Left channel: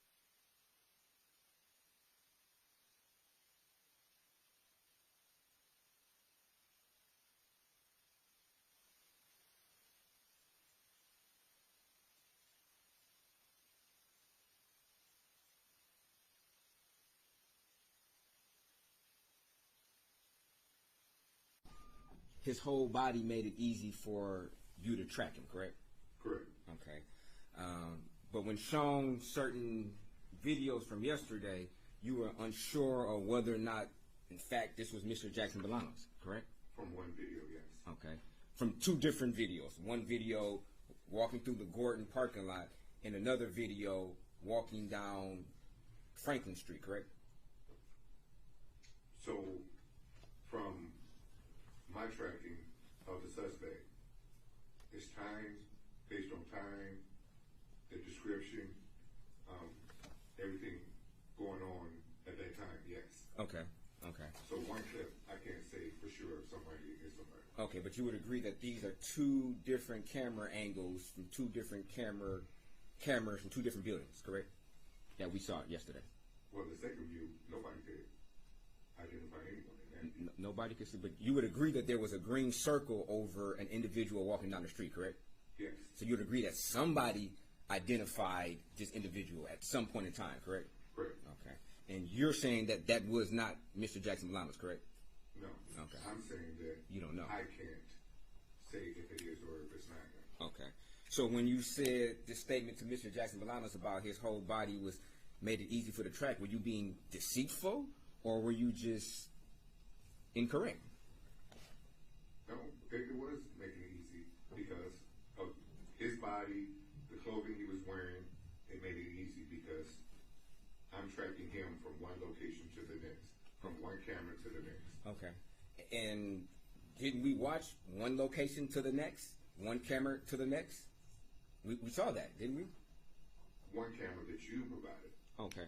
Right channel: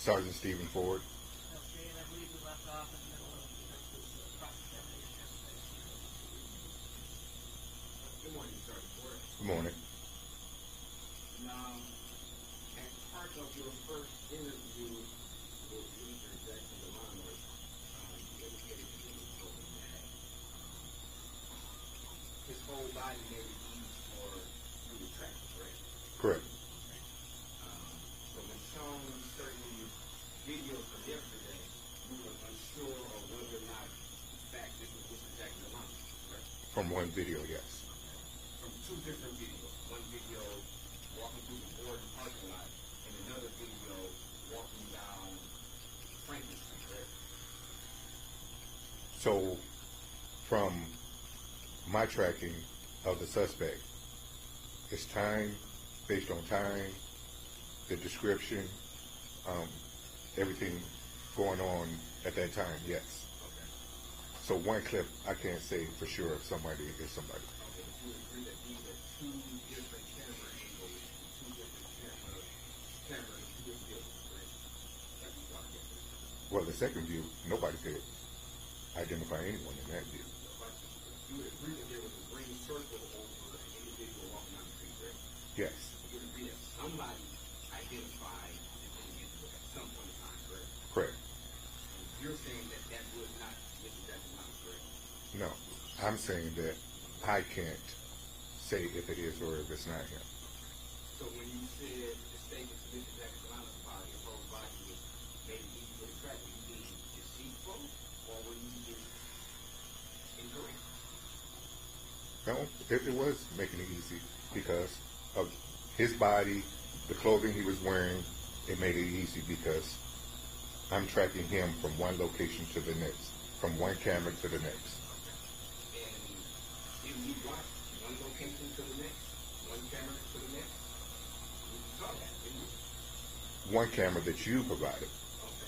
Sergeant Stephen Ford. Okay, and I believe we left off in the middle of the cross-examination. Good morning, Sergeant Ford. Good morning. Now, as part of your first interview with Mr. Jackson-Bolanos, you indicated that you told him that his whole body made it easy for you to track him, correct? Correct. Okay. But when shown certain videos from yesterday, you were unsure of whether or not, in fact, this was Mr. Jackson-Bolanos, correct? From one video, yes. Okay. From two different videos. One video walking through the Gordon parking lot, and another video walking down Franklin Street, correct? So, from my tracking of the suspect, it's time, based on time, the description, everything going on at that time, yes. Okay. Okay. So one clip, I can't say for sure if somebody is somebody. Okay, but you would agree that these are two different camera angles from two different cameras from two different buildings, correct? That we saw yesterday. Well, the second view, nobody could identify anyone in that view. Nobody could see, but you would agree that there was a green circle over an individual walking down the street, correct? Yes. So you would agree that somebody identified this individual at some point in time, correct? Correct. Okay. And you're saying that that was not Mr. Jackson-Bolanos, correct? No. Okay. I'm saying that You don't know. I can't say if it is or if it's not him. Okay. So when you said this statement to Mr. Jackson-Bolanos about his whole body was made it easy for the track, were you being deceitful or were you just incorrect? No, it was making it easy because of his body, the clothing he was wearing. It made it easy because I'm tracking him from one location to the next, from one camera to the next. Okay. And did we watch one location to the next, one camera to the next? We saw that, didn't we? One camera that you provided. Okay.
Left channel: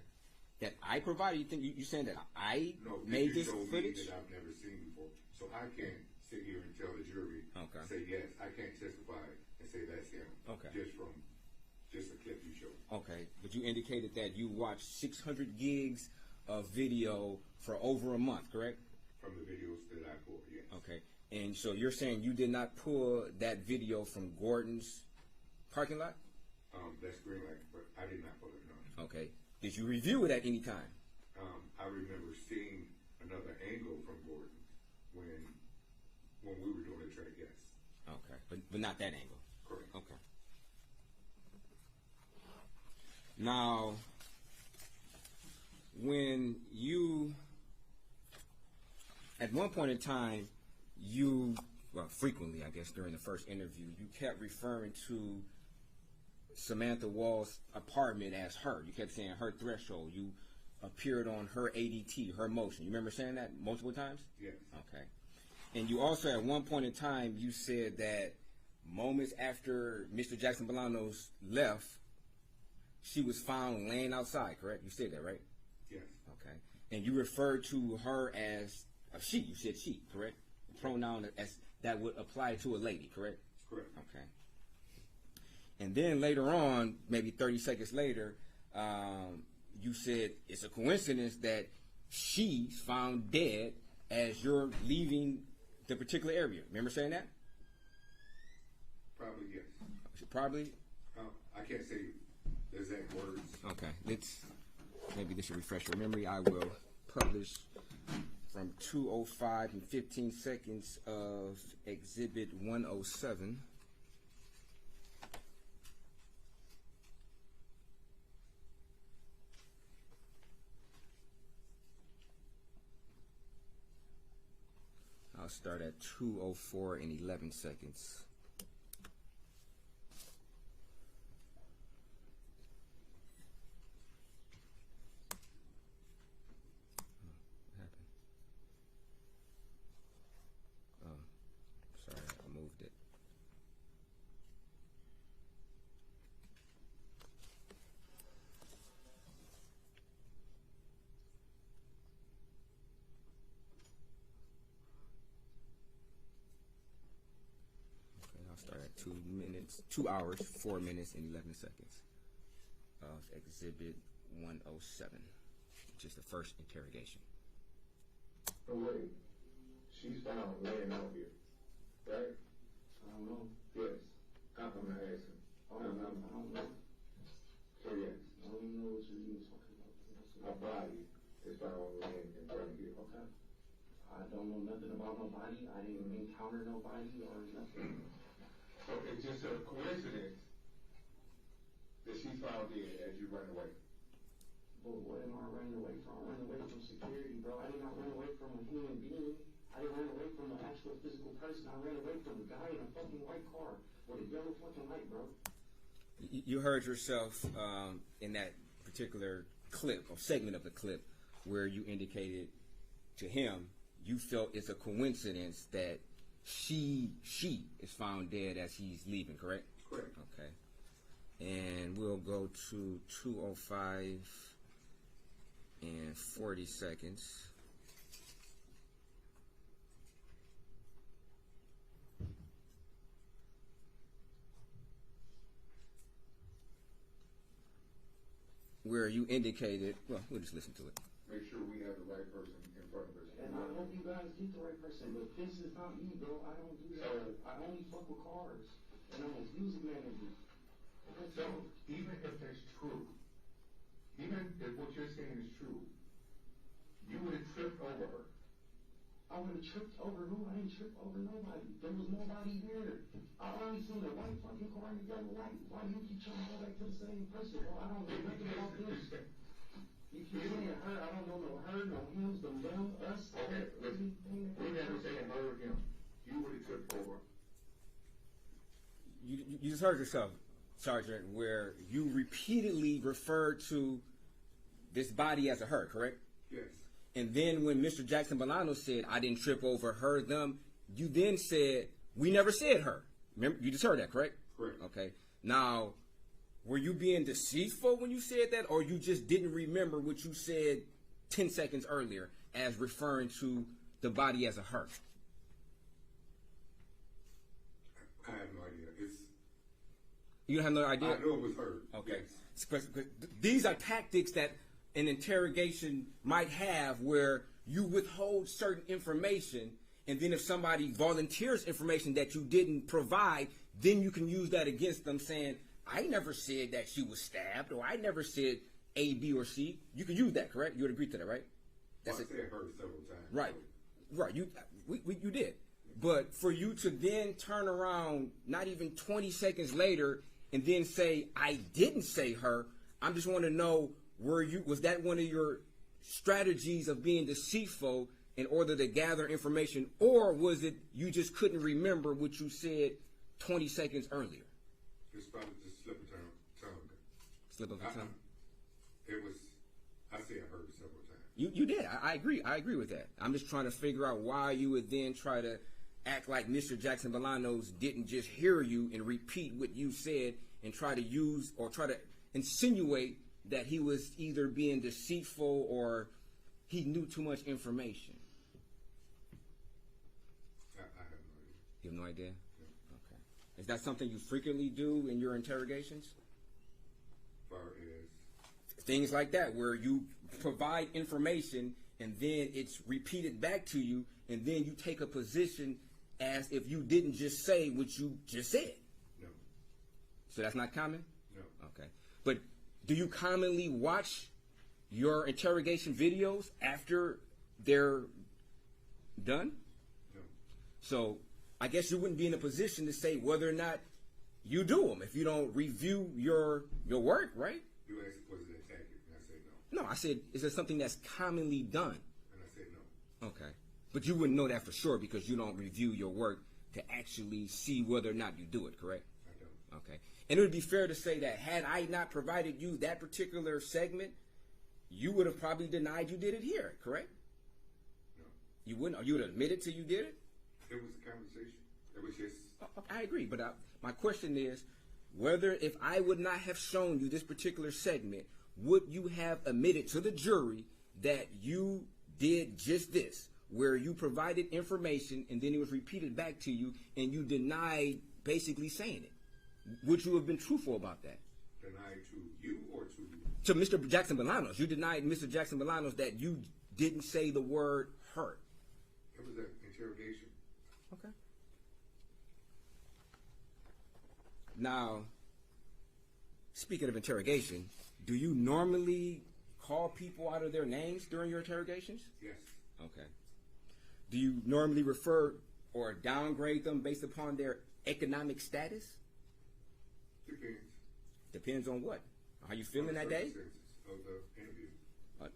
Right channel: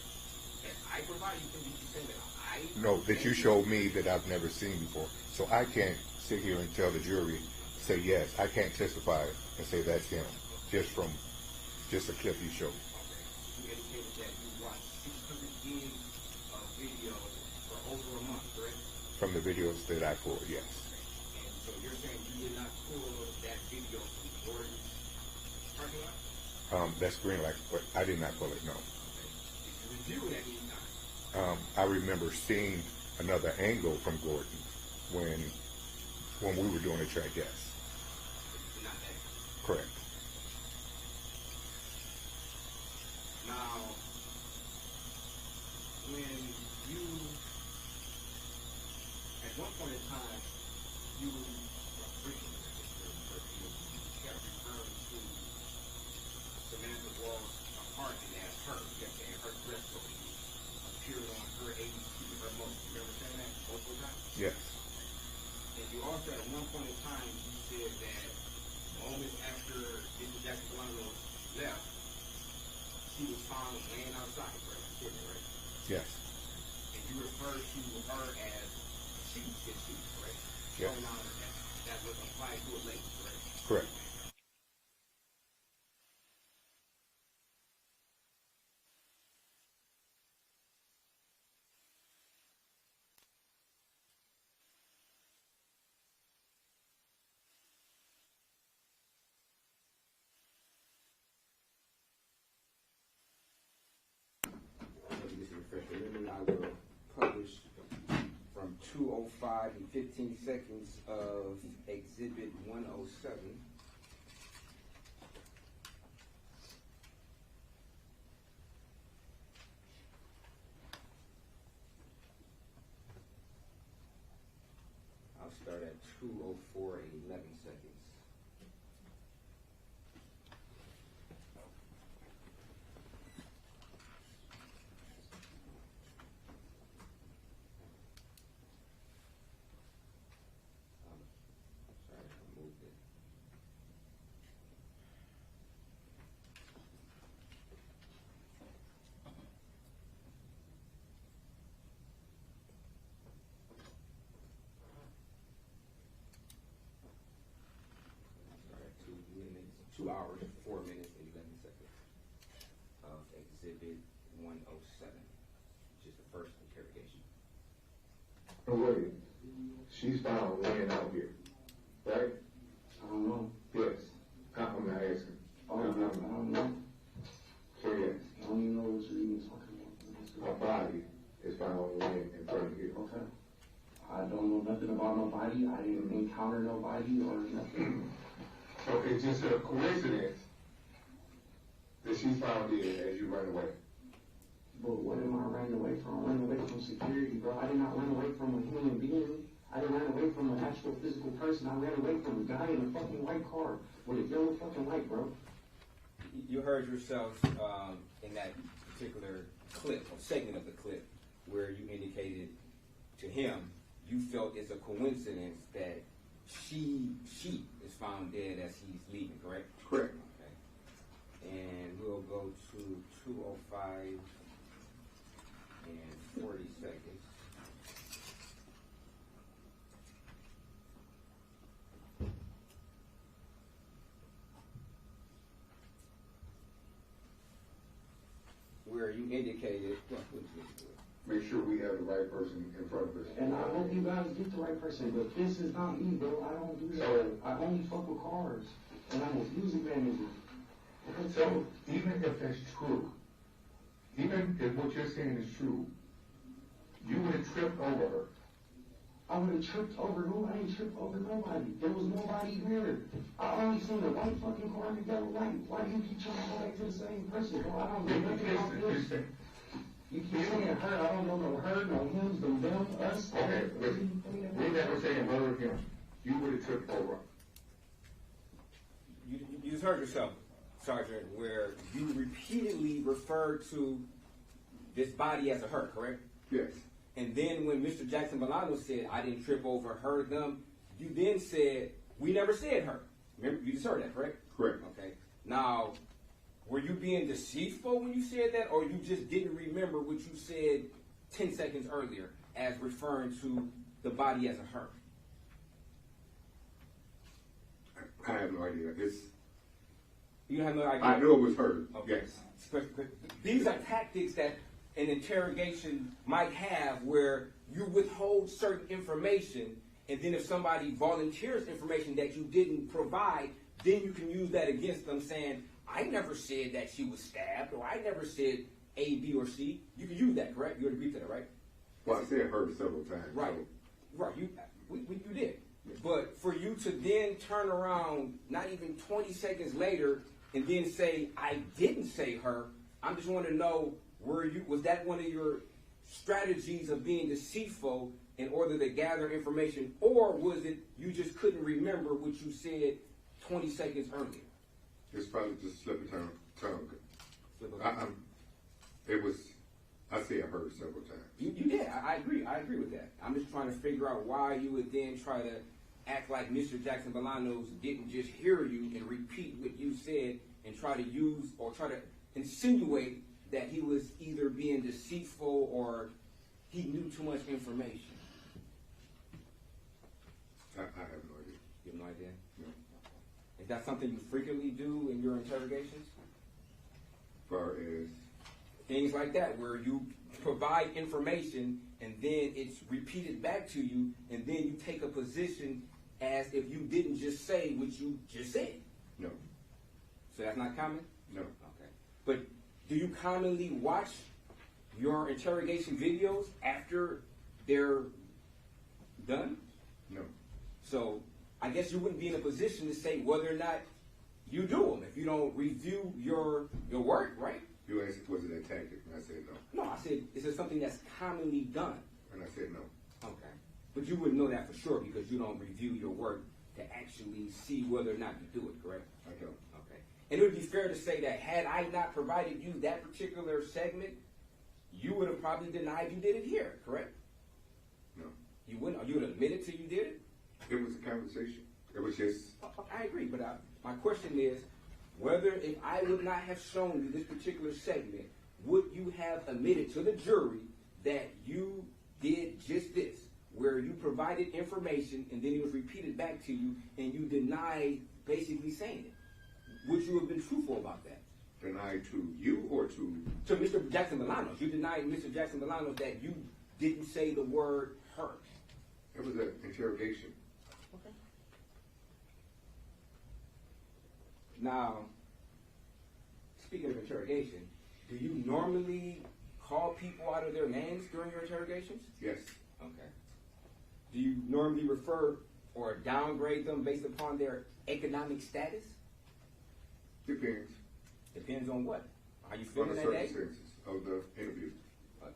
That I provided, you saying that I... No, that you made showed this me that I've never seen before. So I can't sit here and tell the jury, say yes. I can't testify and say that's him. Okay. Just a clip you showed. Okay. But you indicated that you watched 600 gigs of video for over a month, correct? From the videos that I pulled, yes. Okay. And so you're saying you did not pull that video from Gordon's parking lot? That's green light, but I did not pull it, no. Okay. Did you review it at any time? I remember seeing another angle from Gordon when we were doing the track, yes. Okay. But not that angle? Correct. Now, when you, at one point in time, frequently, I guess, during the first interview, you kept referring to Samantha Woll's apartment as her. You kept saying her threshold. You appeared on her ADT, her motion. You remember saying that multiple times? Yes. Okay. And you also, at one point in time, you said that moments after Mr. Jackson-Bolanos left, she was found laying outside, correct? You said that, right? Yes. Okay. And you referred to her as a she. You said she, correct? Yes. Pronoun as that would apply to a lady, correct? Correct. Okay. And then later on, maybe 30 seconds later, you said it's a coincidence that she's found dead as you're leaving the particular area. Remember saying that? Probably, yes. Probably? I can't say the exact words. Okay. Maybe this will refresh your memory. I will publish from 2:05 and 15 seconds of Exhibit 107. I'll start at 2:04 and 11 seconds. Sorry, I moved it. I'll start at 2 hours, 4 minutes, and 11 seconds of Exhibit 107, which is the first interrogation. Oh, wait. She's found laying out here, right? I don't know. Yes. I'm not asking. I don't know. So yes, I don't even know what you're even talking about. her body is found laying in front of you. Okay. I don't know nothing about nobody. I didn't encounter nobody or nothing. So it's just a coincidence that she's found dead as you run away. But what am I running away from? I ran away from security, bro. I did not run away from a human being. I didn't run away from an actual physical person. I ran away from a guy in a fucking white car with a yellow fucking light, bro. You heard yourself in that particular clip, or segment of the clip, where you indicated to him you felt it's a coincidence that she is found dead as he's leaving, correct? Correct. Okay. And we'll go to 2:05 and 40 seconds. Where you indicated, well, we'll just listen to it. Make sure we have the right person in front of us. And I hope you guys get the right person, but this is not me, bro. I don't do that. I only fuck with cars, and I'm a music manager. So even if that's true, even if what you're saying is true, you would have tripped over her. I would have tripped over who? I ain't tripped over nobody. There was nobody here. I only seen a white fucking car and a yellow light. Why do you keep trying to go back to the same person, bro? I don't know nothing about this. You keep saying her. I don't know no her, no him, no them, us. Okay, listen. We never saying her or him. You would have tripped over. You just heard yourself, Sergeant, where you repeatedly referred to this body as a her, correct? Yes. And then when Mr. Jackson-Bolanos said, I didn't trip over her, them, you then said, we never said her. Remember, you just heard that, correct? Correct. Okay. Now, were you being deceitful when you said that, or you just didn't remember what you said 10 seconds earlier as referring to the body as a her? I have no idea. You don't have no idea? I know it was her. Okay. Yes. These are tactics that an interrogation might have where you withhold certain information, and then if somebody volunteers information that you didn't provide, then you can use that against them saying, I never said that she was stabbed, or I never said A, B, or C. You can use that, correct? You would agree to that, right? Well, I said her several times. Right. So. Right. You did. But for you to then turn around not even 20 seconds later and then say, I didn't say her, I'm just want to know, was that one of your strategies of being deceitful in order to gather information, or was it you just couldn't remember what you said 20 seconds earlier? It's probably just slip of tongue. Slip of tongue. I said her several times. You did. I agree. I agree with that. I'm just trying to figure out why you would then try to act like Mr. Jackson-Bolanos didn't just hear you and repeat what you said and try to use or try to insinuate that he was either being deceitful or he knew too much information. I have no idea. You have no idea? No. Okay. Is that something you frequently do in your interrogations? As far as things like that, where you provide information and then it's repeated back to you, and then you take a position as if you didn't just say what you just said. No. So that's not common? No. Okay. But do you commonly watch your interrogation videos after they're done? No. So I guess you wouldn't be in a position to say whether or not you do them if you don't review your work, right? You asked, was it a tactic? And I said no. No, I said, is it something that's commonly done? And I said no. Okay. But you wouldn't know that for sure because you don't review your work to actually see whether or not you do it, correct? I don't. Okay. And it would be fair to say that had I not provided you that particular segment, you would have probably denied you did it here, correct? No. You wouldn't? Or you would admit it till you did it? It was a conversation. It was just... I agree, but my question is, whether if I would not have shown you this particular segment, would you have admitted to the jury that you did just this, where you provided information and then it was repeated back to you and you denied basically saying it? Would you have been truthful about that? Denied to you or to? Mr. Jackson-Bolanos. You denied Mr. Jackson-Bolanos that you didn't say the word her. It was an interrogation. Okay. Now, speaking of interrogation, do you normally call people out of their names during your interrogations? Yes. Okay. Do you normally refer or downgrade them based upon their economic status? Depends. Depends on what? How you On feeling the that day? circumstances of the interview.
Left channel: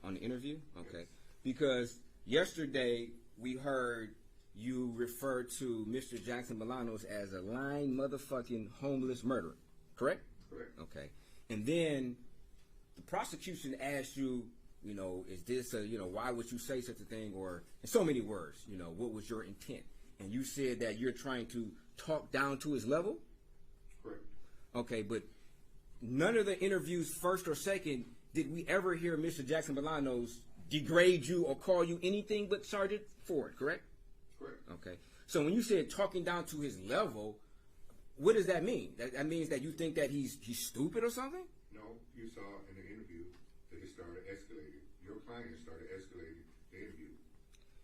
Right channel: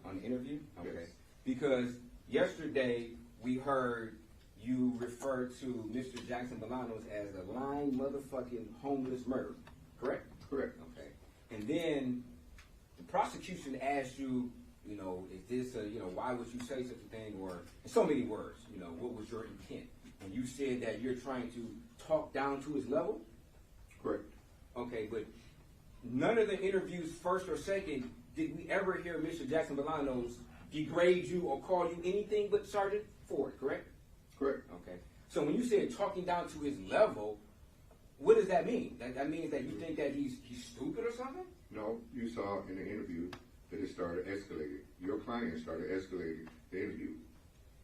On the interview? Okay. Yes. Because yesterday we heard you refer to Mr. Jackson-Bolanos as a lying motherfucking homeless murderer. Correct? Correct. Okay. And then the prosecution asked you, is this why would you say such a thing? Or in so many words, what was your intent? And you said that you're trying to talk down to his level? Correct. Okay, but none of the interviews, first or second, did we ever hear Mr. Jackson-Bolanos degrade you or call you anything but Sergeant Ford, correct? Correct. Okay. So when you said talking down to his level, what does that mean? That means that you think that he's stupid or something? No, you saw in the interview that it started escalating. Your client started escalating the interview.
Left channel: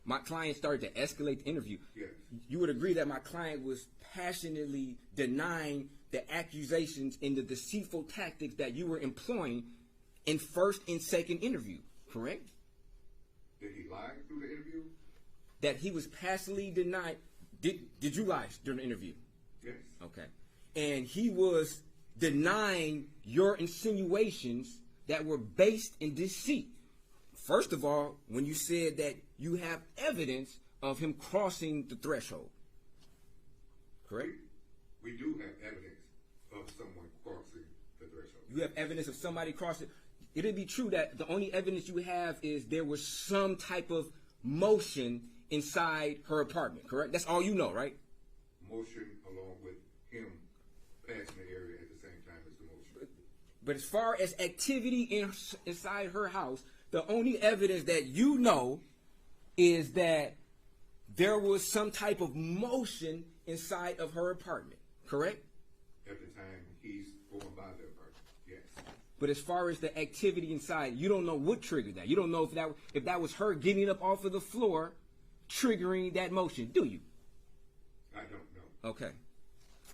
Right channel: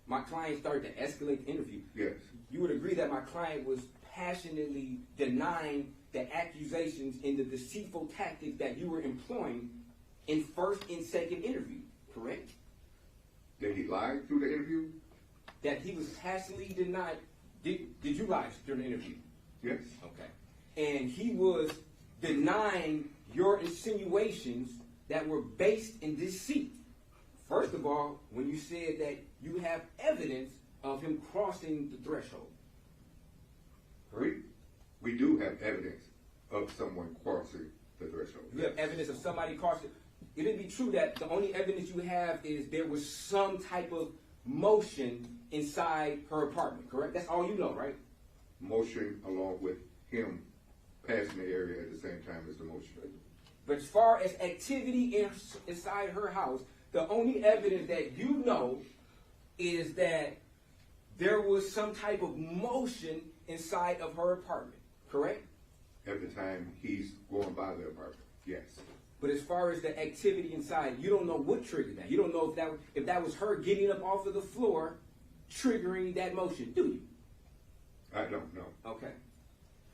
My client started to escalate the interview. Yes. You would agree that my client was passionately denying the accusations and the deceitful tactics that you were employing in first and second interview, correct? That he lied through the interview? That he was passionately denying. Did you lie during the interview? Yes. Okay. And he was denying your insinuations that were based in deceit. First of all, when you said that you have evidence of him crossing the threshold. Correct? We do have evidence of someone crossing the threshold. You have evidence of somebody crossing. It'd be true that the only evidence you have is there was some type of motion inside her apartment, correct? That's all you know, right? Motion along with him passing the area at the same time as the motion. But as far as activity inside her house, the only evidence that you know is that there was some type of motion inside of her apartment, correct? At the time he's going by the apartment, yes. But as far as the activity inside, you don't know what triggered that. You don't know if that was her getting up off of the floor, triggering that motion, do you? I don't know. Okay.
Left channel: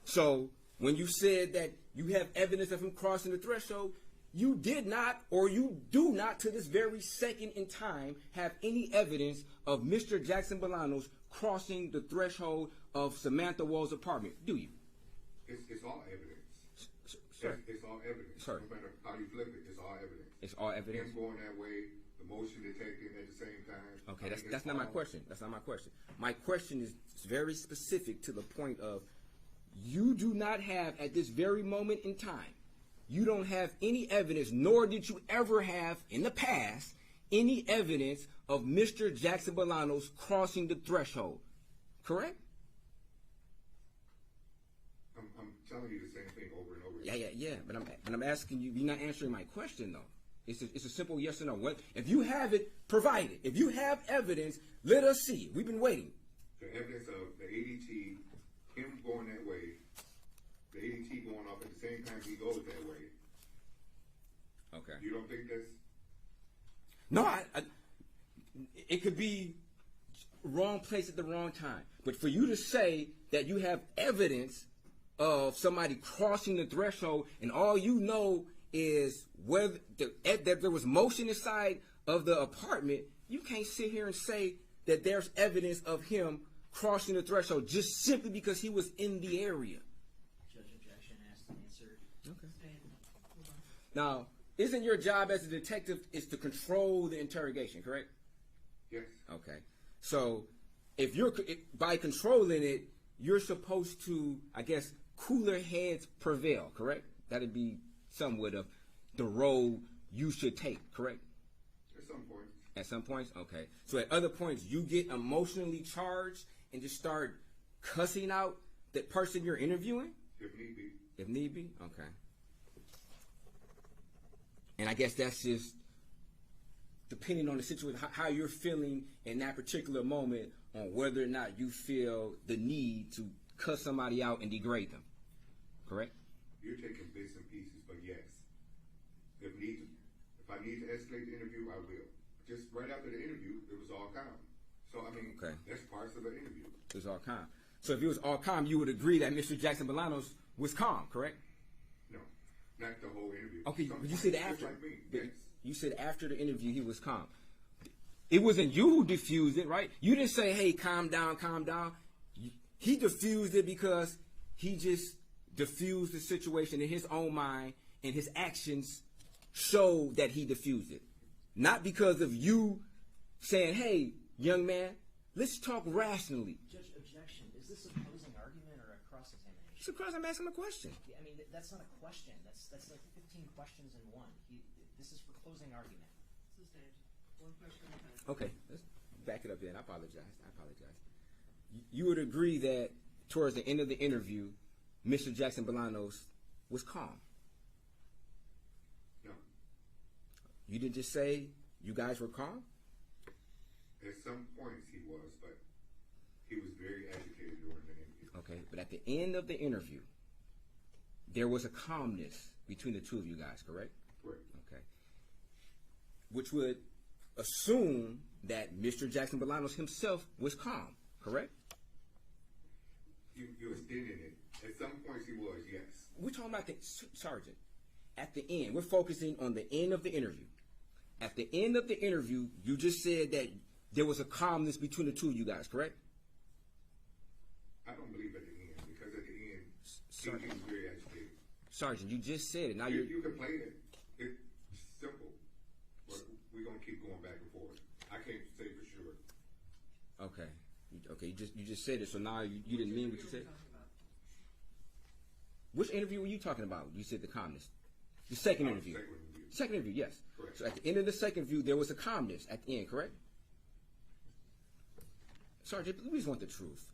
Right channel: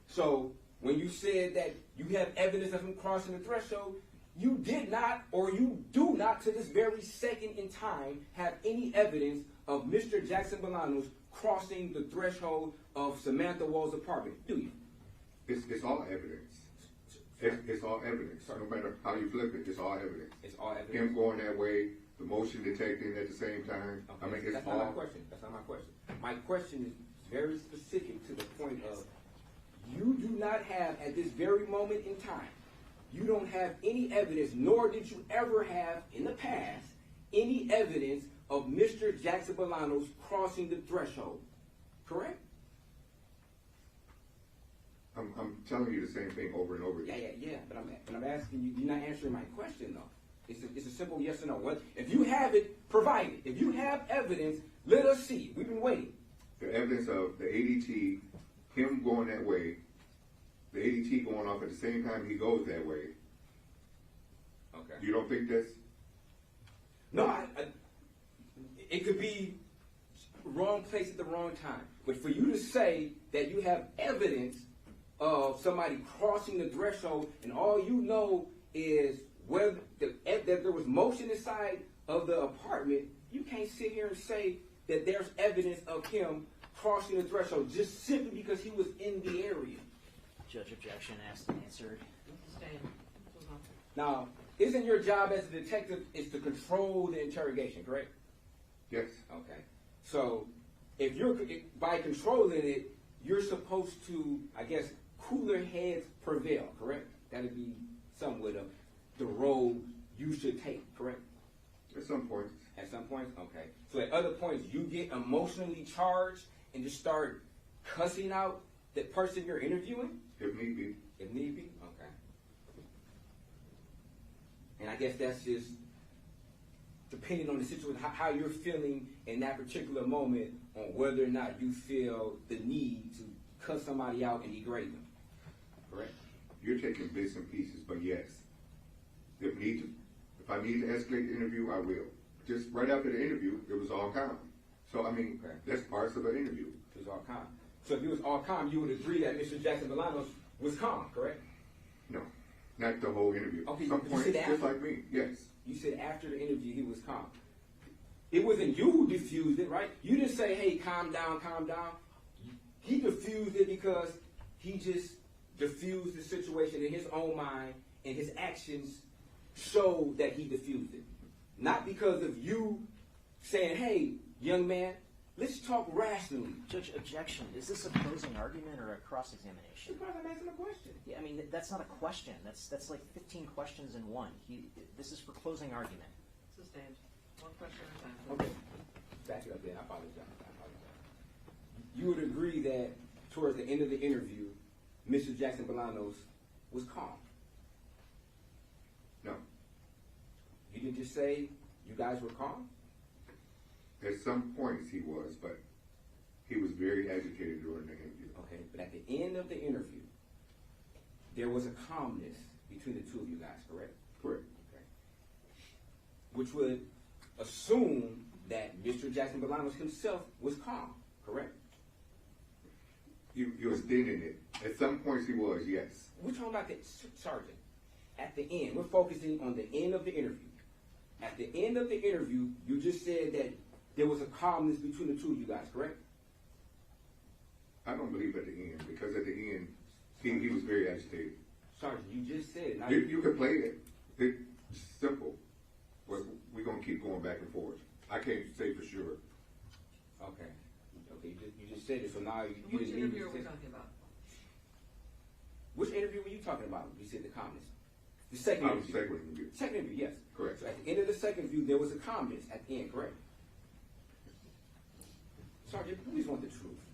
So when you said that you have evidence of him crossing the threshold, you did not, or you do not to this very second in time, have any evidence of Mr. Jackson-Bolanos crossing the threshold of Samantha Woll's apartment, do you? It's all evidence. It's all evidence. Sir. No matter how you flip it, it's all evidence. It's all evidence. Him going that way, the motion detecting at the same time. Okay, that's not my question. That's not my question. My question is very specific to the point of you do not have, at this very moment in time, you don't have any evidence, nor did you ever have in the past, any evidence of Mr. Jackson-Bolanos crossing the threshold. Correct? I'm telling you the same thing over and over again. Yeah. But I'm asking you, you're not answering my question, though. It's a simple yes or no. Well, if you have it, provide it. If you have evidence, let us see it. We've been waiting. The evidence of the ADT, him going that way, the ADT going off at the same time he goes that way. Okay. You don't think that's... No, it could be wrong place at the wrong time. But for you to say that you have evidence of somebody crossing the threshold and all you know is whether that there was motion inside of the apartment, you can't sit here and say that there's evidence of him crossing the threshold just simply because he was in the area. Judge objection asked and answered. Sustained. Move on. Now, isn't your job as a detective is to control the interrogation, correct? Yes. Okay. So, by controlling it, you're supposed to, I guess, cooler heads prevail, correct? That'd be somewhat of the role you should take, correct? At some point. At some points? Okay. So at other points, you get emotionally charged and just start cussing out the person you're interviewing? If need be. If need be? Okay. And I guess that's just depending on the situation, how you're feeling in that particular moment on whether or not you feel the need to cuss somebody out and degrade them. Correct? You're taking bits and pieces, but yes. I need to escalate the interview, I will. Just right after the interview, it was all calm. So, I mean, Okay. that's parts of an interview. It was all calm. So if it was all calm, you would agree that Mr. Jackson-Bolanos was calm, correct? No, not the whole interview. Okay, Some you points, said just after. like me, yes. You said after the interview he was calm. It wasn't you who diffused it, right? You didn't say, hey, calm down, calm down. He diffused it because he just diffused the situation in his own mind, and his actions showed that he diffused it. Not because of you saying, hey, young man, let's talk rationally. Judge, objection. Is this a closing argument or a cross-examination? Surprise, I'm asking a question. Yeah, I mean, that's not a question. That's like 15 questions in one. This is for closing argument. Sustained. One question at a time. Okay. Back it up there. I apologize. You would agree that towards the end of the interview, Mr. Jackson-Bolanos was calm. No. You didn't just say you guys were calm? At some points he was, but he was very agitated during the interview. Okay, but at the end of the interview, there was a calmness between the two of you guys, correct? Correct. Okay. Which would assume that Mr. Jackson-Bolanos himself was calm, correct? You extended it. At some points he was, yes. We're talking about the sergeant. At the end, we're focusing on the end of the interview. At the end of the interview, you just said that there was a calmness between the two of you guys, correct? I don't believe at the end, because at the end he was very agitated. Sergeant, you just said it. Now You could play it. It's simple. But we're going to keep going back and forth. I can't say for sure. Okay. Okay, you just said it, so now you Which didn't interview even are we say. talking about? Which interview were you talking about? You said the calmness. The second interview. Second interview. Second interview, yes. Correct. So at the end of the second interview, there was a calmness at the end, correct? Sergeant, please want the truth.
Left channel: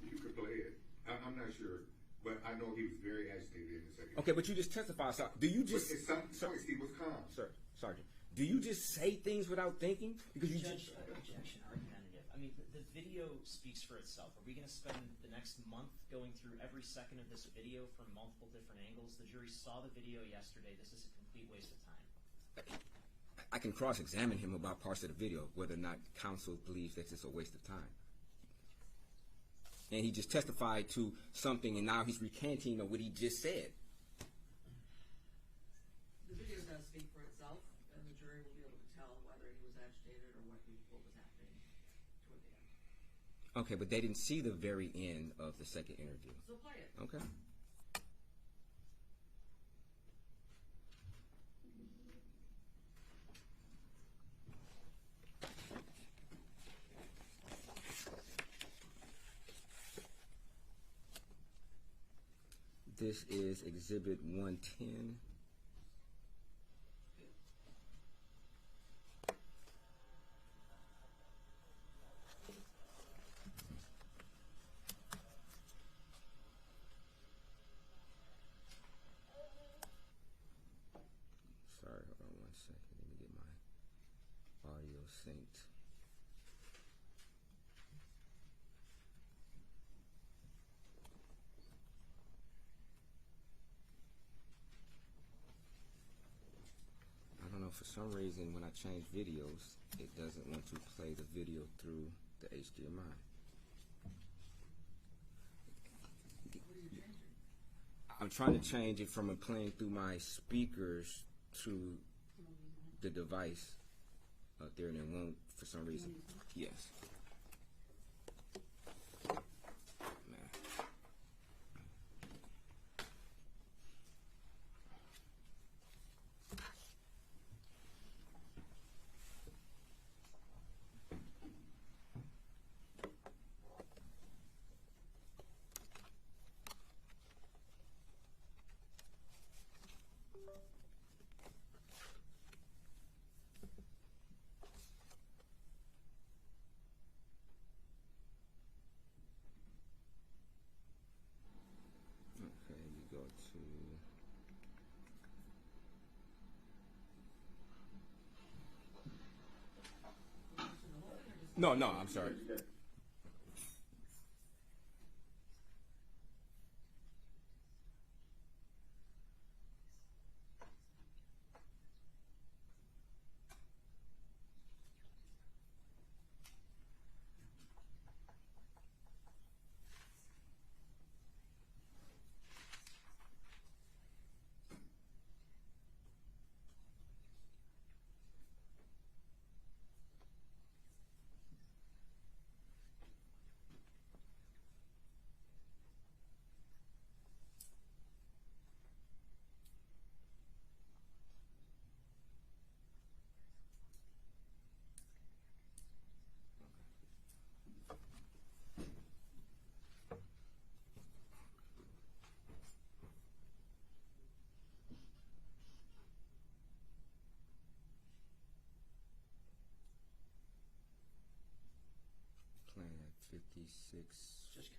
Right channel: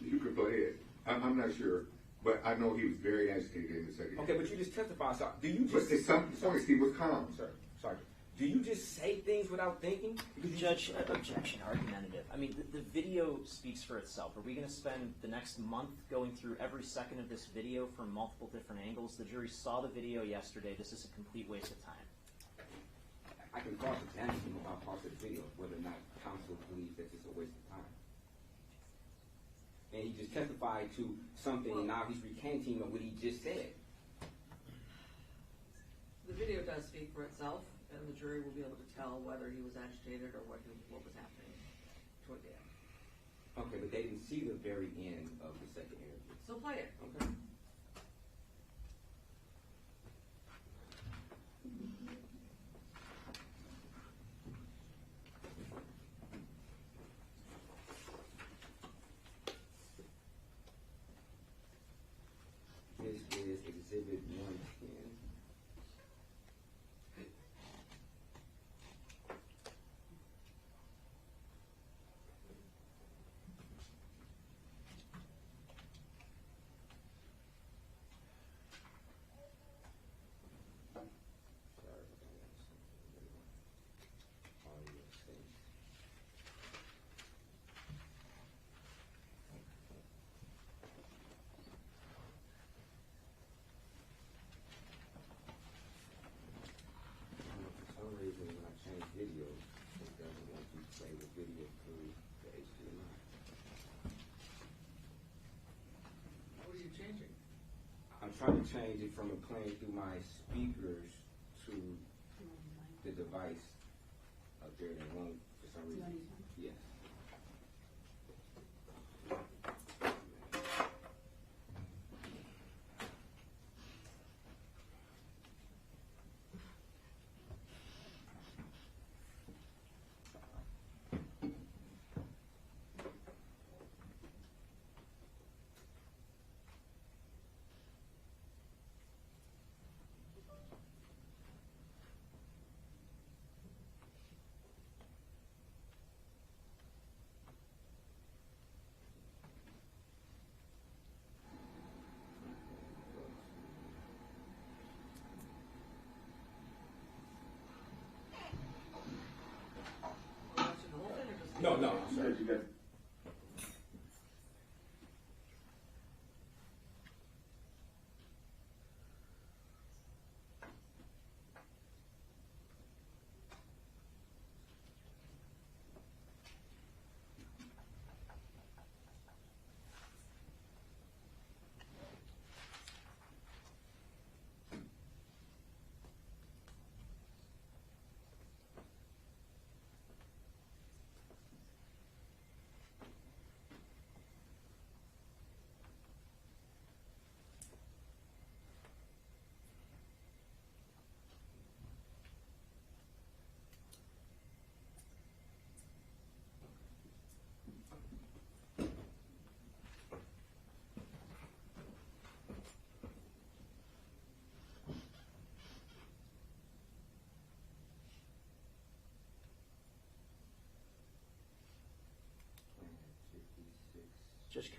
You could play it. I'm not sure, but I know he was very agitated in the second. Okay, but you just testified. So do you But just at some points he was calm. Sir, Sergeant, do you just say things without thinking? Because you Judge, objection, argumentative. I mean, the video speaks for itself. Are we going to spend the next month going through every second of this video from multiple different angles? The jury saw the video yesterday. This is a complete waste of time. I can cross-examine him about parts of the video, whether or not counsel believes that it's a waste of time. And he just testified to something, and now he's recanting of what he just said. The video does speak for itself, and the jury will be able to tell whether he was agitated or what was happening toward the end. Okay, but they didn't see the very end of the second interview. So play it. Okay. This is Exhibit 110. Sorry, hold on 1 second. Let me get my audio synced. I don't know, for some reason when I change videos, it doesn't want to play the video through the HDMI. What are you changing? I'm trying to change it from playing through my speakers to the device there, and it won't for some reason. Yes. Watching the whole thing or just? No, I'm sorry.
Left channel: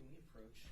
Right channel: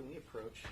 can we approach?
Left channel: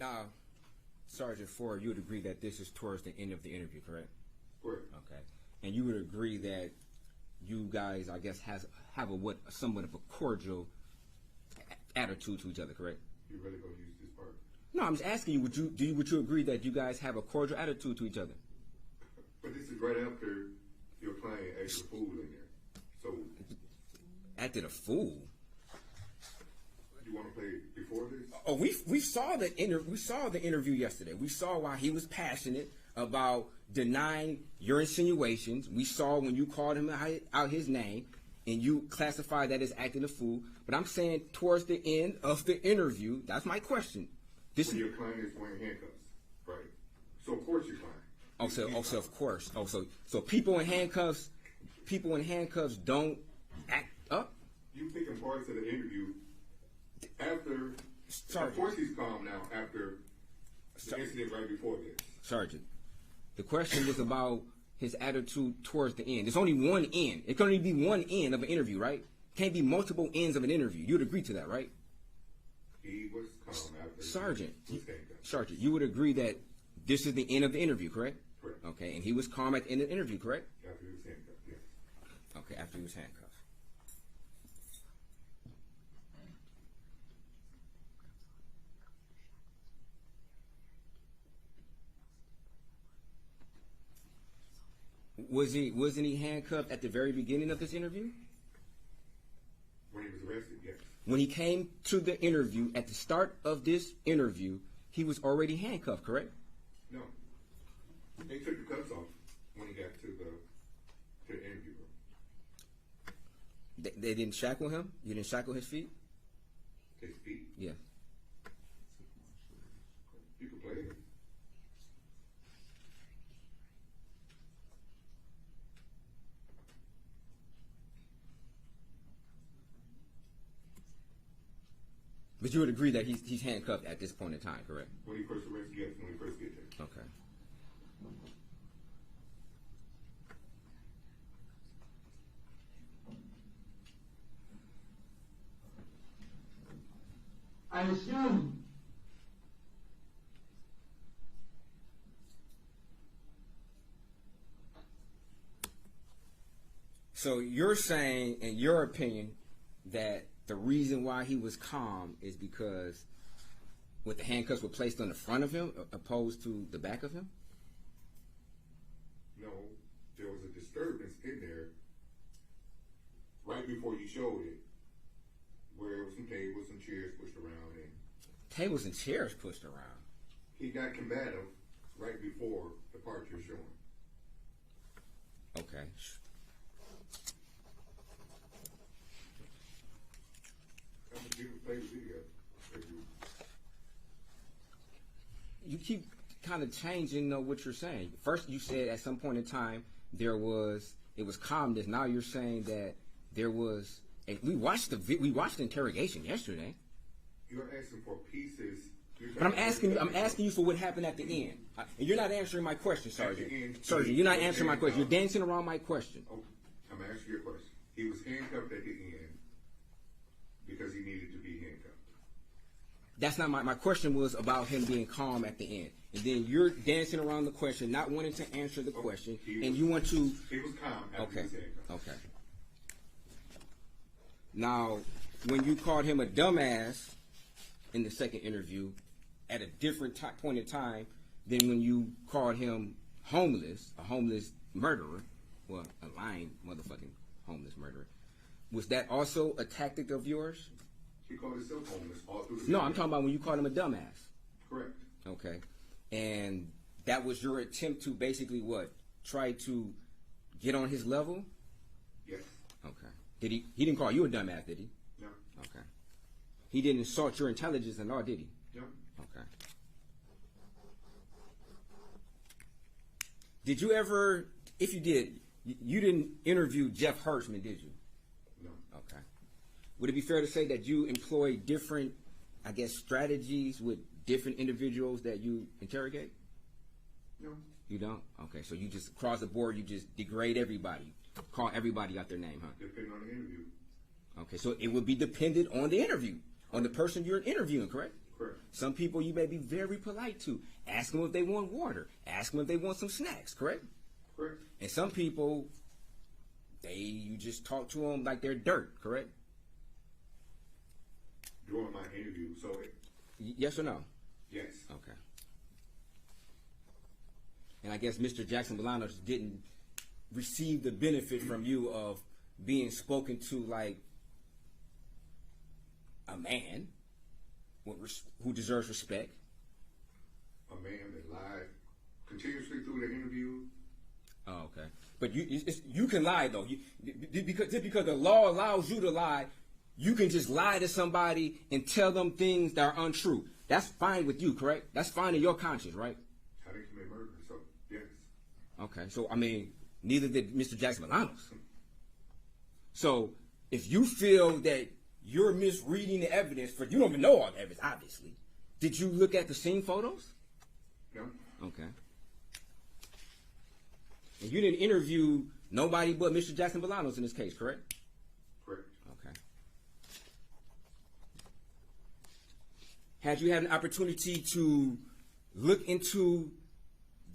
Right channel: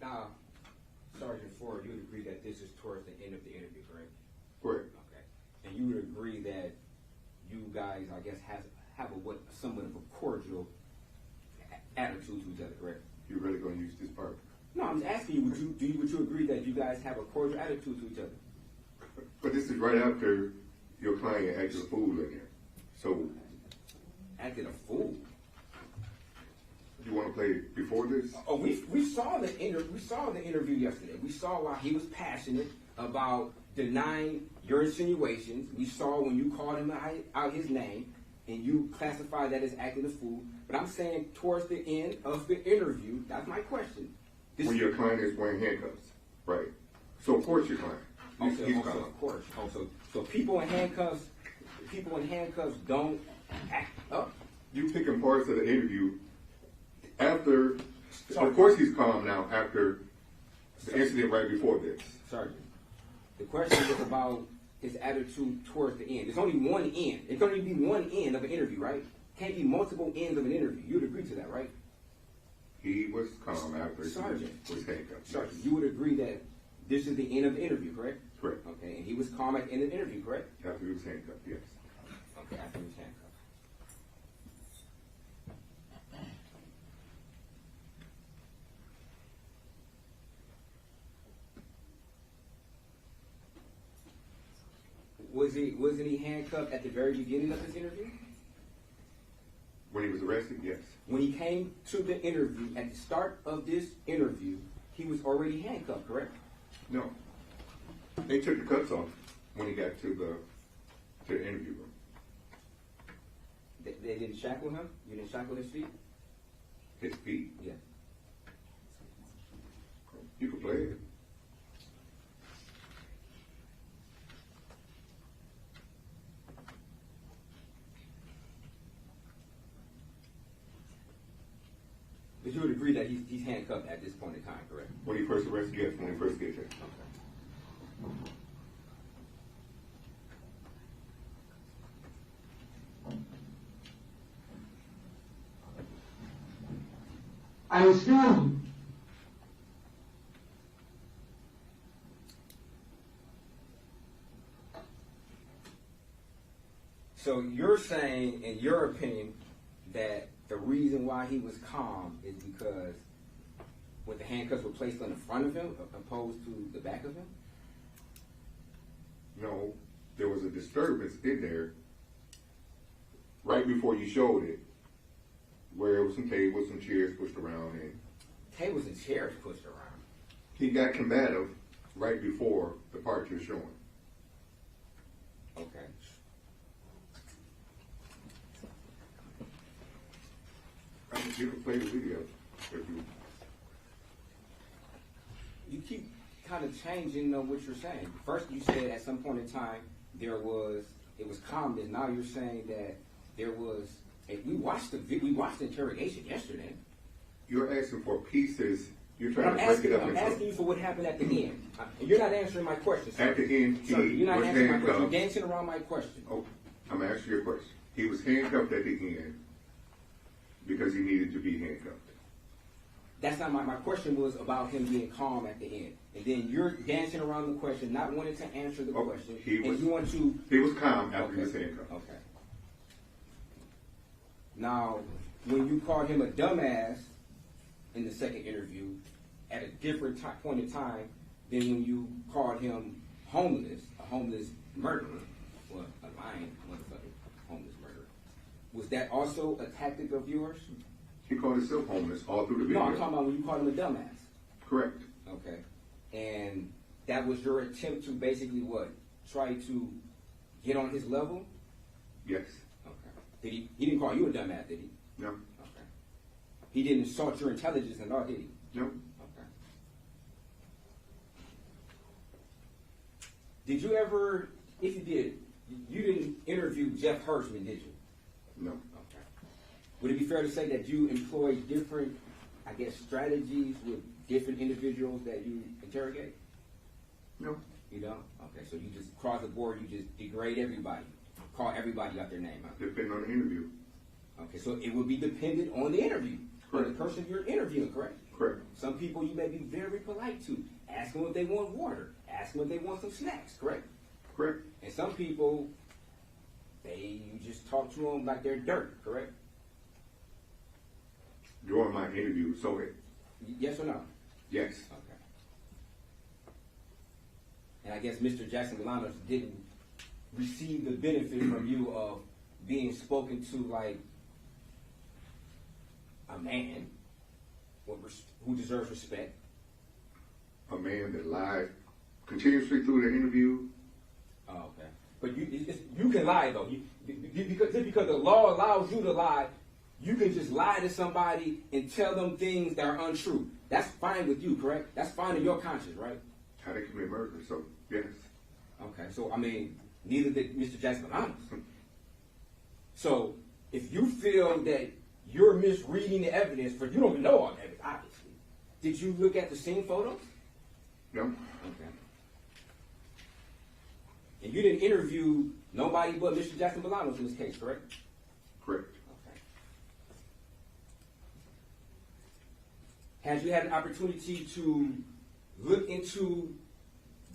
Now, Sergeant Ford, you would agree that this is towards the end of the interview, correct? Correct. Okay. And you would agree that you guys, I guess, have a somewhat of a cordial attitude to each other, correct? You're really going to use this part? No, I'm just asking you. Would you agree that you guys have a cordial attitude to each other? But this is right after your client acted a fool in there. So Acted a fool. you want to play before this? Oh, we saw the interview yesterday. We saw why he was passionate about denying your insinuations. We saw when you called him out his name, and you classified that as acting a fool. But I'm saying towards the end of the interview, that's my question. When your client is wearing handcuffs, right? So of course your client. Also, of course. So people in handcuffs don't act up. You picking parts of the interview after. Sorry. Of course he's calm now after the incident right before this. Sergeant, the question is about his attitude towards the end. There's only one end. It can only be one end of an interview, right? Can't be multiple ends of an interview. You'd agree to that, right? He was calm after Sergeant. he was handcuffed. Sergeant, you would agree that this is the end of the interview, correct? Correct. Okay, and he was calm at the end of the interview, correct? After he was handcuffed, yes. Okay, after he was handcuffed. Wasn't he handcuffed at the very beginning of this interview? When he was arrested, yes. When he came to the interview, at the start of this interview, he was already handcuffed, correct? No. They took the cuffs off when he got to the interview room. They didn't shackle him? You didn't shackle his feet? His feet. Yeah. You could play it. But you would agree that he's handcuffed at this point in time, correct? When he first arrested, yes. When he first gets there. Okay. Excuse me. So you're saying, in your opinion, that the reason why he was calm is because with the handcuffs were placed on the front of him opposed to the back of him? No, there was a disturbance in there right before you showed it, where it was some tables, some chairs pushed around, and Tables and chairs pushed around. he got combative right before the part you're showing. Okay. I mean, you can play the video if you. You keep kind of changing what you're saying. First, you said at some point in time it was calmness. Now you're saying that there was. We watched the interrogation yesterday. You're asking for pieces. I'm asking you for what happened at the end. And you're not answering my question, sir. At the end, sir, you're not answering my question. You're dancing around my question. Oh, I'm asking you a question. He was handcuffed at the end because he needed to be handcuffed. That's not my question. Was about him being calm at the end, and then you're dancing around the question, not wanting to answer the question, you want to. He was calm after he was handcuffed. Okay. Now, when you called him a dumbass in the second interview, at a different point in time than when you called him homeless, a homeless murderer, well, a lying motherfucking homeless murderer, was that also a tactic of yours? He called himself homeless all through the video. No, I'm talking about when you called him a dumbass. Correct. Okay. And that was your attempt to basically what? Try to get on his level? Yes. Okay. He didn't call you a dumbass, did he? No. Okay. He didn't insult your intelligence at all, did he? No. Okay. Did you ever, if you did, you didn't interview Jeff Hirschman, did you? No. Okay. Would it be fair to say that you employ different, I guess, strategies with different individuals that you interrogate? No. You don't? Okay, so you just across the board, you just degrade everybody, call everybody out their name, huh? Depending on the interview. Okay, so it would be dependent on the interview, on the person you're interviewing, correct? Correct. Some people you may be very polite to. Ask them if they want water. Ask them if they want some snacks, correct? Correct. And some people, you just talk to them like they're dirt, correct? During my interview, so Yes or no? yes. Okay. And I guess Mr. Jackson-Bolanos didn't receive the benefit from you of being spoken to like a man who deserves respect. A man that lied continuously through the interview. Oh, okay. But you can lie though. Because the law allows you to lie, you can just lie to somebody and tell them things that are untrue. That's fine with you, correct? That's fine in your conscience, right? How they commit murder, so yes. Okay. So I mean, neither did Mr. Jackson-Bolanos. So if you feel that you're misreading the evidence, you don't even know all the evidence, obviously. Did you look at the scene photos? No. Okay. And you didn't interview nobody but Mr. Jackson-Bolanos in this case, correct? Correct. Okay. Had you had an opportunity to look into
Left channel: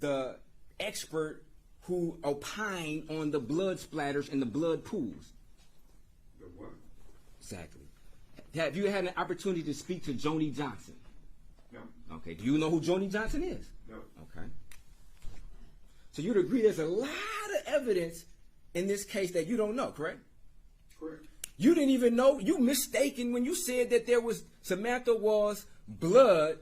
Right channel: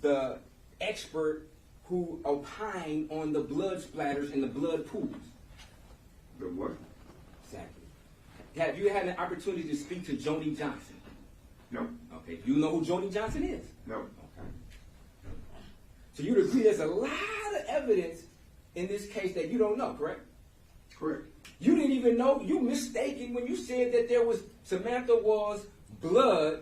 the expert who opined on the blood splatters and the blood pools? The what? Exactly. Have you had an opportunity to speak to Joni Johnson? No. Okay. Do you know who Joni Johnson is? No. Okay. So you'd agree there's a lot of evidence in this case that you don't know, correct? Correct. You didn't even know, you mistaken when you said that there was Samantha Woll's blood,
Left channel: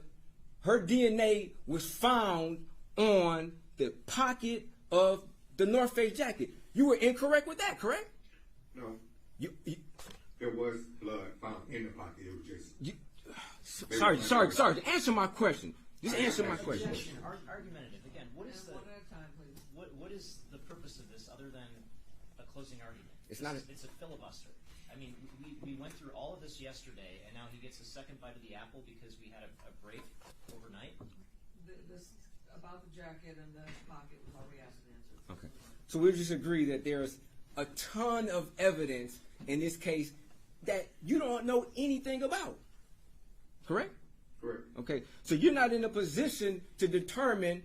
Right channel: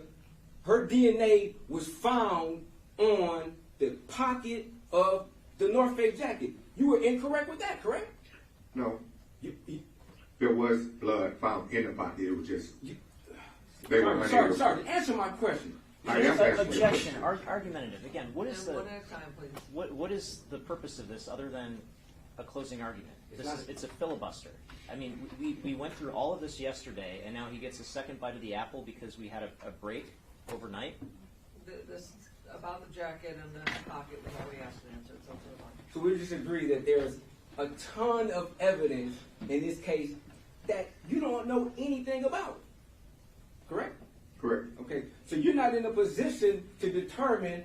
her DNA was found on the pocket of the North Face jacket. You were incorrect with that, correct? No. There was blood found in the pocket. It was just. Sorry. Answer my question. Objection. Argumentative. Again, what is one at a time, please. what is the purpose of this other than a closing argument? It's a filibuster. I mean, we went through all of this yesterday, and now he gets a second bite of the apple because we had a break overnight. This about the jacket and the pocket was all we asked to answer. Okay. So we just agree that there is a ton of evidence in this case that you don't know anything about. Correct? Correct. Okay. So you're not in a position to determine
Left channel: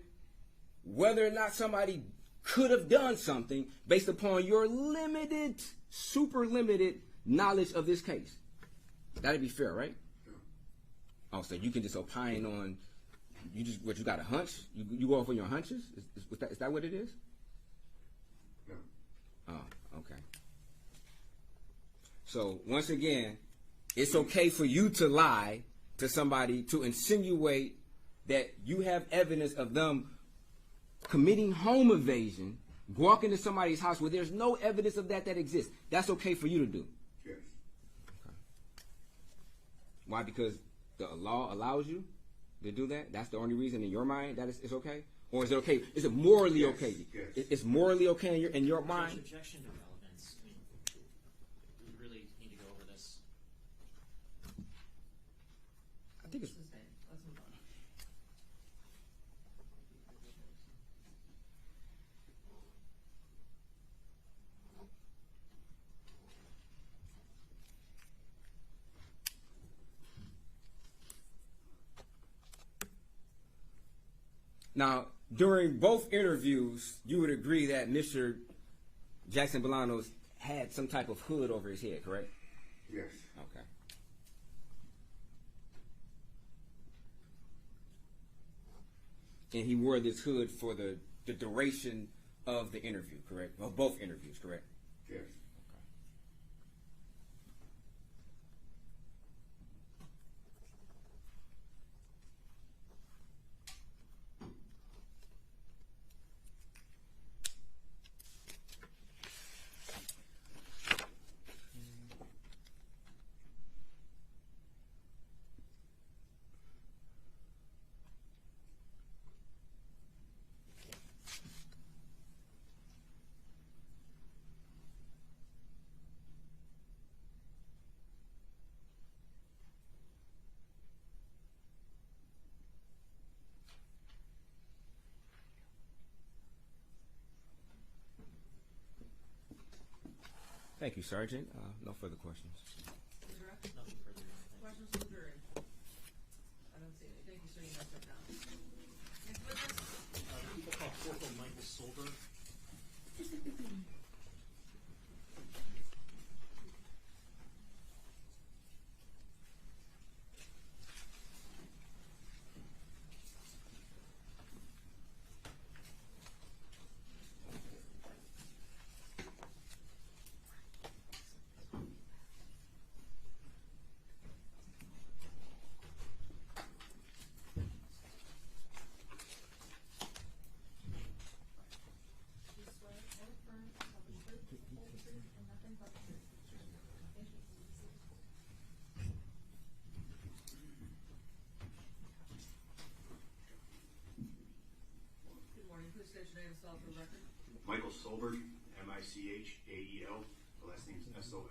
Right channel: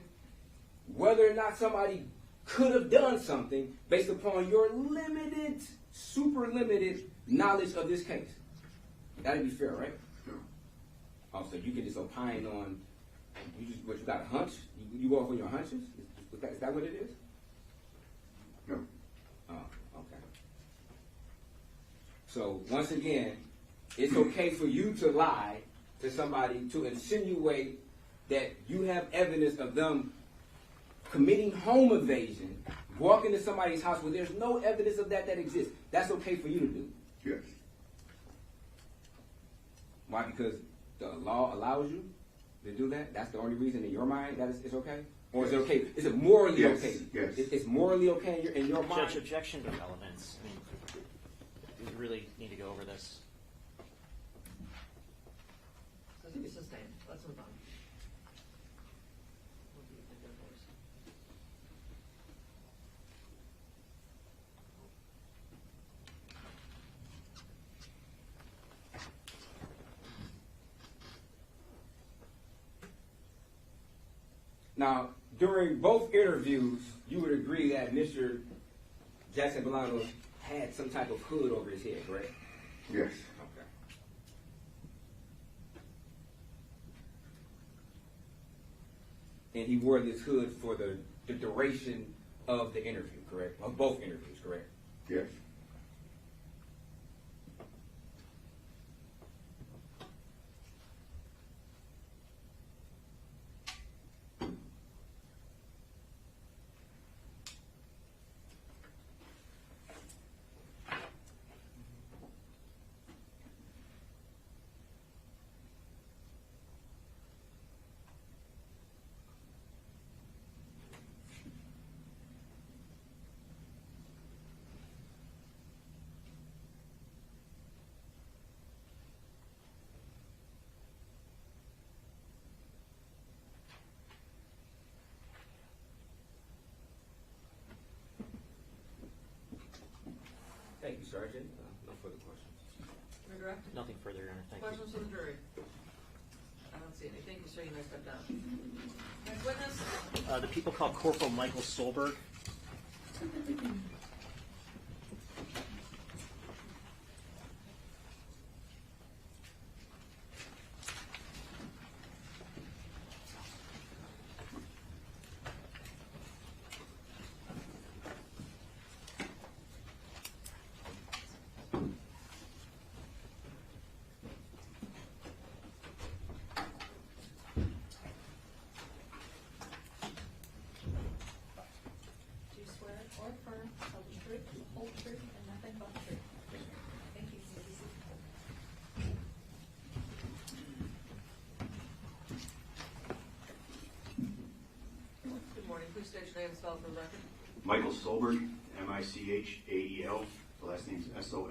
whether or not somebody could have done something based upon your limited, super limited knowledge of this case. That'd be fair, right? No. Oh, so you can just opine on, you got a hunch? You go off on your hunches? Is that what it is? No. Oh, okay. So once again, it's okay for you to lie to somebody to insinuate that you have evidence of them committing home invasion, walking into somebody's house where there's no evidence of that exists. That's okay for you to do. Yes. Why? Because the law allows you? to do that? That's the only reason in your mind that it's okay? Or is it okay? Is it morally Yes, okay? yes. It's morally okay in your mind? Judge, objection to relevance. I mean, we really need to go over this. Sustained. Let's move on. We'll be a good voice. Now, during both interviews, you would agree that Mr. Jackson-Bolanos had some type of hood over his head, correct? Yes. Okay. And he wore this hood for the duration of the interview, correct? Of both interviews, correct? Yes. Thank you, Sergeant. No further questions. Your Direct? Nothing further, Your Honor. Thank you. Questions from the jury? I don't see anything. Mr. Enos, step down. Next witness? The people called Corporal Michael Solberg. Do you swear or affirm to tell the truth, the whole truth, and nothing but the truth? Thank you. You may be seated. Good morning. Please state your name and spell it for the record. Michael Solberg, Michael. The last name's Sol.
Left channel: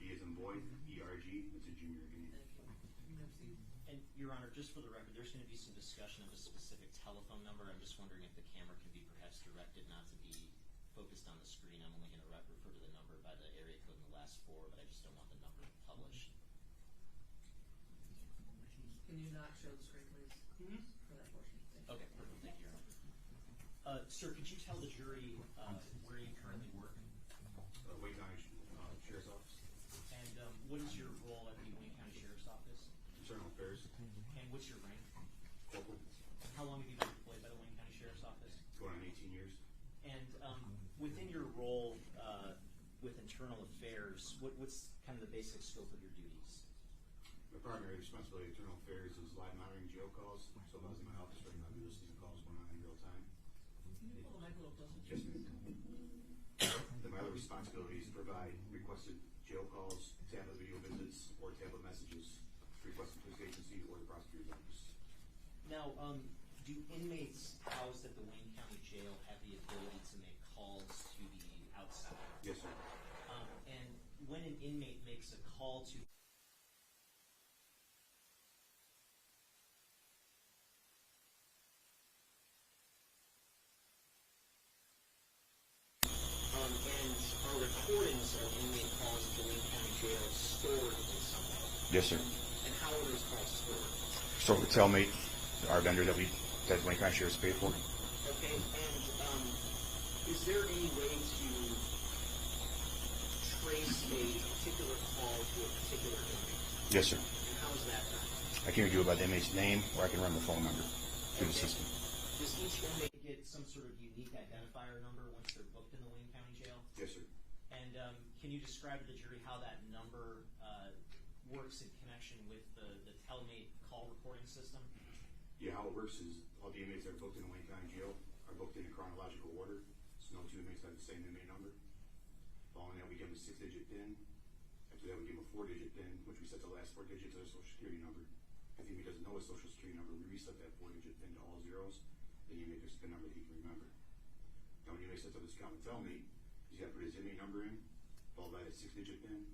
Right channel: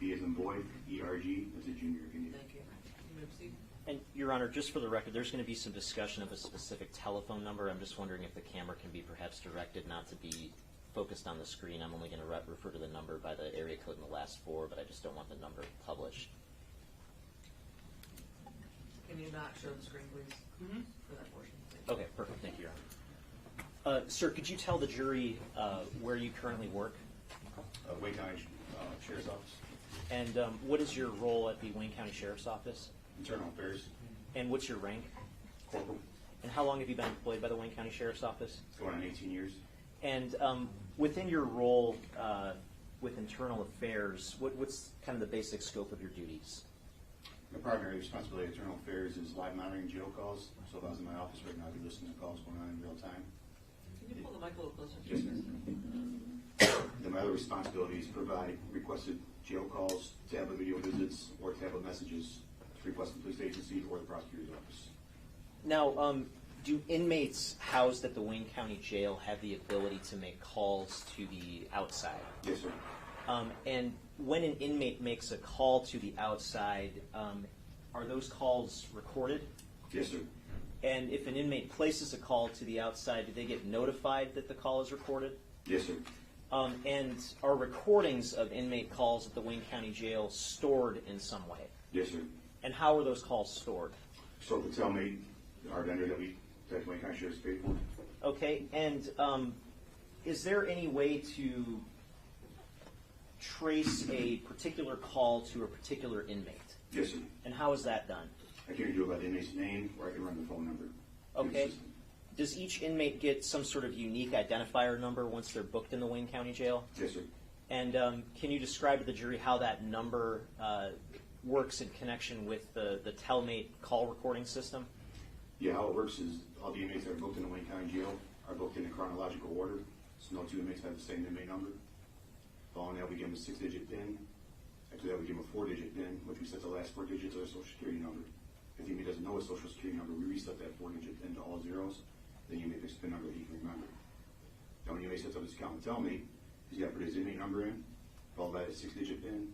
B as in boy. ERG. That's a junior if you need it. Thank you. You may proceed. And, Your Honor, just for the record, there's going to be some discussion of a specific telephone number. I'm just wondering if the camera can be perhaps directed not to be focused on the screen. I'm only going to refer to the number by the area code in the last four, but I just don't want the number published. Can you not show the screen, please, for that portion? Thank you. Okay, perfect. Thank you, Your Honor. Sir, could you tell the jury where you currently work? Wayne County Sheriff's Office. And what is your role at the Wayne County Sheriff's Office? Internal Affairs. And what's your rank? Corporal. And how long have you been employed by the Wayne County Sheriff's Office? Going on 18 years. And within your role with internal affairs, what's kind of the basic scope of your duties? The primary responsibility of Internal Affairs is live monitoring jail calls. So if I was in my office right now, I'd be listening to calls going on in real time. Can you pull the mic a little closer? Yes, sir. Then my other responsibility is provide requested jail calls, tablet video visits, or tablet messages to request the police agency or the prosecutor's office. Now, do inmates housed at the Wayne County Jail have the ability to make calls to the outside? Yes, sir. And when an inmate makes a call to the outside, are those calls recorded? Yes, sir. And if an inmate places a call to the outside, do they get notified that the call is recorded? Yes, sir. And are recordings of inmate calls at the Wayne County Jail stored in some way? Yes, sir. And how are those calls stored? So the Telmate, our vendor that Wayne County Sheriff's paid for. Okay, and is there any way to trace a particular call to a particular inmate? Yes, sir. And how is that done? I can either do it by the inmate's name or I can run the phone number through the Okay. system. Does each inmate get some sort of unique identifier number once they're booked in the Wayne County Jail? Yes, sir. And can you describe to the jury how that number works in connection with the Telmate call recording system? Yeah, how it works is all the inmates that are booked in the Wayne County Jail are booked in a chronological order. So no two inmates have the same inmate number. Following that, we give them a 6-digit PIN. After that, we give them a 4-digit PIN, which we set the last 4 digits of their social security number. If the inmate doesn't know his social security number, we reset that 4-digit PIN to all zeros. Then you make a PIN number that he can remember. Now when the inmate sets up his account with Tellmate, he's got to put his inmate number in, followed by a 6-digit PIN,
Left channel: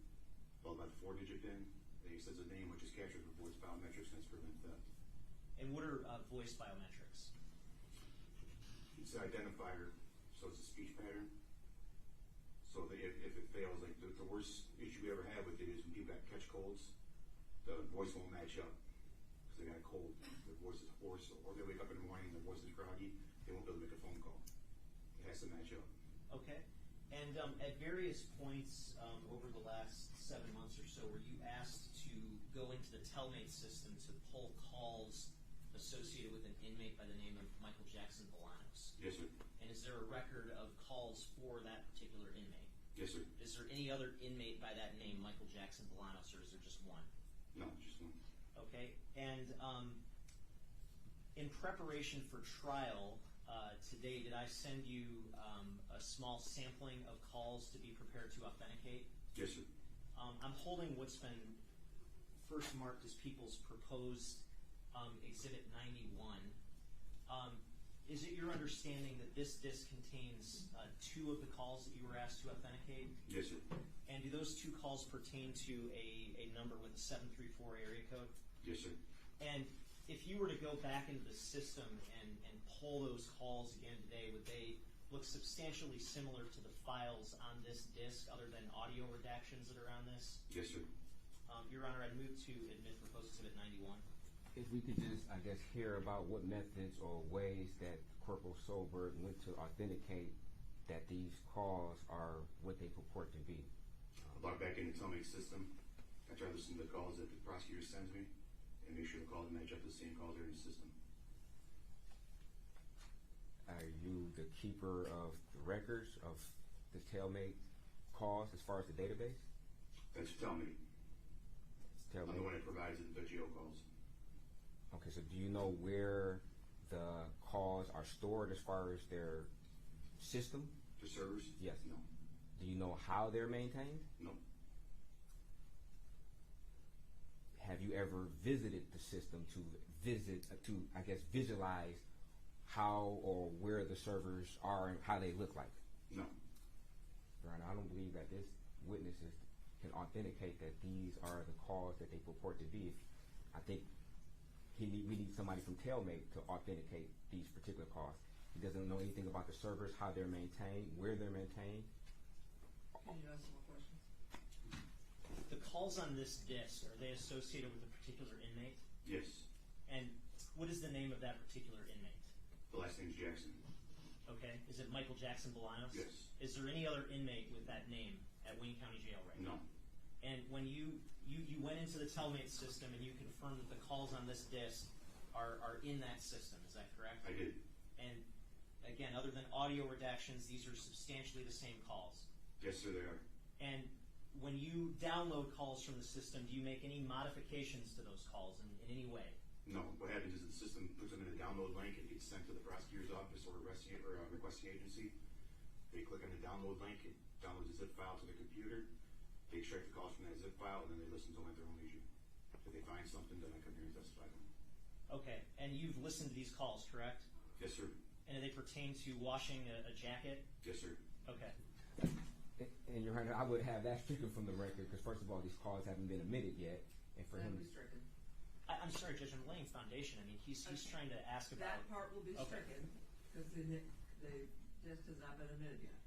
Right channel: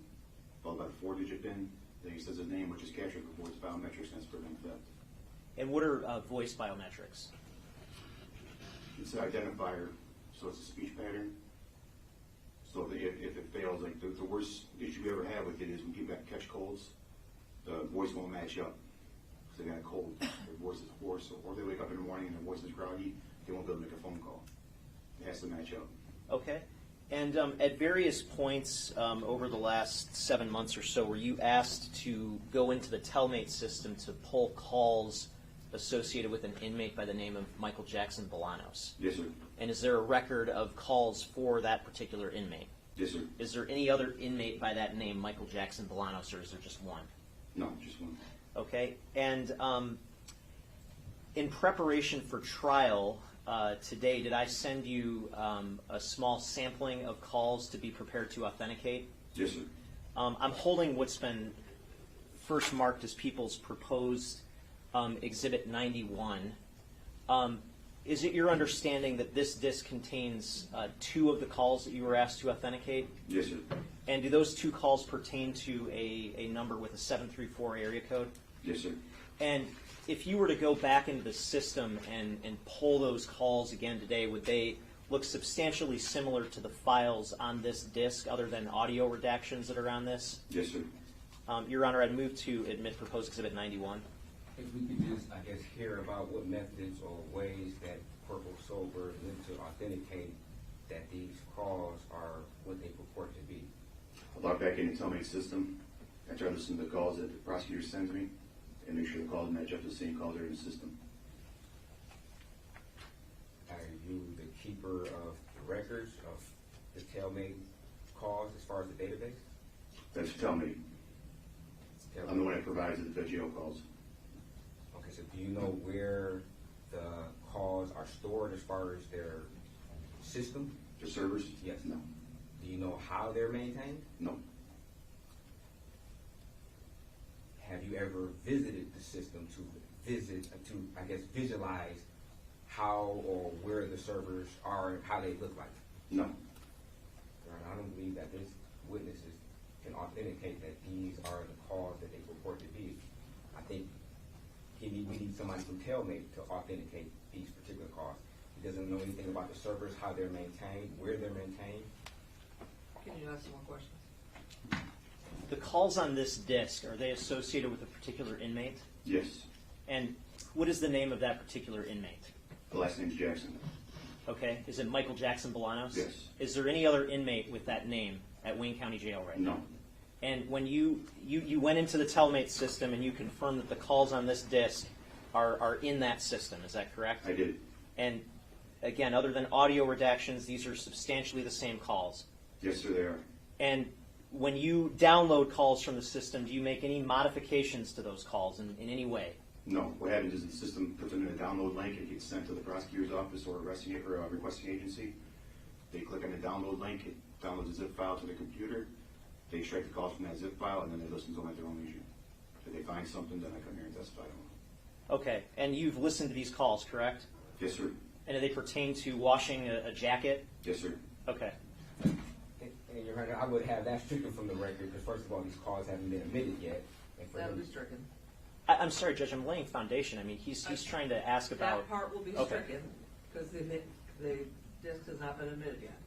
followed by the 4-digit PIN. Then he says his name, which is captured for voice biometrics, and that's prevent theft. And what are voice biometrics? It's an identifier, so it's a speech pattern. So that if it fails, like the worst issue we ever have with it is when people catch colds, the voice won't match up because they got a cold. Their voice is hoarse, or they wake up in the morning and their voice is groggy. They won't be able to make a phone call. It has to match up. Okay. And at various points over the last 7 months or so, were you asked to go into the Tellmate system to pull calls associated with an inmate by the name of Michael Jackson-Bolanos? Yes, sir. And is there a record of calls for that particular inmate? Yes, sir. Is there any other inmate by that name, Michael Jackson-Bolanos, or is there just one? No, just one. Okay. And in preparation for trial today, did I send you a small sampling of calls to be prepared to authenticate? Yes, sir. I'm holding what's been first marked as people's proposed Exhibit 91. Is it your understanding that this disc contains 2 of the calls that you were asked to authenticate? Yes, sir. And do those 2 calls pertain to a number with a 734 area code? Yes, sir. And if you were to go back into the system and pull those calls again today, would they look substantially similar to the files on this disc other than audio redactions that are on this? Yes, sir. Your Honor, I'd move to admit proposed Exhibit 91. If we could just, I guess, hear about what methods or ways that Corporal Sober went to authenticate that these calls are what they purport to be. I log back into Tellmate system. I try to listen to the calls that the prosecutor sends me and make sure the calls match up to the same calls that are in the system. Are you the keeper of the records of the Tellmate calls as far as the database? That's Tellmate. I'm the one that provides the jail calls. Okay, so do you know where the calls are stored as far as their system? The servers? Yes. No. Do you know how they're maintained? No. Have you ever visited the system to visualize how or where the servers are and how they look like? No. Right, I don't believe that this witnesses can authenticate that these are the calls that they purport to be. I think we need somebody from Tellmate to authenticate these particular calls. He doesn't know anything about the servers, how they're maintained, where they're maintained. Can you ask some more questions? The calls on this disc, are they associated with a particular inmate? Yes. And what is the name of that particular inmate? The last name's Jackson. Okay. Is it Michael Jackson-Bolanos? Yes. Is there any other inmate with that name at Wayne County Jail right now? No. And when you went into the Tellmate system and you confirmed that the calls on this disc are in that system, is that correct? I did. And again, other than audio redactions, these are substantially the same calls. Yes, sir, they are. And when you download calls from the system, do you make any modifications to those calls in any way? No. What happens is the system puts them in a download link. It gets sent to the prosecutor's office or requesting agency. They click on the download link. It downloads a zip file to the computer. They extract the calls from that zip file, and then they listen to them at their own leisure. If they find something, then I come here and testify on them. Okay. And you've listened to these calls, correct? Yes, sir. And do they pertain to washing a jacket? Yes, sir. Okay. And Your Honor, I would have that stricken from the record because first of all, these calls haven't been admitted yet. And for That him, would be stricken. I'm sorry, Judge. I'm laying foundation. I mean, he's trying to ask about. That part will be Okay. stricken because the disc has not been admitted yet.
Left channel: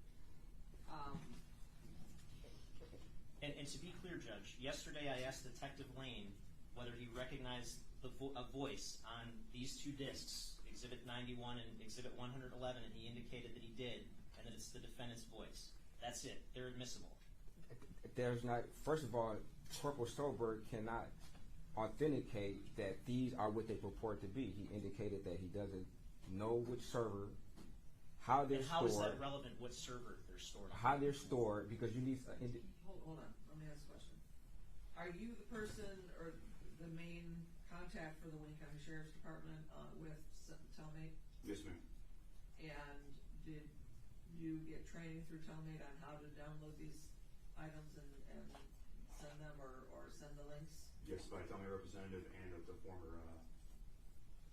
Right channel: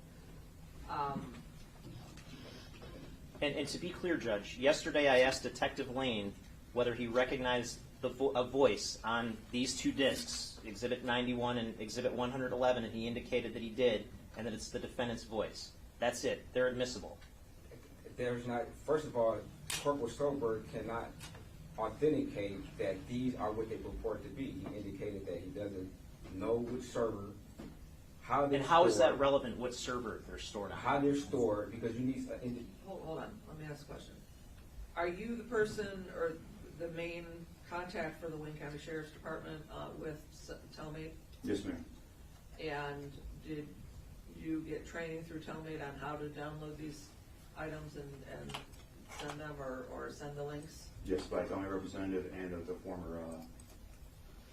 And to be clear, Judge, yesterday I asked Detective Lane whether he recognized a voice on these 2 discs, Exhibit 91 and Exhibit 111, and he indicated that he did, and that it's the defendant's voice. That's it. They're admissible. there's not, first of all, Corporal Sober cannot authenticate that these are what they purport to be. He indicated that he doesn't know which server, how they're And how is that stored, relevant? What server they're stored on? how they're stored, because you need, Hold on, let me ask a question. Are you the person or the main contact for the Wayne County Sheriff's Department with Tellmate? Yes, ma'am. And did you get training through Tellmate on how to download these items and send them or send the links? Yes, by a county representative and of the former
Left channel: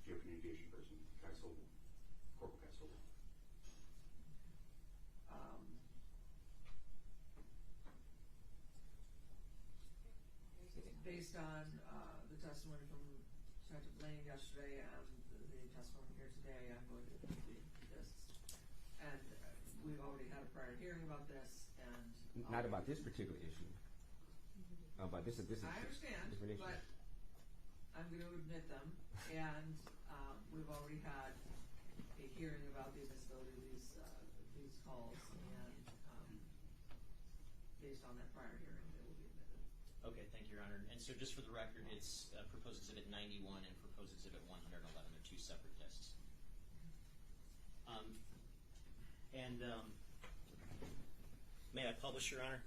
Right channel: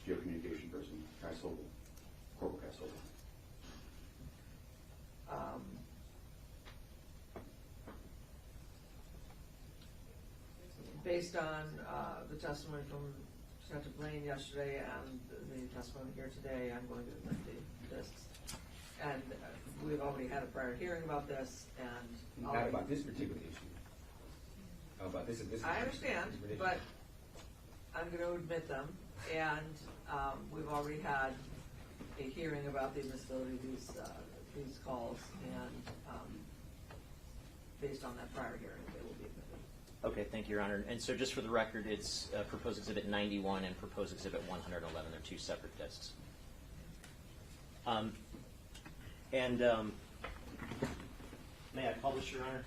geocommunication person, Corporal Castle. Based on the testimony from Senator Blaine yesterday and the testimony here today, I'm going to admit this. And we've already had a prior hearing about this, and Not about this particular issue. About this. I understand, but I'm going to admit them, and we've already had a hearing about the admissibility of these calls, and based on that prior hearing, they will be admitted. Okay, thank you, Your Honor. And so just for the record, it's Proposed Exhibit 91 and Proposed Exhibit 111. They're two separate discs. May I publish, Your Honor?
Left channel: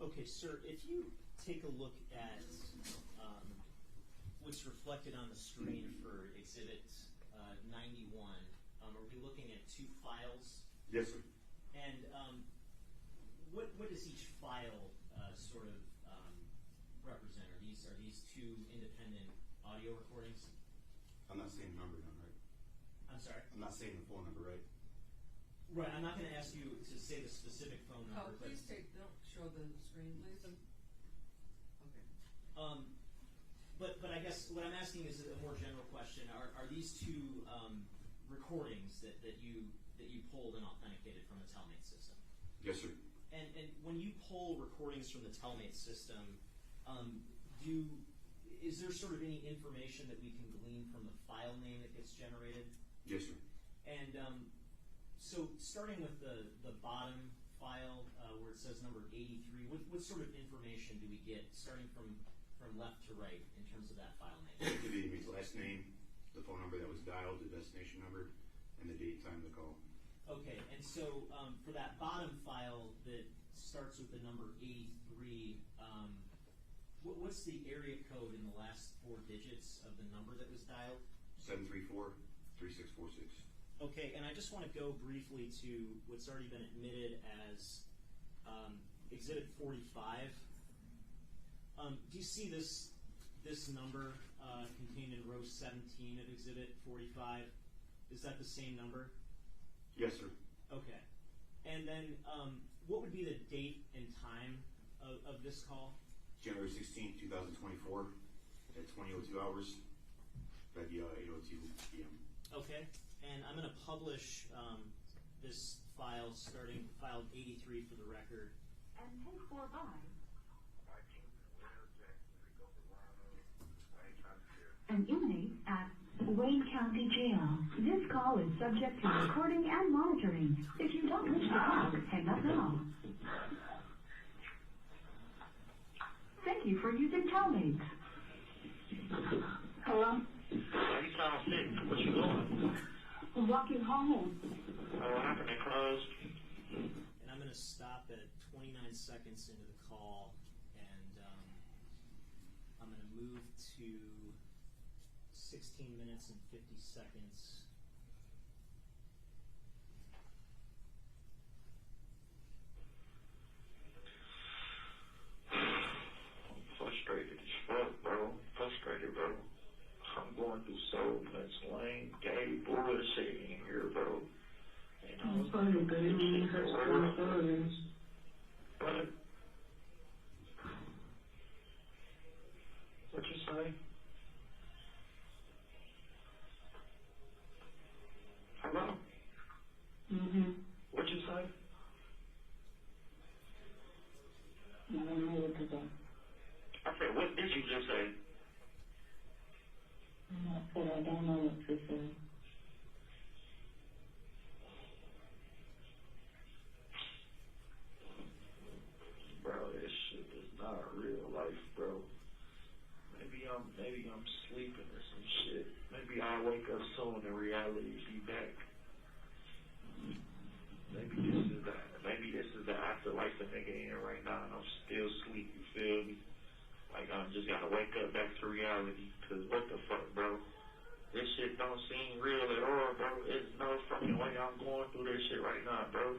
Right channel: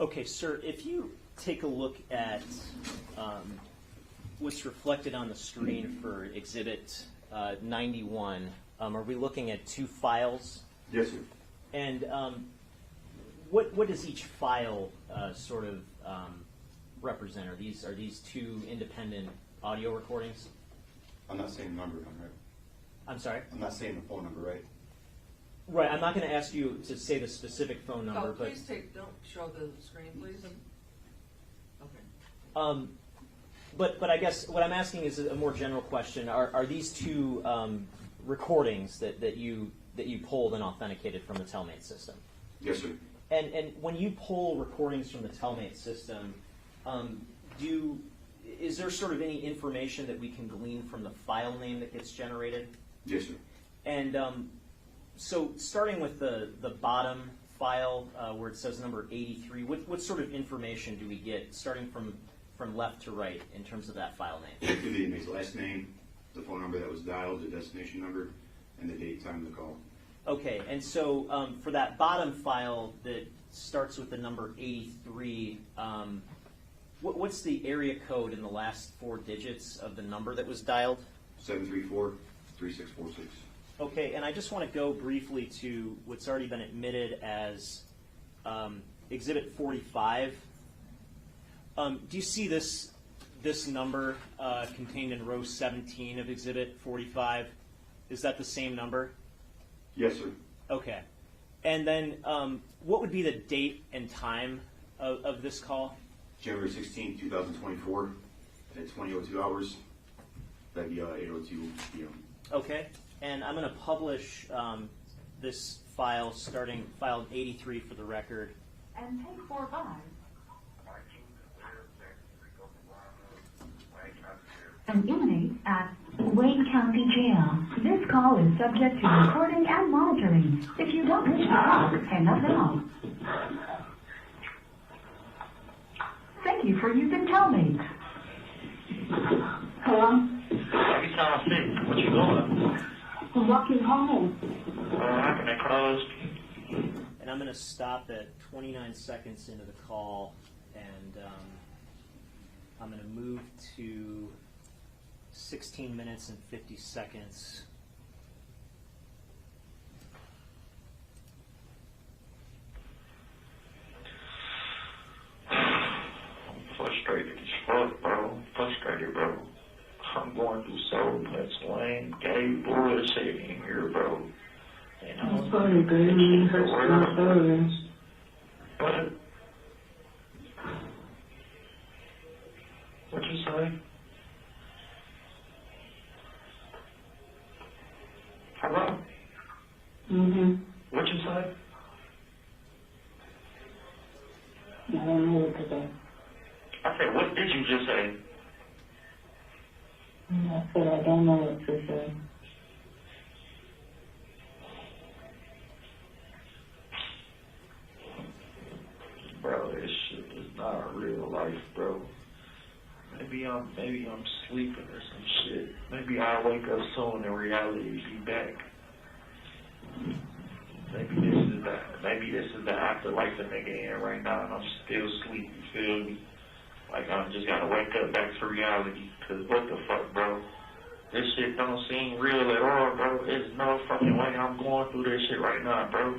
Okay, sir, if you take a look at what's reflected on the screen for Exhibit 91, are we looking at two files? Yes, sir. And what does each file sort of represent? Are these two independent audio recordings? I'm not saying the number, right? I'm sorry? I'm not saying the phone number, right? Right, I'm not going to ask you to say the specific phone number, but Please don't show the screen, please. Okay. But I guess what I'm asking is a more general question. Are these two recordings that you pulled and authenticated from the Telmate system? Yes, sir. And when you pull recordings from the Telmate system, is there sort of any information that we can glean from the file name that gets generated? Yes, sir. And so starting with the bottom file where it says number 83, what sort of information do we get starting from left to right in terms of that file name? It can be the inmate's last name, the phone number that was dialed, the destination number, and the date, time of the call. Okay, and so for that bottom file that starts with the number 83, what's the area code in the last four digits of the number that was dialed? 734-3646. Okay, and I just want to go briefly to what's already been admitted as Exhibit 45. Do you see this number contained in row 17 of Exhibit 45? Is that the same number? Yes, sir. Okay. And then what would be the date and time of this call? January 16, 2024, at 20:02 hours. That'd be 8:02 p.m. Okay. And I'm going to publish this file, starting file 83 for the record. And take 4-5. An inmate at Wayne County Jail. This call is subject to recording and monitoring. If you don't wish to call, hang up now. Thank you for using Telmate. Hello? Every time I see what you doing? I'm walking home. How can I close? And I'm going to stop at 29 seconds into the call, and I'm going to move to 16 minutes and 50 seconds. I'm frustrated as fuck, bro. I'm frustrated, bro. I'm going through so much lame, gay bullshit in here, bro. And I'm sorry, baby. It hurts my feelings. What? What'd you say? Hello? Mm-hmm. What'd you say? I don't know what to say. I said, what did you just say? I said I don't know what to say. Bro, this shit is not real life, bro. Maybe I'm sleeping or some shit. Maybe I'll wake up soon and reality will be back. Maybe this is that. Maybe write the nigga in right now, and I'm still asleep, you feel me? Like, I just gotta wake up back to reality, cause what the fuck, bro? This shit don't seem real at all, bro. There's no fucking way I'm going through this shit right now, bro.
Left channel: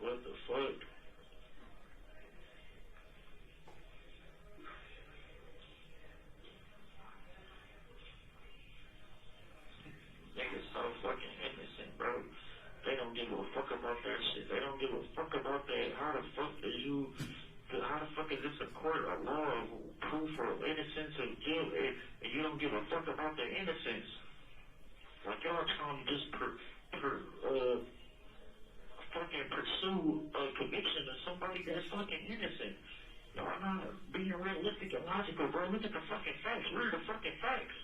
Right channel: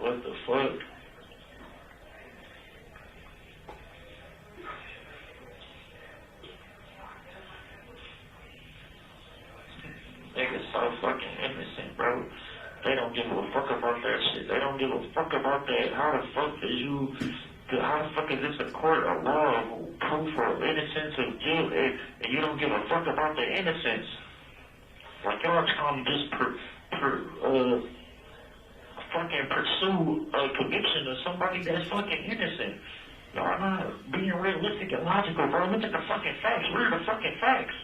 What the fuck? Niggas so fucking innocent, bro. They don't give a fuck about that shit. They don't give a fuck about that. How the fuck is this a court of law, proof of innocence of guilt, and you don't give a fuck about the innocence? Like, y'all trying to just fucking pursue a conviction of somebody that's fucking innocent. Y'all not being realistic and logical, bro. Look at the fucking facts. Where are the fucking facts?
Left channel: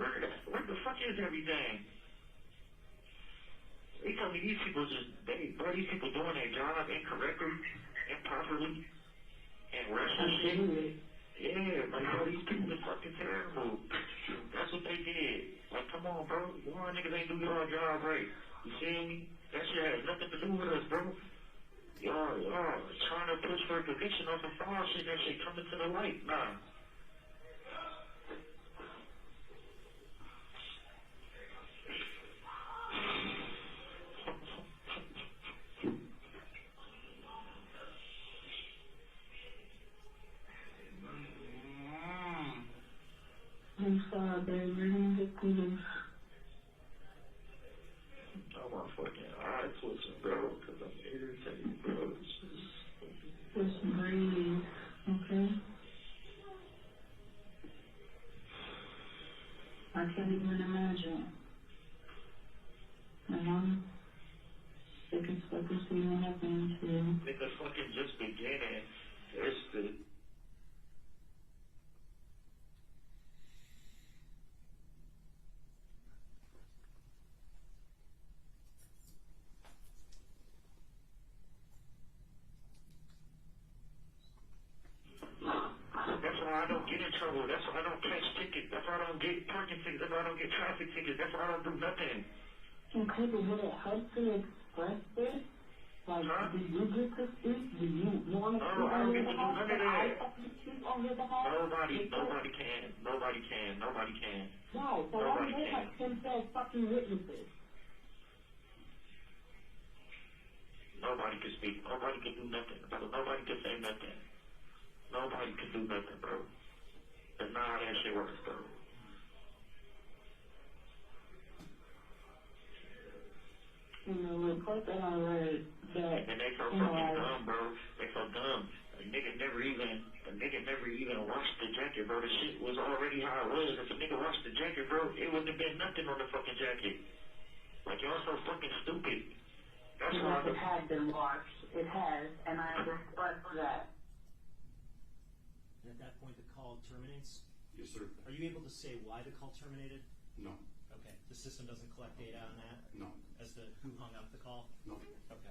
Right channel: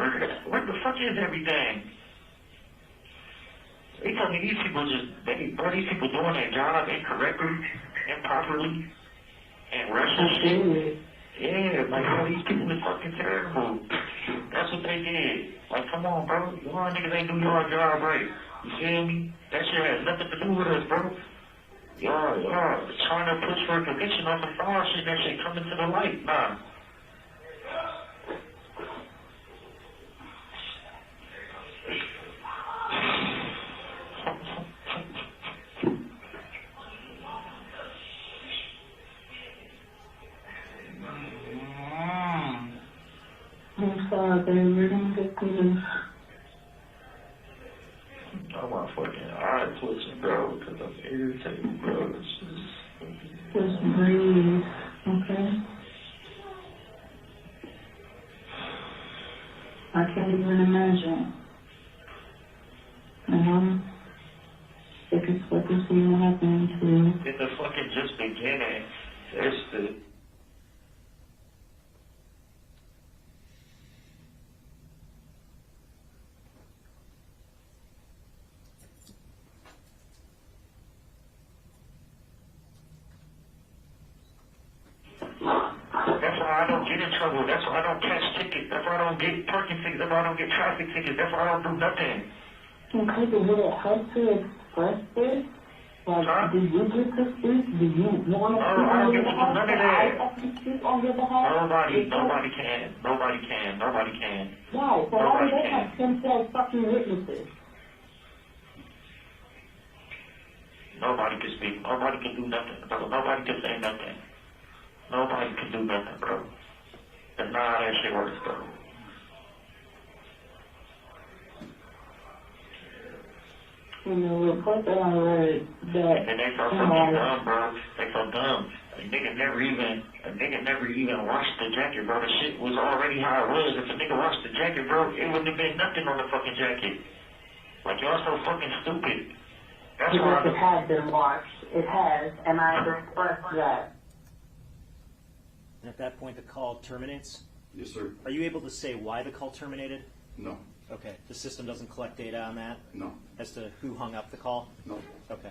Where the fuck is everything? They tell me these people these people doing their job incorrectly, improperly, and rushing shit. Yeah, like, bro, these people are fucking terrible. That's what they did. Like, come on, bro. Y'all niggas ain't do your job right. You feel me? That shit has nothing to do with us, bro. Y'all trying to push for a conviction on some fraud shit, that shit coming to the light. Nah. I'm sorry, baby. We're gonna get through this. Oh, my fucking eye twitching, bro, because I'm irritated, bro. Just breathe, okay? I can't even imagine. And I'm sick as fuck to see what happened to you. It's the fucking just beginning. It's the... That's why I don't get in trouble. That's why I don't catch tickets. That's why I don't get parking tickets. That's why I don't get traffic tickets. That's why I don't do nothing. Okay, but would it help to express this? Like, Huh? do you get to speak? Do you want to speak I don't on get your to do behalf? none of Can that. I have to speak on your behalf? Nobody can. Nobody can. Why? So why do they have themselves fucking witnesses? Nobody can speak. Nobody can do nothing, bro. Nobody can say nothing. Nobody can do nothing, bro. That's not how that shit works, bro. You know, the report that I read that And they so fucking dumb, bro. They so dumb. A nigga never even washed the jacket, bro. The shit was already how it was. If a nigga washed the jacket, bro, it wouldn't have been nothing on the fucking jacket. Like, y'all so fucking stupid. That's why it has been watched. It has, and I expressed that. And at that point, the call terminates. Yes, sir. Are you able to say why the call terminated? No. Okay. The system doesn't collect data on that No. as to who hung up the call? No. Okay.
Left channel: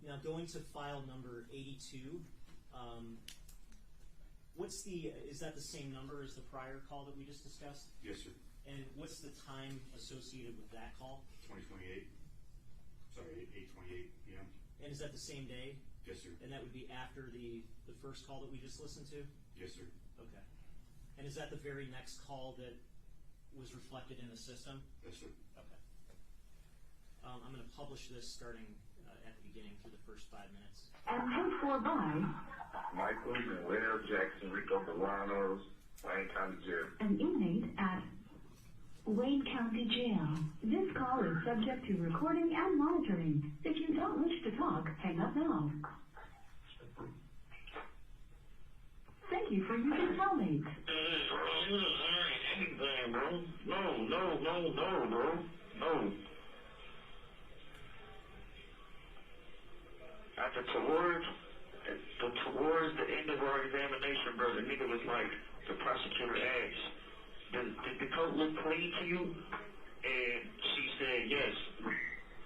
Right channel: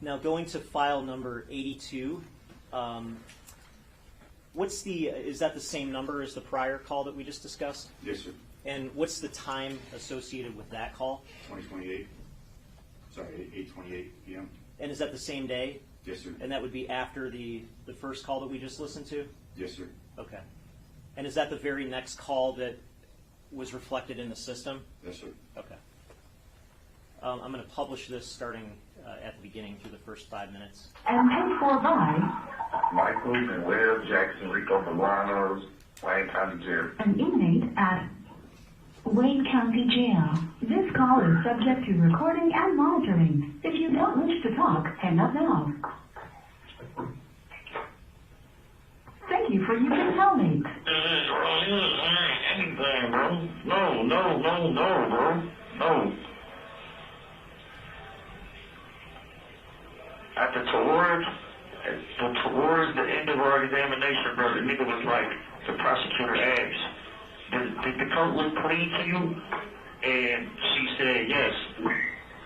Now going to file number 82, is that the same number as the prior call that we just discussed? Yes, sir. And what's the time associated with that call? 2028. Sorry, 8:28 p.m. And is that the same day? Yes, sir. And that would be after the first call that we just listened to? Yes, sir. Okay. And is that the very next call that was reflected in the system? Yes, sir. Okay. I'm going to publish this starting at the beginning through the first 5 minutes. And paid for by Michael and Will Jackson-Bolanos, Wayne County Jail. an inmate at Wayne County Jail. This call is subject to recording and monitoring. If you don't wish to talk, hang up now. Thank you for using Cellmates. Anything, bro. No, bro. No. Towards the end of our examination, bro, the nigga was like, the prosecutor asked, did the coat look clean to you? And she said yes.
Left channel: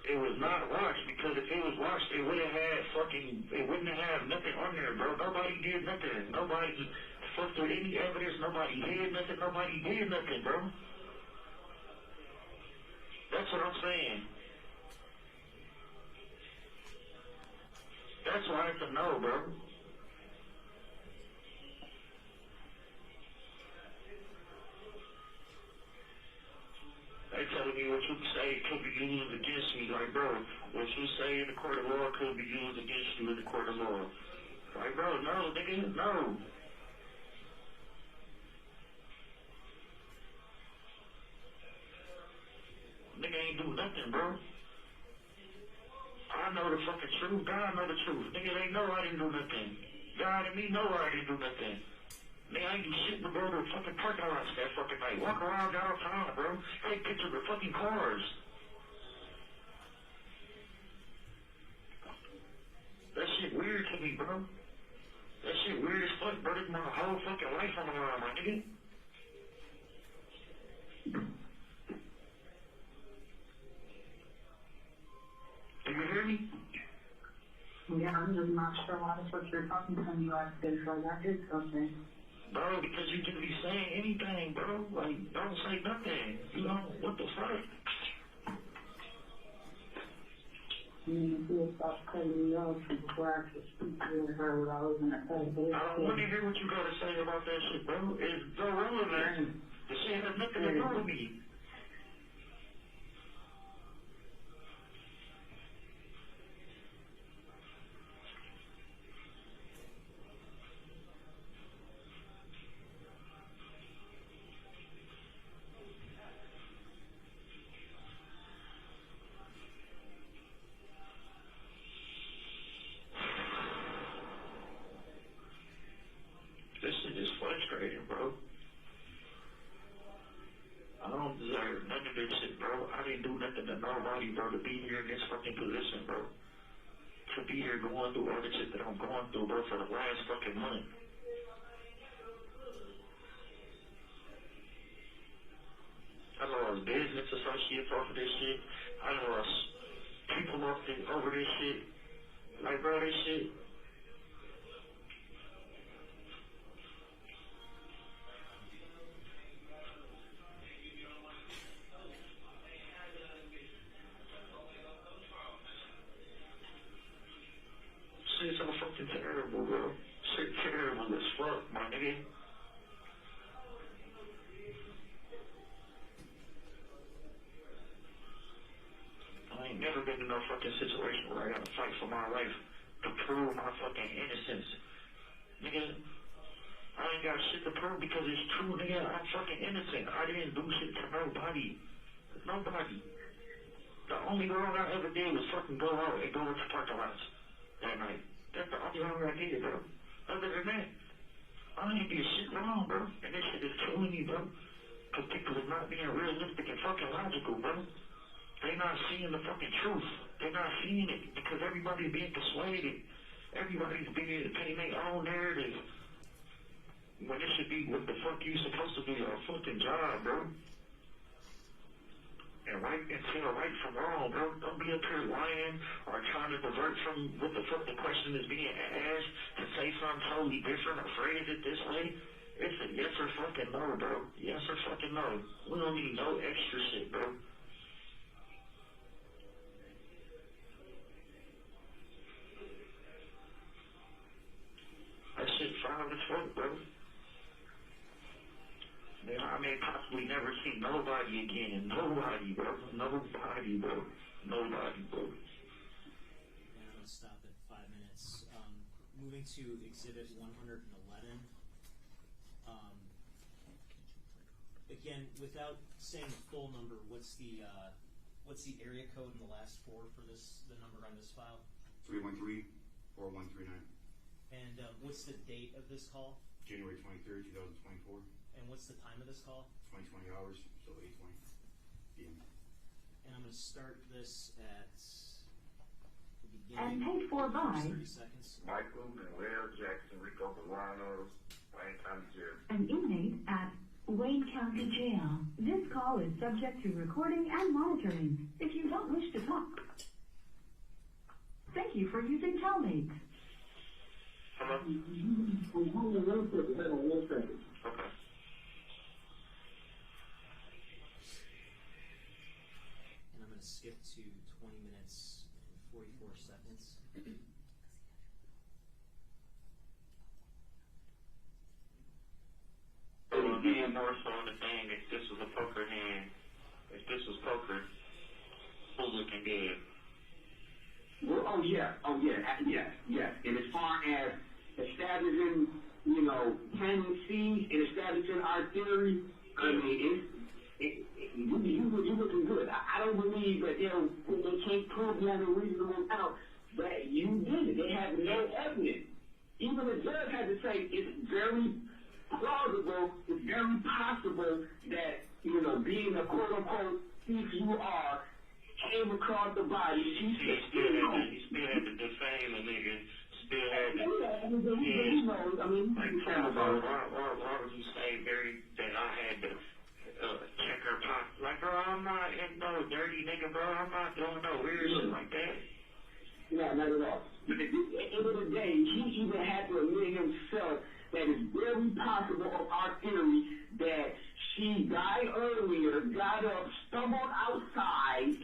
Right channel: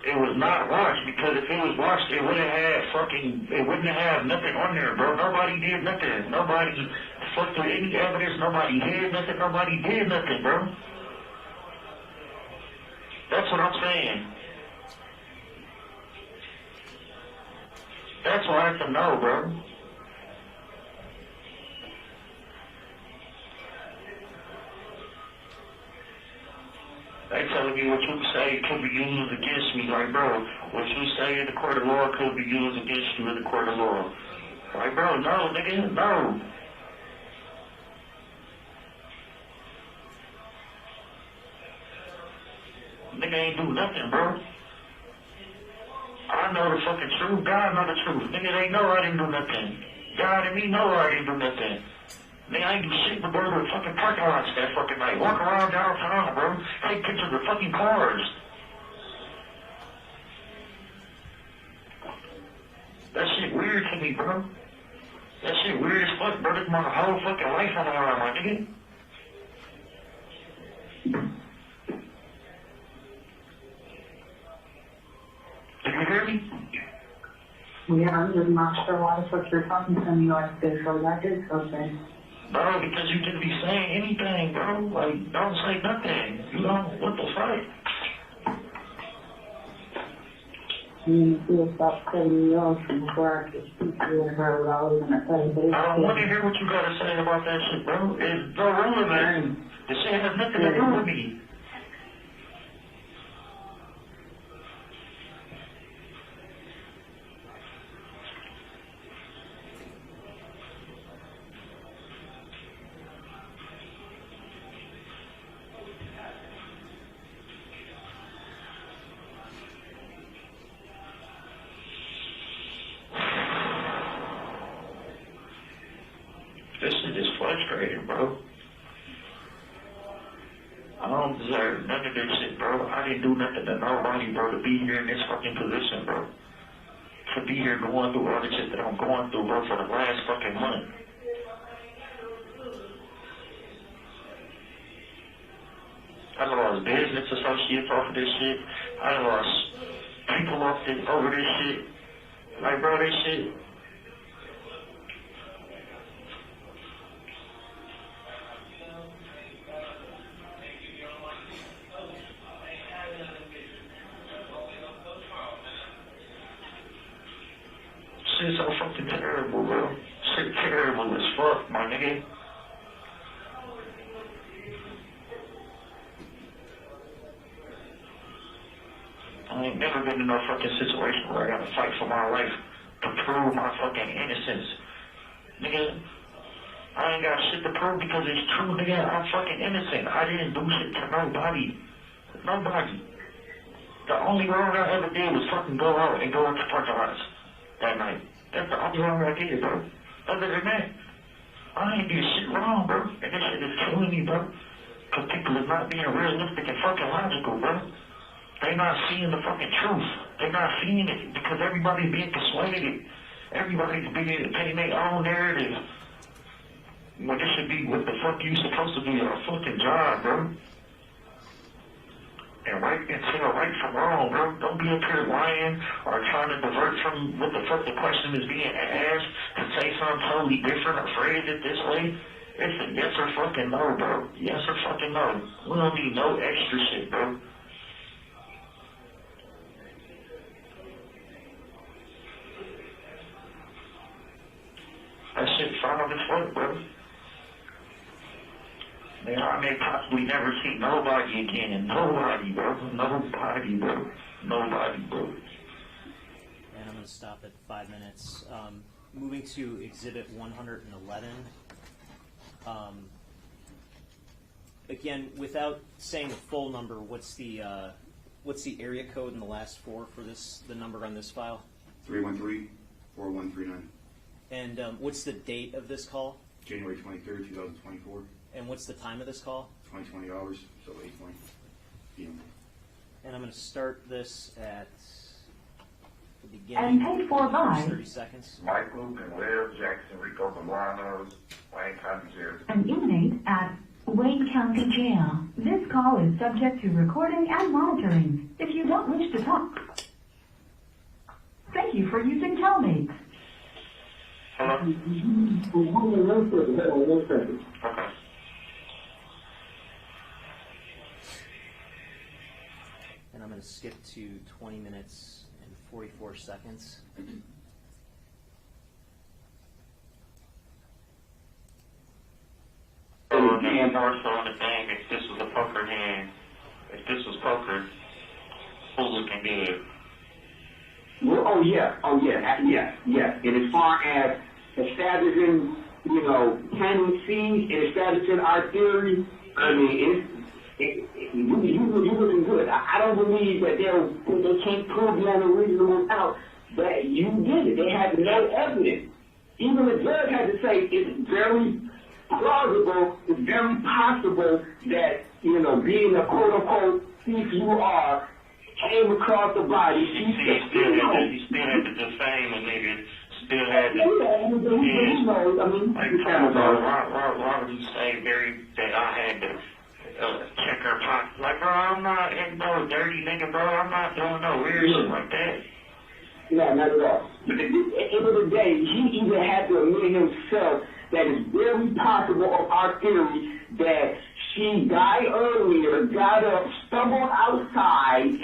It was not washed, because if it was washed, it wouldn't have nothing on there, bro. Nobody did nothing. Nobody fucked with any evidence. Nobody hid nothing. Nobody did nothing, bro. That's what I'm saying. That's what I have to know, bro. They telling me what you say could be used against me. Like, bro, what you say in the court of law could be used against you in the court of law. Like, bro, no, nigga, no. Nigga ain't do nothing, bro. I know the fucking truth. God know the truth. Nigga, they know I didn't do nothing. God and me know I didn't do nothing. Nigga, I ain't do shit but go to the fucking parking lots that fucking night. Walk around downtown, bro. Take pictures of fucking cars. That shit weird to me, bro. That shit weird as fuck, bro. This my whole fucking life on the line, my nigga. Did you hear me? Yeah, I'm just not sure why the fuck you're talking to me like this, so that is okay. Bro, because you didn't be saying anything, bro. Like, don't say nothing. You know, what the fuck? You'll stop cutting me off before I could speak to you and her what I was gonna say. I don't want to hear what you gotta say about that shit, bro. It's no relevant. The shit has nothing to do with me. This shit is frustrating, bro. I don't deserve none of this shit, bro. I didn't do nothing to nobody, bro, to be here in this fucking position, bro. To be here going through all the shit that I'm going through, bro, for the last fucking month. I lost business associates off of this shit. I lost people off this, over this shit. Like, bro, this shit. Shit's so fucking terrible, bro. Shit terrible as fuck, my nigga. I ain't never been in no fucking situation where I gotta fight for my life to prove my fucking innocence. Nigga, I ain't got shit to prove because it's true, nigga. I'm fucking innocent. I didn't do shit to nobody. Nobody. The only wrong I ever did was fucking go out and go into parking lots that night. That's the only wrong I did, bro. Other than that, I ain't did shit wrong, bro. And this shit is killing me, bro. Because people is not being realistic and fucking logical, bro. They not seeing the fucking truth. They not seeing it because everybody's being persuaded. Everybody's being taking their own narrative. When this should be what the fuck you supposed to do your fucking job, bro. And right and tell right from wrong, bro. Don't be up here lying or trying to divert from what the fuck the question is being asked to say something totally different or phrase it this way. It's a yes or fucking no, bro. Yes or fucking no. We don't need no extra shit, bro. That shit foul as fuck, bro. Man, I may possibly never see nobody again. Nobody, bro. Nobody, bro. Nobody, bro. And I'm going to stop at 5 minutes. Moving to Exhibit 111. Again, without saying the full number, what's the area code in the last four for the number on this file? 313-4139. And what's the date of this call? January 23rd, 2024. And what's the time of this call? 20 hours, so 8:20 p.m. And I'm going to start this at the And beginning. paid for by 30 seconds. Mike Luke and Will Jackson-Bolanos, Wayne County Jail. an inmate at Wayne County Jail. This call is subject to recording and monitoring. If you don't wish to talk, thank you for using Telmate. Hello? Okay. Okay. And I'm going to skip to 20 minutes and 44 seconds. More so on the thing, if this was a poker hand, if this was poker, who's looking good? Well, yeah. And as far as establishing, planting seeds and establishing our theory, I mean, you're looking good. I don't believe that they can't prove beyond a reasonable doubt that you did it. They have no evidence. Even the judge had to say it's very plausible, it's very possible that, being a quote-unquote thief you are, came across the body. He still had to defame a nigga. Still had to. Why would you say that I had to check her pocket? Like, bro, I'm not no dirty nigga, bro. I'm not doing no weird shit like that. No, not at all. But at the end of the day, he even had to admit himself that it's very possible of our theory that she died earlier, got up, stumbled outside,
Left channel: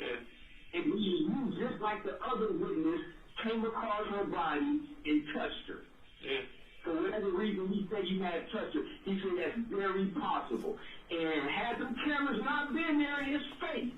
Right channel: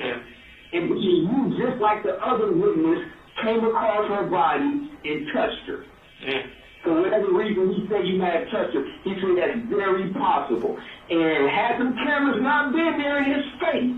and you, just like the other witness, came across her body and touched her. Yeah. For whatever reason he said you might have touched her, he said that's very possible. And had the cameras not been there in his face,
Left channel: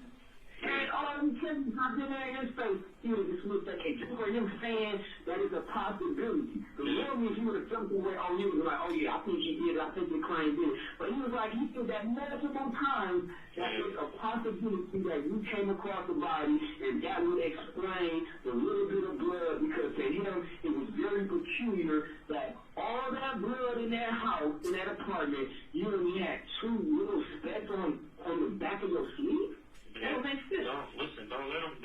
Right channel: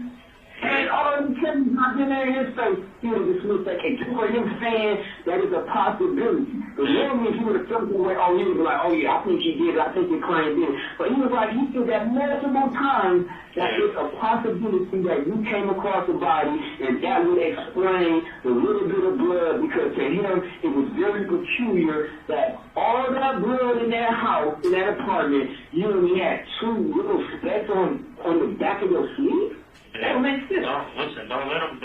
and all the cameras not been there in his face, he would have dismissed that case. For him saying that is a possibility. But normally he would have jumped away, he would be like, oh yeah, I think he did, I think the client did. But he was like, he said that multiple times that it's a possibility that you came across the body, and that would explain the little bit of blood, because to him it was very peculiar that all that blood in that house, in that apartment, you only had 2 little specks on the back of your sleeve. That don't make sense. Don't let them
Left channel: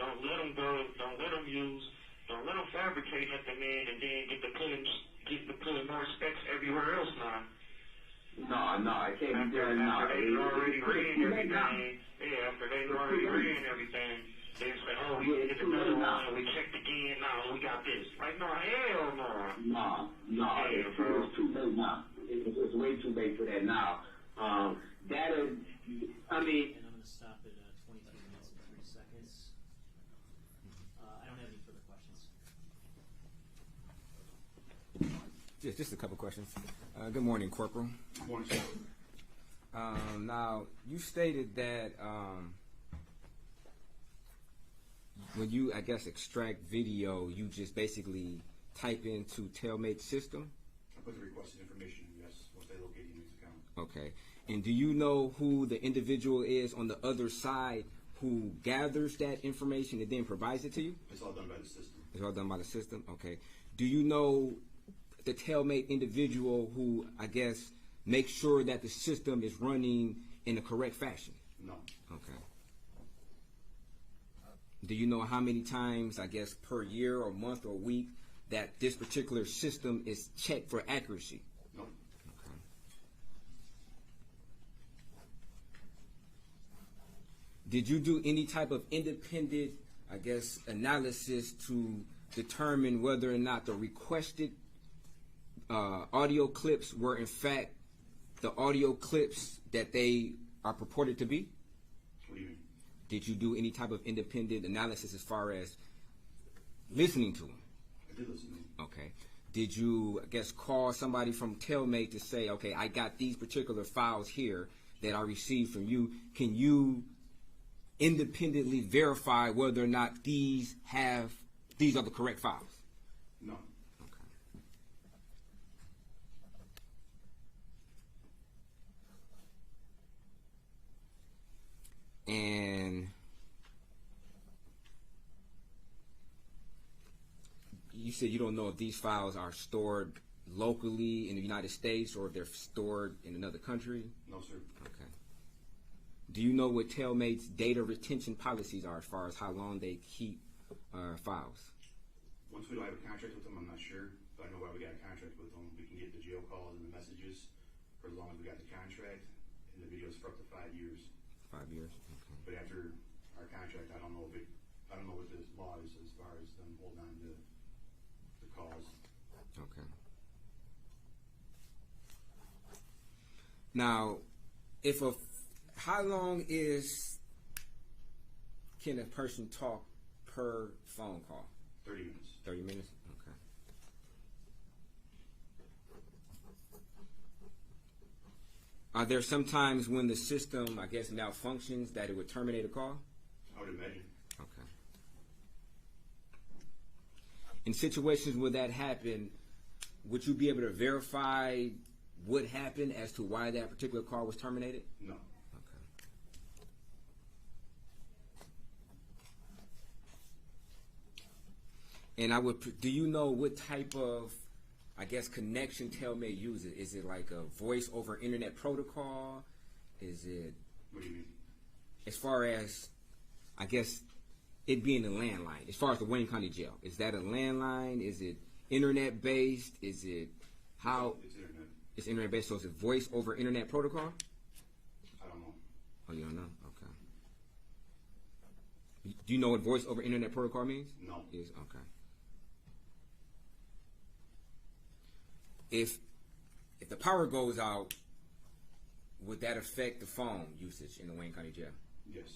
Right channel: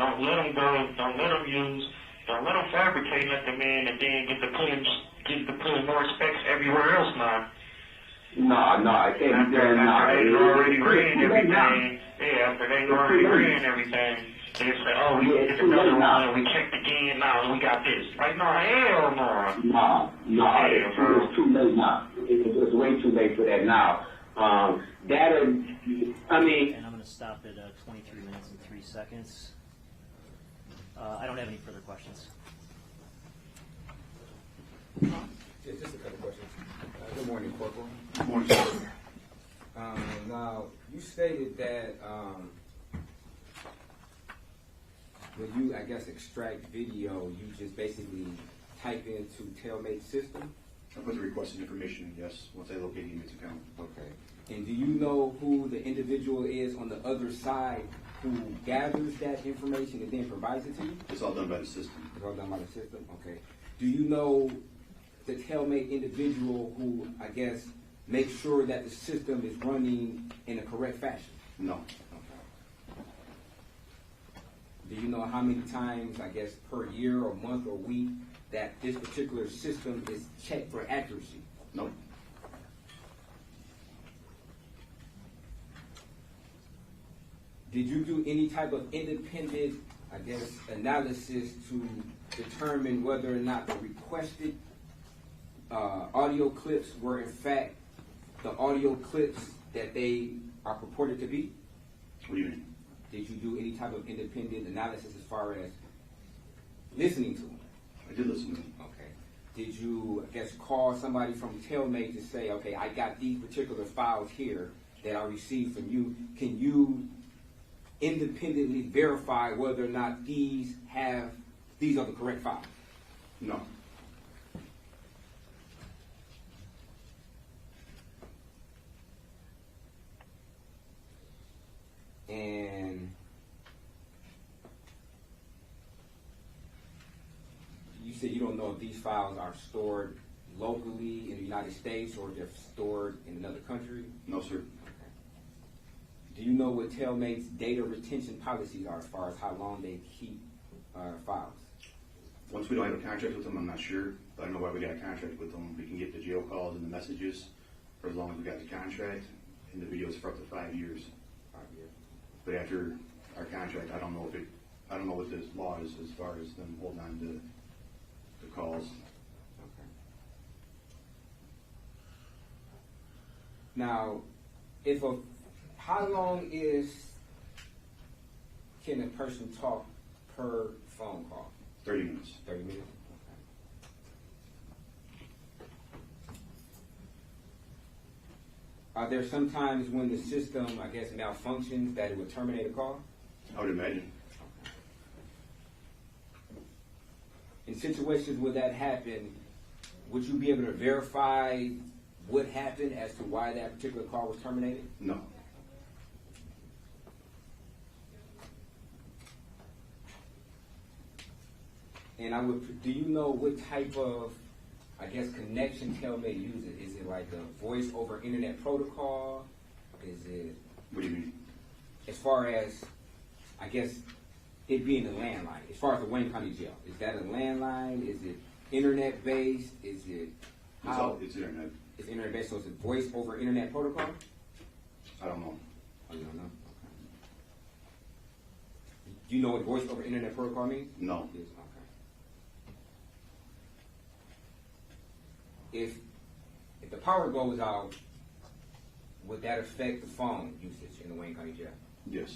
fabricate nothing, man, and then get to putting more specs everywhere else now. No, I can't be there now. After they already ran everything, after they already ran everything, they say, oh, we get another one, we checked again, now we got this. Like, no, hell no. No, it's too late now. It's way too late for that now. And I'm going to stop at 23 minutes and 3 seconds. I don't have any further questions. Yeah, just a couple questions. Good morning, Corporal. Good morning, sir. Now, you stated that when you, I guess, extract video, you just basically type into Tailmate system? I put the requested information, yes, once I locate the inmate's account. Okay. And do you know who the individual is on the other side who gathers that information and then provides it to you? It's all done by the system. It's all done by the system? Okay. Do you know the Tailmate individual who, I guess, makes sure that the system is running in a correct fashion? No. Okay. Do you know how many times, I guess, per year or month or week that this particular system is checked for accuracy? No. Did you do any type of independent, I guess, analysis to determine whether or not the requested audio clips were in fact the audio clips that they are purported to be? What do you mean? Did you do any type of independent analysis as far as listening to them? I did listen to them. Okay. Did you, I guess, call somebody from Tailmate to say, okay, I got these particular files here that I received from you. Can you independently verify whether or not these are the correct files? No. And you said you don't know if these files are stored locally in the United States or if they're stored in another country? No, sir. Okay. Do you know what Tailmate's data retention policies are as far as how long they keep files? Once we don't have a contract with them, I'm not sure. But I know why we got a contract with them. We can get the jail calls and the messages for as long as we got the contract, and the videos for up to 5 years. 5 years. But after our contract, I don't know what this law is as far as them holding on to the calls. Okay. Now, how long can a person talk per phone call? 30 minutes. 30 minutes? Okay. Are there some times when the system, I guess, malfunctions that it would terminate a call? I would imagine. Okay. In situations where that happened, would you be able to verify what happened as to why that particular call was terminated? No. And do you know what type of, I guess, connection Telmed uses? Is it like a voice over internet protocol? Is it? What do you mean? As far as, I guess, it being a landline, as far as the Wayne County Jail, is that a landline? Is it internet based? Is it how? It's internet. It's internet based, so is it voice over internet protocol? I don't know. Oh, you don't know? Okay. Do you know what voice over internet protocol means? No. Yes, okay. If the power goes out, would that affect the phone usage in the Wayne County Jail? Yes.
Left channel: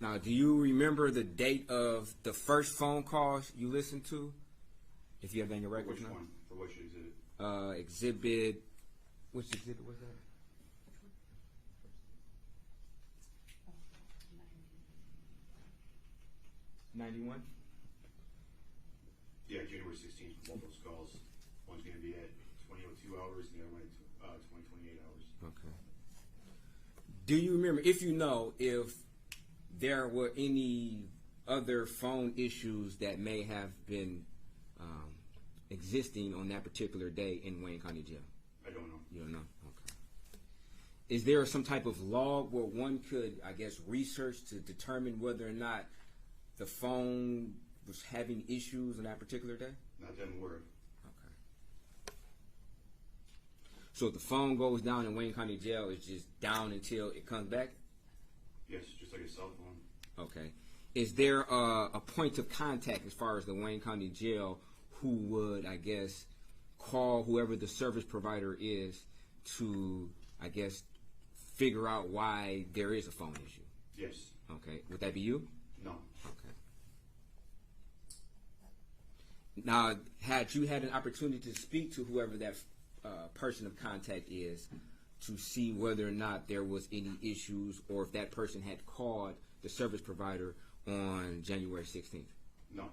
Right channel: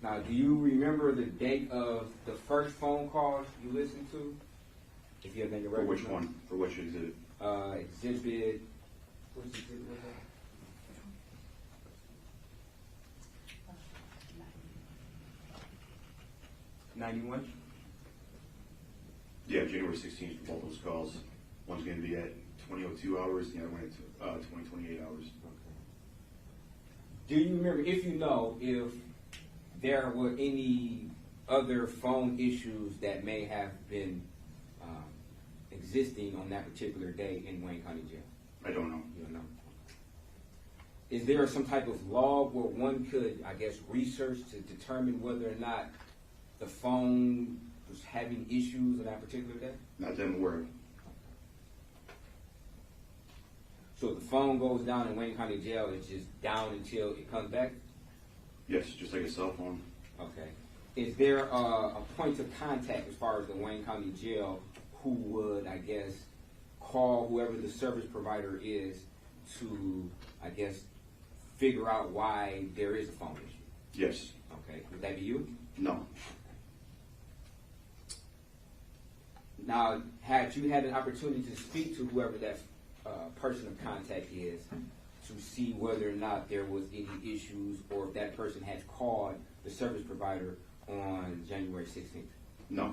Now, do you remember the date of the first phone call you listened to? If you have any For records. which one? For which exhibit? Exhibit. Which exhibit was that? '91. Yeah, January 16th. Both those calls. One's going to be at 20:02 hours. The other one at 20:28 hours. Okay. Do you remember, if you know, if there were any other phone issues that may have been existing on that particular day in Wayne County Jail? I don't know. You don't know? Okay. Is there some type of log where one could, I guess, research to determine whether or not the phone was having issues on that particular day? Not that I'm aware of. So if the phone goes down in Wayne County Jail, it's just down until it comes back? Yes, just like a cell phone. Okay. Is there a point of contact as far as the Wayne County Jail who would, I guess, call whoever the service provider is to, I guess, figure out why there is a phone issue? Yes. Okay. Would that be you? No. Okay. Now, had you had an opportunity to speak to whoever that person of contact is to see whether or not there was any issues or if that person had called the service provider on January 16th? No. All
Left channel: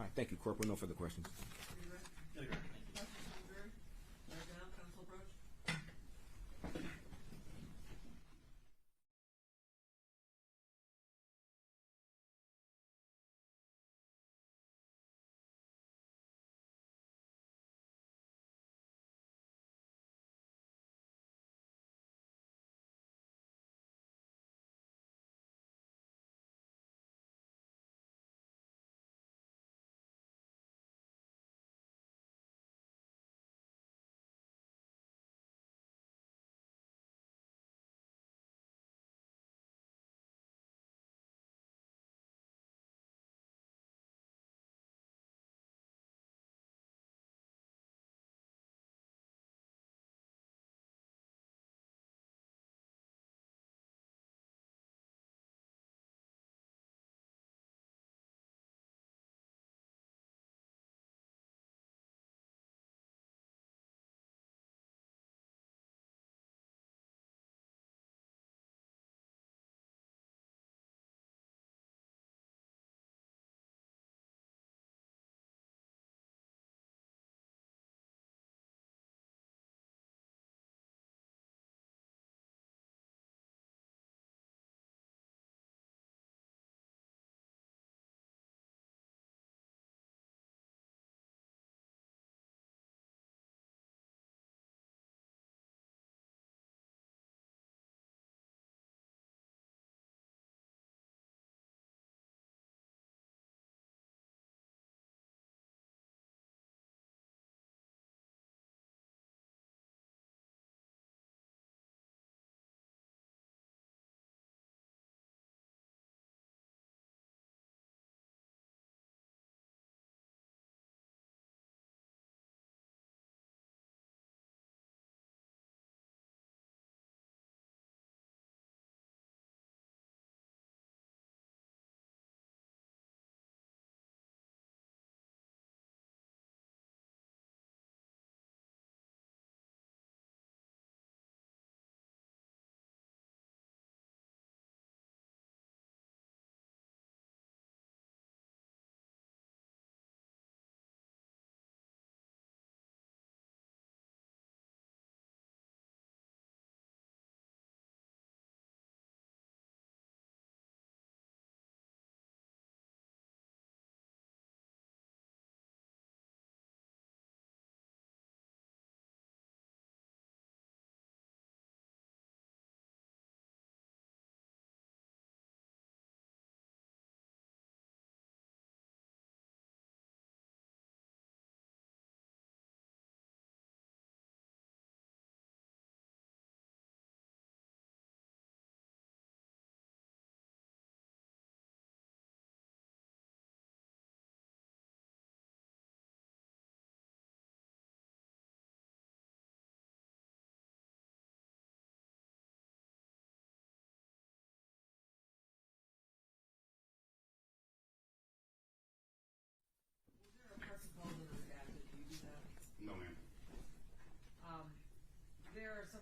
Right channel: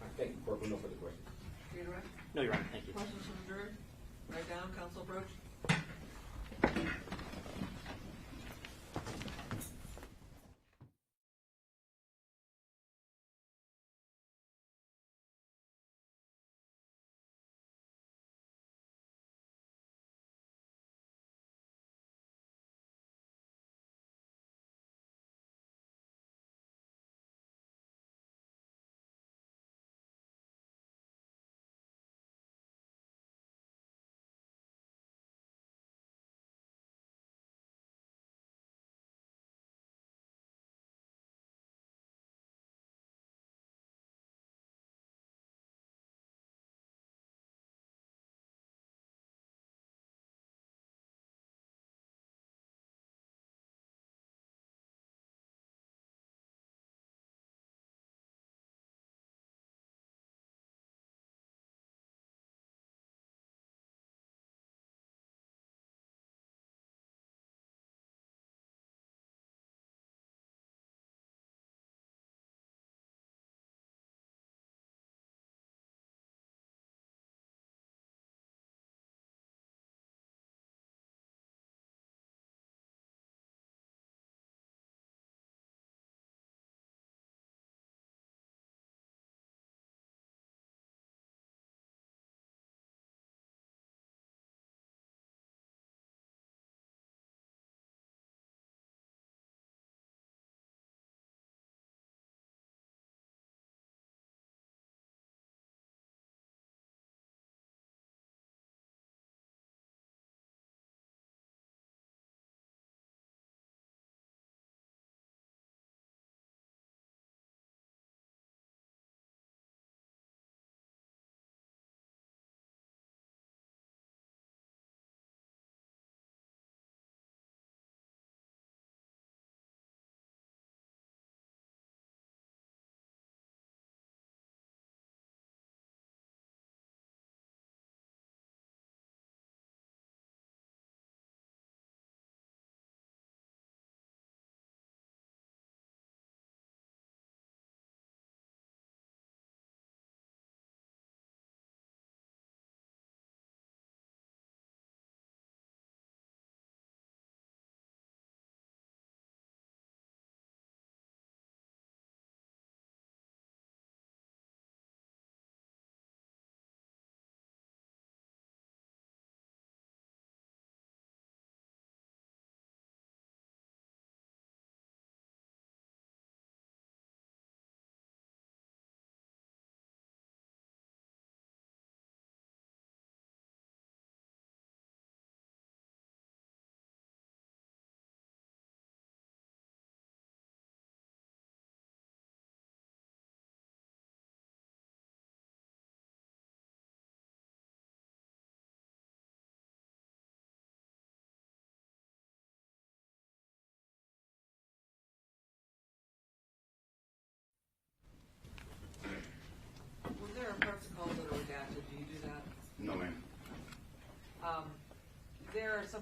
right, thank you, Corporal. No further questions. Reiterate. No, Your Honor. Thank you. Questions from the jury? Write down, counsel approach.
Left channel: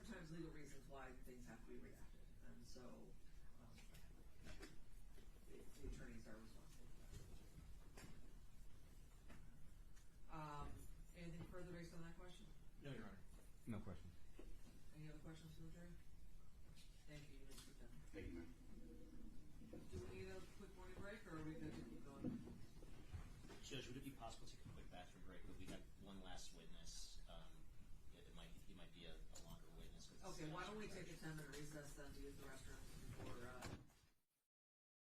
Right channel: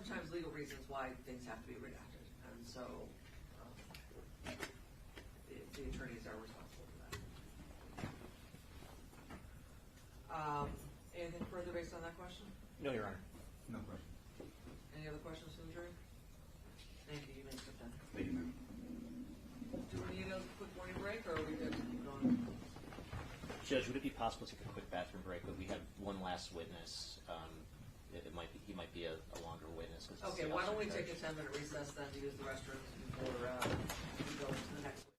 sometimes legal reasons why things have to be redacted, and so the attorneys are responsible for that. Anything further based on that question? No, Your Honor. No question. Any other questions from the jury? Thank you. You may step down. Thank you, ma'am. Do we need a quick morning break, or are we good to keep going? Judge, would it be possible to take a quick bathroom break? But we have one last witness. He might be a longer witness. 'Cause it's Okay, the why don't we officer take a judge. 10-minute recess then to use the restrooms before we go into the next one?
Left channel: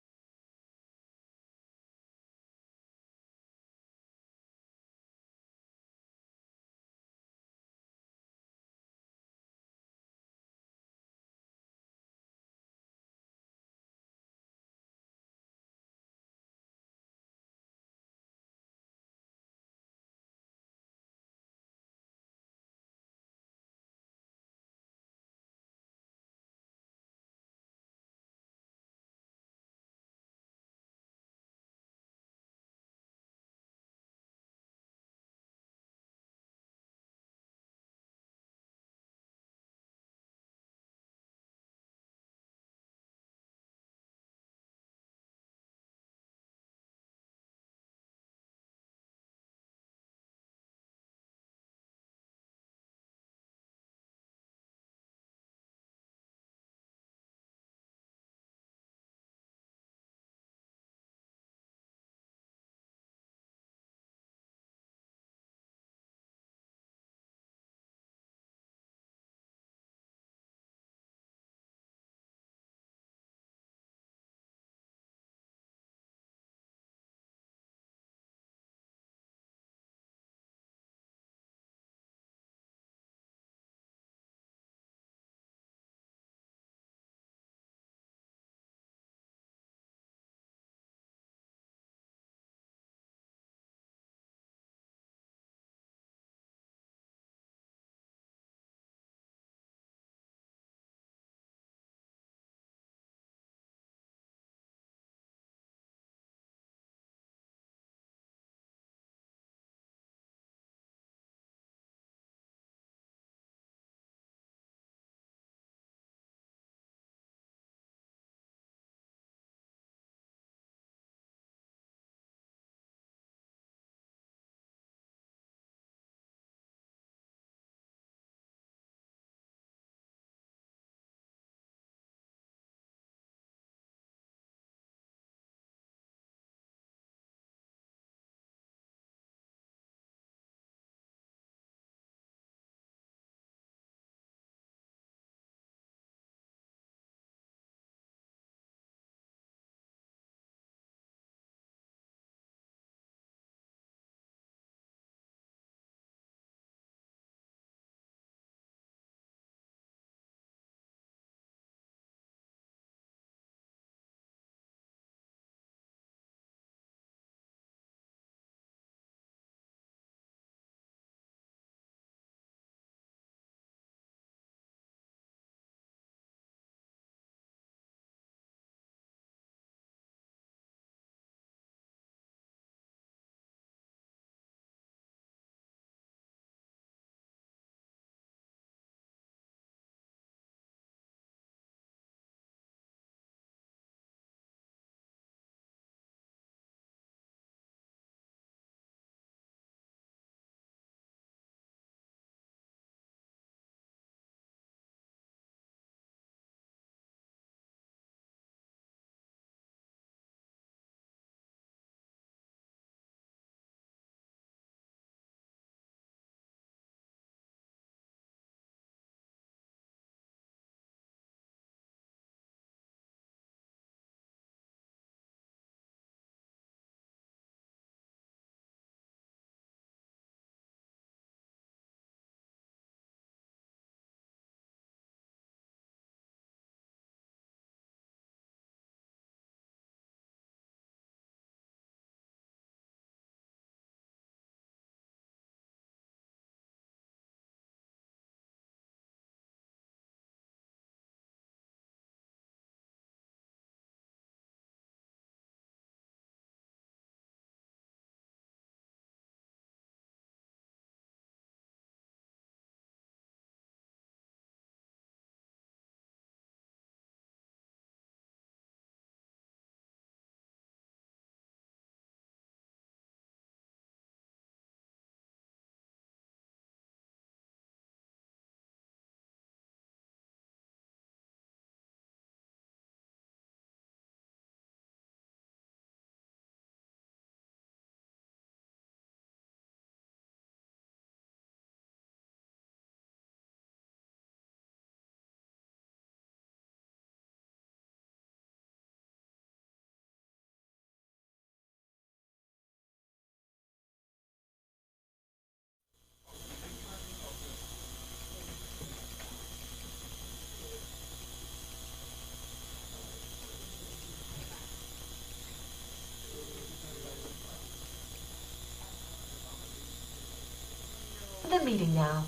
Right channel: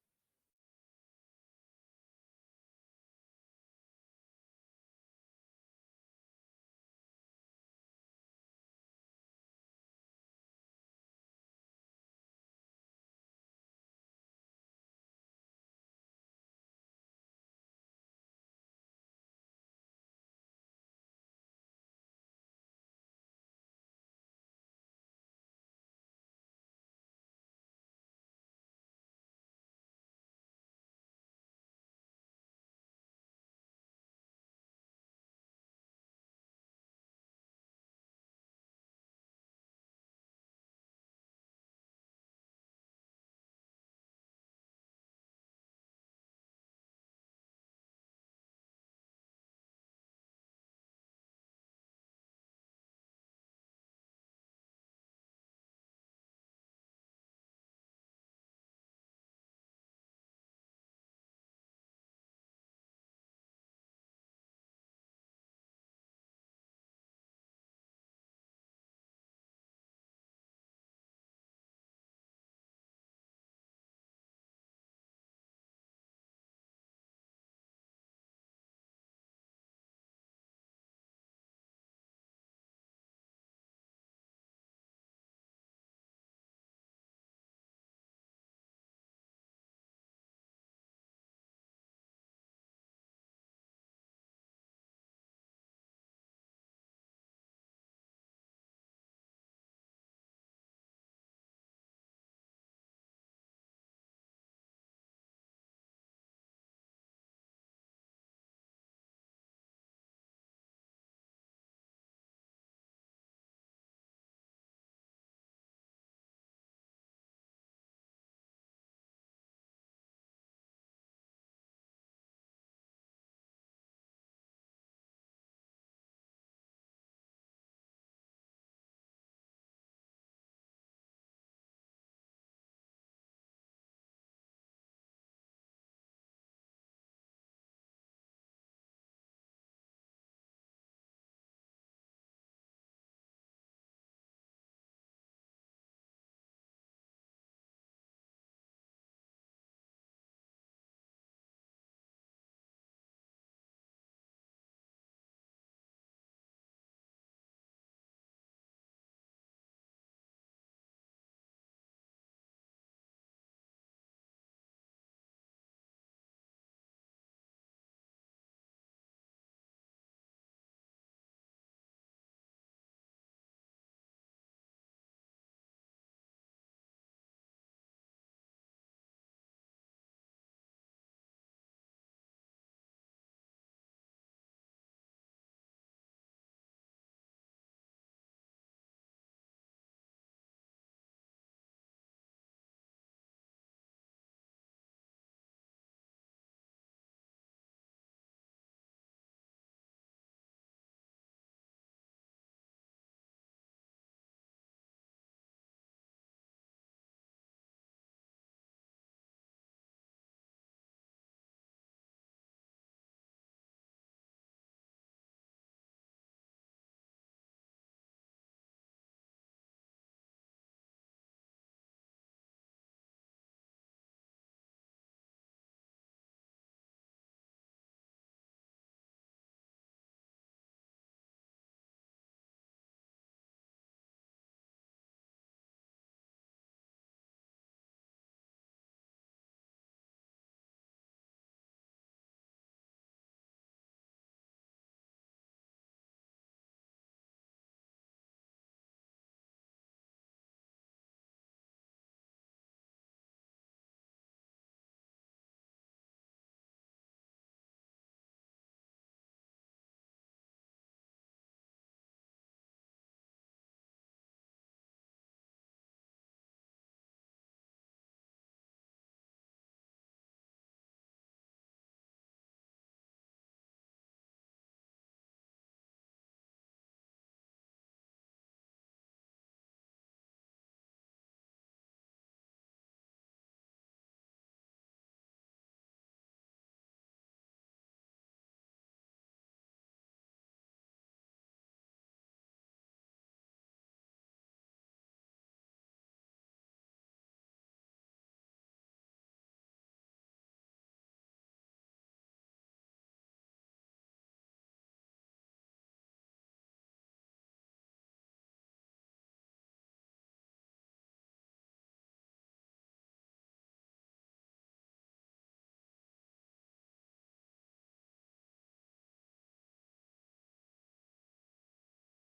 now.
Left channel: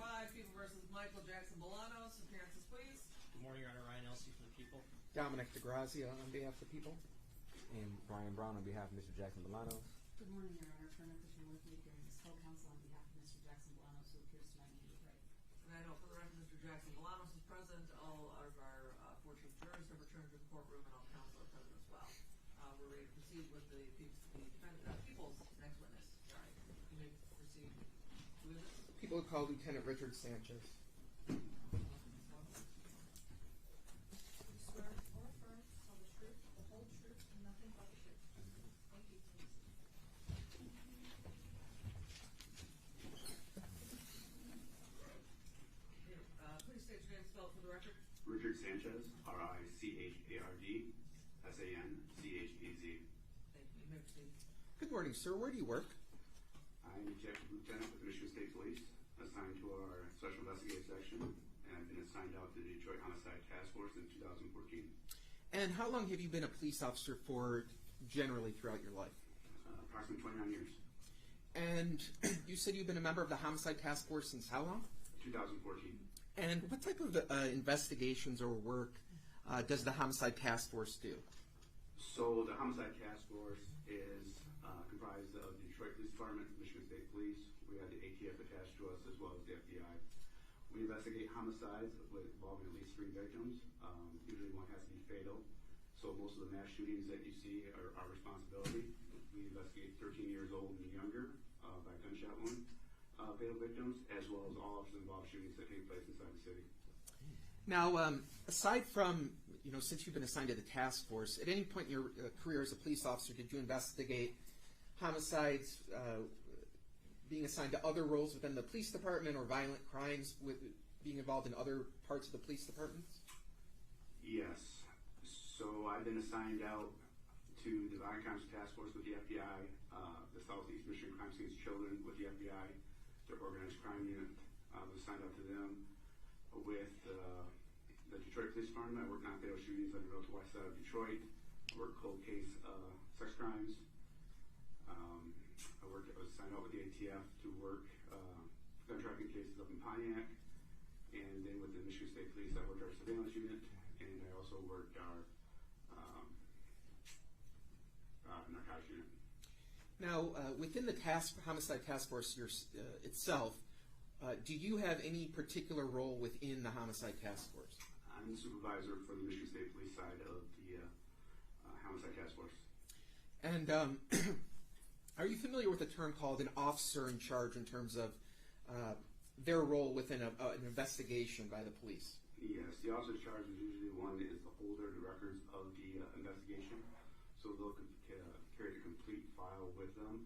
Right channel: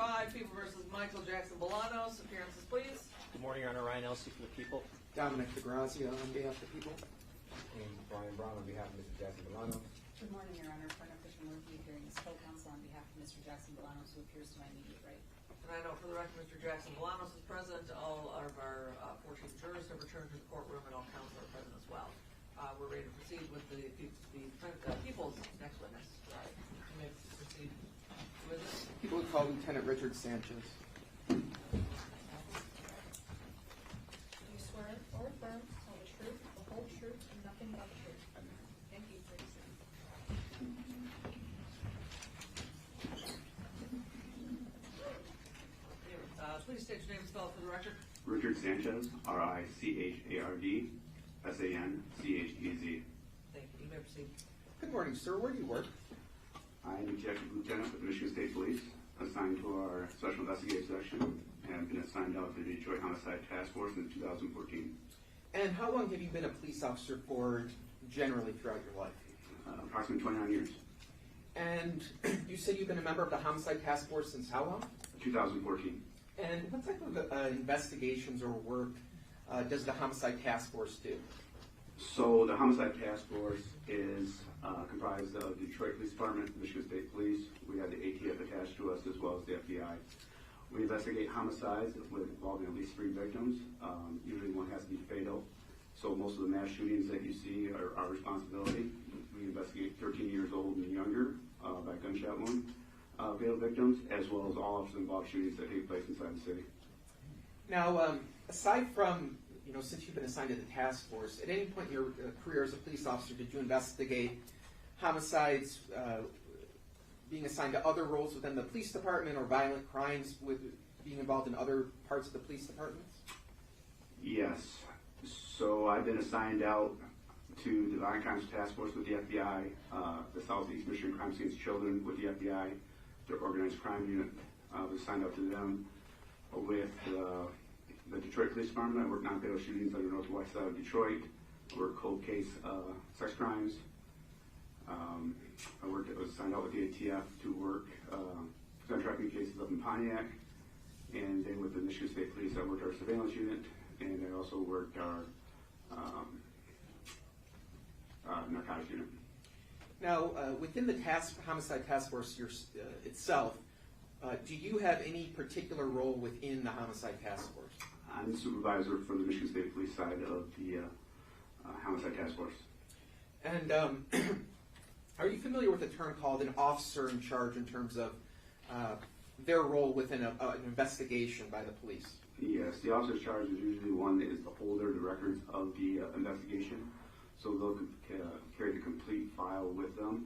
5, People versus Michael Jackson-Bolanos. Appearances, please. Good morning, Your Honor. Ryan Elsey for the people. Dominic DeGrazia on behalf of the people. And Brian Brown on behalf of Mr. Jackson-Bolanos. Good morning, Your Honor. Front Official Murphy hearing is co-counsel on behalf of Mr. Jackson-Bolanos, who appears to my immediate right. And I know for the record, Mr. Jackson-Bolanos is present. All of our 14 jurors have returned to the courtroom, and all counsel are present as well. We're ready to proceed with the people's next witness. You may proceed. Who is it? People call Lieutenant Richard Sanchez. Do you swear or affirm to tell the truth, the whole truth, and nothing but the truth? Thank you. Please. Please state your name and spell it for the record. Richard Sanchez, RICHARD, SANCHEZ. Thank you. You may proceed. Good morning, sir. Where do you work? I'm Executive Lieutenant of the Michigan State Police, assigned to our Special Investigative Section, and I've been assigned out to the Detroit Homicide Task Force in 2014. And how long have you been a police officer for generally throughout your life? Approximately 29 years. And you said you've been a member of the Homicide Task Force since how long? 2014. And what type of investigations or work does the Homicide Task Force do? So the Homicide Task Force is comprised of the Detroit Police Department, Michigan State Police. We have the ATF attached to us, as well as the FBI. We investigate homicides involving at least 3 victims. Usually one has to be fatal. So most of the mass shootings that you see are our responsibility. We investigate 13 years old and younger by gunshot wound fatal victims, as well as all officer-involved shootings that take place inside the city. Now, aside from, since you've been assigned to the task force, at any point in your career as a police officer, did you investigate homicides, being assigned to other roles within the police department, or violent crimes with being involved in other parts of the police departments? Yes. So I've been assigned out to the Violent Crimes Task Force with the FBI, the Southeast Michigan Crime Scenes Children with the FBI, their organized crime unit. Was assigned out to them with the Detroit Police Department. I worked non-fatal shootings on the northwest side of Detroit. I worked cold case sex crimes. I was assigned out with the ATF to work gun trafficking cases up in Pontiac. And then with the Michigan State Police, I worked our surveillance unit, and I also worked our narcotics unit. Now, within the Homicide Task Force itself, do you have any particular role within the Homicide Task Force? I'm the supervisor for the Michigan State Police side of the Homicide Task Force. And are you familiar with a term called an officer in charge in terms of their role within an investigation by the police? Yes, the officer in charge is usually one that is the holder of the records of the investigation. So they'll carry the complete file with them.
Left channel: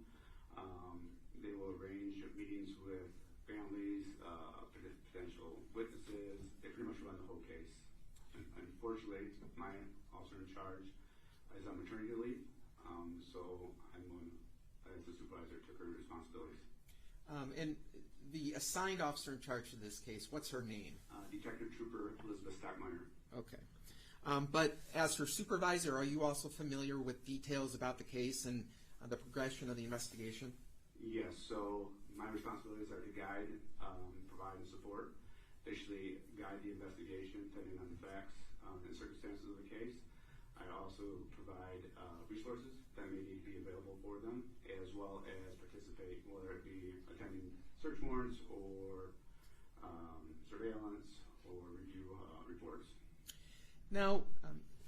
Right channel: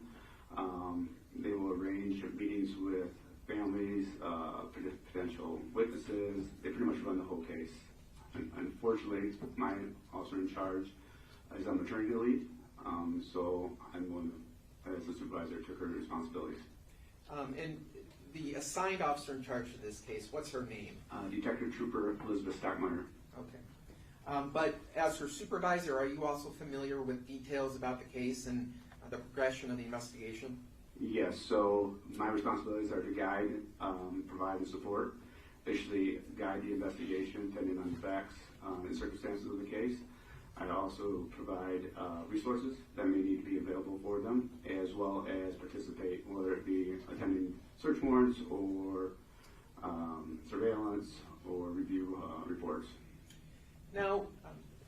They will arrange meetings with families, potential witnesses. They pretty much run the whole case. Unfortunately, my officer in charge is on maternity leave, so I'm one, as the supervisor, took her responsibilities. And the assigned officer in charge of this case, what's her name? Detective Trooper Elizabeth Stockmeyer. Okay. But as her supervisor, are you also familiar with details about the case and the progression of the investigation? Yes, so my responsibilities are to guide, provide, and support. Basically, guide the investigation, depending on the facts and circumstances of the case. I also provide resources that may need to be available for them, as well as participate, whether it be attending search warrants or surveillance or review reports. Now,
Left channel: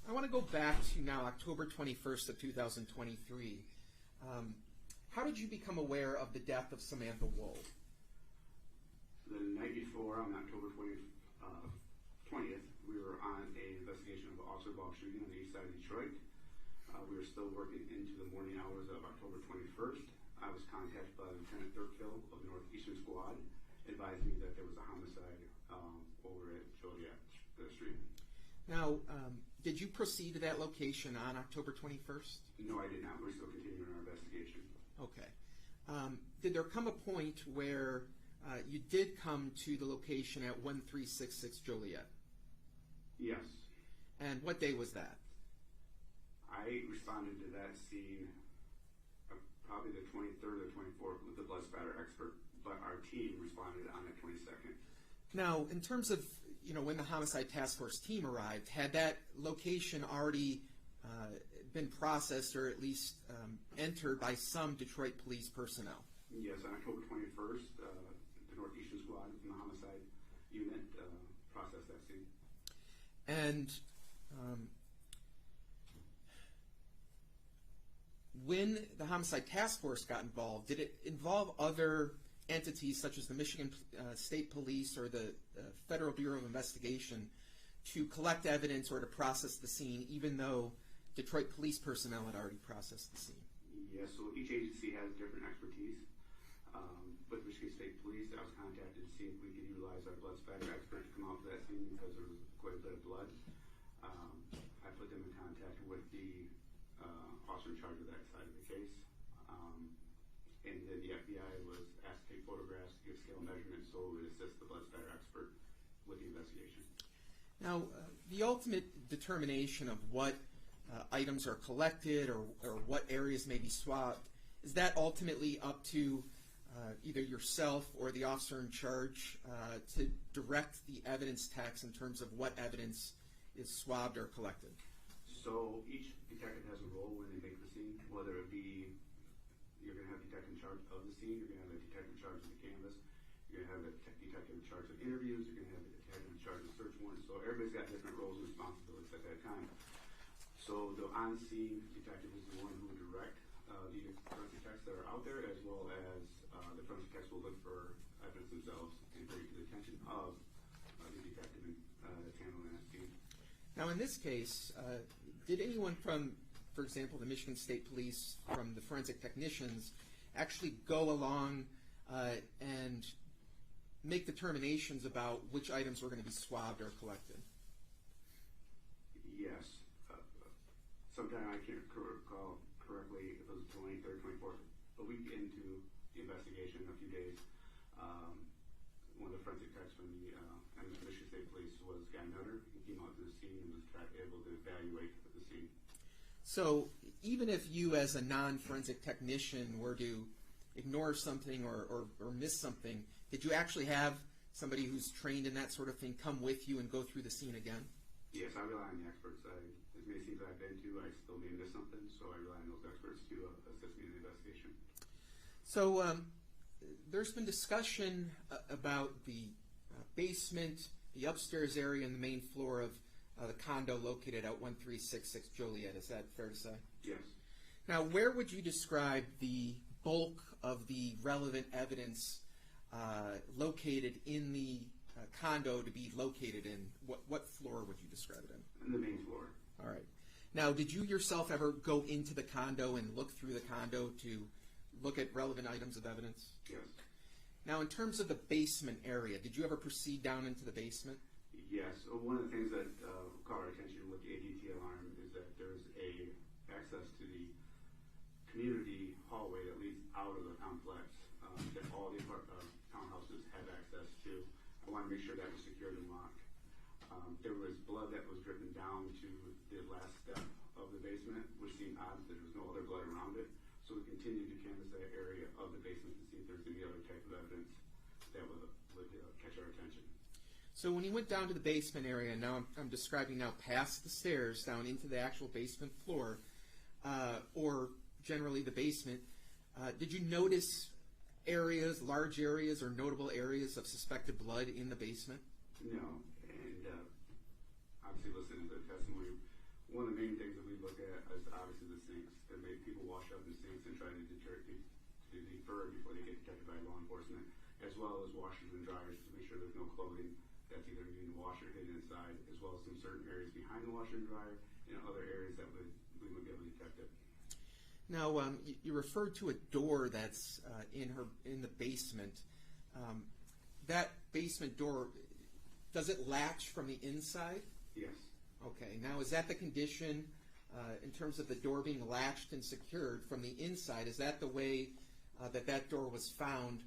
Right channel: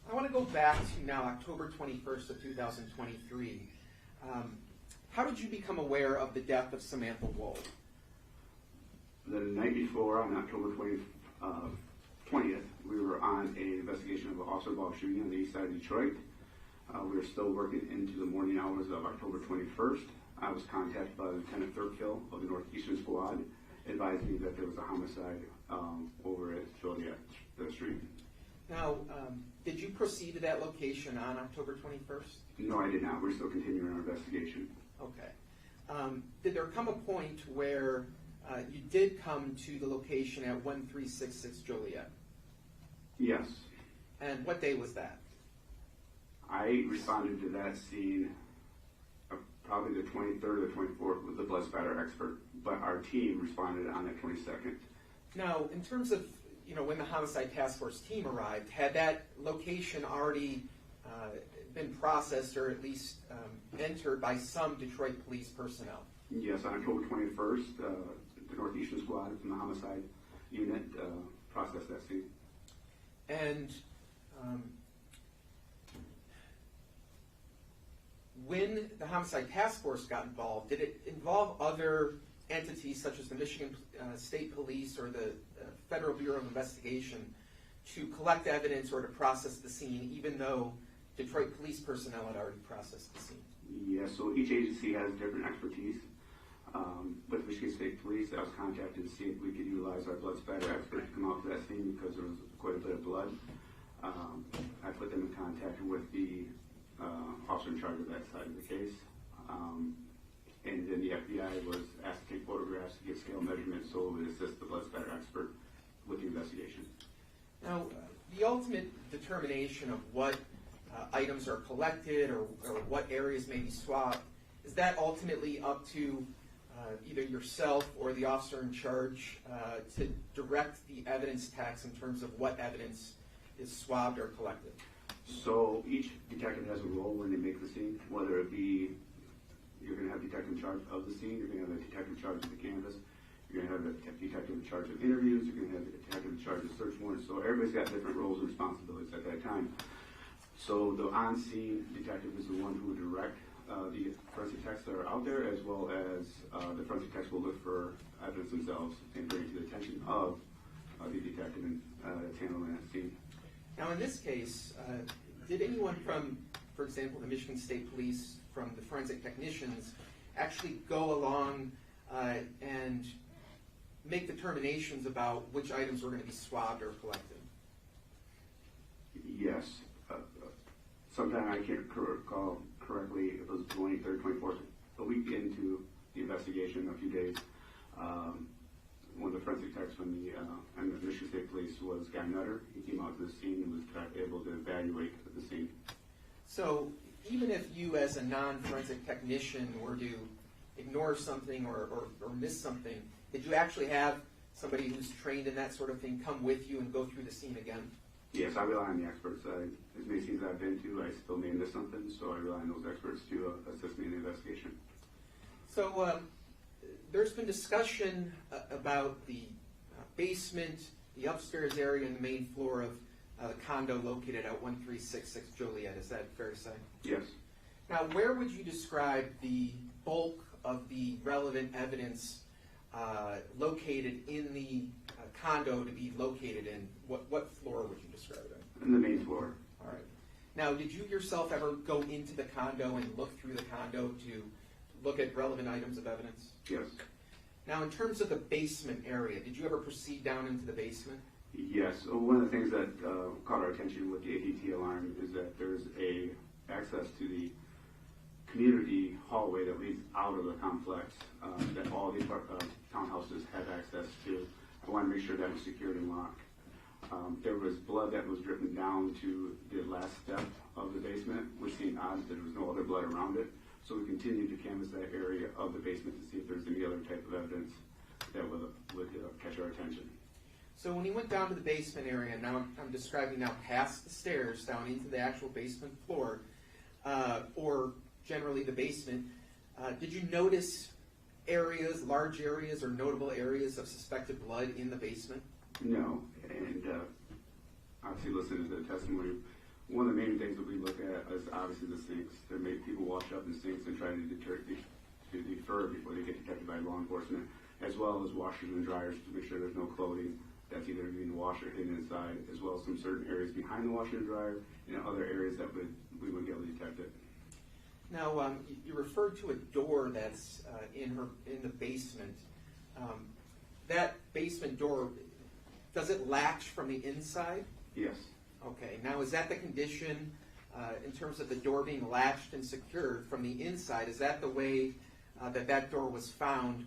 I want to go back to now October 21st of 2023. How did you become aware of the death of Samantha Woll? The night before, on October 20th, we were on an investigation of an officer-involved shooting on the east side of Detroit. We were still working into the morning hours of October 21st. I was contacted by Lieutenant Thurkill of the Northeastern Squad, advising me that there was a homicide over at Joliet Street. Now, did you proceed to that location on October 21st? No, I did not. We're still continuing our investigation. Okay. Did there come a point where you did come to the location at 1366 Joliet? Yes. And what day was that? I responded to that scene probably the 23rd or 24th with the blood spatter expert, but our team responded on that 22nd. Now, in terms of, when the homicide task force team arrived, had that location already been processed or at least entered by some Detroit police personnel? Yes, on October 21st, the Northeastern Squad from the homicide unit processed that scene. And when the homicide task force got involved, did it involve other entities such as the Michigan State Police or the Federal Bureau of Investigation to collect evidence or to process the scene, even though Detroit police personnel had already processed the scene? Yes, so each agency has different expertise. But the Michigan State Police, I was contacted to see if we could utilize our blood spatter expert to come out to that scene because there was quite a bit of blood. I put them in contact with the officer in charge of that side of the case. And then the FBI was asked to take photographs to get scale measurements so it would assist the blood spatter expert with the investigation. Now, the ultimate determination of what items are collected or what areas may be swabbed, is that ultimately up to either yourself or the officer in charge to direct the evidence tax in terms of what evidence is swabbed or collected? So each detective has a role when they make the scene, whether it be you're going to have a detective in charge of the scene, you're going to have a detective in charge of the canvas, you're going to have a detective in charge of interviews, you're going to have a detective in charge of search warrants. So everybody's got different roles and responsibilities at that time. So the on-scene detective is the one who would direct the forensic techs that are out there, as well as the forensic techs will look for evidence themselves and bring it to the attention of the detective that's handling that scene. Now, in this case, did anyone from, for example, the Michigan State Police, from the forensic technicians, actually go along and make determinations about which items were going to be swabbed or collected? Yes. Sometime I can't recall correctly, it was 23rd, 24th, a week into the investigation, a few days. One of the forensic techs from the Michigan State Police was Guy Nutter. He came out to the scene and was able to evaluate the scene. So even if you as a non-forensic technician were to ignore something or miss something, did you actually have somebody who's trained in that sort of thing come with you and go through the scene again? Yes, I rely on the experts. As many scenes I've been to, I still may miss something, so I rely on those experts to assist me in the investigation. So there's been discussion about the basement, the upstairs area, and the main floor of the condo located at 1366 Joliet. Is that fair to say? Yes. Now, where would you describe the bulk of the relevant evidence located in the condo to be located in? What floor would you describe it in? In the main floor. All right. Now, did you yourself ever go into the condo and look through the condo to look at relevant items of evidence? Yes. Now, in terms of the basement area, did you ever proceed down into the basement? Yes. One of the things that caught our attention with the ADT alarm is that there's a access to the community hallway that leads out of the complex that all the townhouses have access to. I want to make sure that was secured and locked. There was blood that was dripping down to the last step of the basement, which seemed odd that there was no other blood around it. So we continued to canvass that area of the basement to see if there's any other type of evidence that would catch our attention. So when you went down to the basement area, now I'm describing now past the stairs down into the actual basement floor, or generally the basement, did you notice areas, large areas, or notable areas of suspected blood in the basement? No, and obviously listening to the testimony, one of the main things that we look at is obviously the sinks. There may people wash up in sinks and try to defer before they get detected by law enforcement, as well as washers and dryers to make sure there's no clothing that's either being washed or hidden inside, as well as some certain areas behind the washer and dryer and other areas that we would be able to detect it. Now, you referred to a door that's in the basement. That basement door, does it latch from the inside? Yes. Okay. Now, is that the condition in terms of the door being latched and secured from the inside? Is that the way that door was found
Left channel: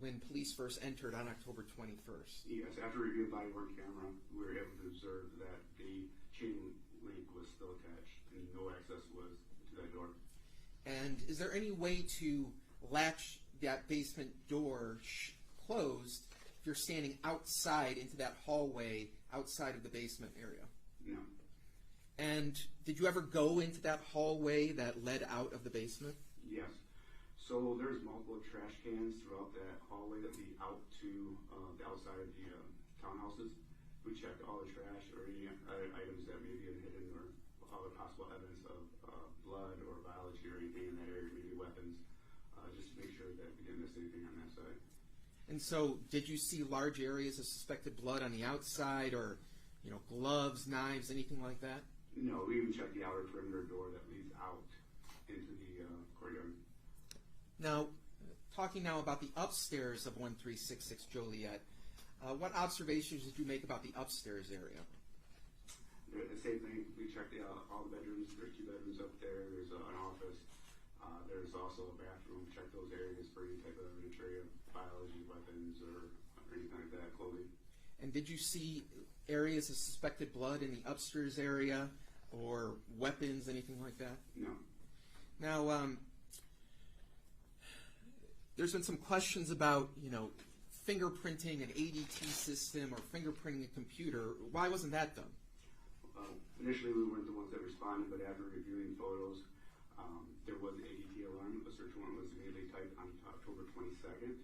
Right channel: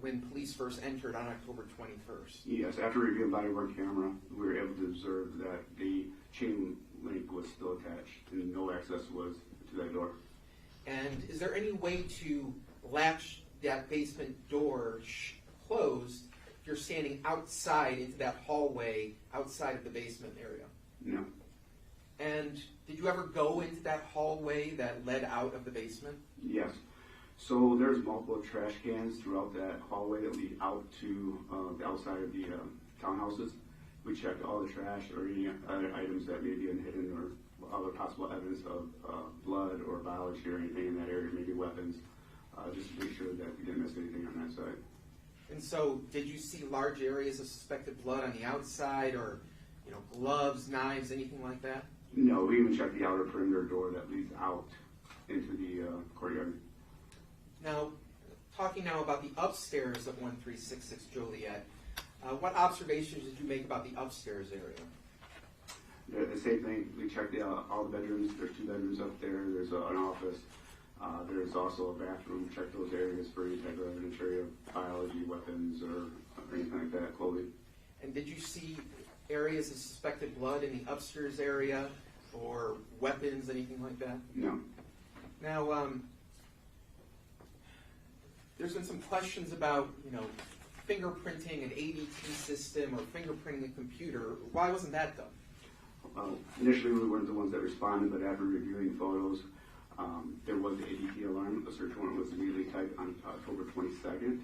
when police first entered on October 21st? Yes. After reviewing body-worn camera, we were able to observe that the chain link was still attached and no access was to that door. And is there any way to latch that basement door closed if you're standing outside into that hallway outside of the basement area? No. And did you ever go into that hallway that led out of the basement? Yes. So there's multiple trash cans throughout that hallway that lead out to the outside of the townhouses. We checked all the trash or any other items that may be hidden or other possible evidence of blood or biology or anything in that area, maybe weapons, just to make sure that we didn't miss anything on that side. And so, did you see large areas of suspected blood on the outside, or gloves, knives, anything like that? No, we even checked the outer perimeter door that leads out into the courtyard. Now, talking now about the upstairs of 1366 Joliet, what observations did you make about the upstairs area? The same thing. We checked all the bedrooms. There's 2 bedrooms up there. There's an office. There's also a bathroom. Checked those areas for any type of inventory of biology, weapons, or anything like that, clothing. And did you see areas of suspected blood in the upstairs area, or weapons, anything like that? No. Now, there's been some questions about, fingerprinting an ADT system or fingerprinting a computer. Why wasn't that done? Initially, we weren't the ones that responded, but after reviewing photos, there was the ADT alarm. A search warrant was immediately typed on October 22nd.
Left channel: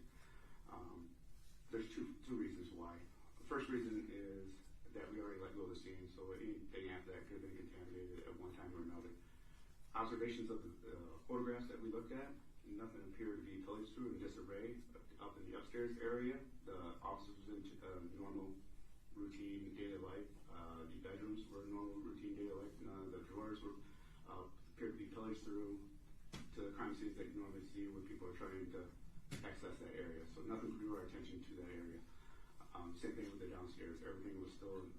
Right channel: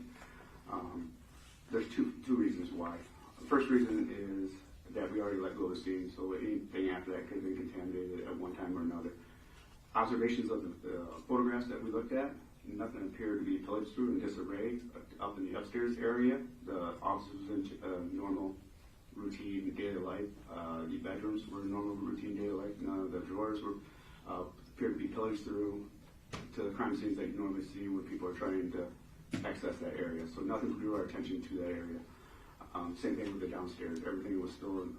There's two reasons why. The first reason is that we already let go of the scene, so anything after that could have been contaminated at one time or another. Observations of the photographs that we looked at, nothing appeared to be pillaged through in disarray. Up in the upstairs area, the offices was in normal, routine daily life. The bedrooms were normal, routine daily life. None of the drawers were appeared to be pillaged through to the crime scenes that you normally see when people are trying to access that area. So nothing drew our attention to that area. Same thing with the downstairs. Everything was still in,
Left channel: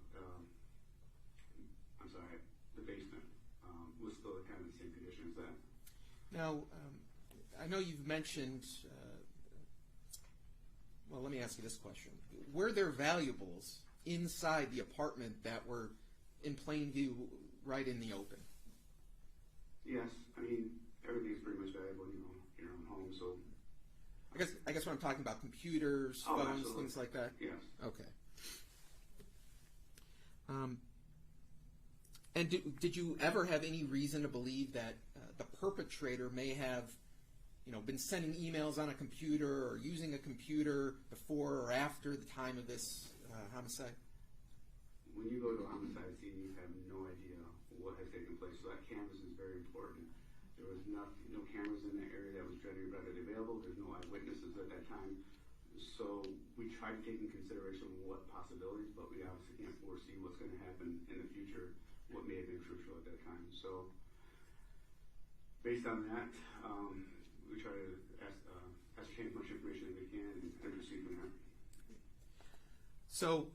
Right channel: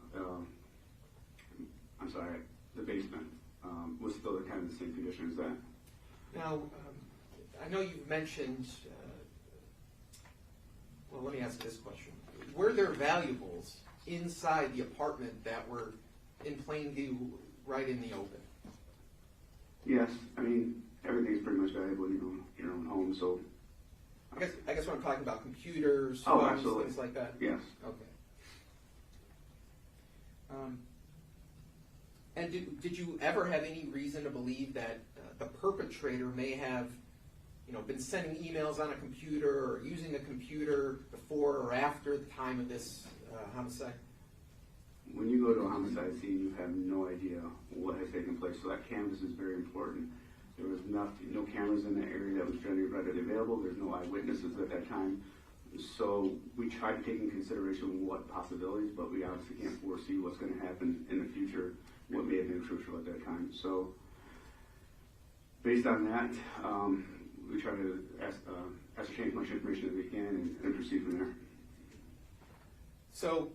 the basement was still kind of the same condition as that. Now, I know you've mentioned, well, let me ask you this question. Were there valuables inside the apartment that were in plain view right in the open? Yes. I mean, everything's pretty much valuable in your own home, so. I guess what I'm talking about, computers, phones, things like that? Yes. Okay. And did you ever have any reason to believe that the perpetrator may have, been sending emails on a computer or using the computer before or after the time of this homicide? When you go to a homicide scene, you have no idea what has taken place, so that canvas is very important. There was no cameras in that area that was generally readily available. There's no eyewitnesses at that time. So we tried to take into consideration what possibilities, but we obviously can't foresee what's going to happen in the future, what may have been crucial at that time. So based on that, we try to ascertain as much information as we can and proceed from there. So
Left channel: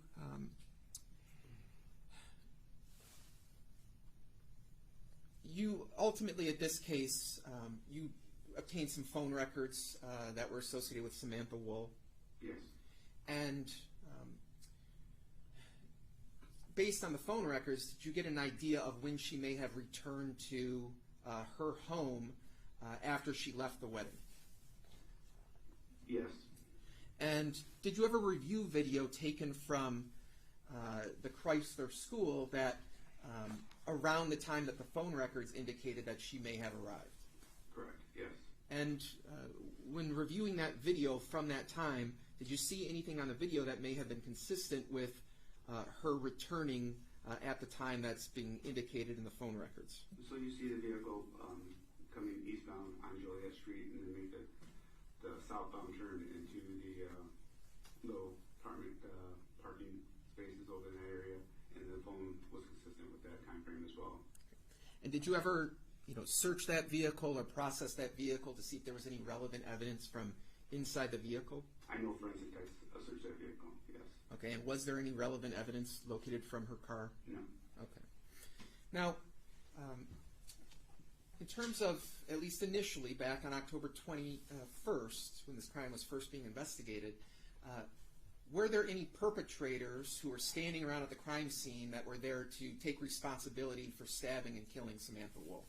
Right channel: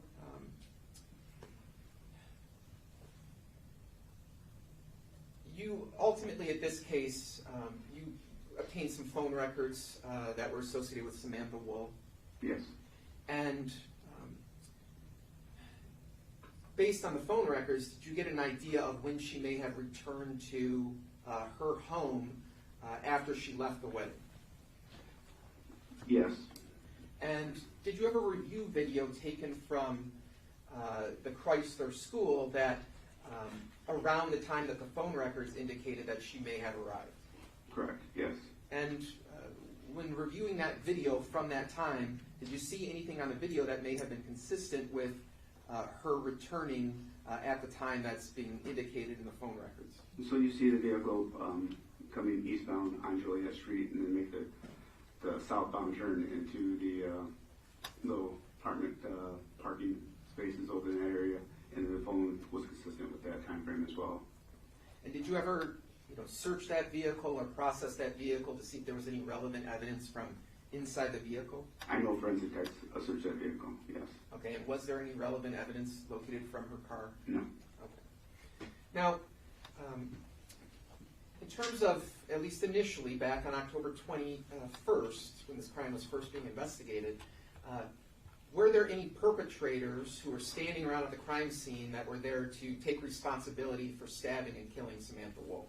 you ultimately, at this case, you obtained some phone records that were associated with Samantha Woll. Yes. And based on the phone records, did you get an idea of when she may have returned to her home after she left the wedding? Yes. And did you ever review video taken from the Chrysler school that around the time that the phone records indicated that she may have arrived? Correct, yes. And when reviewing that video from that time, did you see anything on the video that may have been consistent with her returning at the time that's being indicated in the phone records? So you see the vehicle coming eastbound on Joliet Street and then make the southbound turn into the little apartment parking spaces over in that area, and the phone was consistent with that time frame as well. And did you ever search that vehicle or process that vehicle to see if there was any relevant evidence from inside the vehicle? I know forensic techs searched that vehicle, yes. Okay, and was there any relevant evidence located from her car? No. Okay. Now, in terms of, at least initially, back on October 21st, when this crime was first being investigated, were there any perpetrators who were standing around at the crime scene that were there to take responsibility for stabbing and killing Samantha Woll?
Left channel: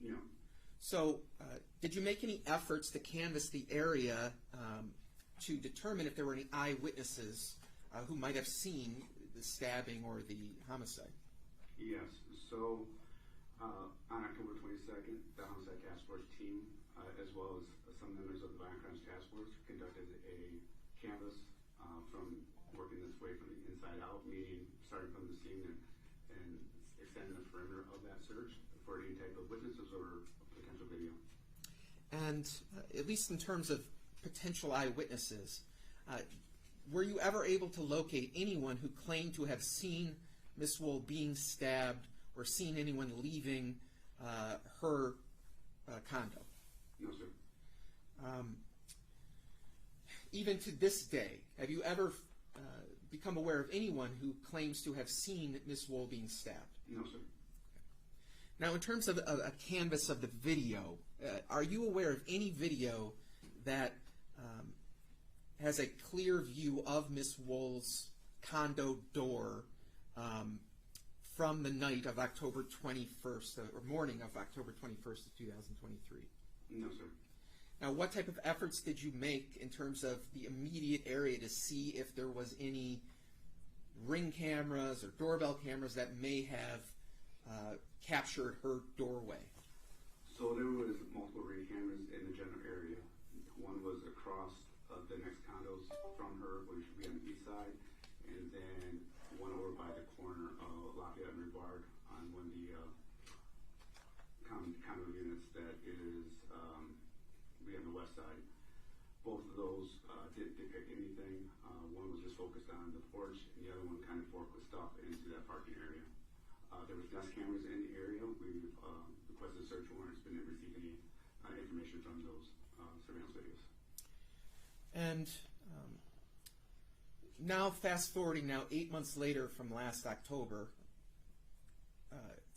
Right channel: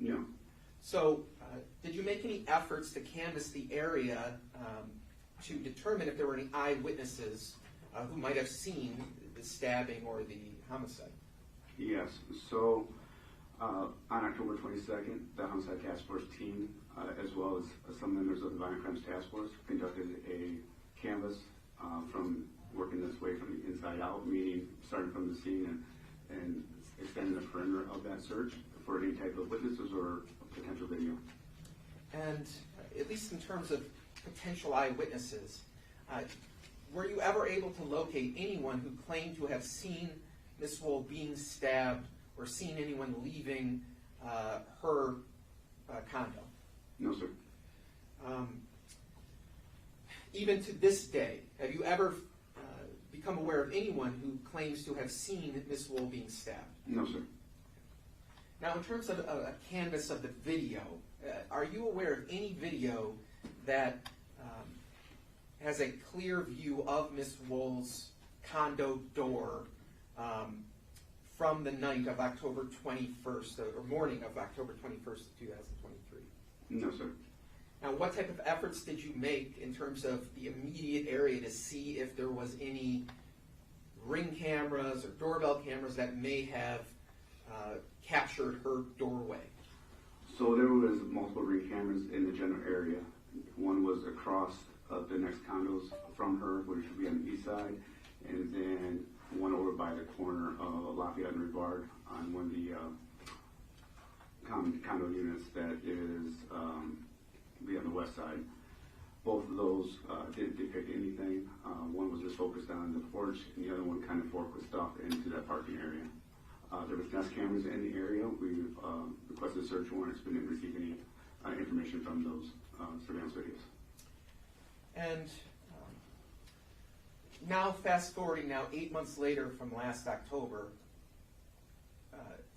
No. So, did you make any efforts to canvass the area to determine if there were any eyewitnesses who might have seen the stabbing or the homicide? Yes. So, on October 22nd, the Homicide Task Force team, as well as some members of the Violent Crimes Task Force, conducted a canvass from working this way from the inside out, meaning starting from the scene and extending the perimeter of that search for any type of witnesses or potential video. And at least in terms of potential eyewitnesses, were you ever able to locate anyone who claimed to have seen Ms. Woll being stabbed or seen anyone leaving her condo? No, sir. Even to this day, have you ever become aware of anyone who claims to have seen Ms. Woll being stabbed? No, sir. Now, in terms of a canvas of the video, are you aware of any video that has a clear view of Ms. Woll's condo door from the night of October 21st, or morning of October 21st, 2023? No, sir. Now, what type of efforts did you make in terms of the immediate area to see if there was any ring cameras or doorbell cameras that may have captured her doorway? So there was multiple ring cameras in the general area. One was across the next condos from her, which would be on the east side, and then one over by the corner of Lafayette and Rivard on one of the condo units that is be on the west side. Both of those didn't depict anything. One was just focused on the porch, and the other one kind of focused off into that parking area. There was Nest cameras in the area. We've requested search warrants, but didn't receive any information from those surveillance videos. And now, fast forwarding now 8 months later from last October,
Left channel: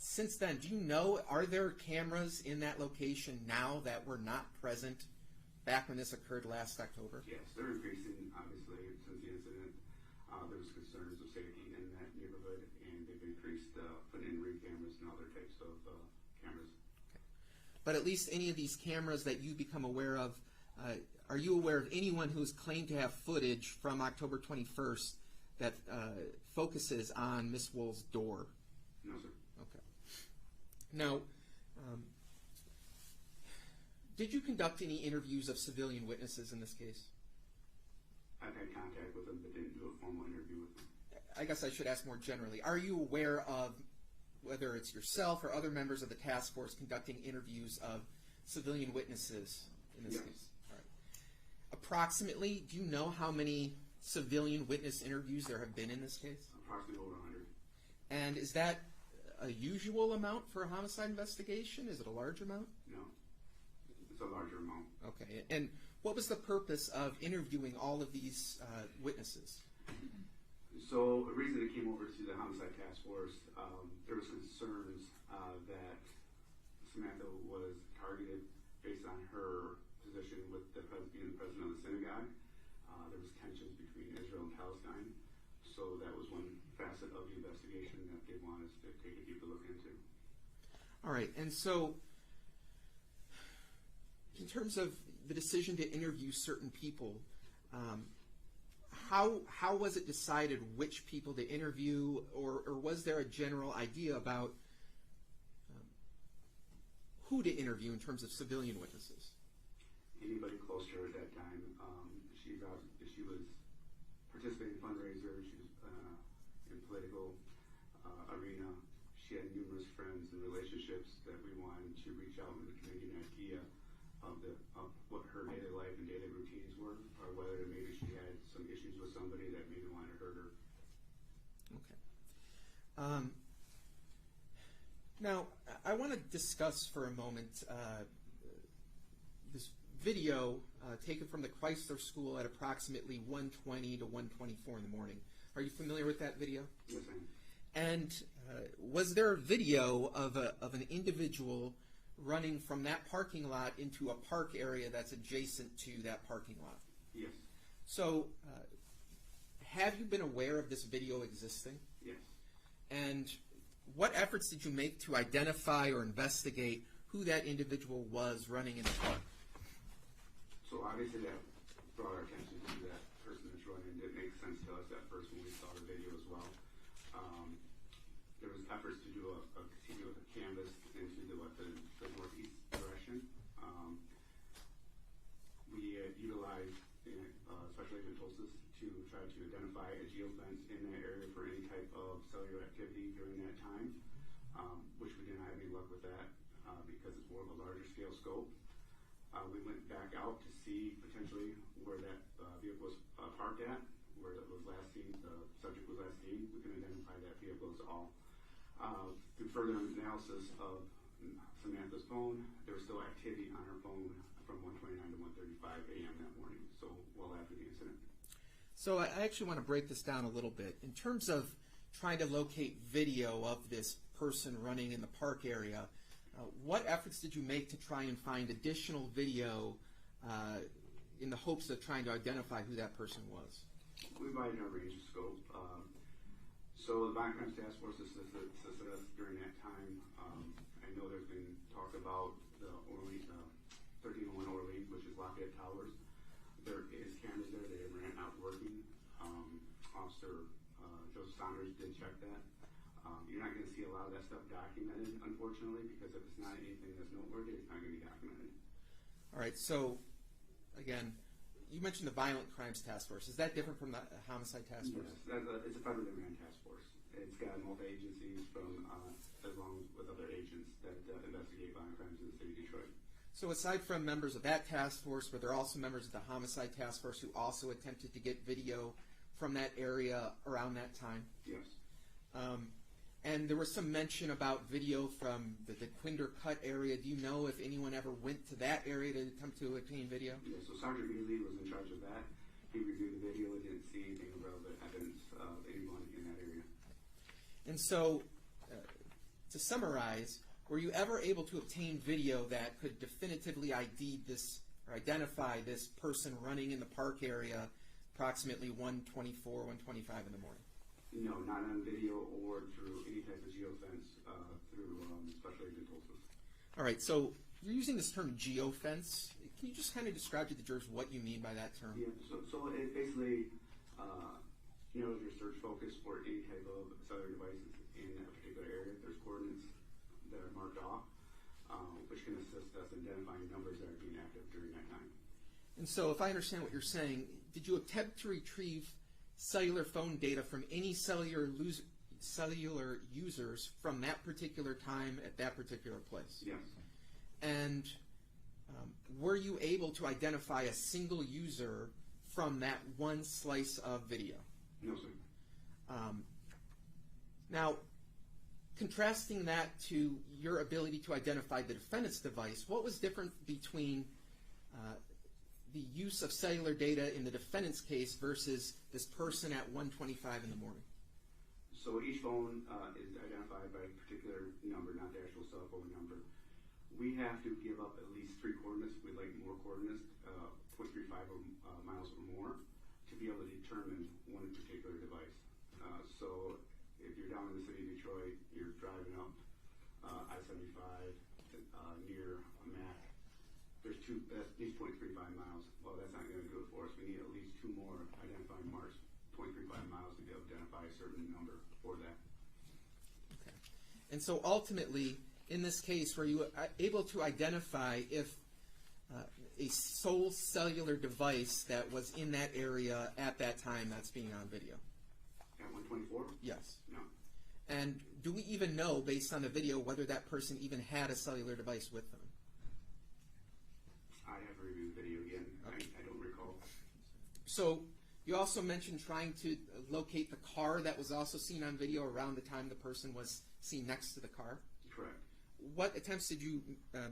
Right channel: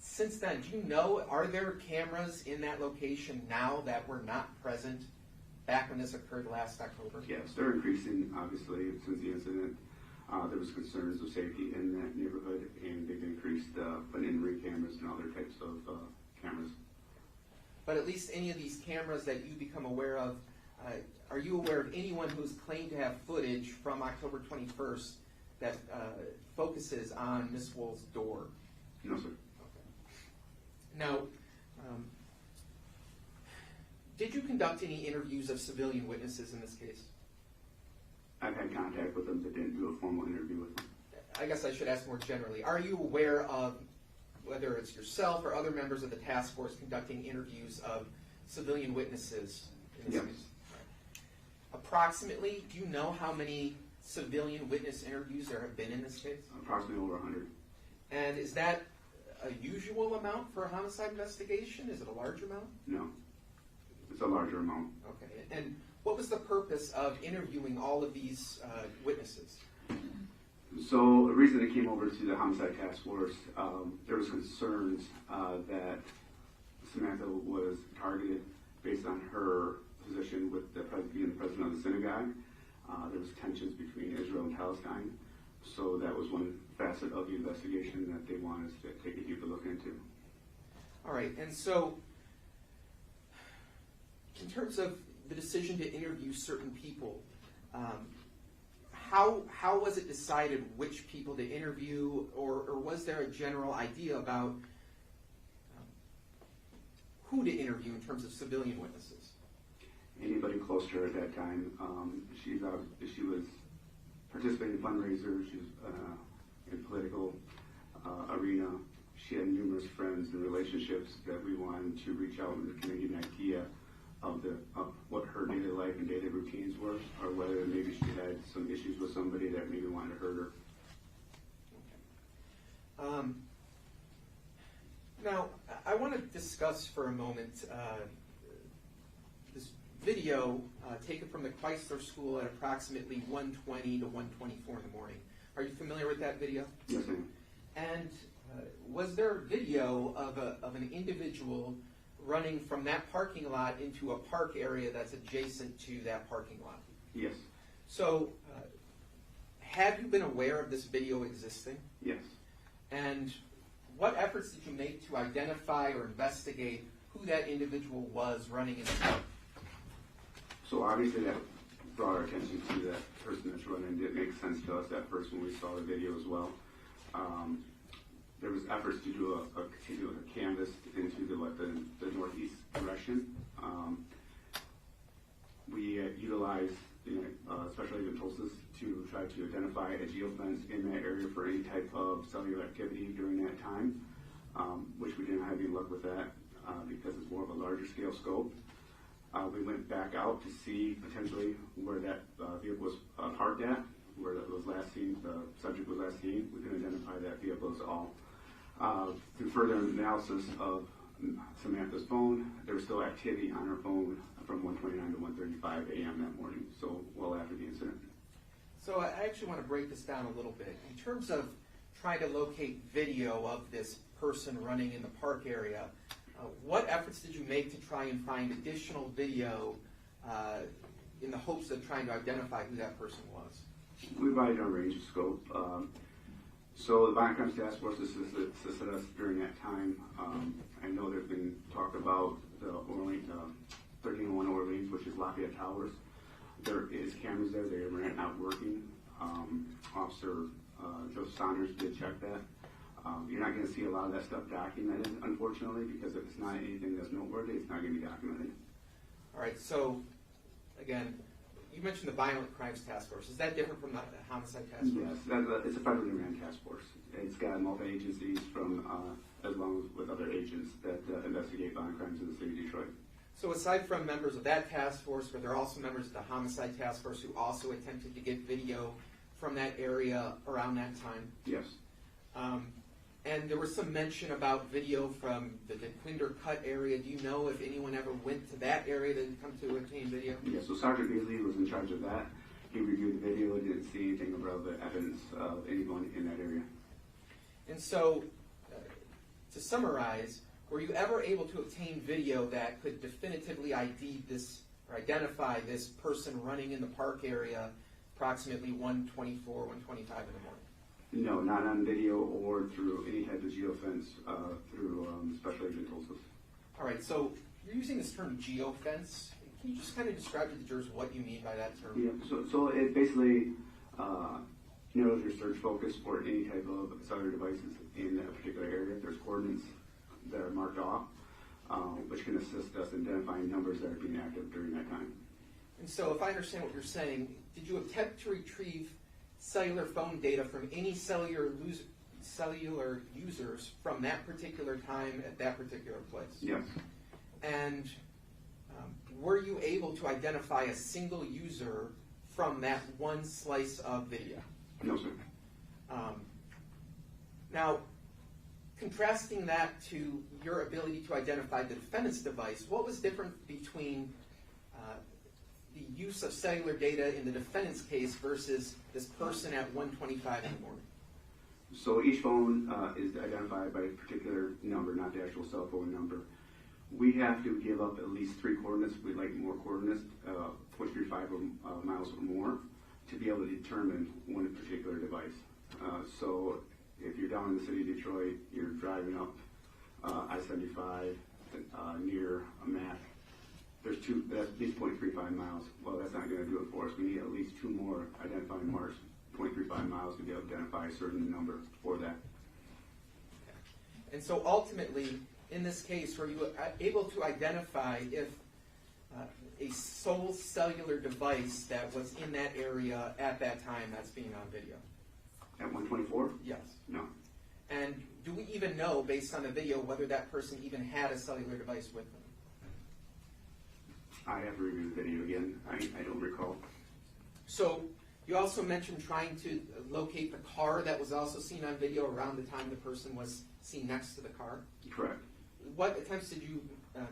since then, do you know, are there cameras in that location now that were not present back when this occurred last October? Yes, they're increasing, obviously, since the incident. There was concerns of safety in that neighborhood, and they've increased putting in ring cameras and other types of cameras. But at least any of these cameras that you become aware of, are you aware of anyone who's claimed to have footage from October 21st that focuses on Ms. Woll's door? No, sir. Okay. Now, did you conduct any interviews of civilian witnesses in this case? I've had contact with them, but didn't do a formal interview with them. I guess I should ask more generally. Are you aware of whether it's yourself or other members of the task force conducting interviews of civilian witnesses in this Yes. case? Right. Approximately, do you know how many civilian witness interviews there have been in this case? Approximately over 100. And is that a usual amount for a homicide investigation? Is it a large amount? No. It's a larger amount. Okay. And what was the purpose of interviewing all of these witnesses? So the reason it came over to the Homicide Task Force, there was concerns that Samantha was targeted based on her position with being the president of the synagogue. There was tensions between Israel and Palestine. So that was one facet of the investigation that they wanted us to take a deeper look into. All right. And so in terms of the decision to interview certain people, how was it decided which people to interview, or was there a general idea about who to interview in terms of civilian witnesses? Anybody close to her at that time. She was participating in fundraisers. She was in political arena. She had numerous friends and relationships that we wanted to reach out and kind of give an idea of what her daily life and daily routines were, or whether maybe she had some issues with somebody that maybe wanted to hurt her. Okay. Now, I want to discuss for a moment this video taken from the Chrysler School at approximately 1:20 to 1:24 in the morning. Are you familiar with that video? Yes, ma'am. And was there a video of an individual running from that parking lot into a park area that's adjacent to that parking lot? Yes. So, have you been aware of this video existing? Yes. And what efforts did you make to identify or investigate who that individual was running in the car. So obviously that brought our attention to that person that's running. It makes sense to us at first when we saw the video as well. There was efforts to do a continuous canvas into the northeast direction. We utilized special agent Tulsis to try to identify a geofence in that area for any type of cellular activity during that time, which we didn't have any luck with that because it's more of a larger scale scope. We went back out to see potentially where that vehicle was parked at, where it was last seen, the subject was last seen. We couldn't identify that vehicle at all. Through further analysis of Samantha's phone, there was still activity on her phone from 1:29 to 1:35 a.m. that morning, so well after the incident. So I actually want to break this down a little bit. In terms of trying to locate video of this person running in the park area, what efforts did you make to try and find additional video in the hopes of trying to identify who that person was? We provided a range of scope. So the Violent Crimes Task Force assisted us during that time. I know there's been talk about the 1301 Orleans, which is Lafayette Towers. There is cameras there. They were not working. Officer Joseph Saunders did check that. You're not going to see a lot of that stuff documented, unfortunately, because if it's not anything that's noteworthy, it's not going to be documented. All right, so again, you mentioned the Violent Crimes Task Force. Is that different from the Homicide Task Force? Yes, it's a federally ran task force. It's got multi-agencies from, as well as with other agents that investigate violent crimes in the city of Detroit. So aside from members of that task force, were there also members of the Homicide Task Force who also attempted to get video from that area around that time? Yes. And there was some mention about video from the Quinder Cut area. Do you know if anyone ever went to that area to come to obtain video? Yeah, so Sergeant Beasley was in charge of that. He reviewed the video and didn't see anything about the evidence of anyone in that area. And so, to summarize, were you ever able to obtain video that could definitively ID this or identify this person running in the park area approximately 1:24, 1:25 in the morning? No, not on video or through any type of geofence through Special Agent Tulsis. All right, so you're using this term geofence. Can you just kind of describe to the jurors what you mean by that term? Yeah, so it basically narrows your search focus for any type of cellular devices in a particular area. There's coordinates that are marked off, which can assist us in identifying numbers that are being active during that time. And so if I understand what you're saying, did you attempt to retrieve cellular phone data from any cellular users from that particular time at that particular place? Yes. And were you able to identify a single user from that one slice of video? No, sir. Now, contrasting that to your ability to identify the defendant's device, what was different between the use of cellular data in the defendant's case versus this person at 1:25 in the morning? So each phone is identified by a particular number, not the actual cell phone number. We have to give up at least 3 coordinates. We'd like more coordinates, 0.35 miles or more, to be able to determine one particular device. So if you're down in the city of Detroit, you're driving up I-75 near a Mac, that's at least 0.35 miles. Well, that's not going to do it for us. We need at least 2 more identifying marks, 0.35 miles, to be able to identify a certain number for that. Okay. And so ultimately, in this case, were you able to identify if a sole cellular device that was in that area at that time that's being on video? At 1:24? Yes. No. And do we even know, based on the video, whether that person even had a cellular device with them? I have to review the video again. I don't recall. So you also mentioned trying to locate the car that was also seen on video around the time the person was seen next to the car? Correct. What attempts did you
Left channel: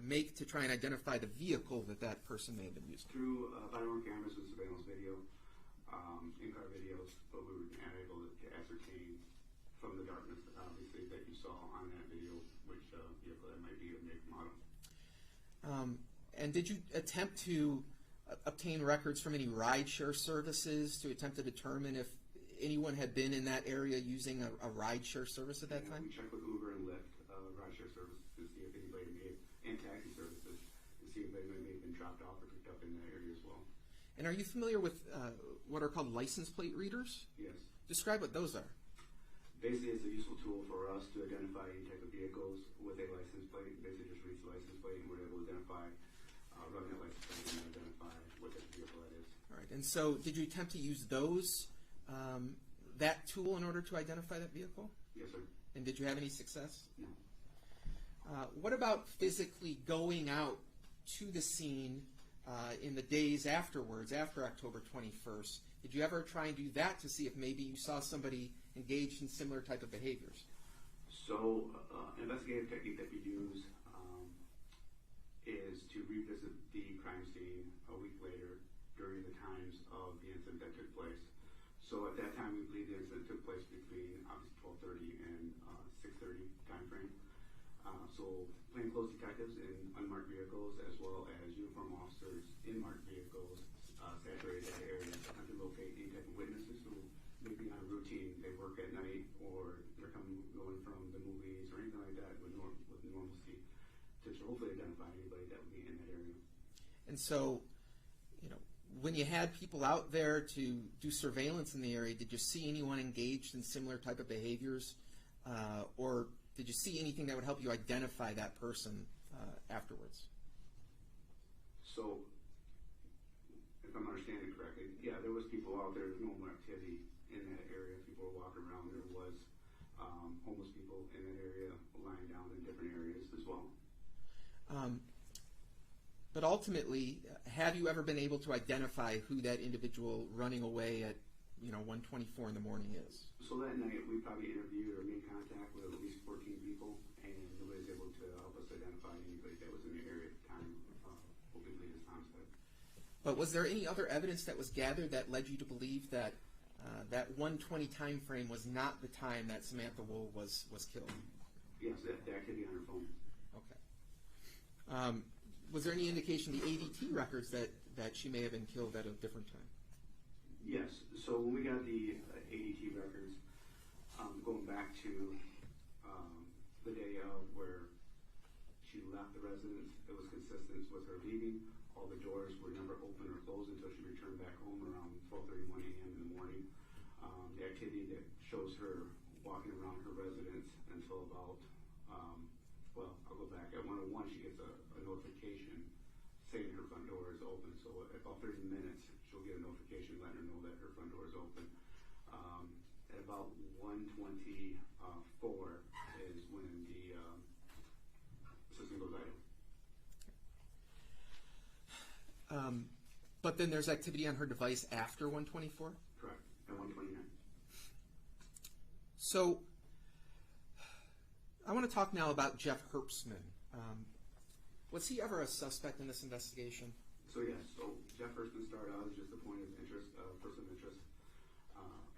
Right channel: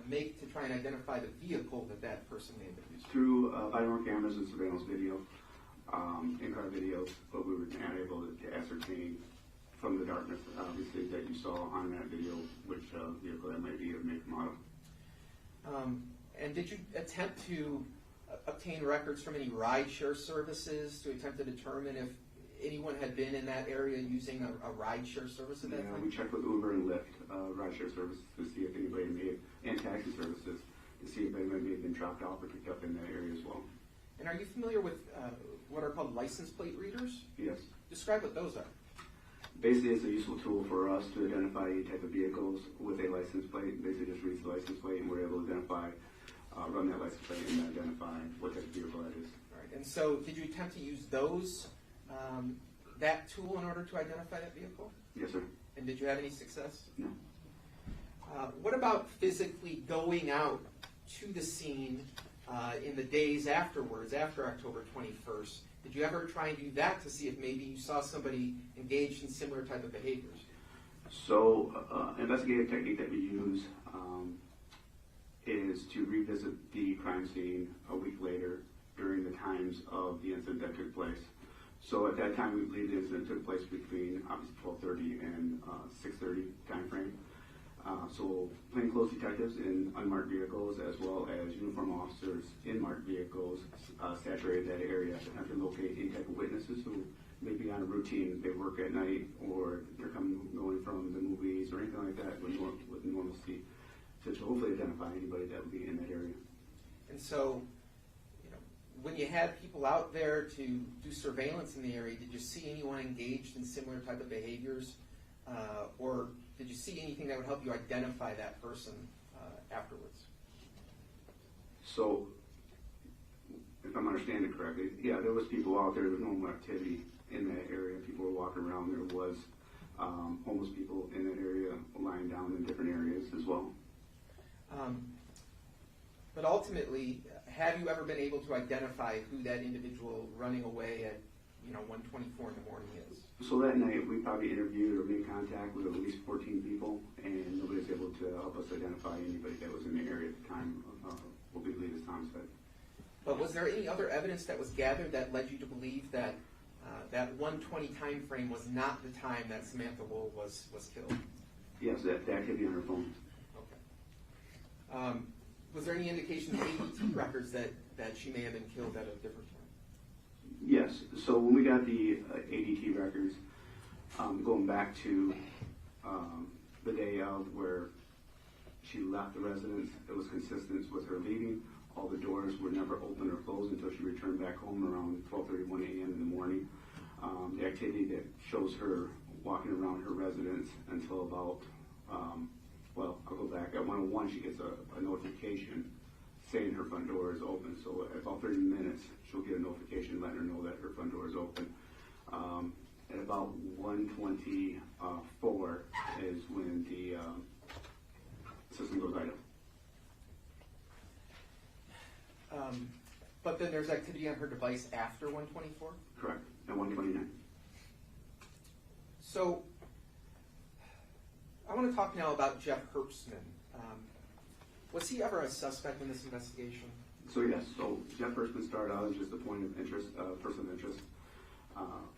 make to try and identify the vehicle that that person may have been using? Through body-worn cameras and surveillance video, in-car videos, but we were not able to ascertain from the darkness, obviously, that you saw on that video which vehicle that might be of make and model. And did you attempt to obtain records from any rideshare services to attempt to determine anyone had been in that area using a rideshare service at that time? We checked with Uber and Lyft, rideshare services, to see if anybody and taxi services, to see if anybody may have been dropped off or picked up in that area as well. And are you familiar with what are called license plate readers? Yes. Describe what those are. Basically, it's a useful tool for us to identify any type of vehicles with a license plate. Basically, just reads the license plate, and we're able to identify, run that license plate, and identify what type of vehicle that is. All right. And so, did you attempt to use those, that tool, in order to identify that vehicle? Yes, sir. And did you have any success? No. What about physically going out to the scene in the days afterwards, after October 21st? Did you ever try and do that to see if maybe you saw somebody engaged in similar type of behaviors? So, investigative technique that we use is to revisit the crime scene a week later during the times of the incident that took place. So at that time, we believe the incident took place between obviously 12:30 and 6:30 time frame. So plainclothes detectives in unmarked vehicles, as well as uniform officers in marked vehicles, saturated that area to locate any type of witnesses who may be on a routine. They work at night, or they're going from the movies or anything like that with normalcy, to hopefully identify anybody that would be in that area. And so, when you had people out there to do surveillance in the area, did you see anyone engaged in similar type of behaviors, or did you see anything that would help you identify that person afterwards? So, if I'm understanding correctly, yeah, there was people out there. There was normal activity in that area. People were walking around. There was homeless people in that area lying down in different areas as well. But ultimately, have you ever been able to identify who that individual running away at 1:24 in the morning is? So that night, we probably interviewed or made contact with at least 14 people, and nobody was able to help us identify anybody that was in the area at the time of what we believe is homicide. But was there any other evidence that was gathered that led you to believe that that 1:20 time frame was not the time that Samantha Woll was killed? Yes, that could be on her phone. Okay. Was there any indication in the ADT records that she may have been killed at a different time? Yes. So when we got the ADT records, going back to the day of where she left the residence, it was consistent with her leaving. All the doors were never open or closed until she returned back home around 12:31 a.m. in the morning. The activity that shows her walking around her residence until about, I'll go back. At 1:01, she gets a notification saying her front door is open. So at about 30 minutes, she'll get a notification letting her know that her front door is open. At about 1:24 is when the system goes idle. But then there's activity on her device after 1:24? Correct, at 1:29. So, I want to talk now about Jeff Herbstman. Was he ever a suspect in this investigation? So yes, Jeff Herbstman started out as just a point of interest, person of interest.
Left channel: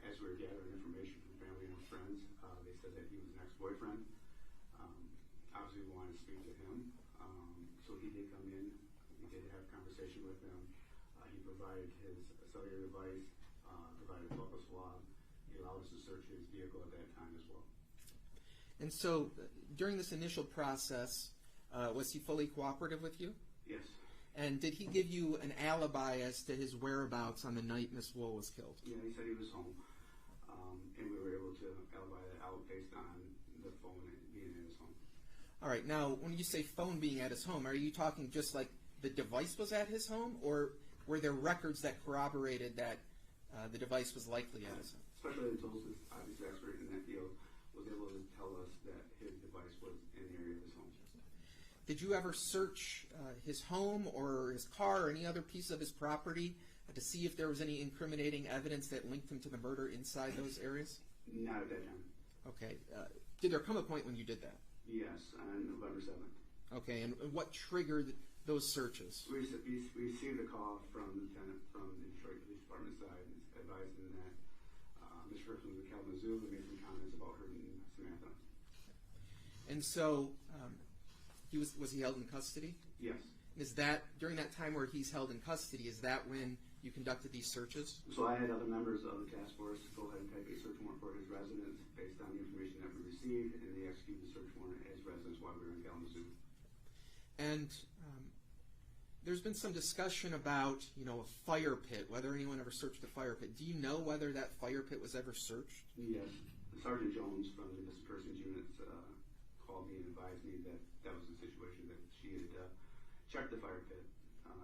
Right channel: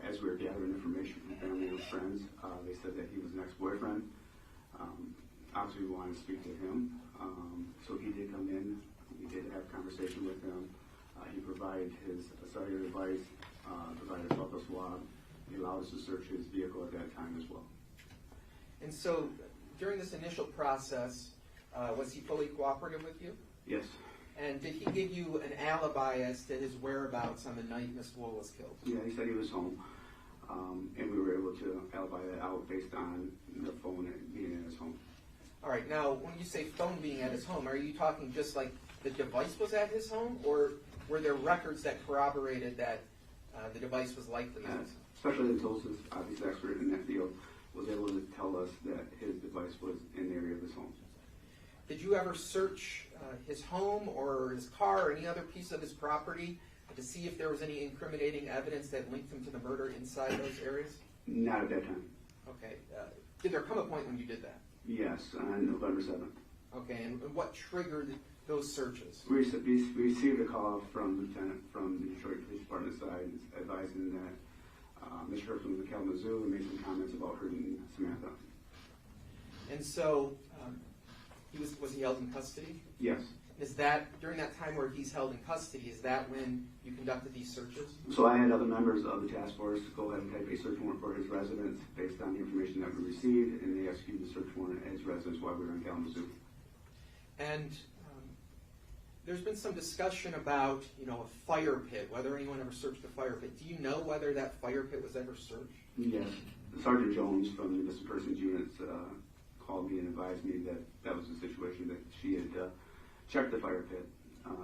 As we were gathering information from family and friends, they said that he was an ex-boyfriend. Obviously, we wanted to speak to him. So he did come in. We did have a conversation with him. He provided his cellular device, provided a photo swab. He allowed us to search his vehicle at that time as well. And so, during this initial process, was he fully cooperative with you? Yes. And did he give you an alibi as to his whereabouts on the night Miss Woll was killed? Yeah, he said he was home. And we were able to alibi that out based on the phone being in his home. All right. Now, when you say phone being at his home, are you talking just like the device was at his home, or were there records that corroborated that the device was likely at his home? Especially the closest, obviously, expert in that field was able to tell us that his device was in the area of his home. Did you ever search his home or his car or any other piece of his property to see if there was any incriminating evidence that linked him to the murder inside those areas? Not at that time. Okay. Did there come a point when you did that? Yes, on November 7th. Okay, and what triggered those searches? We received a call from the lieutenant from the Detroit Police Department side advising that Mr. Herbstman was in Kalamazoo and made some comments about hurting Samantha. And so, was he held in custody? Yes. Is that, during that time where he's held in custody, is that when you conducted these searches? So I had other members of the task force go ahead and type a search warrant for his residence based on the information that we received, and they executed the search warrant at his residence while we were in Kalamazoo. And there's been some discussion about, a fire pit, whether anyone ever searched a fire pit. Do you know whether that fire pit was ever searched? Yes. Sergeant Jones from the missing persons units called me and advised me that that was the situation, that she had checked the fire pit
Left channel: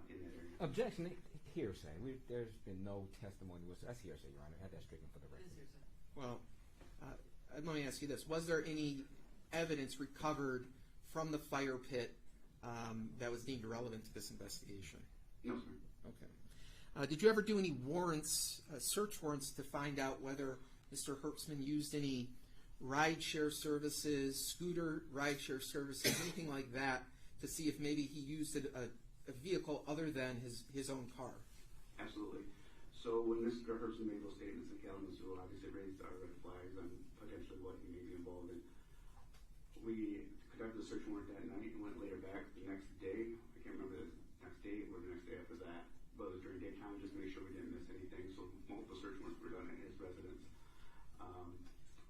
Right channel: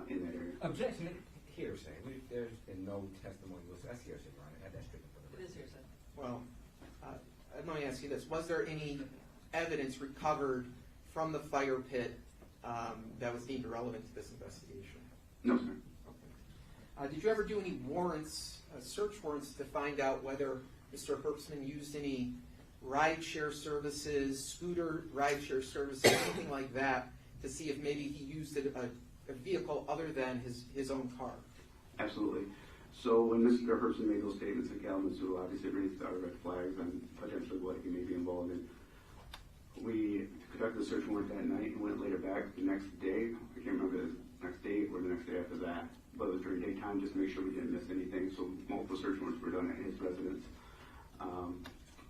in that area. Objection. Hearsay. There's been no testimony. That's hearsay, Your Honor. I had that straight for the record. It is hearsay. Well, let me ask you this. Was there any evidence recovered from the fire pit that was deemed irrelevant to this investigation? No, sir. Okay. Did you ever do any warrants, search warrants, to find out whether Mr. Herbstman used any rideshare services, scooter rideshare services, anything like that, to see if maybe he used a vehicle other than his own car? Absolutely. So when Mr. Herbstman made those statements in Kalamazoo, obviously raised our red flags on potentially what he may be involved in. We conducted the search warrant that night and went later back the next day. I can't remember the next day or the next day after that, but it was during daytime just to make sure we didn't miss anything. So multiple search warrants were done at his residence.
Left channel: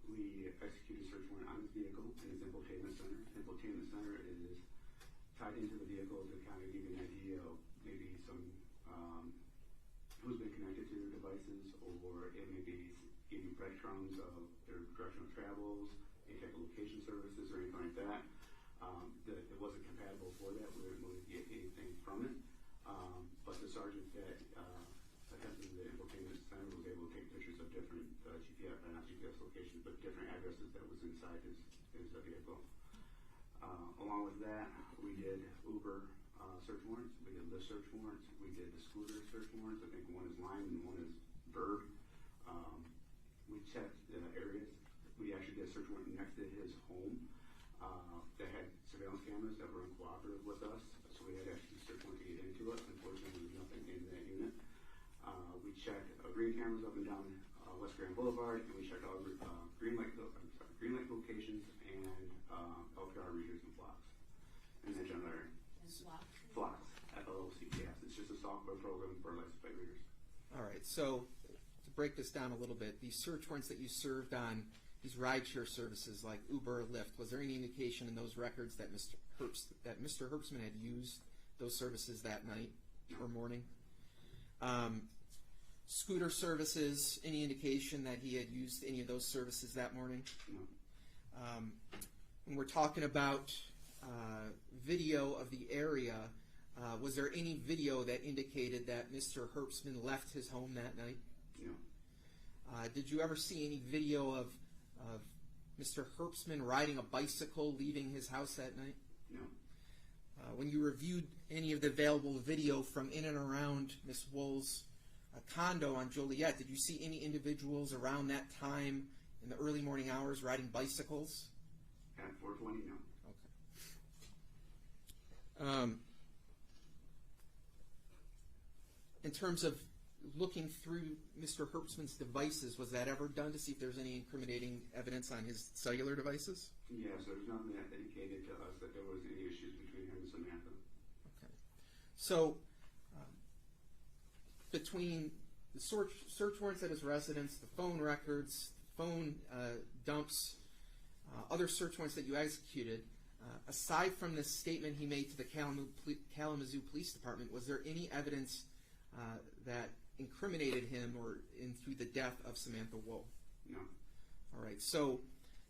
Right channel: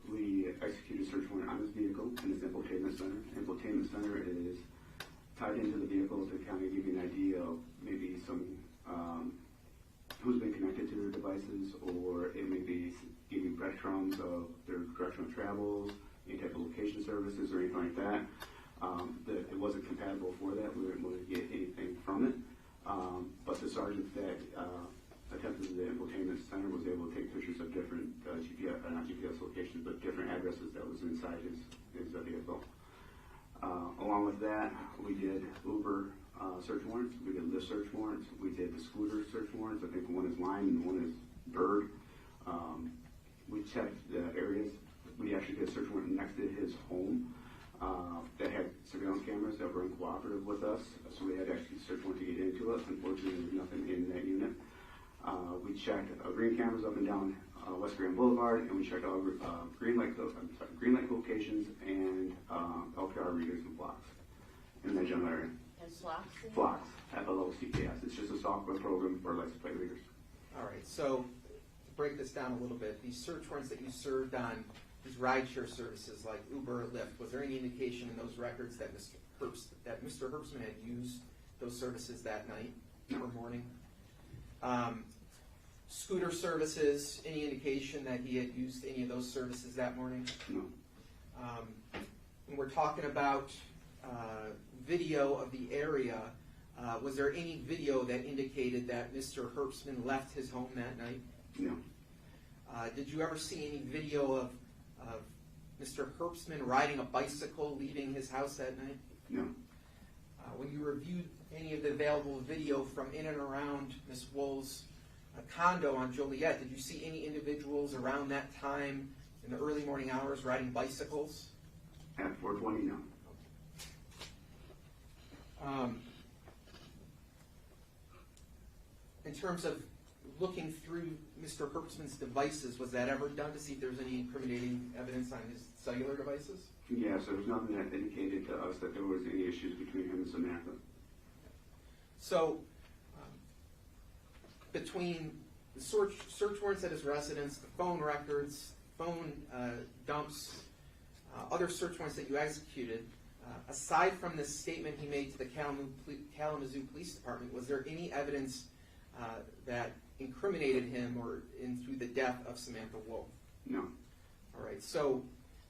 We executed a search warrant on his vehicle in his infotainment center. Infotainment center is tied into the vehicle to kind of give you an idea of maybe some who's been connected to their devices, or it may be giving breadcrumbs of their direction of travels, any type of location services or anything like that. That it wasn't compatible for that. We weren't able to get anything from it. But the sergeant that attempted the infotainment center was able to take pictures of different GPS, not GPS locations, but different addresses that was inside his vehicle. Along with that, we did Uber search warrants, we did Lyft search warrants, we did the scooter search warrants. I think one is Lime and one is Bird. We checked the areas. We actually did a search warrant next to his home that had surveillance cameras that were uncooperative with us, so we had to actually search warrant to get into it. Unfortunately, there was nothing in that unit. We checked green cameras up and down West Grand Boulevard, and we checked all green light locations and LPR readers and flocks in that general area. And slocks? Flocks, FLOCKS. It's just a software program for license plate readers. All right, so to break this down a little bit, these search warrants that you served on these rideshare services like Uber or Lyft, was there any indication in those records that Mr. Herbstman had used those services that night or morning? Scooter services, any indication that he had used any of those services that morning? No. When we're talking about video of the area, was there any video that indicated that Mr. Herbstman left his home that night? No. Did you ever see any video of Mr. Herbstman riding a bicycle leaving his house that night? No. When you reviewed any of the available video from in and around Ms. Woll's condo on Joliet, did you see any individuals around that time in the early morning hours riding bicycles? At 420, no. In terms of looking through Mr. Herbstman's devices, was that ever done to see if there's any incriminating evidence on his cellular devices? Yes, there was nothing that indicated to us that there was any issues between him and Samantha. So, between the search warrants at his residence, the phone records, phone dumps, other search warrants that you executed, aside from the statement he made to the Kalamazoo Police Department, was there any evidence that incriminated him or into the death of Samantha Woll? No. All right. So,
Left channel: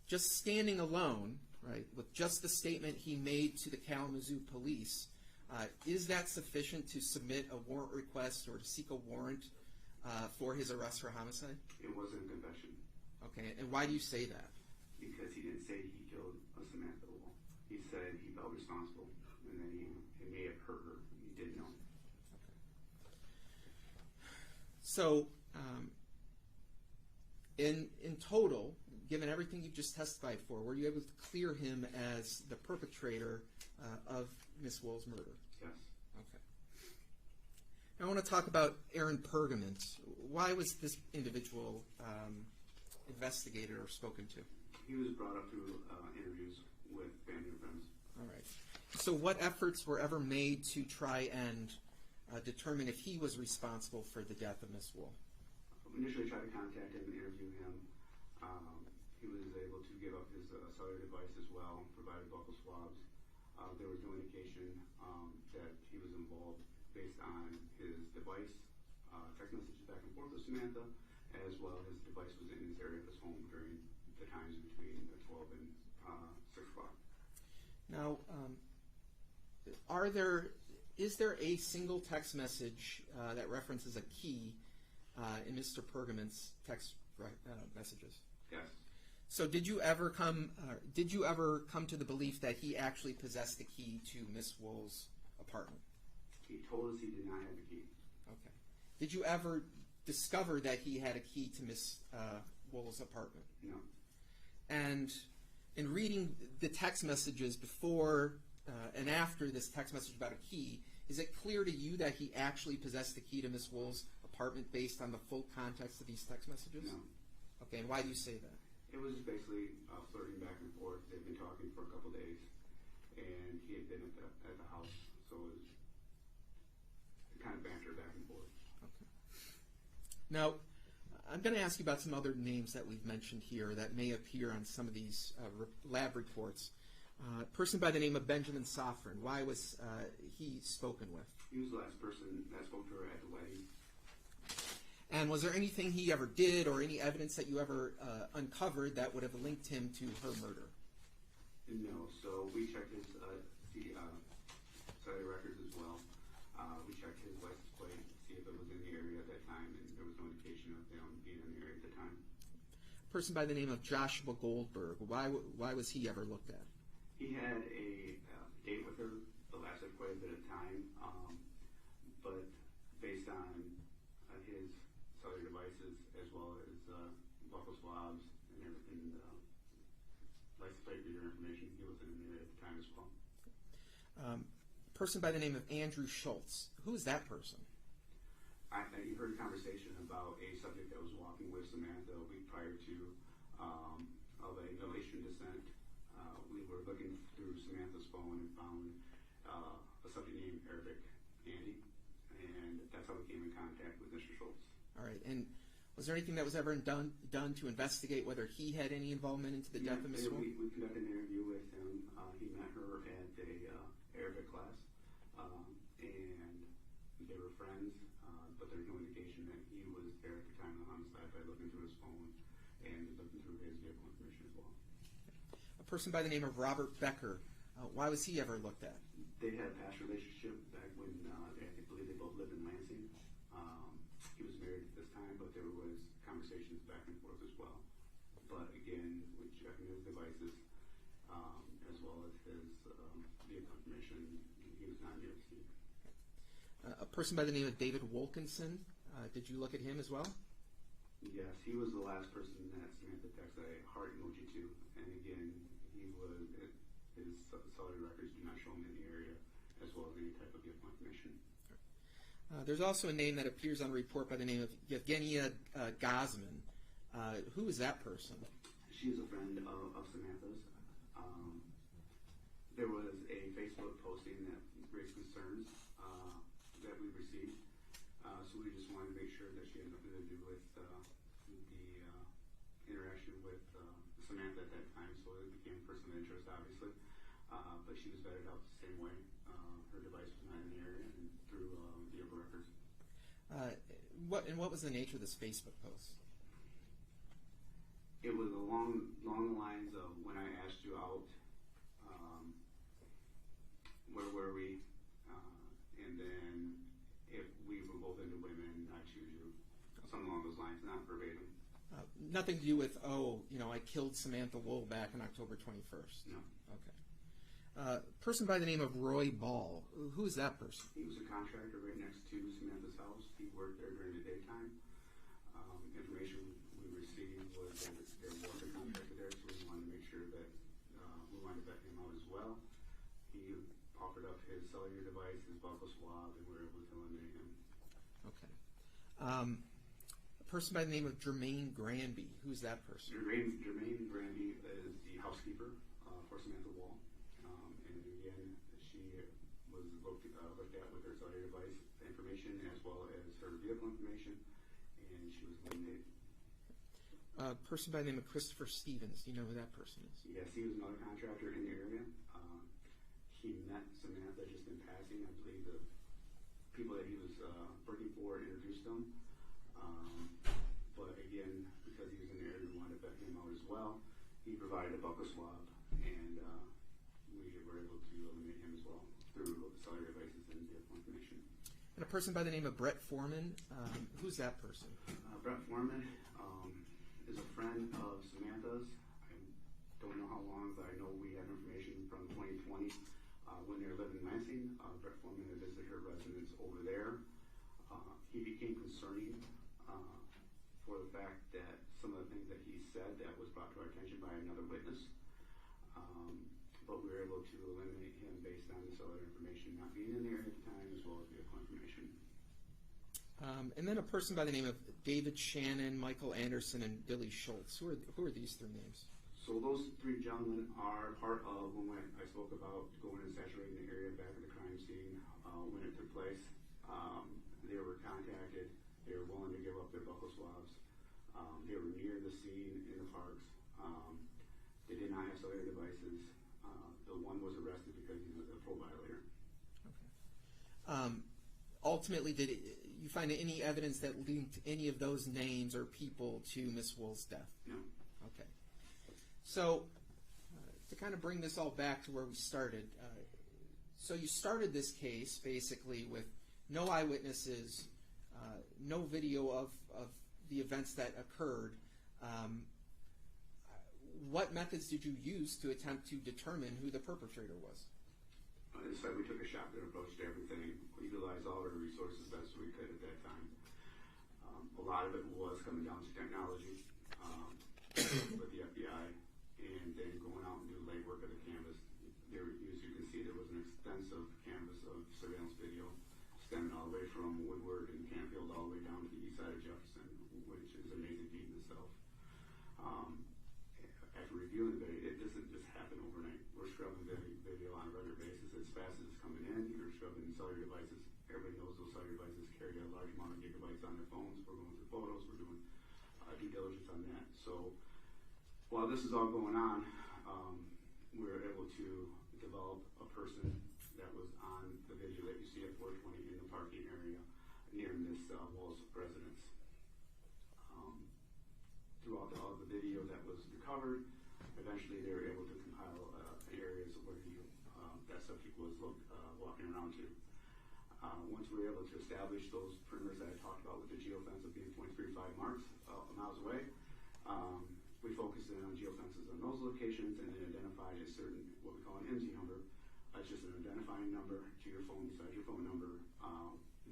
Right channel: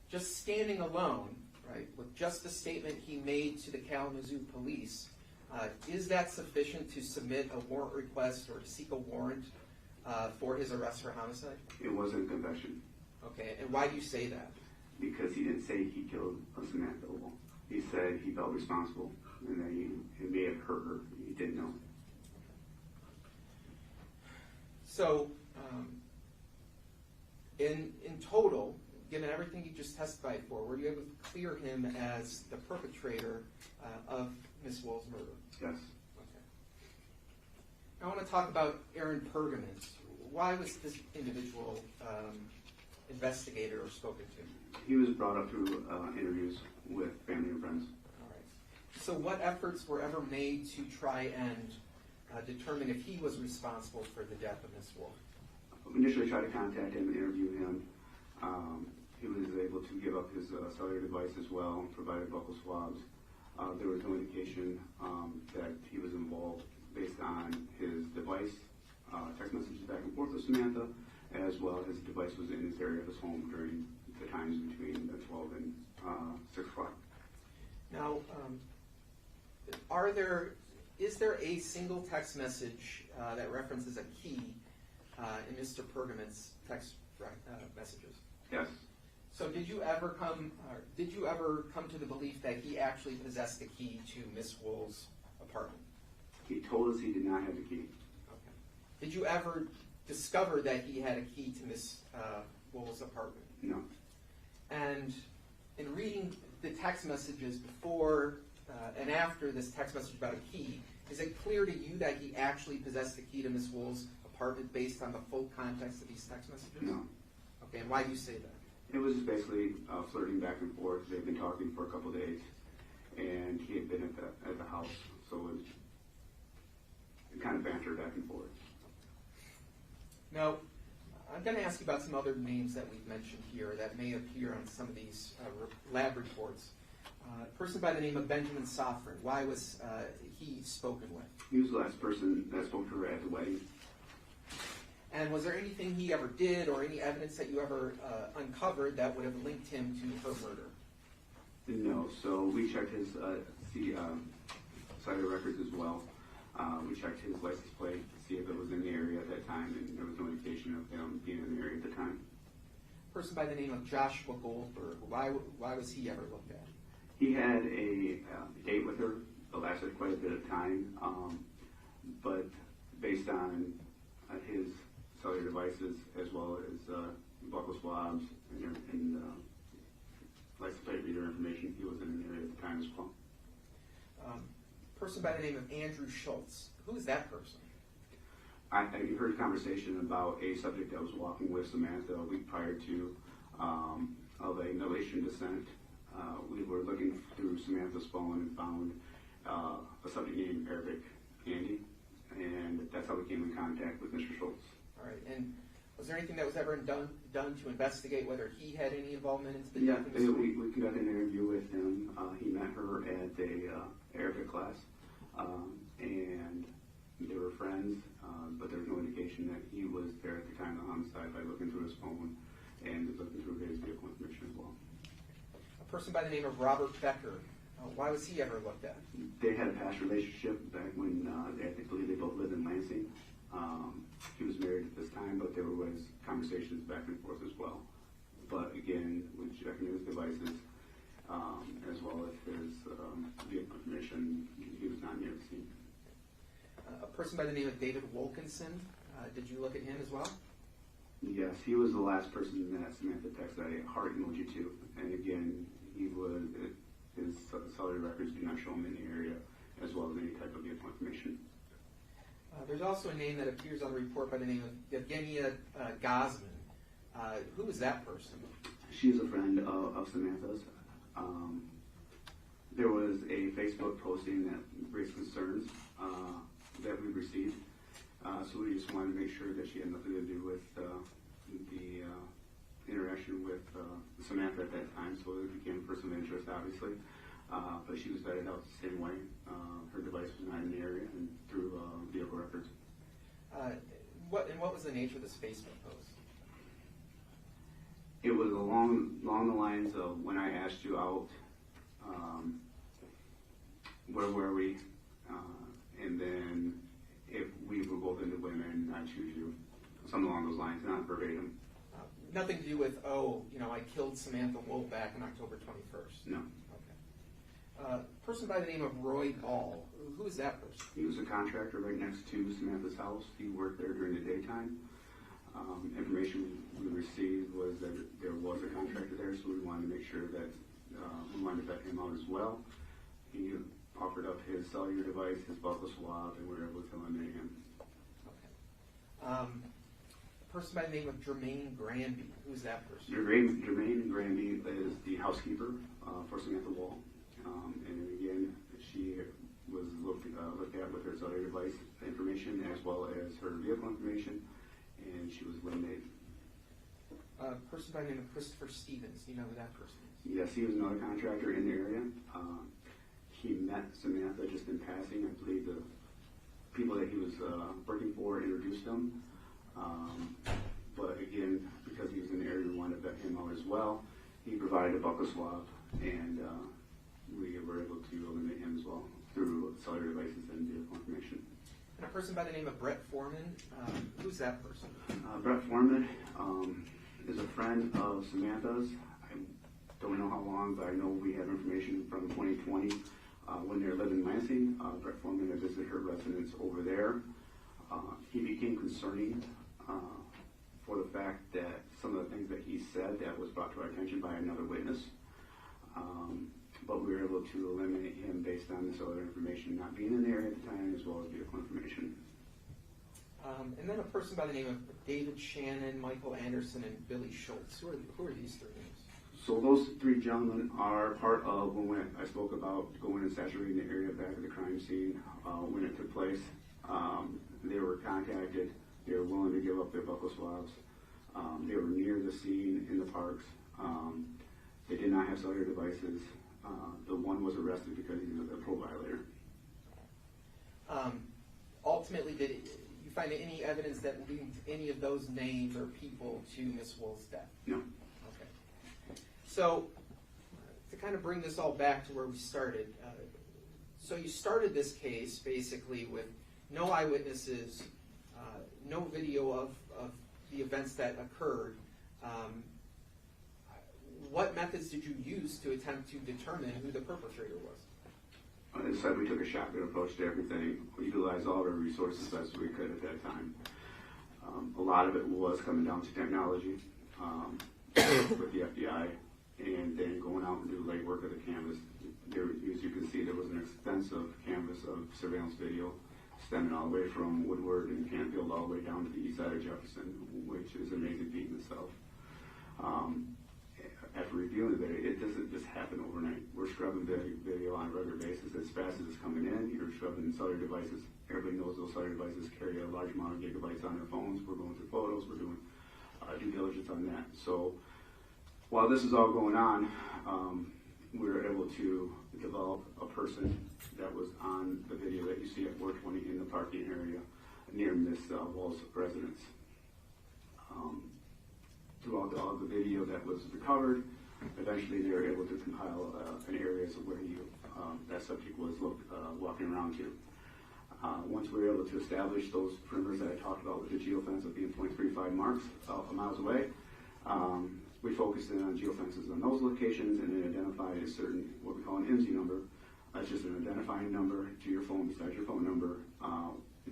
just standing alone, right, with just the statement he made to the Kalamazoo Police, is that sufficient to submit a warrant request or to seek a warrant for his arrest for homicide? It wasn't a confession. Okay. And why do you say that? Because he didn't say he killed Samantha Woll. He said he felt responsible and that he may have hurt her. He didn't know. So, in total, given everything you just testified for, were you able to clear him as the perpetrator of Miss Woll's murder? Yes. Okay. Now I want to talk about Aaron Pergament. Why was this individual investigated or spoken to? He was brought up through interviews with family and friends. All right. So what efforts were ever made to try and determine if he was responsible for the death of Miss Woll? We initially tried to contact him and interview him. He was able to give up his cellular device as well and provided buccal swabs. There was no indication that he was involved based on his device, text messages back and forth with Samantha, as well as his device was in his area of his home during the times between 12 and 6 o'clock. Now, is there a single text message that references a key in Mr. Pergament's text messages? Yes. So did you ever come to the belief that he actually possessed the key to Miss Woll's apartment? He told us he did not have the key. Okay. Did you ever discover that he had a key to Miss Woll's apartment? No. And in reading the text messages before and after this text message about a key, is it clear to you that he actually possessed the key to Miss Woll's apartment based on the full context of these text messages? No. Okay, and why do you say that? It was just basically flirting back and forth. They'd been talking for a couple of days, and he had been at the house, so it was kind of banter back and forth. Now, I'm going to ask you about some other names that we've mentioned here that may appear on some of these lab reports. A person by the name of Benjamin Sofrin, why was he spoken with? He was the last person that spoke to her at the wedding. And was there anything he ever did or any evidence that you ever uncovered that would have linked him to her murder? No. So we checked his cellular records as well. We checked his license plate to see if it was in the area at that time, and there was no indication of him being in the area at the time. A person by the name of Joshua Goldberg, why was he ever looked at? He had a date with her that lasted quite a bit of time, but based on his cellular devices as well as buccal swabs and license plate reader information, he wasn't in the area at the time as well. A person by the name of Andrew Schultz, who is that person? I heard a conversation about a subject that was walking with Samantha a week prior to of a Middle Eastern descent. We were looking through Samantha's phone and found a subject named Arabic Andy, and that's how we came in contact with Mr. Schultz. All right, and was there anything that was ever done to investigate whether he had any involvement into the death of Ms. Woll? We conducted an interview with him. He met her at a Arabic class, and they were friends, but there was no indication that he was there at the time of the homicide by looking through his phone and looking through his vehicle information as well. A person by the name of Robert Becker, why was he ever looked at? They had a past relationship back when I believe they both lived in Lansing. He was married at this time, but there was conversations back and forth as well. But again, we checked his devices as well as his vehicle information. He was not near the scene. A person by the name of David Wilkinson, did you look at him as well? Yes, he was the last person that Samantha texted a heart emoji to. And again, his cellular records do not show him in the area as well as any type of vehicle information. There's also a name that appears on the report by the name of Yevgenia Gazman. Who is that person? She's a friend of Samantha's. There was a Facebook posting that raised concerns that we received. So we just wanted to make sure that she had nothing to do with the interaction with Samantha at that time. So it became a person of interest, obviously. But she was vetted out the same way. Her device was not in the area and through vehicle records. What was the nature of this Facebook post? It was along the lines of when I asked you out, where were we? And then if we were both into women, I choose you. Something along those lines, not verbatim. Nothing to do with, I killed Samantha Woll back on October 21st. No. Okay. Person by the name of Roy Ball. Who is that person? He was a contractor right next to Samantha's house. He worked there during the daytime. Information we received was that there was a contractor there, so we wanted to make sure that we wanted to vet him out as well. He offered up his cellular device, his buccal swab, and we were able to eliminate him. Okay. A person by the name of Jermaine Granby. Who's that person? Jermaine Granby is the housekeeper for Samantha Woll. And again, she well as her vehicle information, and she was eliminated. A person by the name of Christopher Stevens. Do you know who that person is? Yes, he was another contractor in the area. He met Samantha just in passing. I believe the people that he was working for introduced him. But again, because he was in the area, we wanted to vet him out as well. He provided a buccal swab, and we were able to eliminate him as well through cellular devices and vehicle information. And a person by the name of Brett Foreman. Who's that person? Brett Foreman is a friend of Samantha's. I don't know how long, but I know we have information from 2020 when they were living in Lansing. Brett Foreman had visited her residence over there. He became concerning for the fact that some of the things that he said that was brought to our attention by another witness. But we were able to eliminate him based on this other information not being in the area at the time, as well as vehicle information. And then a person by the name of David Shannon, Michael Anderson, and Billy Schultz. Who are these three names? So those three gentlemen are part of when I spoke about going and saturating the area back at the crime scene when it took place. They were contacted. They were willing to give up their buccal swabs. They were near the scene in the parks. They did not have cellular devices. The one was arrested because he was a parole violator. Ultimately, did you find any evidence that linked any of those names or people to Miss Woll's death? No. Okay. So, to kind of bring this all back to where we started, so you started this case basically with no eyewitnesses, no video of the events that occurred. What methods did you use to attempt to determine who the perpetrator was? As I said, we took a shotgun approach to everything. We utilized all of our resources as we could at that time. A lot of it was coming down to technology with the FBI, and then going out and do legwork of the canvas. There, as you can see, there was an extensive canvas of surveillance video stemming all the way from Woodward and Canfield all the way down to the east side of Jefferson, which is an amazing feat in itself. After reviewing the video, it doesn't just happen overnight. We're scrubbing video on a regular basis as fast as it's coming in. You're scrubbing cellular devices. Everybody knows those cellular devices carry a large amount of gigabytes on their phones. We're going through photos. We're doing due diligence on that. So while this is all going on, we were able to develop a person that was on the video that you see at 420 in the parking area near Miss Woll's residence. Throughout all the video that was recovered, eventually they were able to compile an area where that subject was walking around to. Once we were able to establish those perimeters that I talked about with the geofence of being 0.35 marks miles away, we focused in on geofences on those locations and then identified a certain, what we call an IMSI number. It's just an identifying number to your phone besides your phone number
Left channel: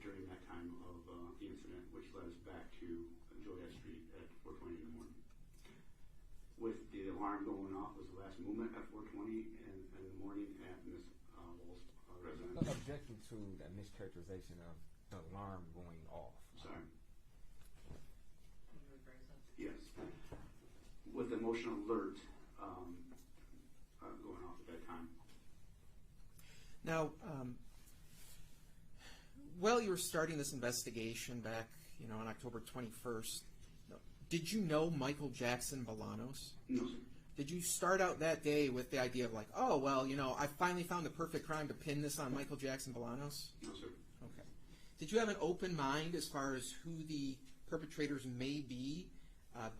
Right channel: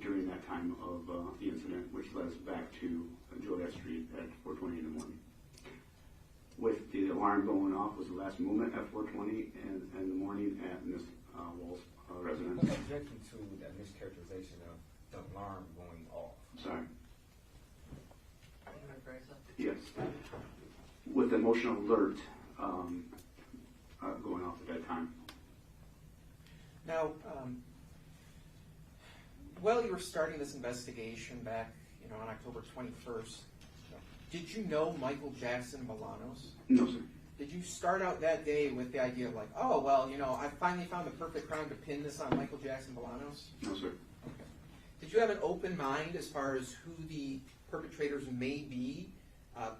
during that time of the incident, which led us back to Joliet Street at 4:20 in the morning. With the alarm going off was the last movement at 4:20 in the morning at Miss Woll's residence. I'm objecting to that mischaracterization of the alarm going off. Sorry. Yes. With the emotional alert going off at that time. Now, while you were starting this investigation back, on October 21st, did you know Michael Jackson-Bolanos? No, sir. Did you start out that day with the idea of like, oh, well, I finally found the perfect crime to pin this on Michael Jackson-Bolanos? No, sir. Okay. Did you have an open mind as far as who the perpetrators may be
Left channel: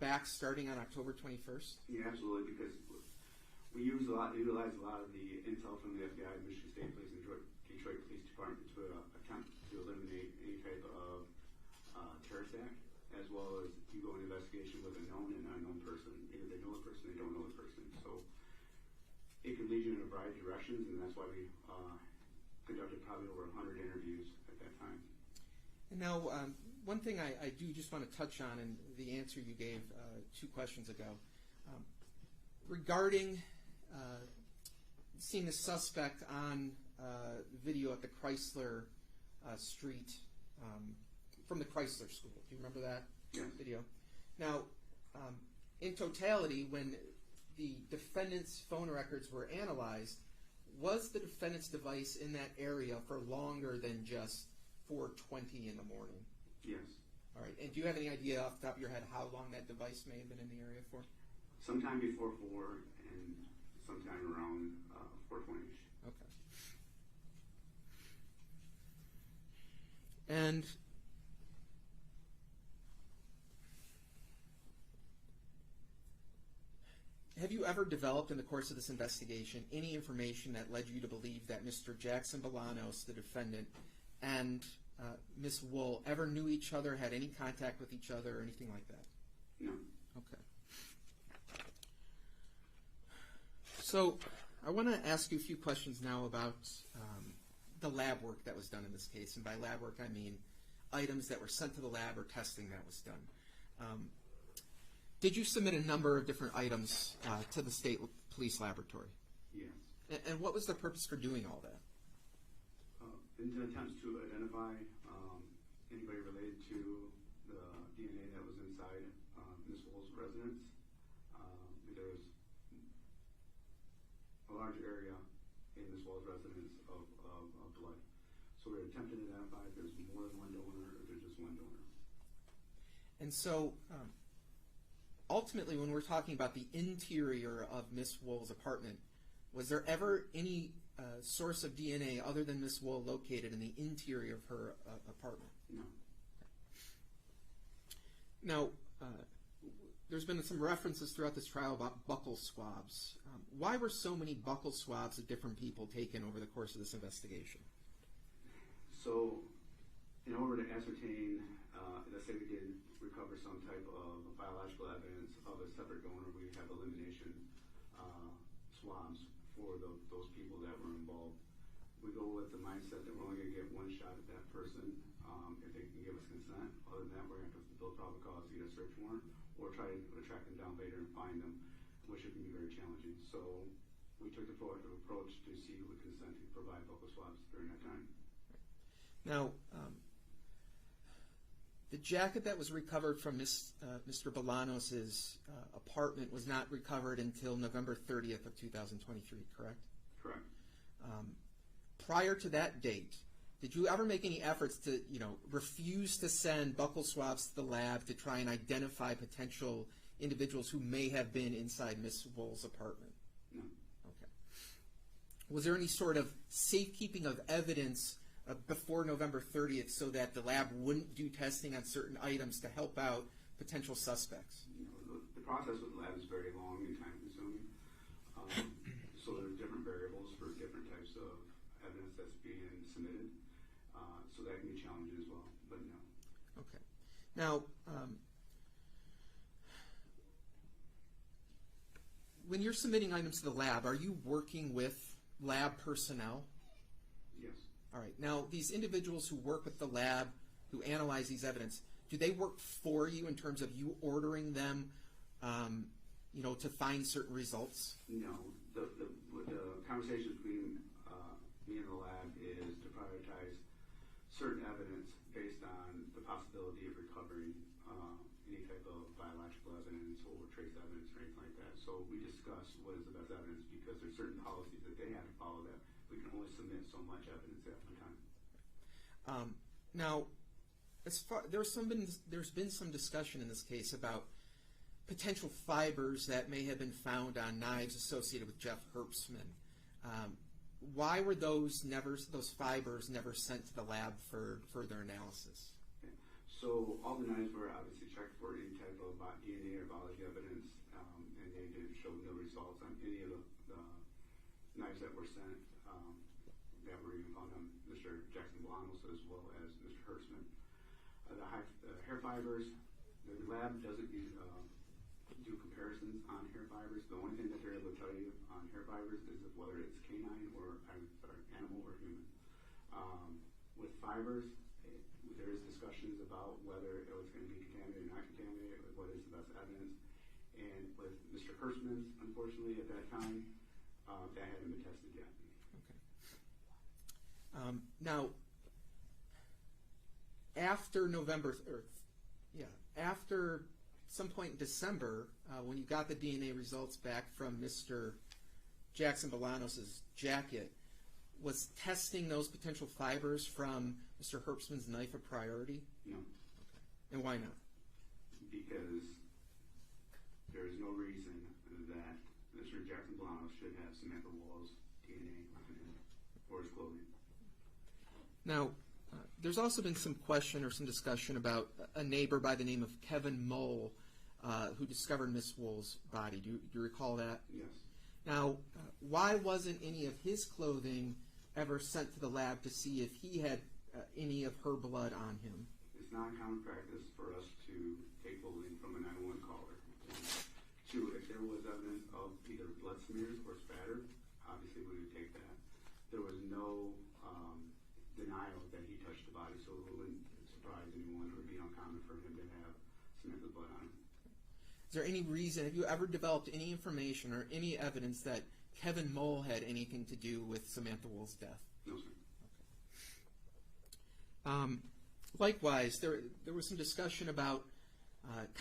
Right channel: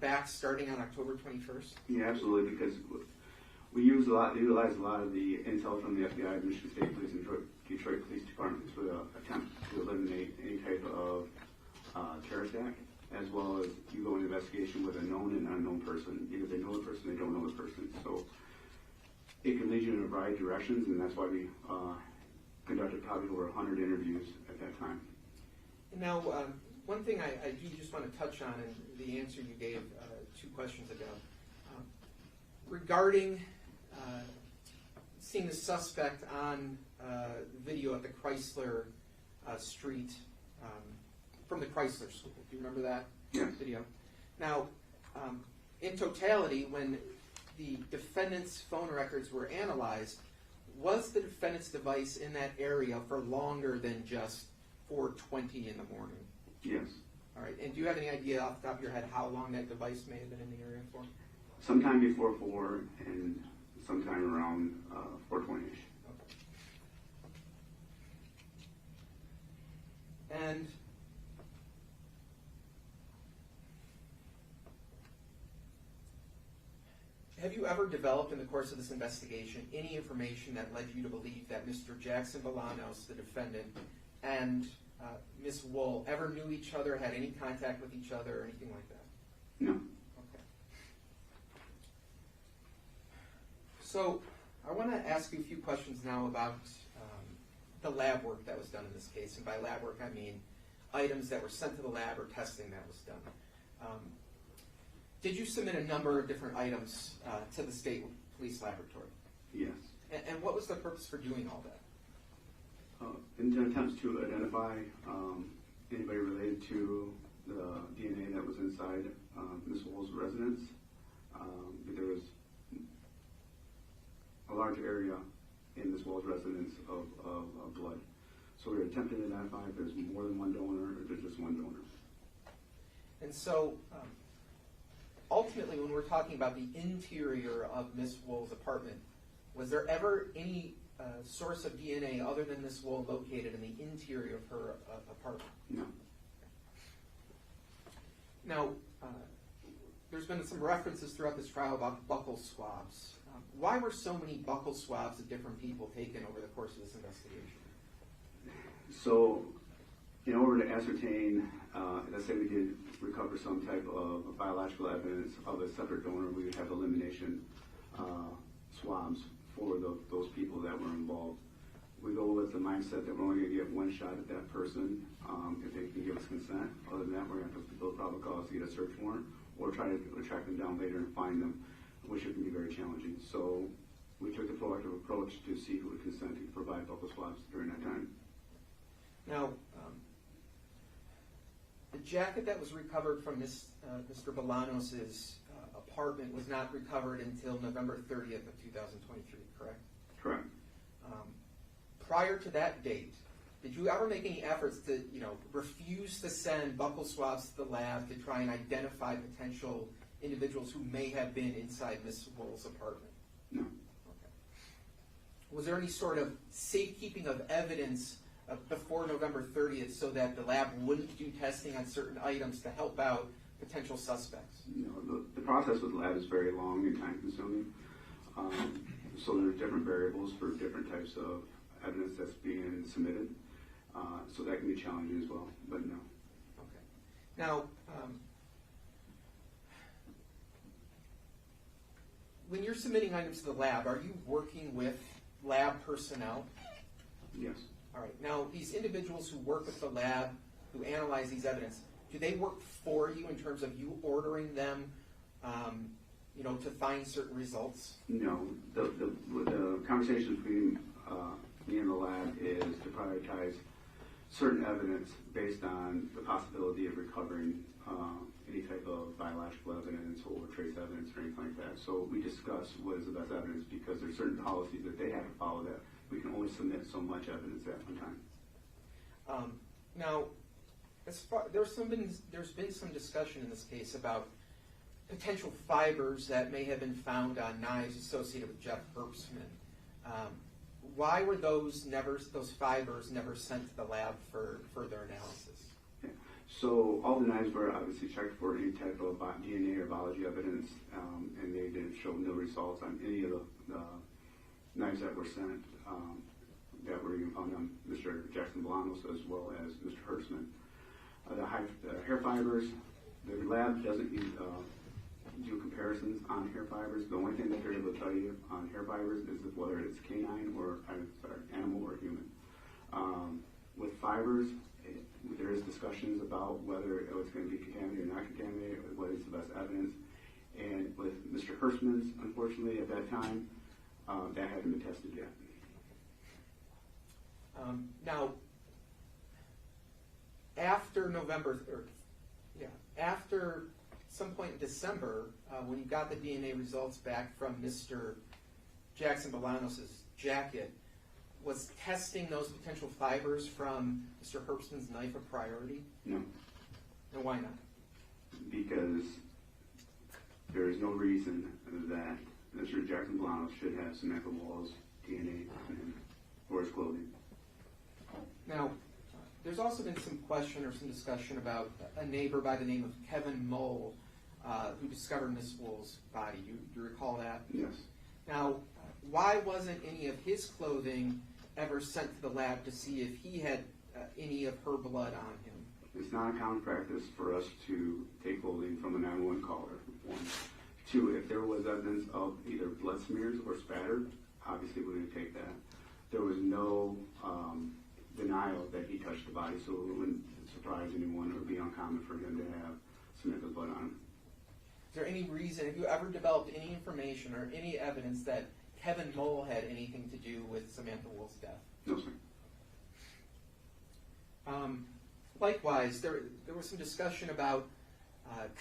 back starting on October 21st? Yeah, absolutely, because we utilize a lot of the intel from the FBI, Michigan State Police, and Detroit Police Department to attempt to eliminate any type of terrorist act, as well as you go into investigation with a known and unknown person. Either they know the person, they don't know the person. So it can lead you in a variety of directions, and that's why we conducted probably over 100 interviews at that time. And now, one thing I do just want to touch on, and the answer you gave 2 questions ago, regarding seeing the suspect on video at the Chrysler Street, from the Chrysler School. Do you remember that video? Now, in totality, when the defendant's phone records were analyzed, was the defendant's device in that area for longer than just 4:20 in the morning. Yes. All right. And do you have any idea off the top of your head how long that device may have been in the area for? Sometime before 4 and sometime around 4:20ish. Okay. And have you ever developed in the course of this investigation any information that led you to believe that Mr. Jackson-Bolanos, the defendant, and Ms. Woll ever knew each other, had any contact with each other, or anything like that? No. Okay. So I want to ask you a few questions now about the lab work that was done in this case. And by lab work, I mean items that were sent to the lab or testing that was done. Did you submit a number of different items to the state police laboratory? Yes. And what was the purpose for doing all that? In attempts to identify anybody related to the DNA that was inside Ms. Woll's residence. There was a large area in Ms. Woll's residence of blood. So we were attempting to identify if there's more than one donor or if there's just one donor. And so ultimately, when we're talking about the interior of Ms. Woll's apartment, was there ever any source of DNA other than Ms. Woll located in the interior of her apartment? No. Now, there's been some references throughout this trial about buccal swabs. Why were so many buccal swabs of different people taken over the course of this investigation? So, in order to ascertain, let's say we did recover some type of biological evidence of a separate donor, we would have elimination swabs for those people that were involved. We go with the mindset that we're only going to get one shot at that person if they can give us consent. Other than that, we're going to have to build probable cause to get a search warrant or try to track them down later and find them, which it can be very challenging. So we took the proactive approach to see who would consent to provide buccal swabs during that time. Now, the jacket that was recovered from Mr. Bolanos' apartment was not recovered until November 30th of 2023, correct? Correct. Prior to that date, did you ever make any efforts to, refuse to send buccal swabs to the lab to try and identify potential individuals who may have been inside Ms. Woll's apartment? No. Okay. Was there any sort of safekeeping of evidence before November 30th so that the lab wouldn't do testing on certain items to help out potential suspects? The process with the lab is very long and time consuming. So there are different variables for different types of evidence that's being submitted. So that can be challenging as well, but no. Okay. Now, when you're submitting items to the lab, are you working with lab personnel? Yes. All right. Now, these individuals who work with the lab, who analyze these evidence, do they work for you in terms of you ordering them, to find certain results? No. The conversation between me and the lab is to prioritize certain evidence based on the possibility of recovering any type of biological evidence or trace evidence or anything like that. So we discuss what is the best evidence because there's certain policies that they have to follow that we can only submit so much evidence at one time. Now, there's been some discussion in this case about potential fibers that may have been found on knives associated with Jeff Herbstman. Why were those fibers never sent to the lab for further analysis? Okay. So all the knives were obviously checked for any type of DNA or biology evidence, and they didn't show no results on any of the knives that were sent that were even found on Mr. Jackson-Bolanos as well as Mr. Herbstman. The hair fibers, the lab doesn't do comparisons on hair fibers. The only thing that they're able to tell you on hair fibers is whether it's canine or animal or human. With fibers, there is discussions about whether it's going to be contaminated or not contaminated, what is the best evidence. And with Mr. Herbstman's, unfortunately, at that time, that hadn't been tested yet. Now, after after some point in December, when you got the DNA results back from Mr. Jackson-Bolanos' jacket, Was testing those potential fibers from Mr. Herbstman's knife a priority? No. And why not? Because there is no reason that Mr. Jackson-Bolanos should have Samantha Woll's DNA on him or his clothing. Now, there's also been some question or some discussion about a neighbor by the name of Kevin Moll who discovered Miss Woll's body. Do you recall that? Yes. Now, why wasn't any of his clothing ever sent to the lab to see if he had any of her blood on him? It's not a common practice for us to take clothing from a 911 caller. One. Two, if there was evidence of either blood smears or spatter, obviously we would take that. There was no denial that he touched the body, so it wouldn't surprise anyone or be uncommon for him to have Samantha's blood on him. Is there any reason, have you ever developed any information or any evidence that Kevin Moll had anything to do with Samantha Woll's death? No, sir. Likewise, there was some discussion about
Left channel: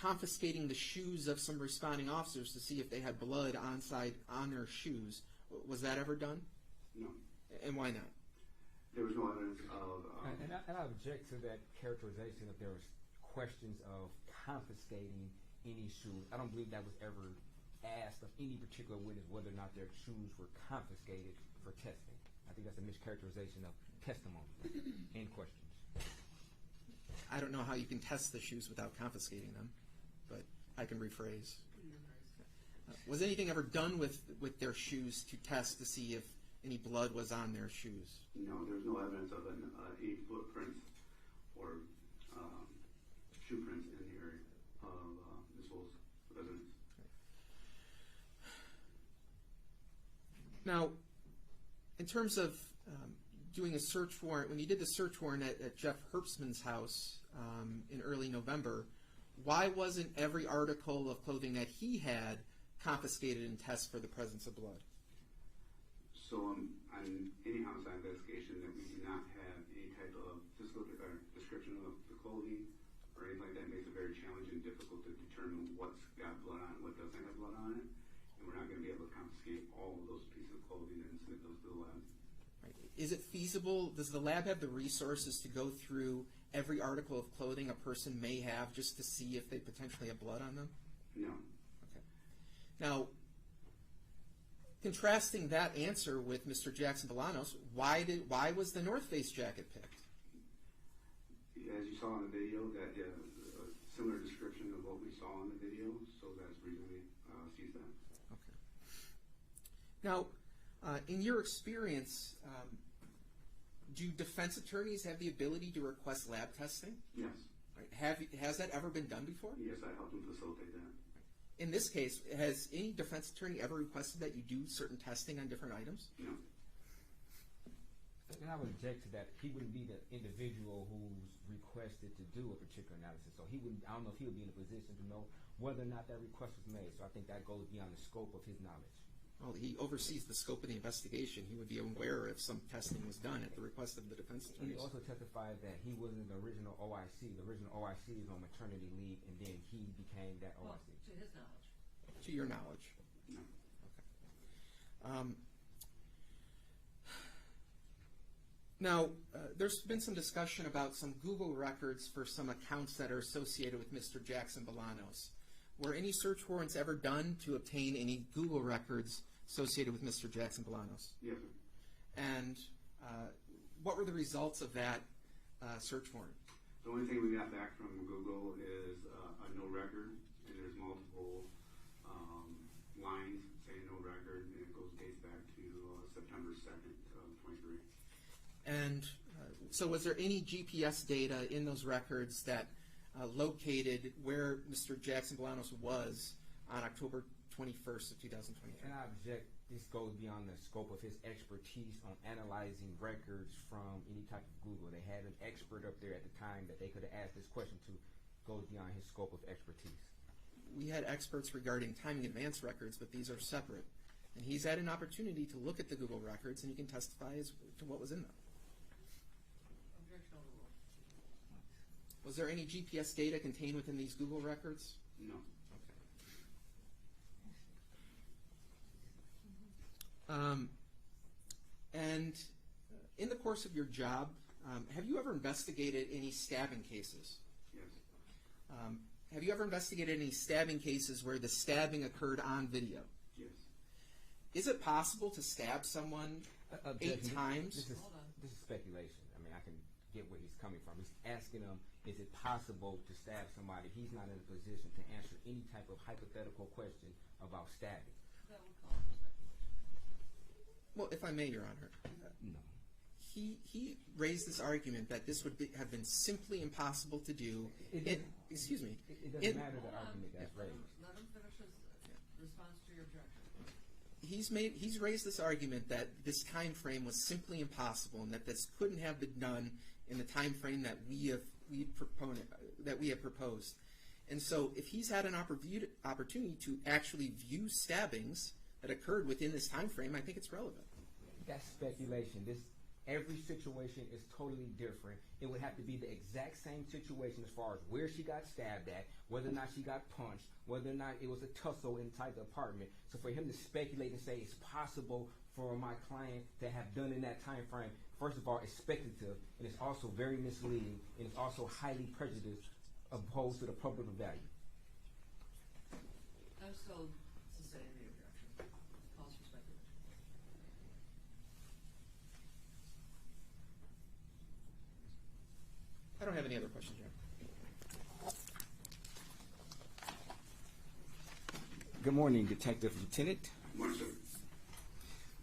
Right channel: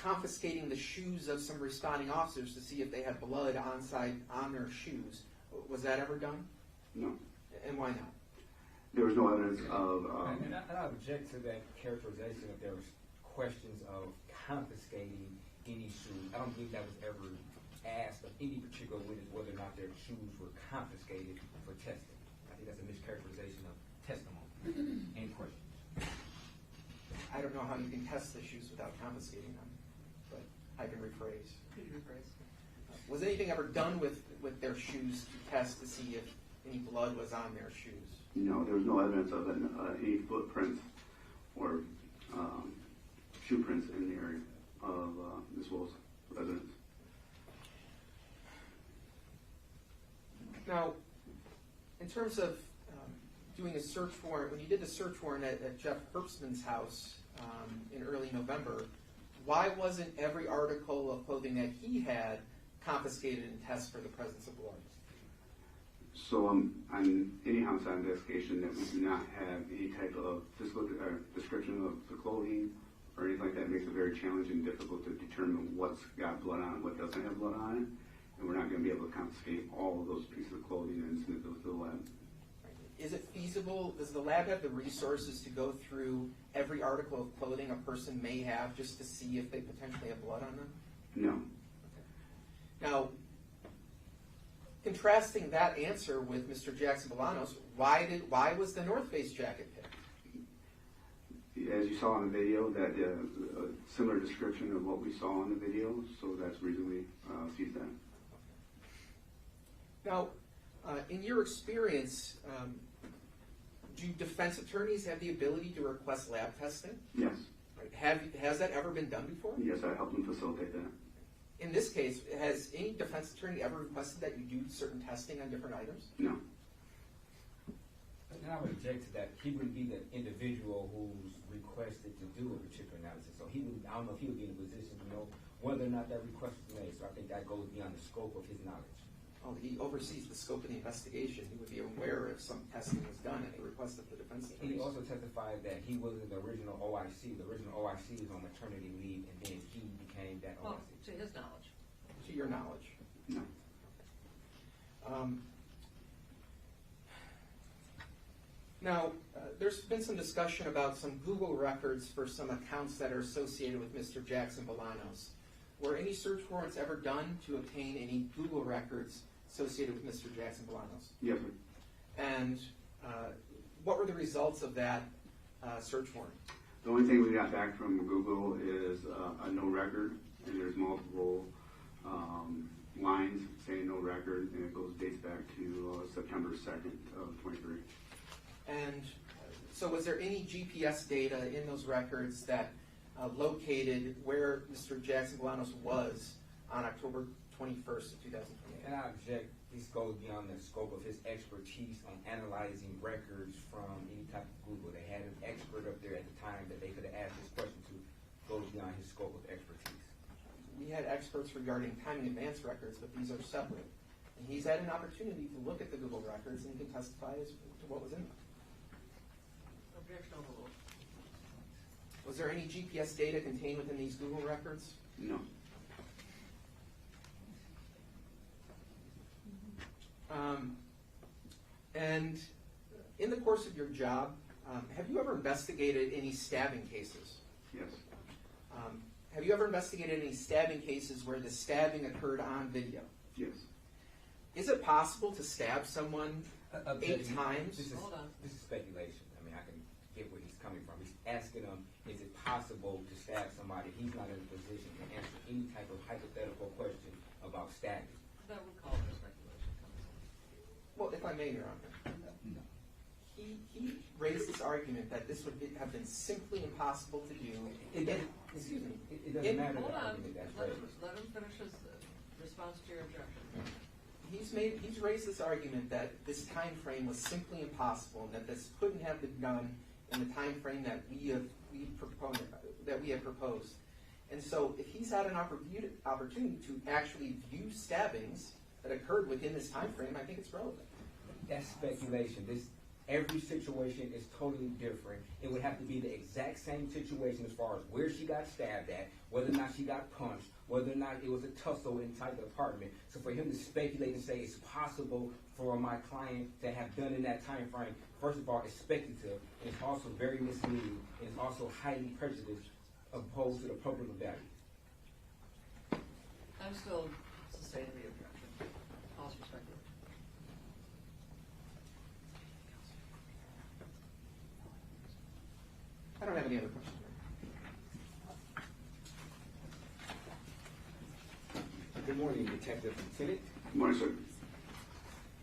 confiscating the shoes of some responding officers to see if they had blood on their shoes. Was that ever done? No. And why not? There was no evidence of... And I object to that characterization if there was questions of confiscating any shoes. I don't believe that was ever asked of any particular witness whether or not their shoes were confiscated for testing. I think that's a mischaracterization of testimony and questions. I don't know how you can test the shoes without confiscating them, but I can rephrase. Could you rephrase? Was anything ever done with their shoes to test to see if any blood was on their shoes? No, there was no evidence of any footprints or shoe prints in the area of Ms. Woll's residence. Now, in terms of doing a search warrant, when you did the search warrant at Jeff Herbstman's house in early November, why wasn't every article of clothing that he had confiscated and tested for the presence of blood? So on any homicide investigation that we do not have any type of physical description of the clothing or anything like that, makes it very challenging and difficult to determine what's got blood on it, what doesn't have blood on it, and we're not going to be able to confiscate all of those pieces of clothing and send those to the lab. Is it feasible, does the lab have the resources to go through every article of clothing a person may have just to see if they potentially have blood on them? No. Okay. Now, contrasting that answer with Mr. Jackson-Bolanos, why was the North Face jacket picked? As you saw in the video, that a similar description of what we saw in the video, so that's the reason we seized that. Okay. Now, in your experience, do defense attorneys have the ability to request lab testing? Yes. Has that ever been done before? Yes, I helped them facilitate that. In this case, has any defense attorney ever requested that you do certain testing on different items? No. And I would object to that. He wouldn't be the individual who's requested to do a particular analysis. So he would, I don't know if he would be in a position to know whether or not that request was made. So I think that goes beyond the scope of his knowledge. Well, he oversees the scope of the investigation. He would be aware if some testing was done at the request of the defense He attorneys. also testified that he wasn't the original OIC. The original OIC was on maternity leave, and then he became that Well, OIC. to his knowledge. To your knowledge. No. Now, there's been some discussion about some Google records for some accounts that are associated with Mr. Jackson-Bolanos. Were any search warrants ever done to obtain any Google records associated with Mr. Jackson-Bolanos? Yes, sir. And what were the results of that search warrant? The only thing we got back from Google is a no record, and there's multiple lines saying no record, and it dates back to September 2nd of 23. And so was there any GPS data in those records that located where Mr. Jackson-Bolanos was on October 21st of 2028? And I object, this goes beyond the scope of his expertise on analyzing records from any type of Google. They had an expert up there at the time that they could have asked this question to, goes beyond his scope of expertise. We had experts regarding timing advance records, but these are separate. And he's had an opportunity to look at the Google records, and he can testify as to what was in them. Objection overruled. Was there any GPS data contained within these Google records? No. And In the course of your job, have you ever investigated any stabbing cases? Yes. Have you ever investigated any stabbing cases where the stabbing occurred on video? Yes. Is it possible to stab someone 8 times? This is speculation. I mean, I can get where he's coming from. He's asking him, is it possible to stab somebody? He's not in a position to answer any type of hypothetical question about stabbing. That would call for speculation. Well, if I may, Your Honor. No. He raised this argument that this would have been simply impossible to do. Excuse me. It doesn't matter Hold the on. argument that's Let raised. him finish his response to your objection. He's raised this argument that this time frame was simply impossible, and that this couldn't have been done in the time frame that we have proposed. And so, if he's had an opportunity to actually view stabbings that occurred within this time frame, I think it's relevant. That's speculation. Every situation is totally different. It would have to be the exact same situation as far as where she got stabbed at, whether or not she got punched, whether or not it was a tussle inside the apartment. So for him to speculate and say it's possible for my client to have done in that time frame, first of all, it's speculative, and it's also very misleading, and it's also highly prejudiced opposed to the public value. I'm still sustaining the objection. Pause for speculation. I don't have any other questions. Good morning, Detective Lieutenant. Good morning, sir.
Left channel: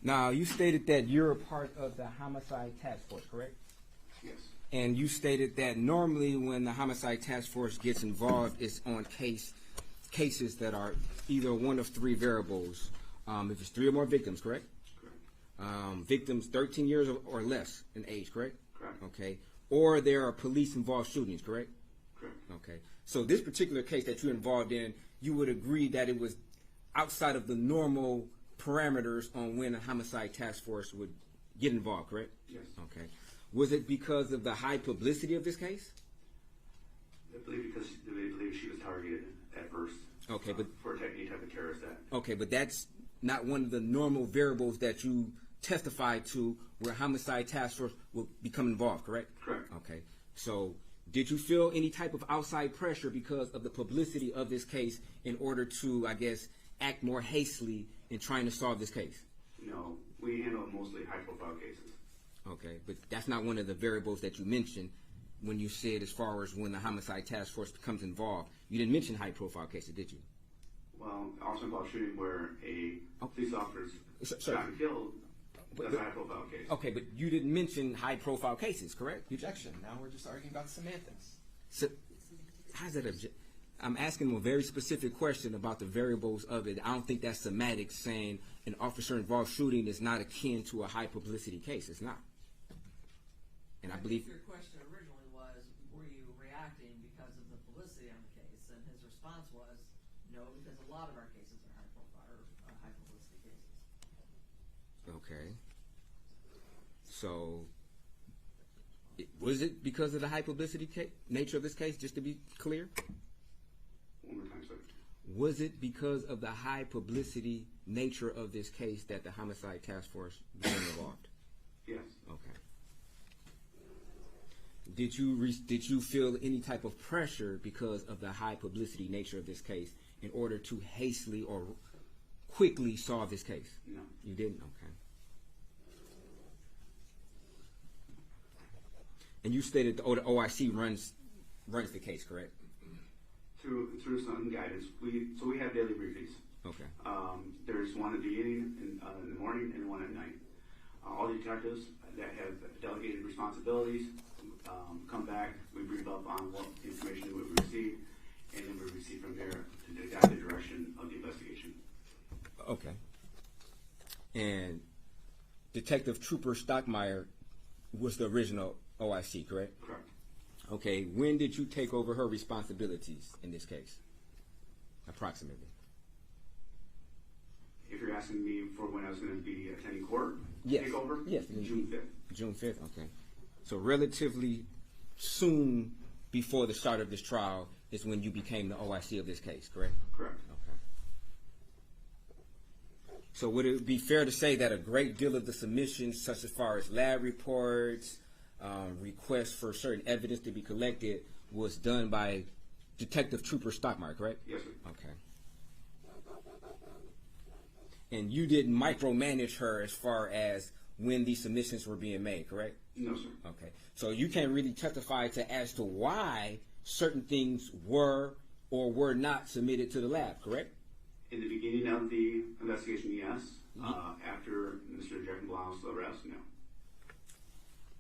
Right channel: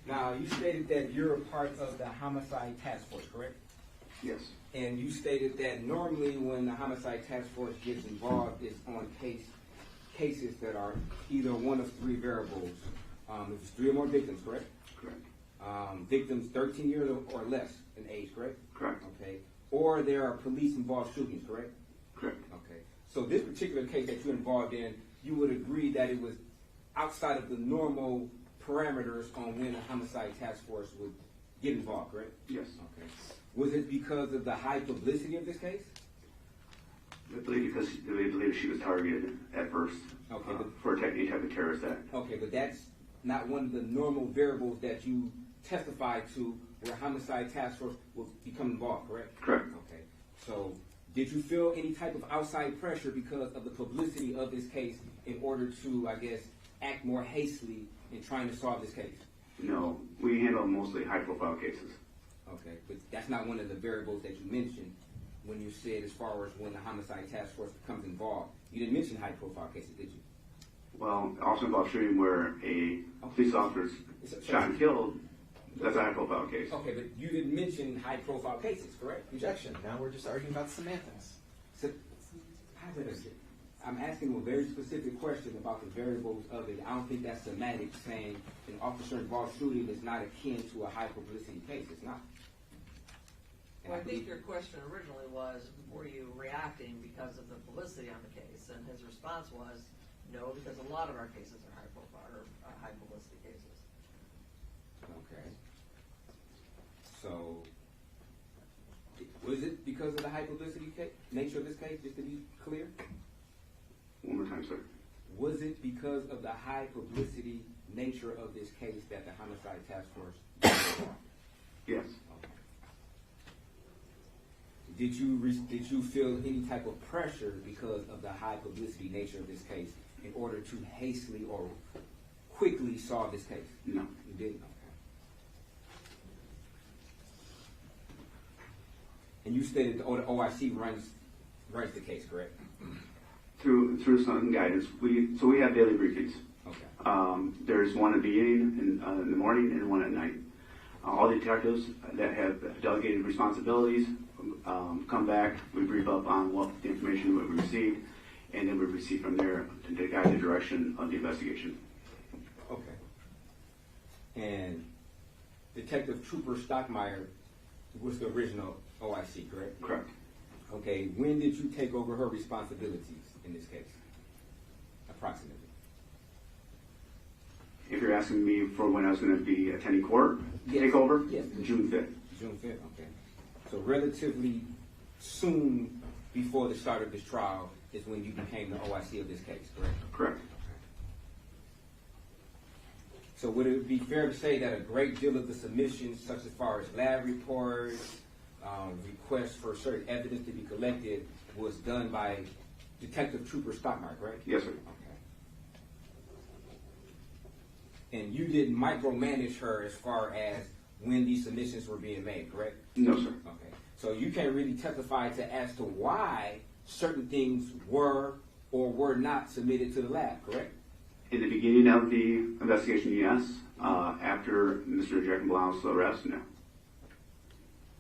Now, you stated that you're a part of the homicide task force, correct? Yes. And you stated that normally when the homicide task force gets involved, it's on cases that are either one of 3 variables. If it's 3 or more victims, correct? Correct. Victims 13 years or less in age, correct? Correct. Okay. Or there are police-involved shootings, correct? Correct. Okay. So this particular case that you're involved in, you would agree that it was outside of the normal parameters on when a homicide task force would get involved, correct? Yes. Okay. Was it because of the high publicity of this case? I believe because they believe she was targeted at first. Okay, but for any type of terrorist act. Okay, but that's not one of the normal variables that you testify to where homicide task force will become involved, correct? Correct. Okay. So did you feel any type of outside pressure because of the publicity of this case in order to, I guess, act more hastily in trying to solve this case? No, we handle mostly high-profile cases. Okay, but that's not one of the variables that you mentioned when you said as far as when the homicide task force becomes involved. You didn't mention high-profile cases, did you? Well, also involved shooting where a police officer shot and killed. That's a high-profile case. Okay, but you didn't mention high-profile cases, correct? Objection. Now we're just arguing about semantics. So, how's that I'm asking him a very specific question about the variables of it. I don't think that's semantics saying an officer-involved shooting is not akin to a high-publicity case. It's not. And I think your question originally was, were you reacting because of the publicity on the case? And his response was, no, because a lot of our cases are high-profile or high-publicity cases. Okay. So, was it because of the high-publicity nature of this case, just to be clear? One more time, sir. Was it because of the high-publicity nature of this case that the homicide task force got involved? Yes. Okay. Did you feel any type of pressure because of the high-publicity nature of this case in order to hastily or quickly solve this case? No. You didn't? Okay. And you stated the OIC runs the case, correct? Through some guidance, we have daily briefings. Okay. There's one at the beginning in the morning and one at night. All the detectives that have delegated responsibilities come back. We brief up on what the information that we received, and then we proceed from there to guide the direction of the investigation. Okay. And Detective Trooper Stockmeyer was the original OIC, correct? Correct. Okay. When did you take over her responsibilities in this case? Approximately. If you're asking me for when I was going to be attending court, Yes. takeover, Yes. June 5th. June 5th, okay. So relatively soon before the start of this trial is when you became the OIC of this case, correct? Correct. So would it be fair to say that a great deal of the submissions, such as far as lab reports, requests for certain evidence to be collected, was done by Detective Trooper Stockmar, correct? Yes, sir. Okay. And you didn't micromanage her as far as when these submissions were being made, correct? No, sir. Okay. So you can't really testify as to why certain things were or were not submitted to the lab, correct? In the beginning of the investigation, yes. After Mr. Jackson-Bolanos' arrest, no.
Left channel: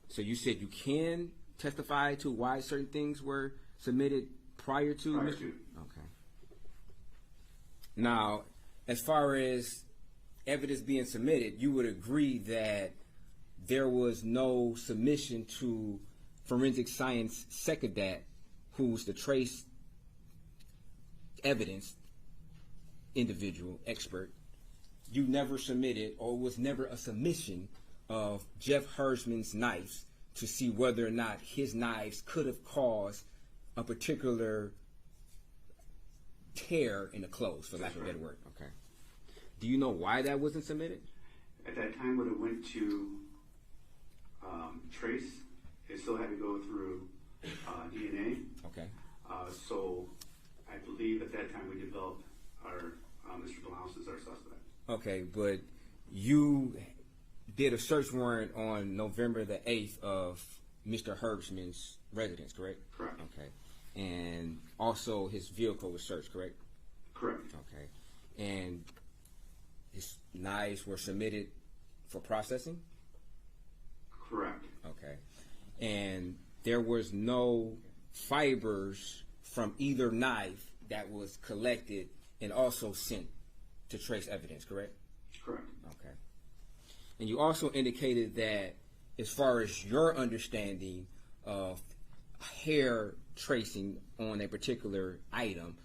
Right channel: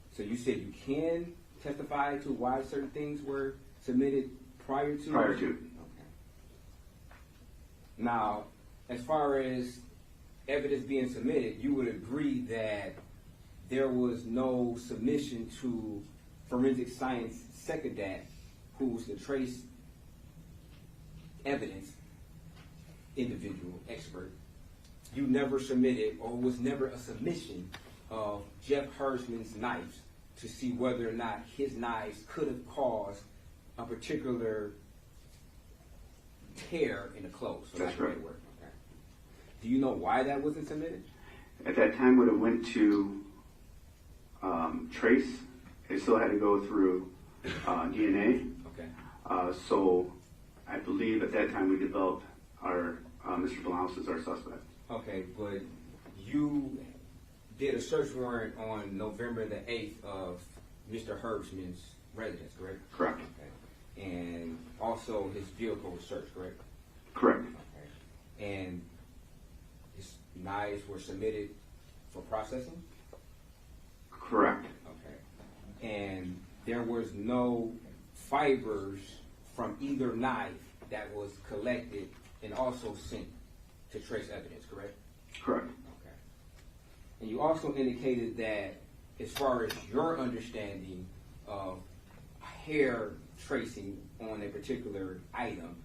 So you said you can testify to why certain things were submitted prior to? Prior to. Okay. Now, as far as evidence being submitted, you would agree that there was no submission to forensic science secretary, who was the trace evidence individual expert. You never submitted, or was never a submission of Jeff Hersman's knives to see whether or not his knives could have caused a particular tear in the clothes, for lack of a better word. Okay. Do you know why that wasn't submitted? At that time, when it went to trace, it still had to go through DNA. Okay. So I believe at that time we developed our Mr. Bolanos as our suspect. Okay, but you did a search warrant on November the 8th of Mr. Hersman's residence, correct? Correct. Okay. And also his vehicle was searched, correct? Correct. Okay. And his knives were submitted for processing? Correct. Okay. And there was no fibers from either knife that was collected and also sent to trace evidence, correct? Correct. Okay. And you also indicated that as far as your understanding of hair tracing on a particular item,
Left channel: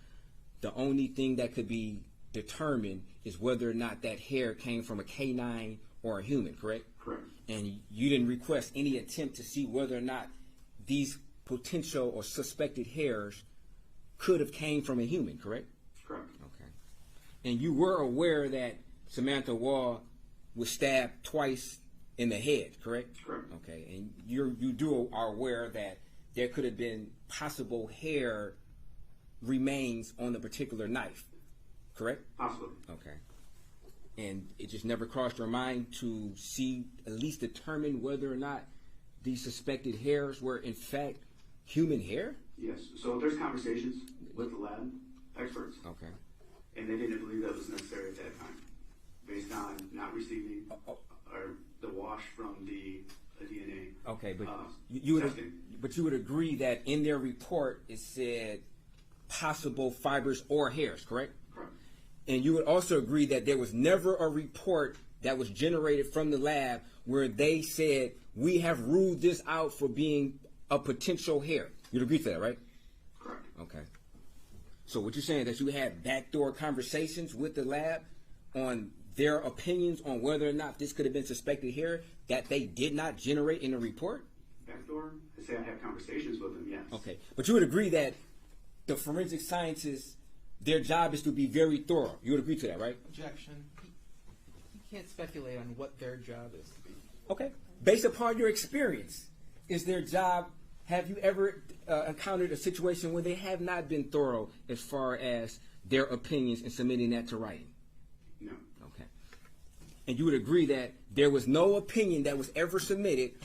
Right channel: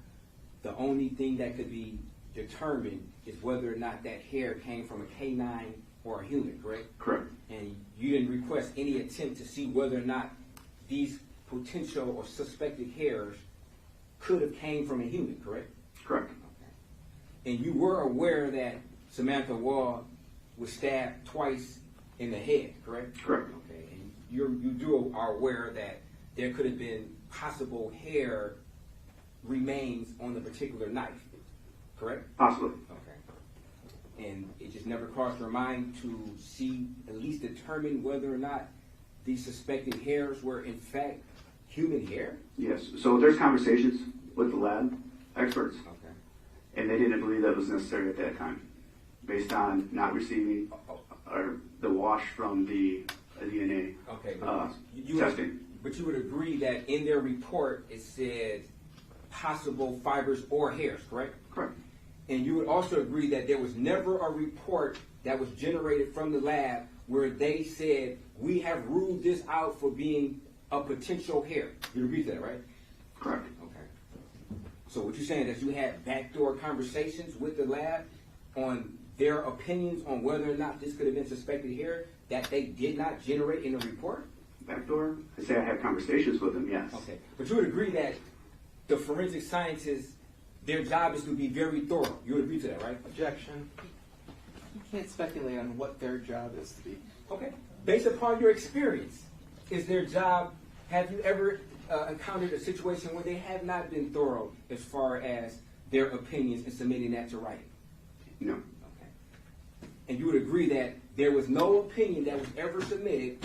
the only thing that could be determined is whether or not that hair came from a canine or a human, correct? Correct. And you didn't request any attempt to see whether or not these potential or suspected hairs could have came from a human, correct? Correct. Okay. And you were aware that Samantha Woll was stabbed twice in the head, correct? Correct. Okay. And are aware that there could have been possible hair remains on the particular knife, correct? Possibly. Okay. And it just never crossed your mind to see, at least determine whether or not these suspected hairs were in fact human hair? Yes. So there's conversations with the lab experts. Okay. And they didn't believe that was necessary at that time, based on not receiving the wash from the DNA testing. But you would agree that in their report it said possible fibers or hairs, correct? Correct. And you would also agree that there was never a report that was generated from the lab where they said, we have ruled this out for being a potential hair. You'd agree to that, right? Correct. Okay. So what you're saying is that you had backdoor conversations with the lab on their opinions on whether or not this could have been suspected hair that they did not generate in the report? Backdoor? I say I had conversations with them, yes. Okay. But you would agree that the forensic scientists, their job is to be very thorough. You would agree to that, right? Objection. You can't speculate on what their job is to be. Okay. Based upon your experience, is their job, have you ever encountered a situation where they have not been thorough as far as their opinions and submitting that to writing? No. Okay. And you would agree that there was no opinion that was ever submitted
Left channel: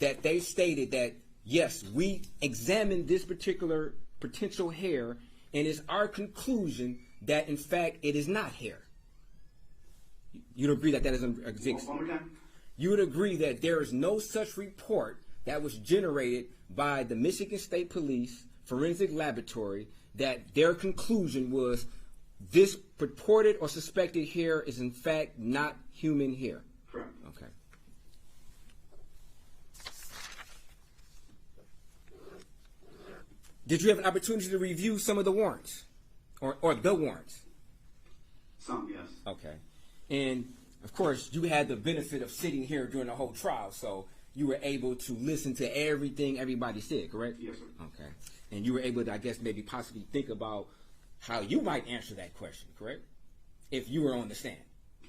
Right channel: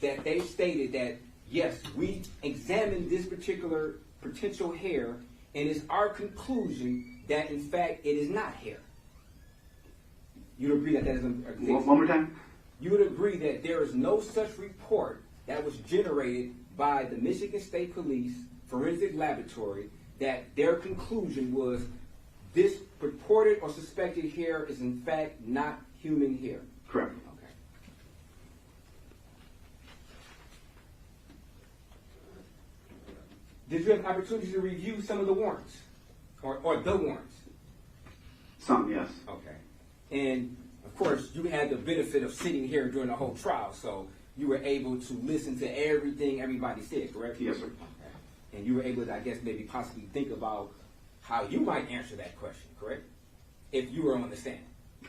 that they stated that, yes, we examined this particular potential hair, and it's our conclusion that, in fact, it is not hair. You'd agree that that doesn't exist? One more time? You would agree that there is no such report that was generated by the Michigan State Police Forensic Laboratory that their conclusion was this purported or suspected hair is, in fact, not human hair? Correct. Okay. Did you have an opportunity to review some of the warrants? Or the warrants? Some, yes. Okay. And, of course, you had the benefit of sitting here during the whole trial, so you were able to listen to everything everybody said, correct? Yes, sir. Okay. And you were able to, I guess, maybe possibly think about how you might answer that question, correct? If you were on the stand.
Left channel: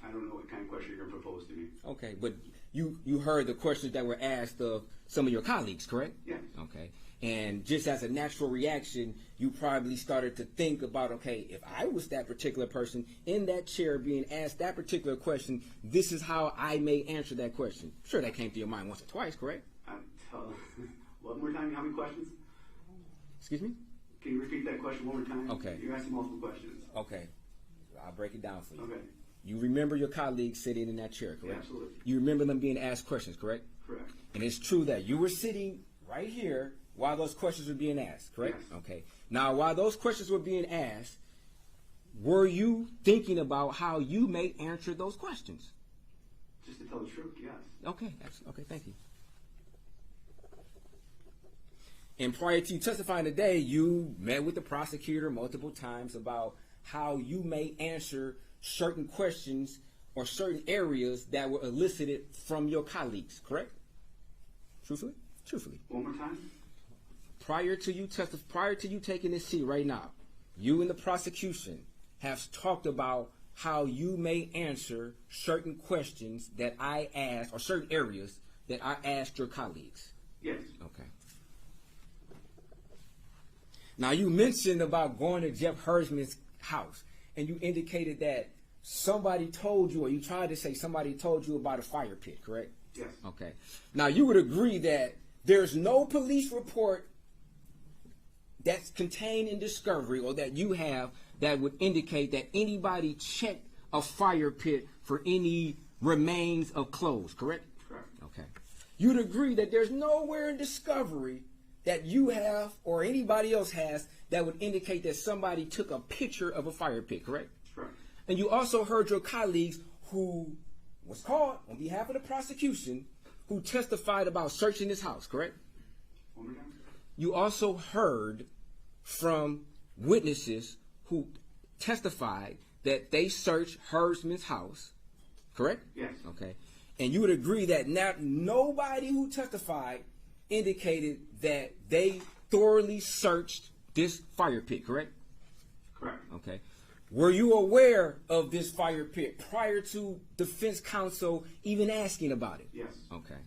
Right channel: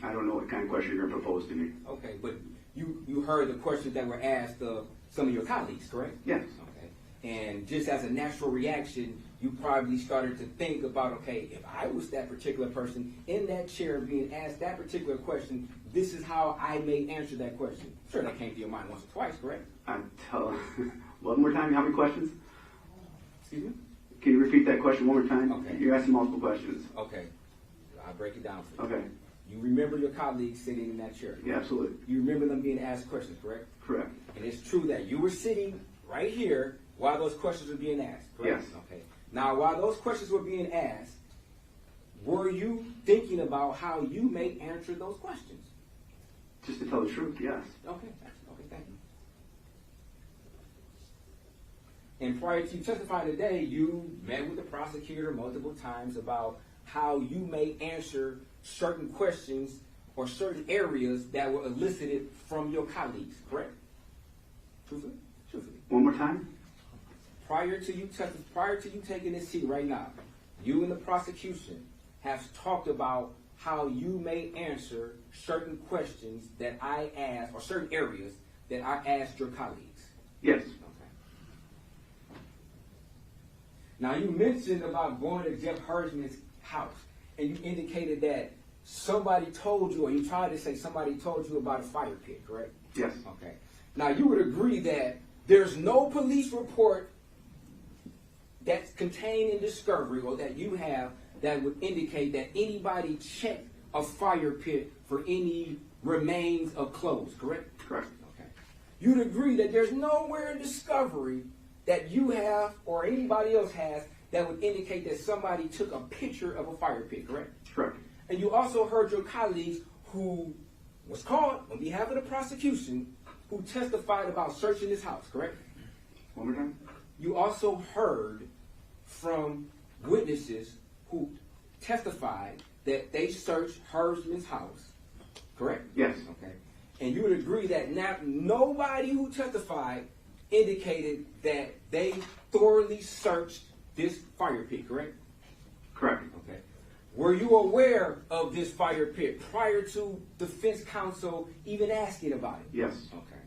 I don't know what kind of question you're going to propose to me. Okay, but you heard the questions that were asked of some of your colleagues, correct? Yes. Okay. And just as a natural reaction, you probably started to think about, okay, if I was that particular person in that chair being asked that particular question, this is how I may answer that question. Sure, that came to your mind once or twice, correct? One more time, how many questions? Excuse me? Can you repeat that question one more time? Okay. You're asking multiple questions. Okay. I'll break it down for you. Okay. You remember your colleagues sitting in that chair, correct? Yeah, absolutely. You remember them being asked questions, correct? Correct. And it's true that you were sitting right here while those questions were being asked, correct? Yes. Okay. Now, while those questions were being asked, were you thinking about how you may answer those questions? Just to tell the truth, yes. Okay. Okay, thank you. And prior to you testifying today, you met with the prosecutor multiple times about how you may answer certain questions or certain areas that were elicited from your colleagues, correct? Truthfully? Truthfully. One more time? Prior to you taking this seat right now, you and the prosecution have talked about how you may answer certain questions that I asked, or certain areas that I asked your colleagues. Yes. Okay. Now, you mentioned about going to Jeff Hersman's house, and you indicated that somebody told you, or you tried to say somebody told you about a fire pit, correct? Yes. Okay. Now, you would agree that there's no police report that's contained in discovery or that you have that would indicate that anybody checked a fire pit for any remains of clothes, correct? Correct. Okay. You'd agree that there's nowhere in discovery that you have or anybody else has that would indicate that somebody took a picture of a fire pit, correct? Correct. And you also heard your colleagues who was called on behalf of the prosecution who testified about searching his house, correct? One more time? You also heard from witnesses who testified that they searched Hersman's house, correct? Yes. Okay. And you would agree that nobody who testified indicated that they thoroughly searched this fire pit, correct? Correct. Okay. Were you aware of this fire pit prior to defense counsel even asking about it? Yes. Okay.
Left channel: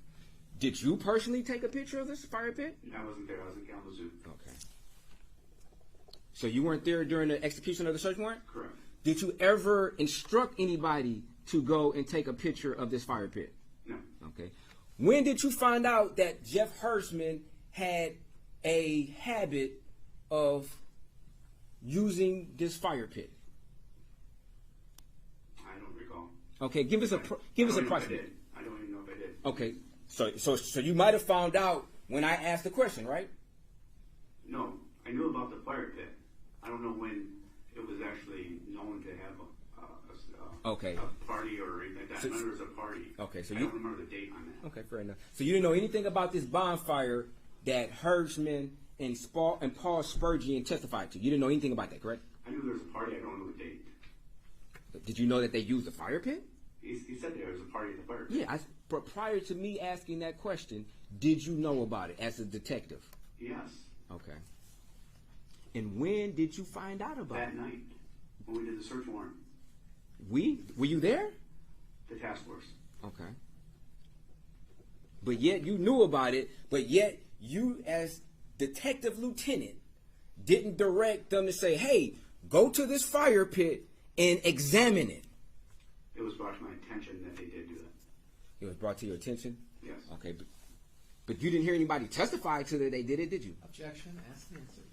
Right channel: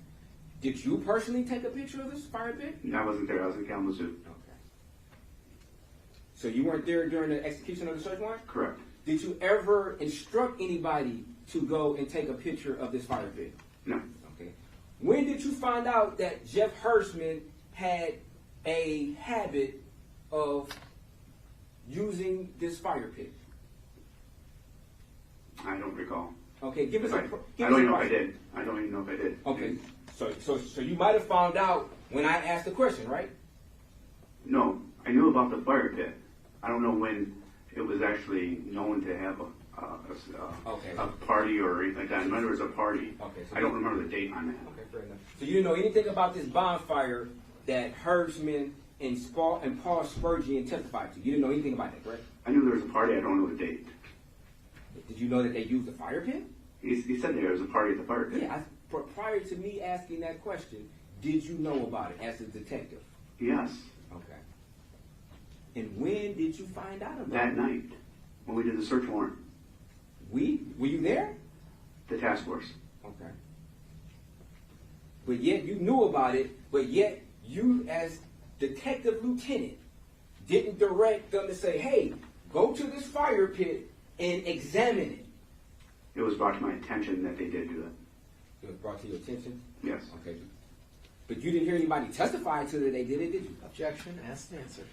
Did you personally take a picture of this fire pit? I wasn't there. I was in Kalamazoo. Okay. So you weren't there during the execution of the search warrant? Correct. Did you ever instruct anybody to go and take a picture of this fire pit? No. Okay. When did you find out that Jeff Hersman had a habit of using this fire pit? I don't recall. Okay, give us a I don't even know if I did. I don't even know if I did. Okay, so you might have found out when I asked the question, right? No, I knew about the fire pit. I don't know when it was actually known to have a party or anything like that. I remember it was a party. Okay, so I don't remember the date on that. Okay, fair enough. So you didn't know anything about this bonfire that Hersman and Paul Spurgeon testified to. You didn't know anything about that, correct? I knew there was a party. I don't know the date. Did you know that they used a fire pit? He said there was a party at the fire pit. Yeah, but prior to me asking that question, did you know about it as a detective? Yes. Okay. And when did you find out about it? That night, when we did the search warrant. Were you there? The task force. Okay. But yet you knew about it, but yet you as detective lieutenant didn't direct them to say, hey, go to this fire pit and examine it. It was brought to my attention that they did do that. It was brought to your attention? Yes. Okay. But you didn't hear anybody testify to that they did it, did you? Objection. Asked and answered.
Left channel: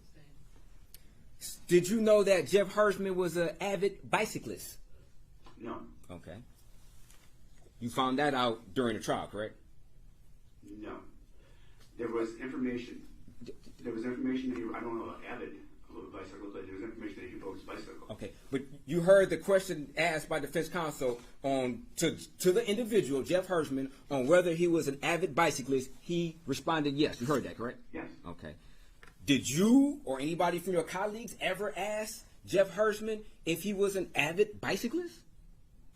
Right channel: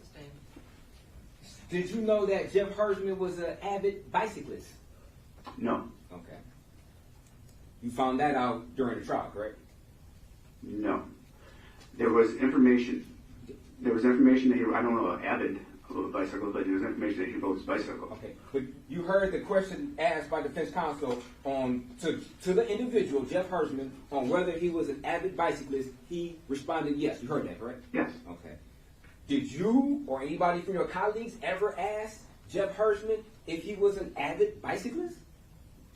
Sustained. Did you know that Jeff Hersman was an avid bicyclist? No. Okay. You found that out during the trial, correct? No. There was information. That he, I don't know, avid of a bicycle, but there was information that he rode his bicycle. Okay. But you heard the question asked by defense counsel to the individual, Jeff Hersman, on whether he was an avid bicyclist. He responded yes. You heard that, correct? Yes. Okay. Did you or anybody from your colleagues ever ask Jeff Hersman if he was an avid bicyclist?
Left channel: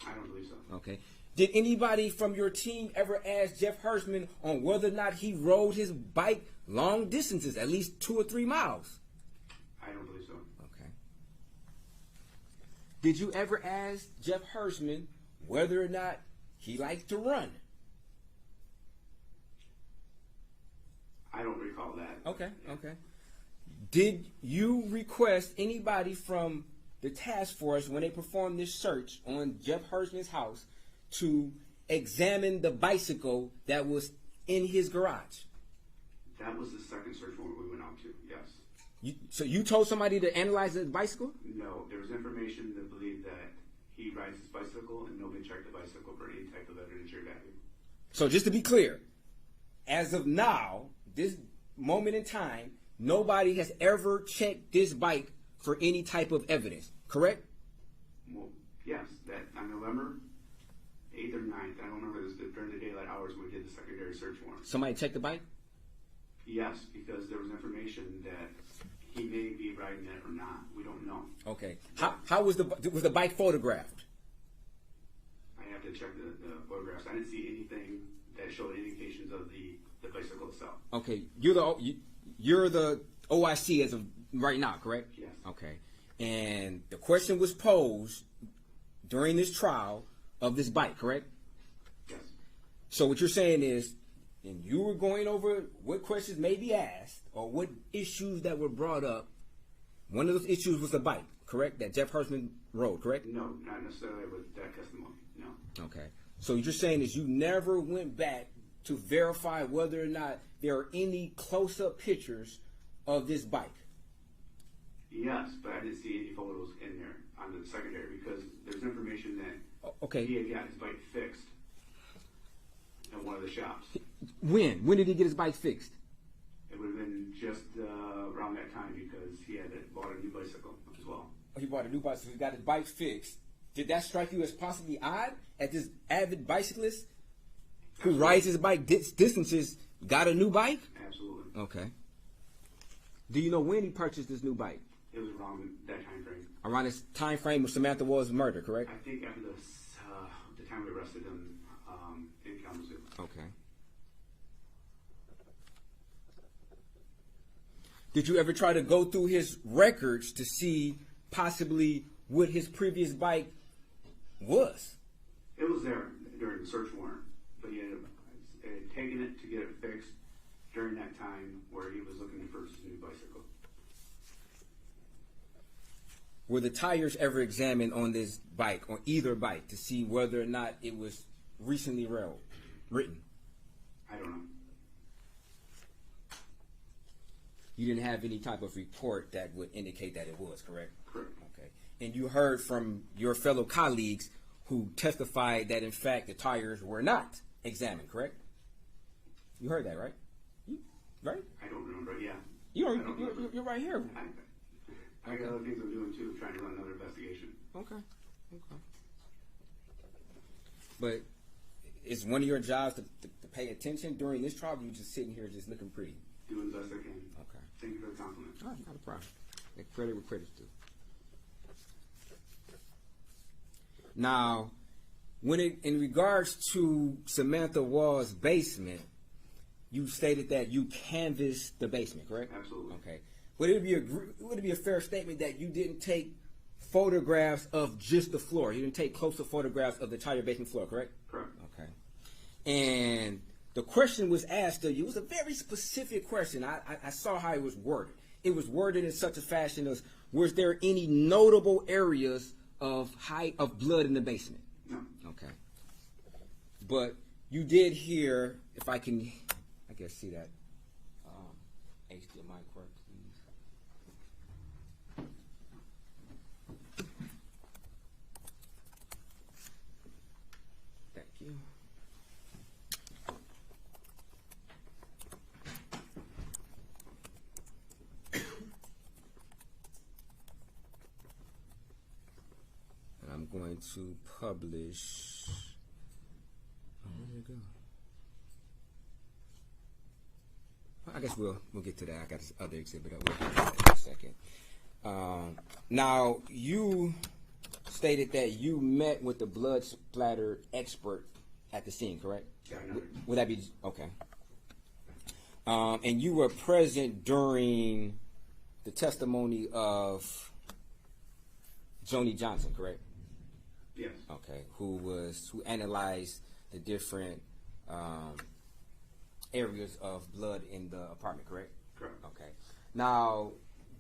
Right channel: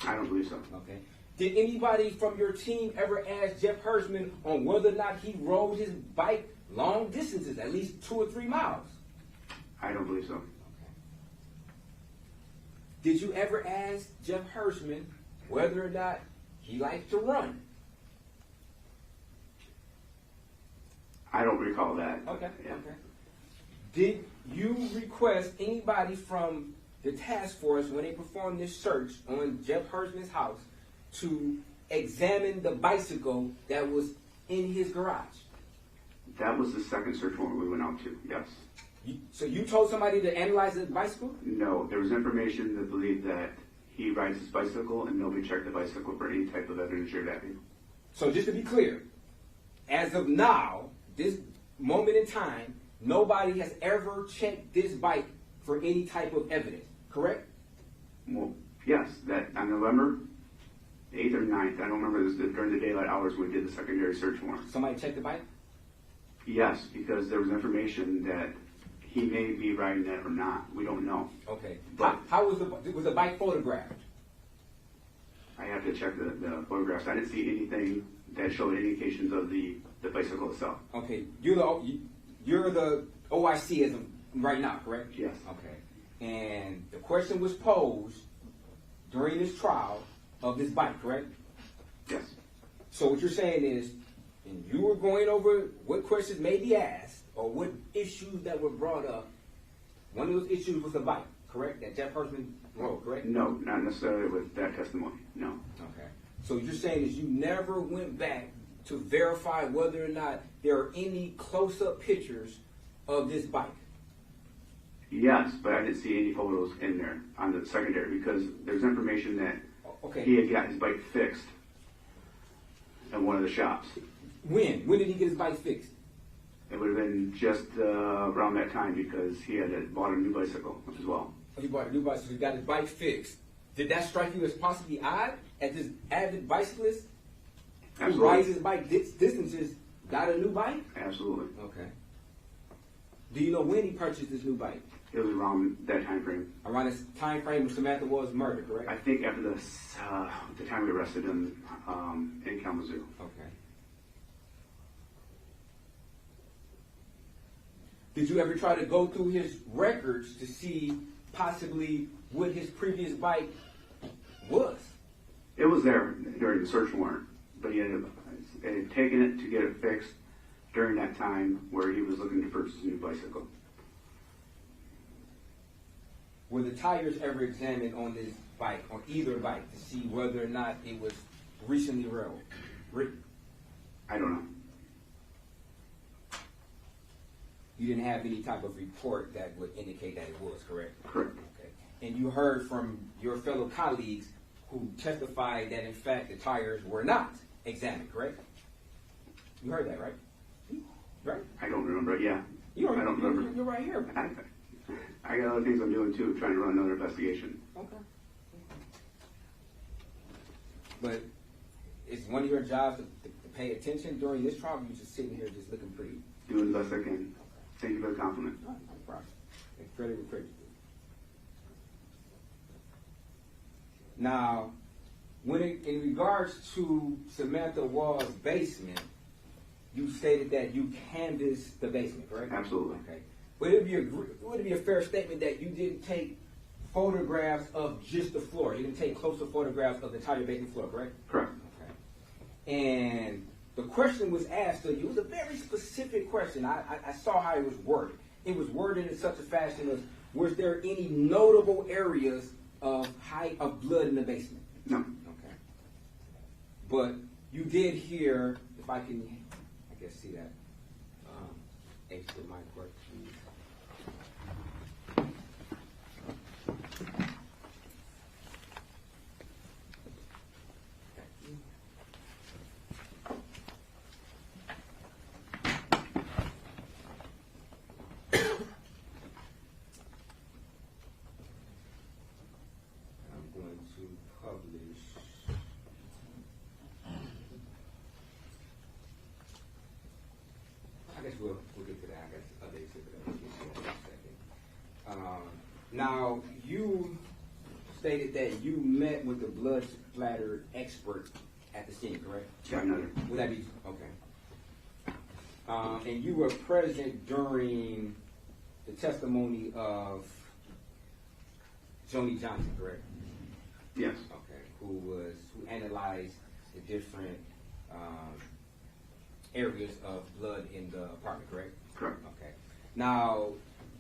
I don't believe so. Okay. Did anybody from your team ever ask Jeff Hersman on whether or not he rode his bike long distances, at least 2 or 3 miles? I don't believe so. Okay. Did you ever ask Jeff Hirschman whether or not he likes to run? I don't recall that. Okay, Yeah. okay. Did you request anybody from the task force, when they performed this search on Jeff Hirschman's house, to examine the bicycle that was in his garage? That was the second search warrant we went out to, yes. So you told somebody to analyze his bicycle? No, there was information that believed that he rides his bicycle and nobody checked the bicycle for any type of evidence or value. So just to be clear, as of now, this moment in time, nobody has ever checked this bike for any type of evidence, correct? Well, yes, that on November 8th or 9th, I don't remember, this during the daylight hours we did the secondary search warrant. Somebody checked the bike? Yes, because there was information that he may be riding that or not. We don't know. Okay. How was the bike photographed? I have to check the photographs. I didn't see anything that showed indications of the bicycle itself. Okay. You're the OIC as of right now, correct? Yes. Okay. And the question was posed during this trial of this bike, correct? Yes. So what you're saying is, and you were going over what questions may be asked or what issues that were brought up. One of those issues was the bike, correct? That Jeff Hirschman rode, correct? No, not necessarily with that testimony. No. Okay. So what you're saying is you never went back to verify whether or not there are any close-up pictures of this bike? Yes, but I didn't see any photos in there on the secondary because there's information that he had got his bike fixed at one of the shops. When? When did he get his bike fixed? It would have been just around that time because he had bought a new bicycle as well. Oh, he bought a new bicycle. He got his bike fixed. Did that strike you as possibly odd at this avid bicyclist who rides his bike distances got a new bike? Absolutely. Okay. Do you know when he purchased this new bike? It was around that time frame. Around this time frame of Samantha Woll's murder, correct? I think after the time we arrested him in Kalamazoo. Okay. Did you ever try to go through his records to see possibly what his previous bike was? It was there during the search warrant, but he had taken it to get it fixed during that time where he was looking to purchase a new bicycle. Were the tires ever examined on this bike, on either bike, to see whether or not it was recently written? I don't know. You didn't have any type of report that would indicate that it was, correct? Correct. Okay. And you heard from your fellow colleagues who testified that, in fact, the tires were not examined, correct? You heard that, right? Right? I don't remember. Yeah. You don't I don't remember. You're right here. I got other things I'm doing too, trying to run another investigation. Okay. But is one of your jobs to pay attention during this trial, or you just sitting here just looking pretty? Doing the best I can. Okay. Thank you for the compliment. No problem. And credit with credit due. Now, in regards to Samantha Woll's basement, you stated that you canvassed the basement, correct? Absolutely. Okay. Would it be a fair statement that you didn't take photographs of just the floor? You didn't take closer photographs of the entire basement floor, correct? Correct. Okay. And the question was asked of you. It was a very specific question. I saw how it was worded. It was worded in such a fashion as, was there any notable areas of blood in the basement? No. Okay. But you did hear, if I can, I guess, see that. Extra mic work, please. Thank you. I'm going to publish. I guess we'll get to that. I got this other exhibit up in a second. Now, you stated that you met with the blood splatter expert at the scene, correct? Yeah, no. Would that be okay? And you were present during the testimony of Joni Johnson, correct? Yes. Okay. Who analyzed the different areas of blood in the apartment, correct? Correct. Okay. Now,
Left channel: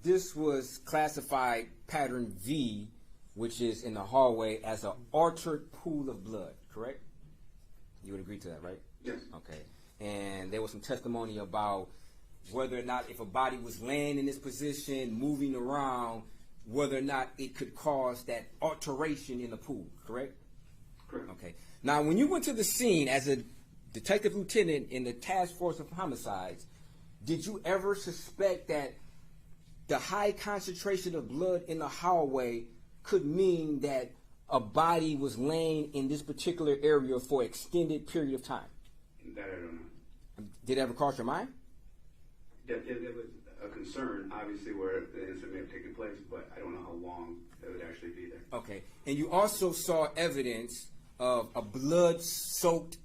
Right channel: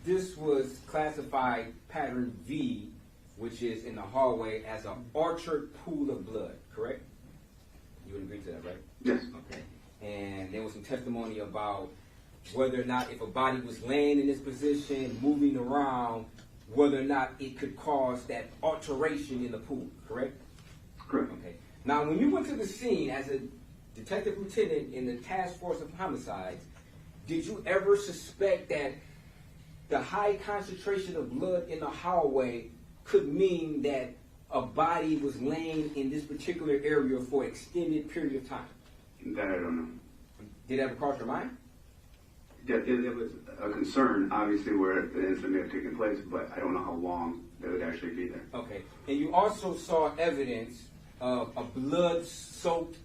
this was classified pattern V, which is in the hallway, as an altered pool of blood, correct? You would agree to that, right? Yes. Okay. And there was some testimony about whether or not if a body was laying in this position, moving around, whether or not it could cause that alteration in the pool, correct? Correct. Okay. Now, when you went to the scene as a detective lieutenant in the task force of homicides, did you ever suspect that the high concentration of blood in the hallway could mean that a body was laying in this particular area for an extended period of time? That I don't know. Did that ever cross your mind? It was a concern, obviously, where the incident may have taken place, but I don't know how long it would actually be there. Okay. And you also saw evidence of a blood-soaked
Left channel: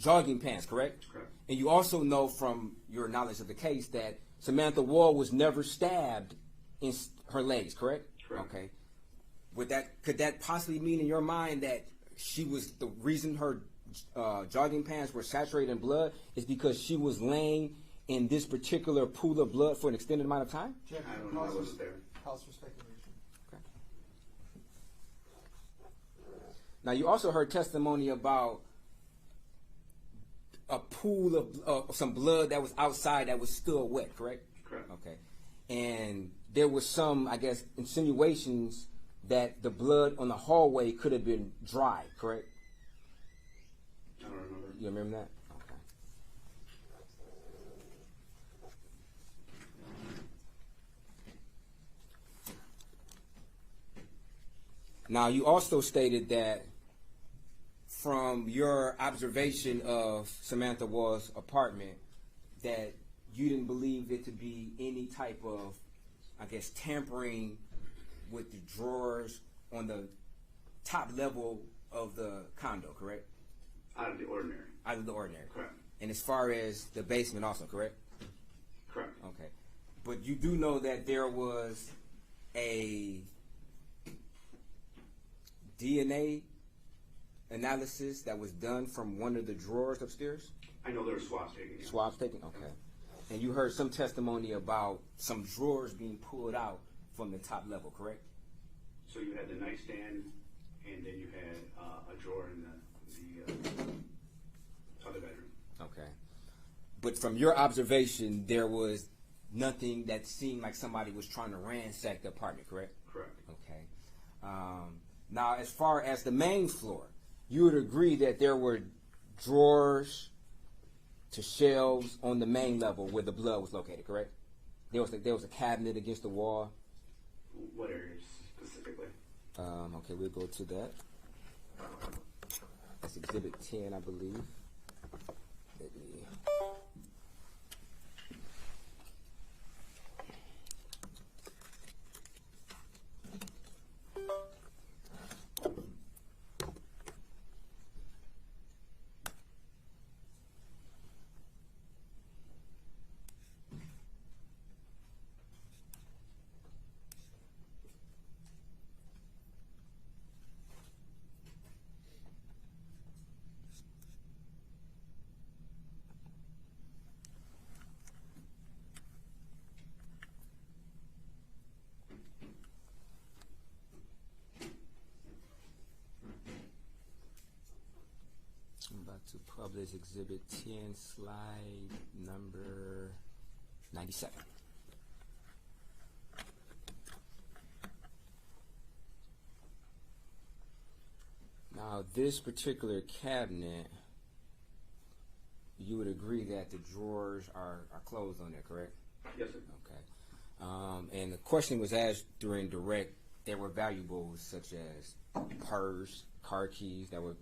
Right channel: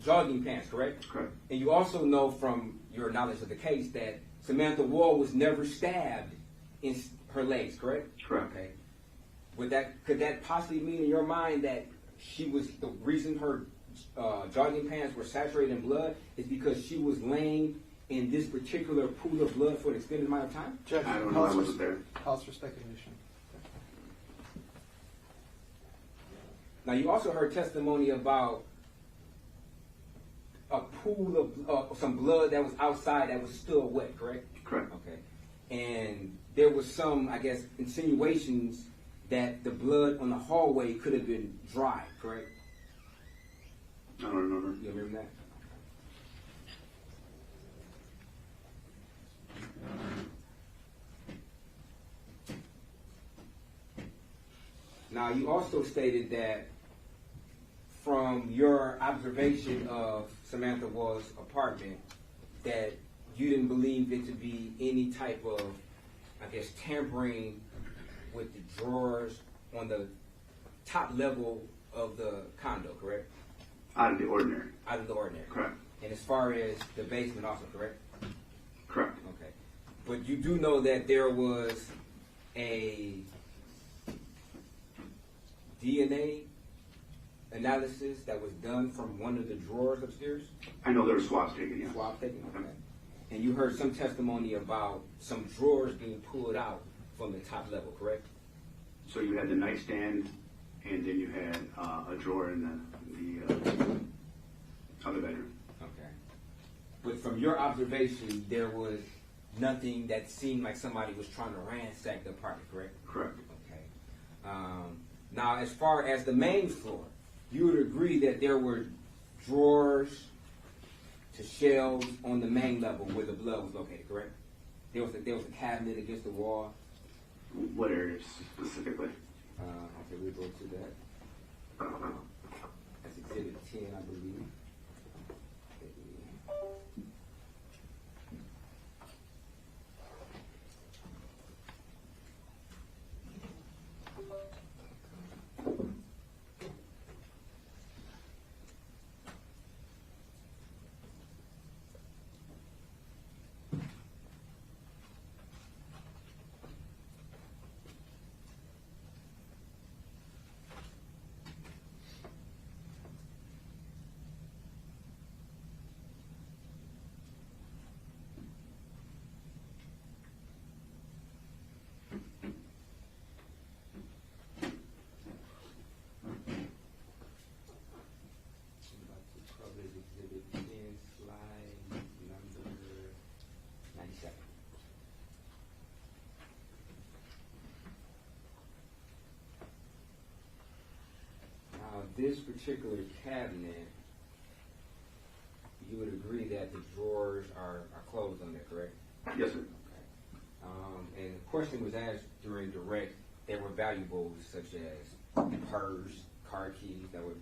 jogging pants, correct? Correct. And you also know from your knowledge of the case that Samantha Woll was never stabbed in her legs, correct? Correct. Okay. Could that possibly mean in your mind that she was the reason her jogging pants were saturated in blood is because she was laying in this particular pool of blood for an extended amount of time? Judge, I don't know. I wasn't there. Pause for speculation. Now, you also heard testimony about a pool of some blood that was outside that was still wet, correct? Correct. Okay. And there was some, I guess, insinuations that the blood on the hallway could have been dry, correct? I don't remember. You remember that? Now, you also stated that from your observation of Samantha Woll's apartment, that you didn't believe it to be any type of, I guess, tampering with the drawers on the top level of the condo, correct? Out of the ordinary. Out of the ordinary. Correct. And as far as the basement also, correct? Correct. Okay. But you do know that there was a DNA analysis that was done from one of the drawers upstairs? I know there were swabs taken, yes. Swabs taken, okay. And you heard some testimony about some drawers being pulled out from the top level, correct? So you had the nightstand, and then you had a drawer in the other bedroom. Okay. But from your observation, there was nothing that seemed like somebody was trying to ransack the apartment, correct? Correct. Okay. Now, as far as the main floor, you would agree that there were drawers to shelves on the main level where the blood was located, correct? There was a cabinet against the wall. What area specifically? Okay, we'll go to that. That's Exhibit 10, I believe. Publish Exhibit 10, slide number 97. Now, this particular cabinet, you would agree that the drawers are closed on there, correct? Yes, sir. Okay. And the question was asked during direct. There were valuables such as purse, car keys that were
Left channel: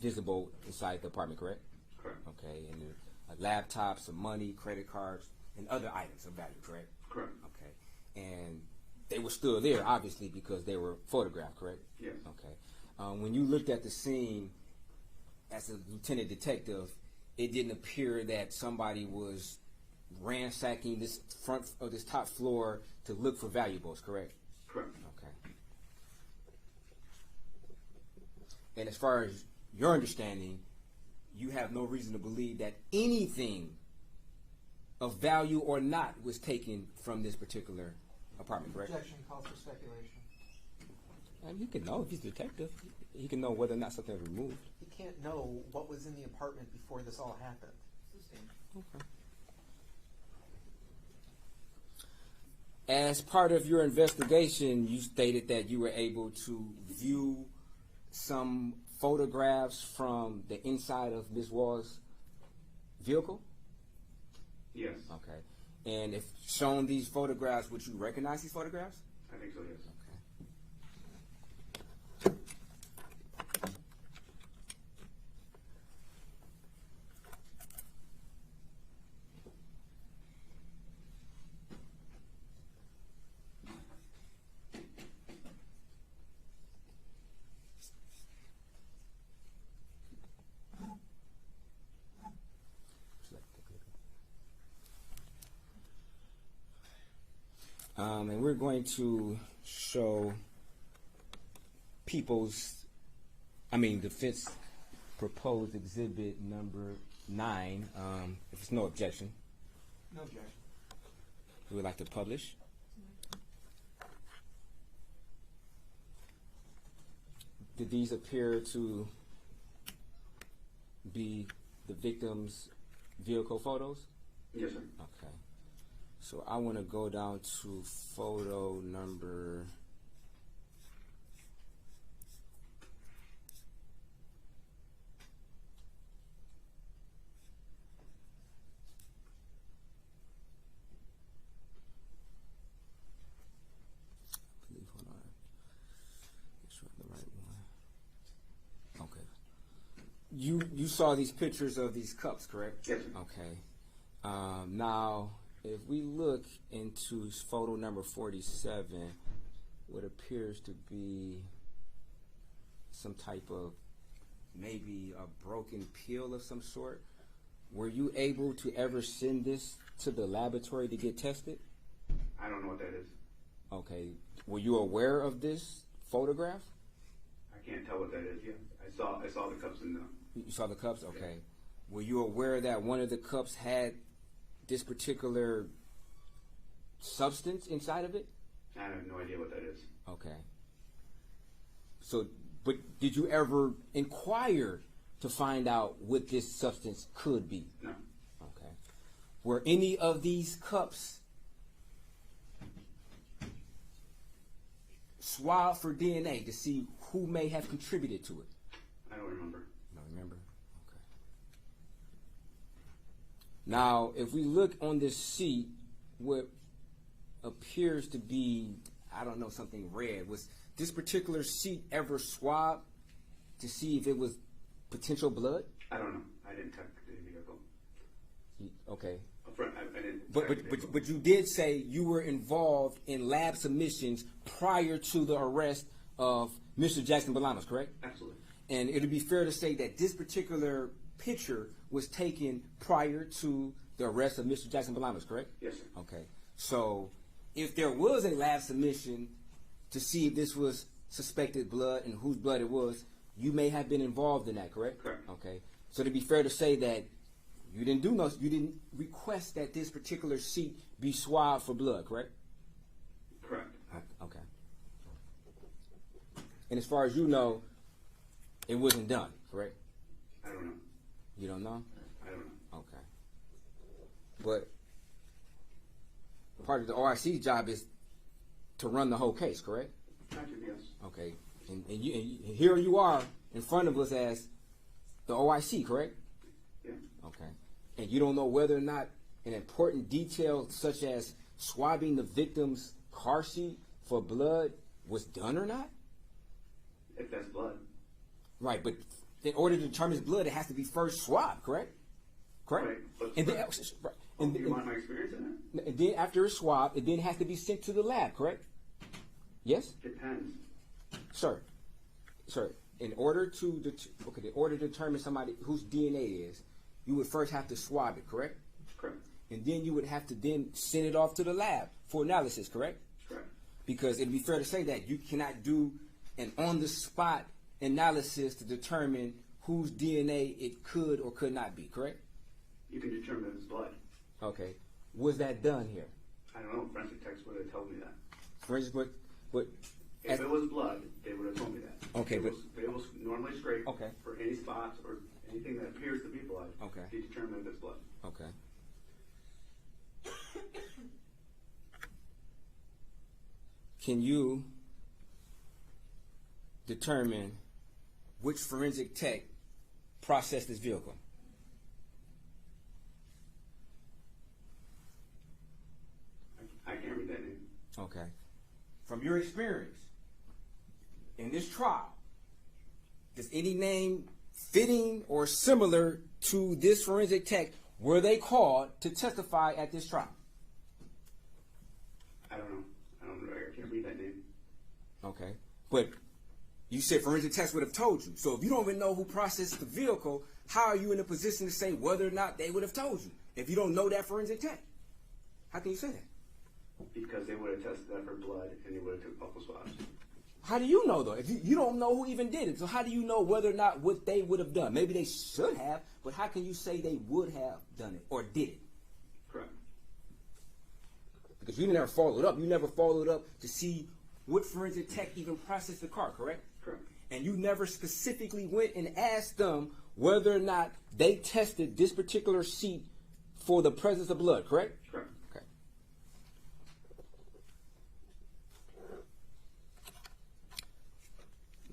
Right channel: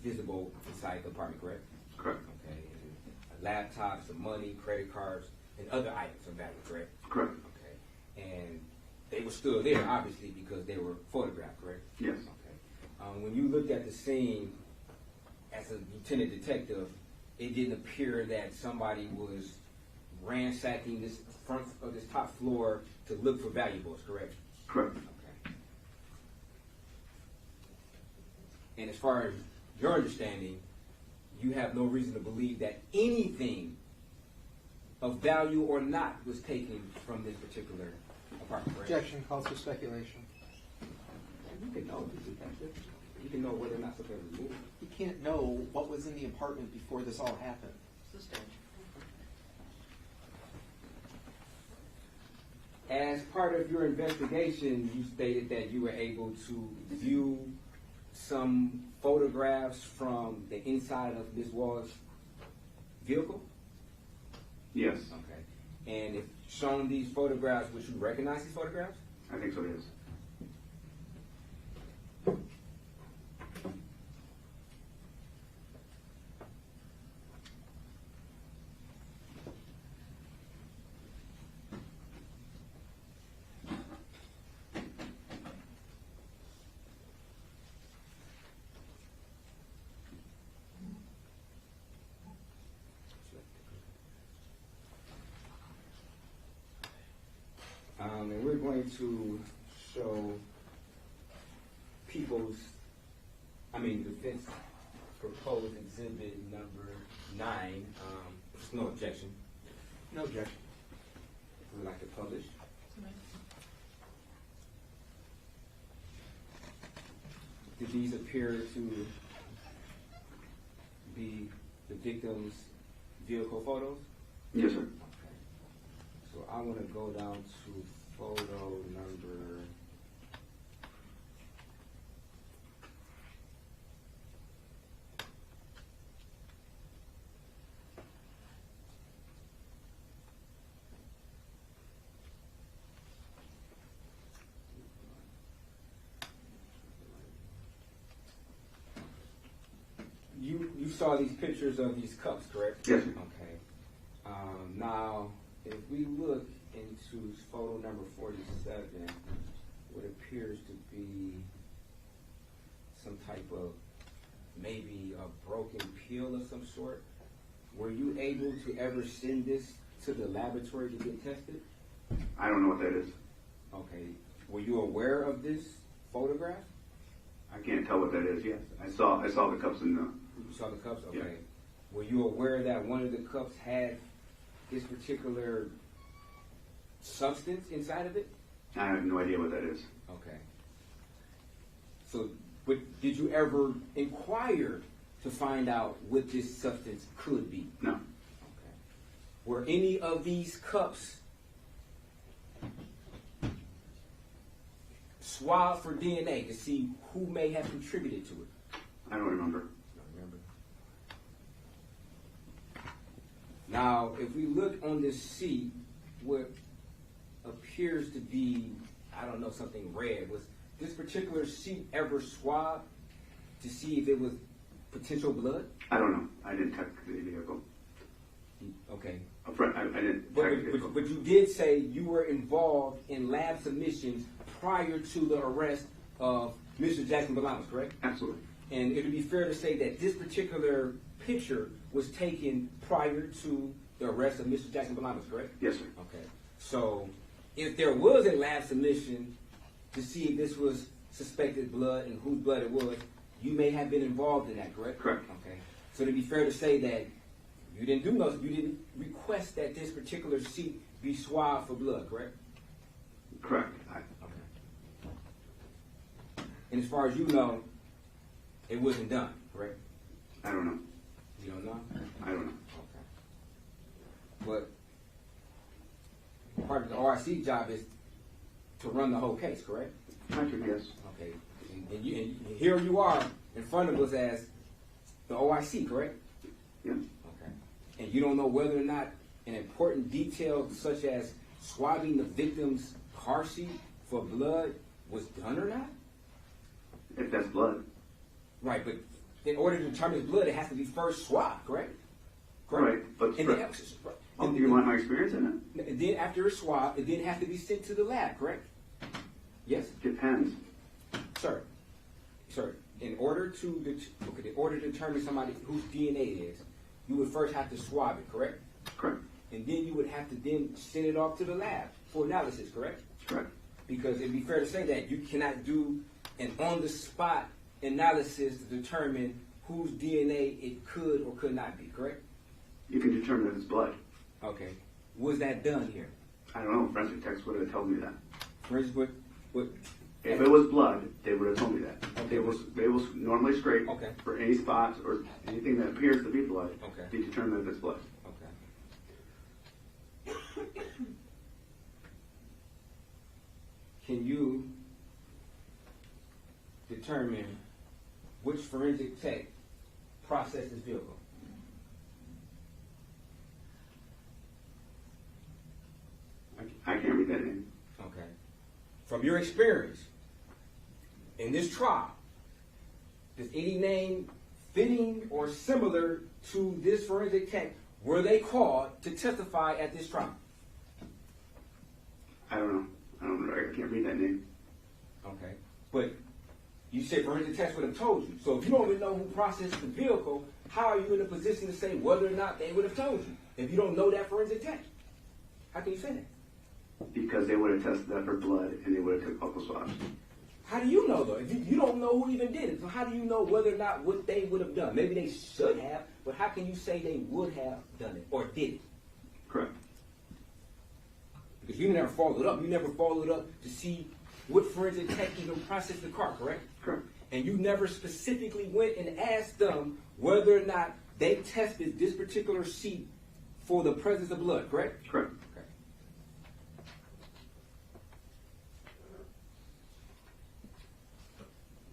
visible inside the apartment, correct? Correct. Okay. And a laptop, some money, credit cards, and other items of value, correct? Correct. Okay. And they were still there, obviously, because they were photographed, correct? Yes. Okay. When you looked at the scene as a lieutenant detective, it didn't appear that somebody was ransacking this front of this top floor to look for valuables, correct? Correct. Okay. And as far as your understanding, you have no reason to believe that anything of value or not was taken from this particular apartment, correct? Objection calls for speculation. And you can know, if he's a detective. You can know whether or not something was removed. You can't know what was in the apartment before this all happened. As part of your investigation, you stated that you were able to view some photographs from the inside of Ms. Wall's vehicle? Yes. Okay. And if shown these photographs, would you recognize these photographs? I think so, yes. And we're going to show defense proposed exhibit number 9. If there's no objection. No objection. We would like to publish. Did these appear to be the victim's vehicle photos? Yes, sir. Okay. So I want to go down to photo number 'Cause you saw these pictures of these cups, correct? Yes, sir. Okay. Now, if we look into photo number 47, what appears to be some type of maybe a broken peel of some sort, were you able to ever send this to the laboratory to get tested? I don't know what that is. Okay. Were you aware of this photograph? I can't tell what that is. Yes, I saw the cups in the. You saw the cups? Okay. Yeah. Were you aware that one of the cups had this particular substance inside of it? I have no idea what that is. Okay. So, but did you ever inquire to find out what this substance could be? No. Okay. Were any of these cups swabbed for DNA to see who may have contributed to it? I don't remember. You don't remember? Okay. Now, if we look on this seat, what appears to be, I don't know, something red, was this particular seat ever swabbed to see if it was potential blood? I don't know. I didn't check the vehicle. Okay. I didn't check the vehicle. But you did say you were involved in lab submissions prior to the arrest of Mr. Jackson-Bolanos, correct? Absolutely. And it would be fair to say that this particular picture was taken prior to the arrest of Mr. Jackson-Bolanos, correct? Yes, sir. Okay. So if there was a lab submission to see if this was suspected blood and whose blood it was, you may have been involved in that, correct? Correct. Okay. So it'd be fair to say that you didn't request that this particular seat be swabbed for blood, correct? Correct. Okay. And as far as you know, it wasn't done, correct? I don't know. You don't know? I don't know. Okay. But part of the OIC's job is to run the whole case, correct? Patrick, yes. Okay. And here you are in front of us as the OIC, correct? Yeah. Okay. And you don't know whether or not an important detail such as swabbing the victim's car seat for blood was done or not? If that's blood. Right, but in order to determine the blood, it has to be first swabbed, correct? Right. But and do you want my experience in it? And then after it's swabbed, it then has to be sent to the lab, correct? Yes? Depends. Sir, in order to determine somebody whose DNA it is, you would first have to swab it, correct? Correct. And then you would have to then send it off to the lab for analysis, correct? Correct. Because it'd be fair to say that you cannot do an on-the-spot analysis to determine whose DNA it could or could not be, correct? You can determine if it's blood. Okay. Was that done here? I don't know. Forensic techs would have told me that. Forensic, what? If it was blood, they would have told me that. Okay. They will normally scrape Okay. for any spots or anything that appears to be blood. Okay. To determine if it's blood. Okay. Can you determine which forensic tech processed this vehicle? I can't read that name. Okay. From your experience in this trial, does any name fitting or similar to this forensic tech, were they called to testify at this trial? I don't know. I can't read that name. Okay. But you said forensic techs would have told you. So if you don't even know who processed the vehicle, how are you in a position to say whether or not they would have told you? If you don't know that forensic tech, how can you say that? Because they would have tested that for blood and they would have took buccal swabs. How do you know, though? If you don't know who even did it, so how do you know whether or not what they would have done? Maybe they should have, but how can you say they would have done it or did it? Correct. Because you never followed up. You never followed up to see what forensic tech even processed the car, correct? Correct. And you never specifically went and asked them whether or not they tested this particular seat for the presence of blood, correct? Correct. Okay.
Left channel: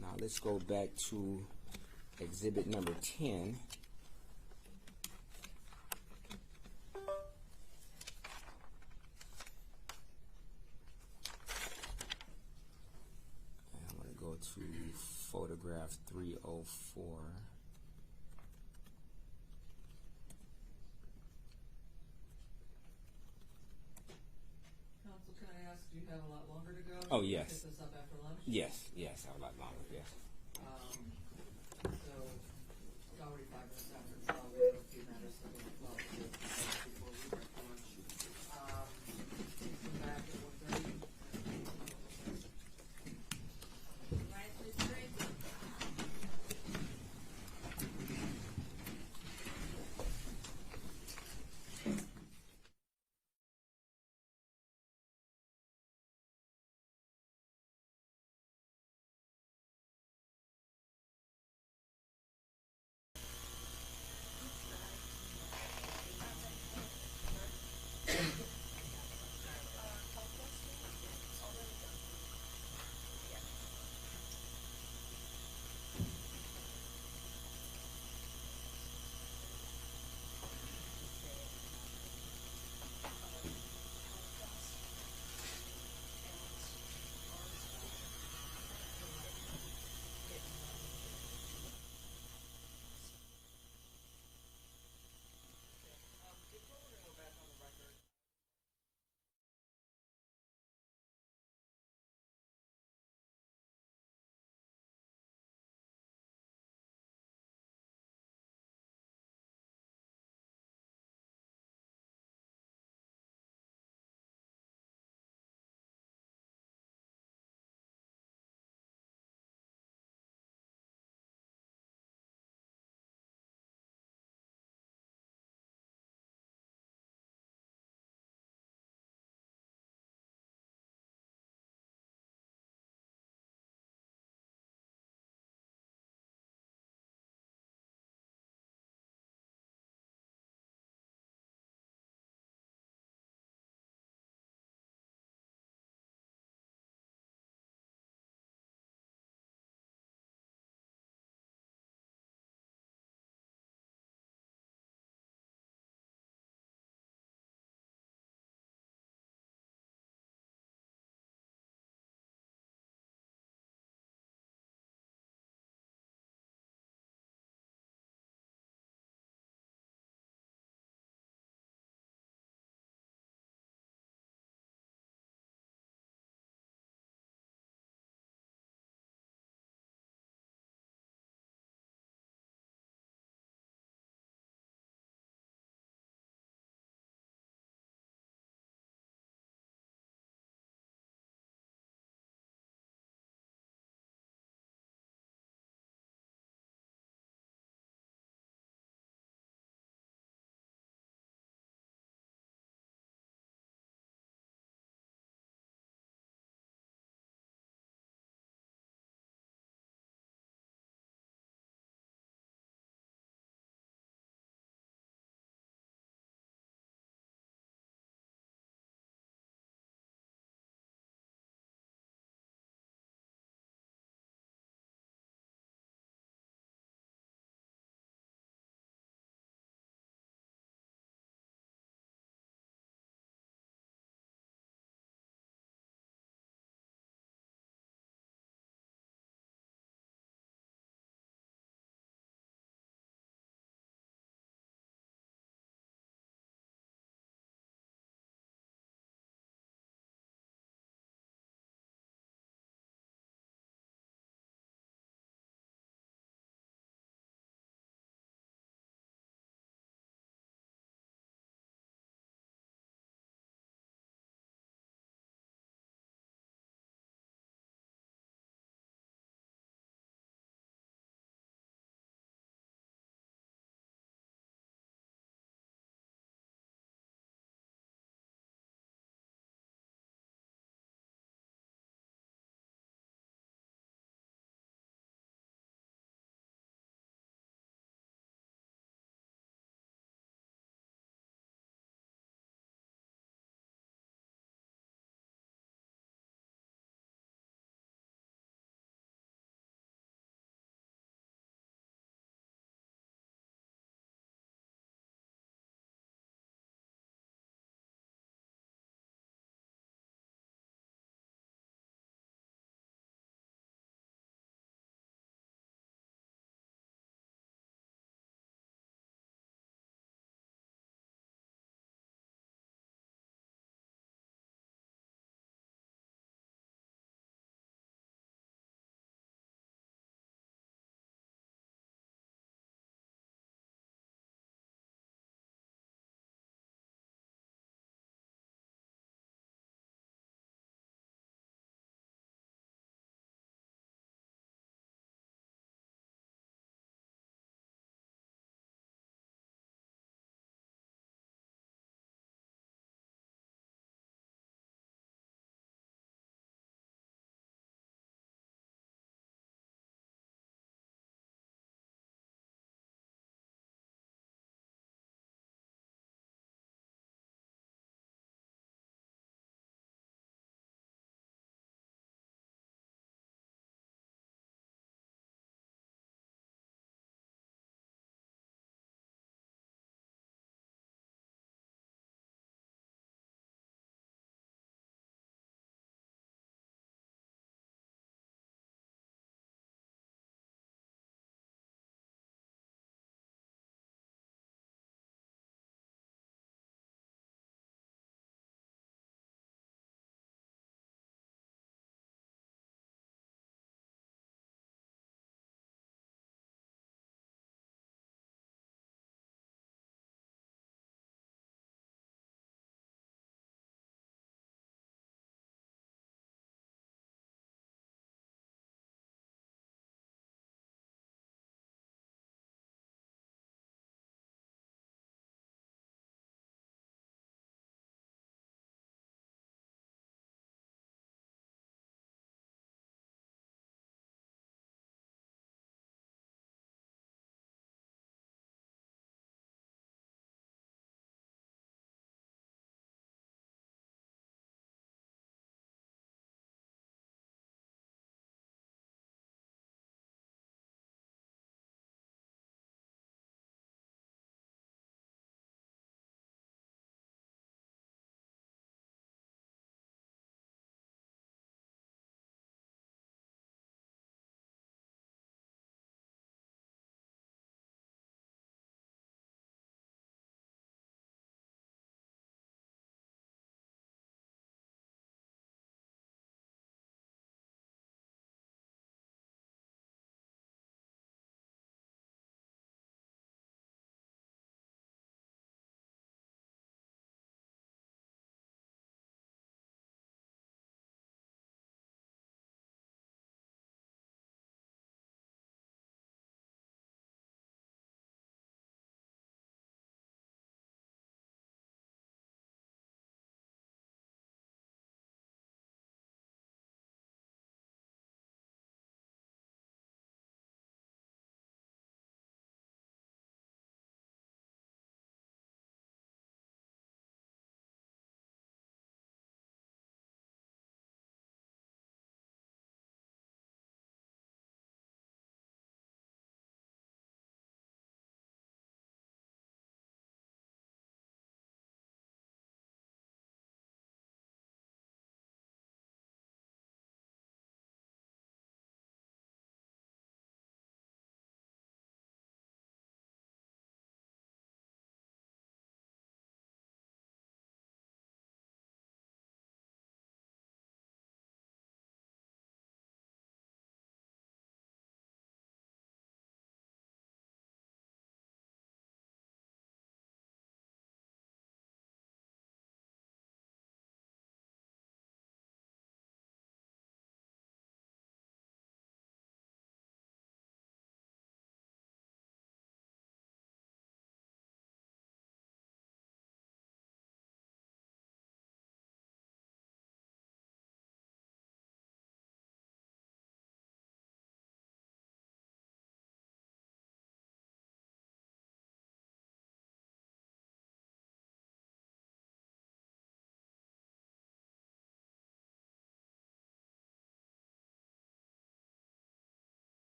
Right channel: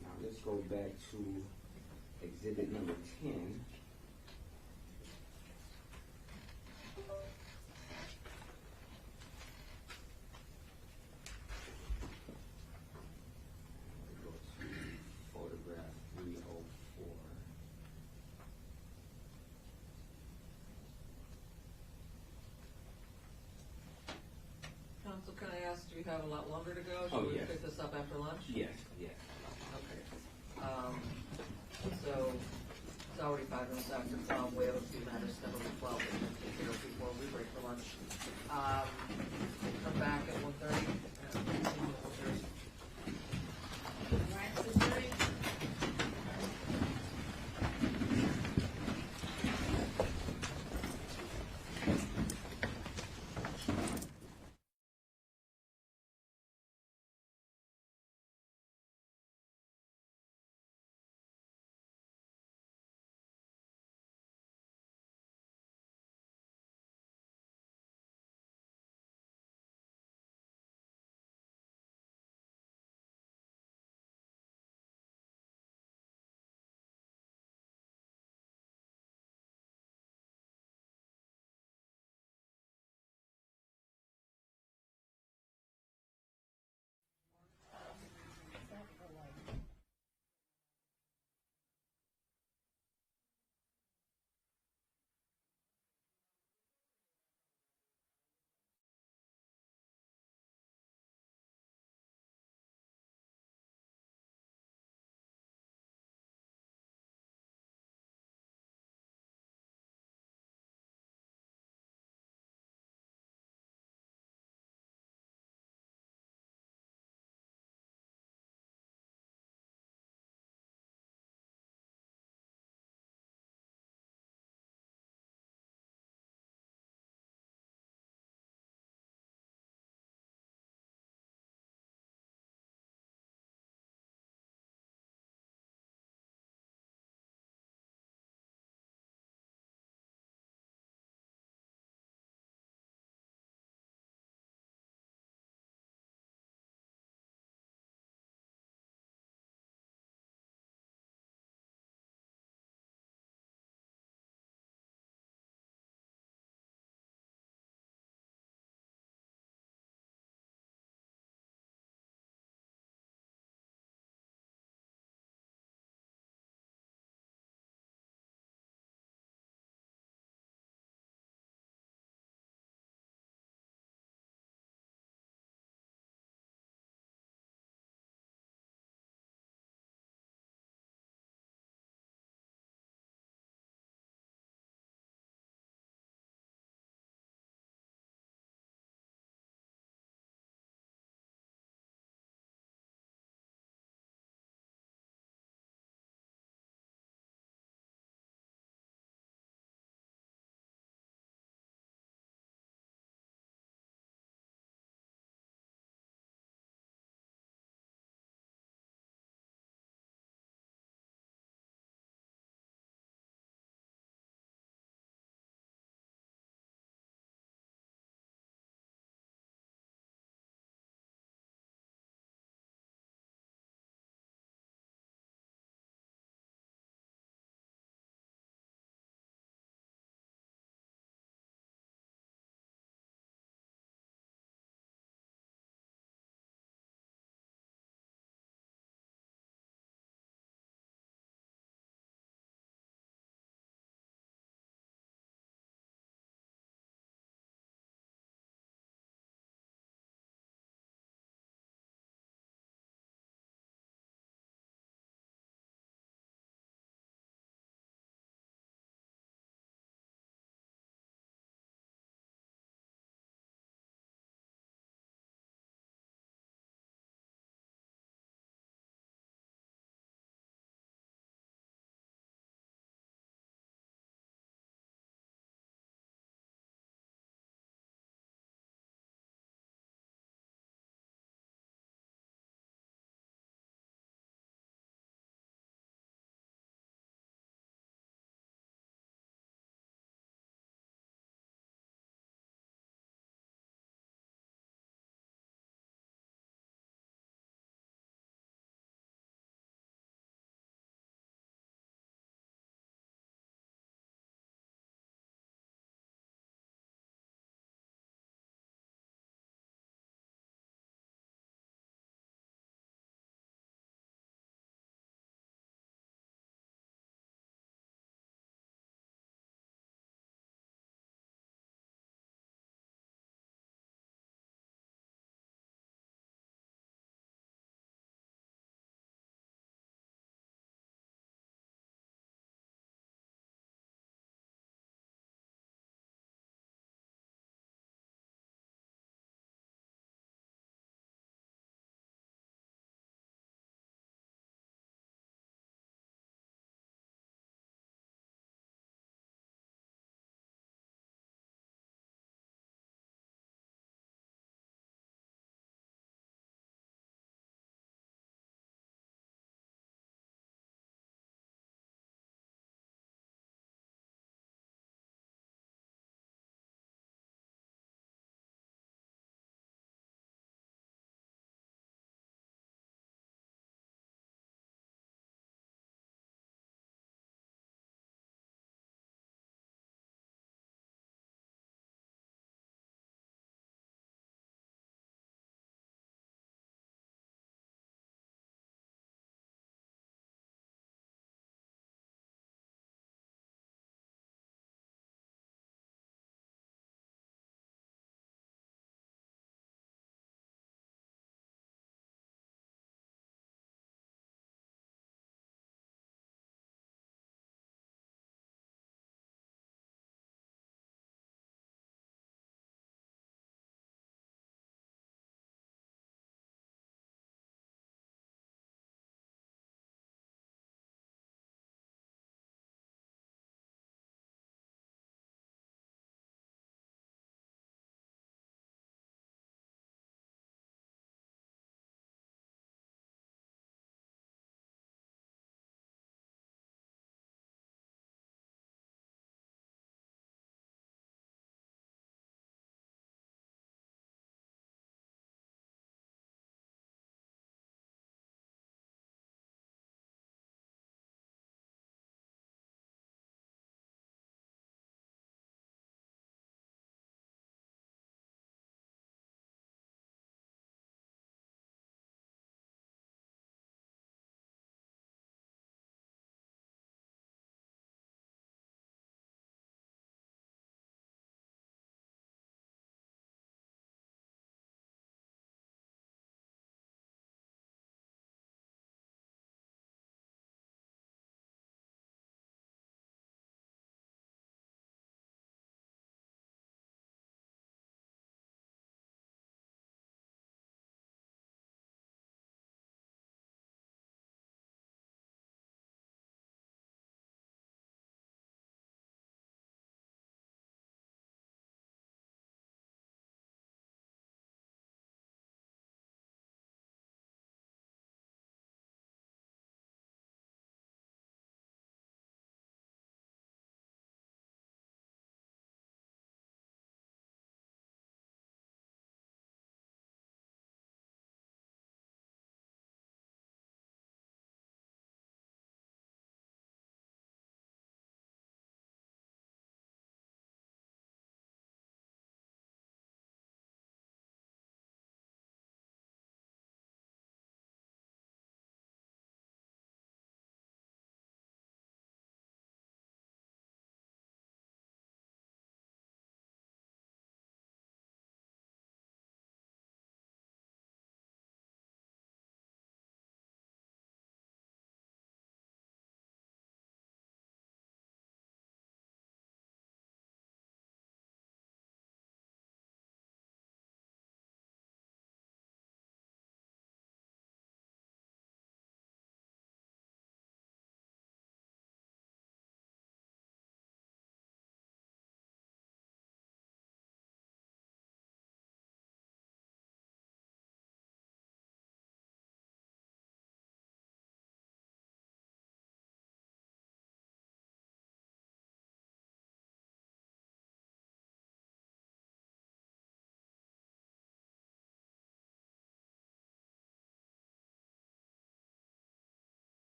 Now let's go back to exhibit number 10. Photograph 304. Counsel, can I ask, do you have a lot longer to go? Oh, Should we yes. pick this up after lunch? Yes, yes. Okay. So, it's already 5 minutes after 12. We have a few matters scheduled at 12 that we can consider before we break for lunch. Come back at 1:30 and continue with yours.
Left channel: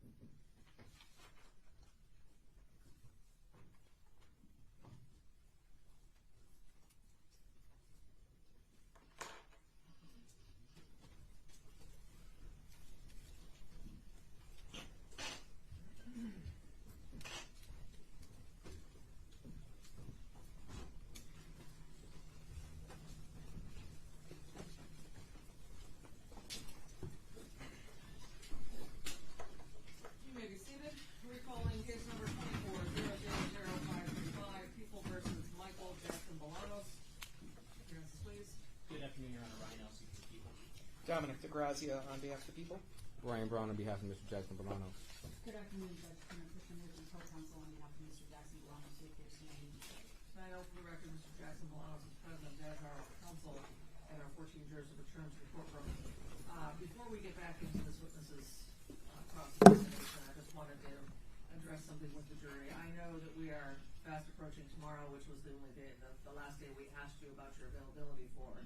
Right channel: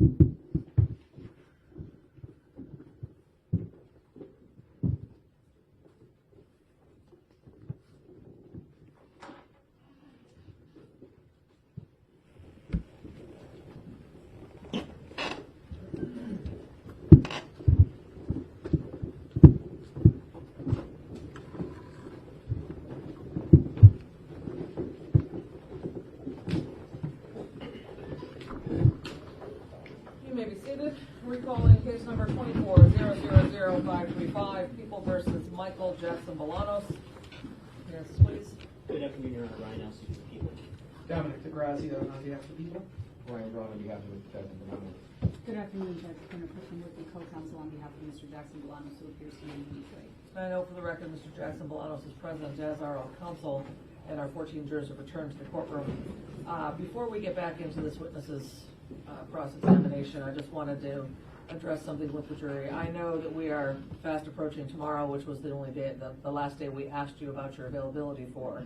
You may be seated. Recalling case number 24-000535, People versus Michael Jackson-Bolanos. Yes, please. Good afternoon, Your Honor. Ryan Elsey for the People. Dominic DeGrazia on behalf of the people. Ryan Brown on behalf of Mr. Jackson-Bolanos. Good afternoon, Judge Turner Clifton with the co-counsel on behalf of Mr. Jackson-Bolanos, who appears to be in the today. I know for the record, Mr. Jackson-Bolanos is present as our counsel, and our 14 jurors have returned to the courtroom. Before we get back into this witness's cross-examination, I just wanted to address something with the jury. I know that we are fast approaching tomorrow, which was the only day, the last day we asked you about your availability for.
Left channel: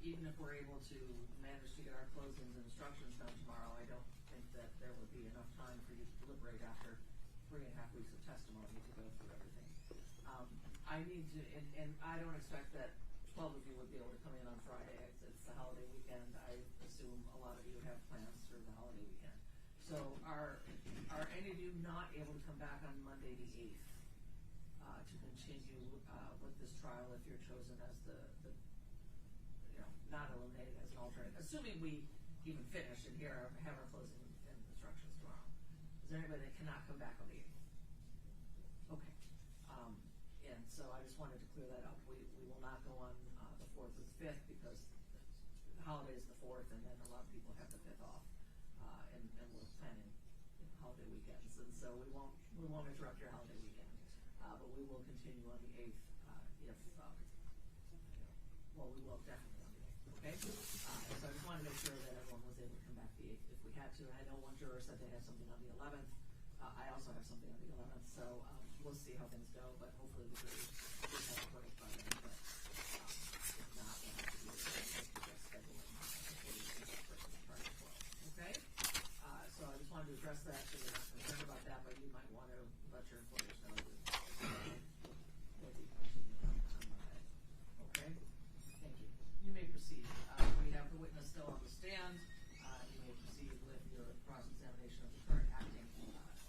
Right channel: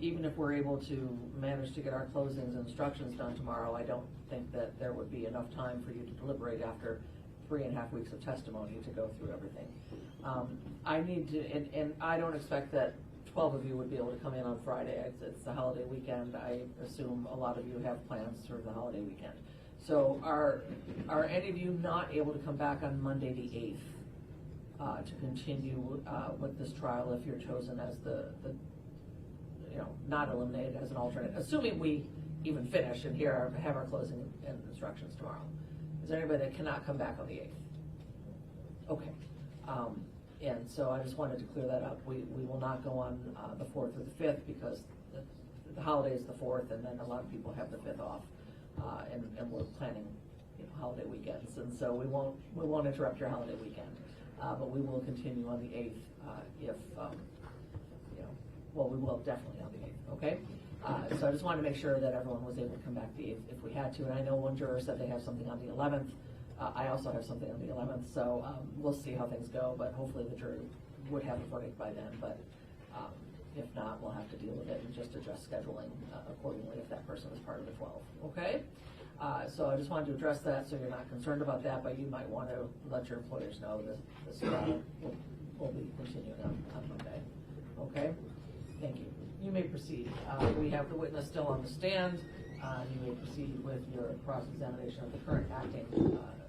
Even if we're able to manage to get our closings and instructions done tomorrow, I don't think that there would be enough time for you to deliberate after 3.5 weeks of testimony to go through everything. I need to, and I don't expect that 12 of you would be able to come in on Friday. It's the holiday weekend. I assume a lot of you have plans for the holiday weekend. So are any of you not able to come back on Monday the 8th to continue with this trial if you're chosen as the not eliminated as an alternate, assuming we even finish and have our closing and instructions tomorrow? Is there anybody that cannot come back on the 8th? Okay. And so I just wanted to clear that up. We will not go on the 4th or the 5th because the holiday is the 4th, and then a lot of people have the 5th off, and we're planning holiday weekends, and so we won't interrupt your holiday weekend, but we will continue on the 8th we will definitely on the 8th. Okay. So I just wanted to make sure that everyone was able to come back the 8th if we had to, and I know one juror said they have something on the 11th. I also have something on the 11th, so we'll see how things go, but hopefully the jury would have a verdict by then, but if not, we'll have to deal with it and just adjust scheduling accordingly if that person is part of the 12. Okay? So I just wanted to address that so you're not concerned about that, but you might want to let your employers know that this trial will be continuing on Monday. Okay? Thank you. You may proceed. We have the witness still on the stand. You may proceed with your cross-examination of the current acting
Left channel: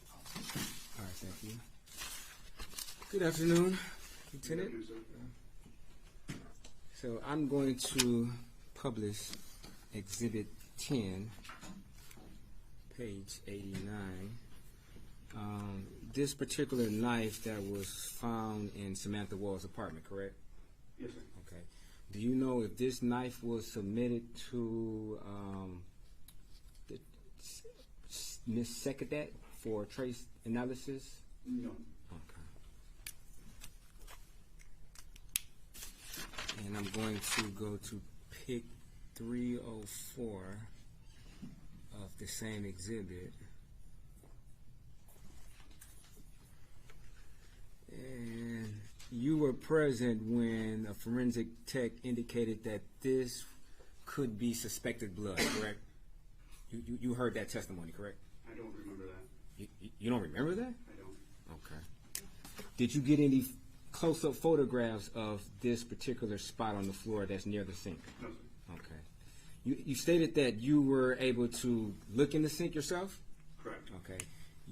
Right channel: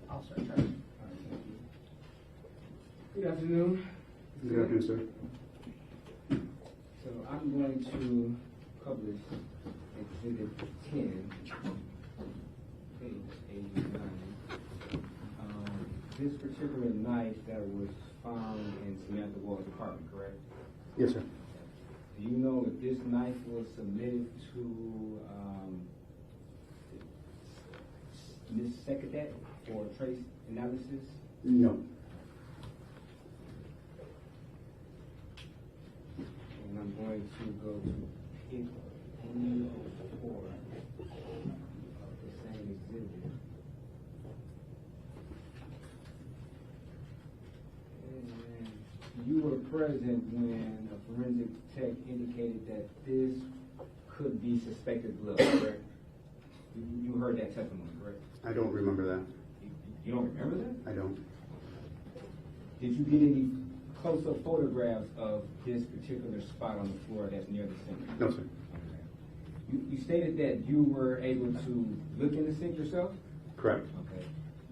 officer. All right, thank you. Good afternoon. Good afternoon, sir. So I'm going to publish Exhibit 10, page 89. This particular knife that was found in Samantha Woll's apartment, correct? Yes, sir. Do you know if this knife was submitted to Ms. Sekadet for trace analysis? No. And I'm going to go to pic 304 of the same exhibit. And you were present when a forensic tech indicated that this could be suspected blood, correct? You heard that testimony, correct? I don't remember that. You don't remember that? I don't. Okay. Did you get any close-up photographs of this particular spot on the floor that's near the sink? No, sir. Okay. You stated that you were able to look in the sink yourself? Correct. Okay.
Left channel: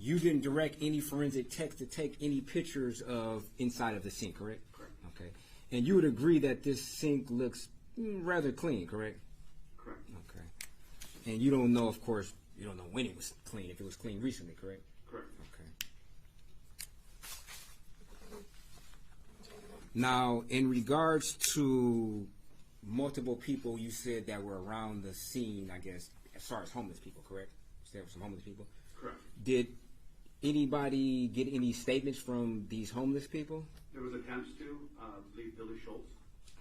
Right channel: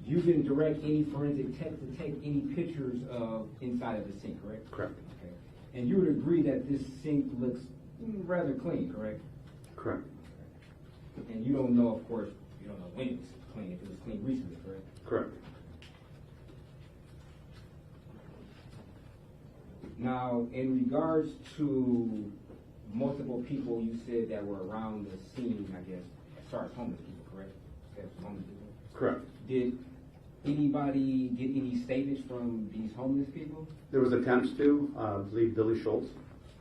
You didn't direct any forensic techs to take any pictures of inside of the sink, correct? Correct. Okay. And you would agree that this sink looks rather clean, correct? Correct. Okay. And you don't know, of course, you don't know when it was clean, if it was cleaned recently, correct? Correct. Okay. Now, in regards to multiple people you said that were around the scene, I guess, as far as homeless people, correct? Established homeless people? Correct. Did anybody get any statements from these homeless people? There was attempts to, I believe Billy Schultz,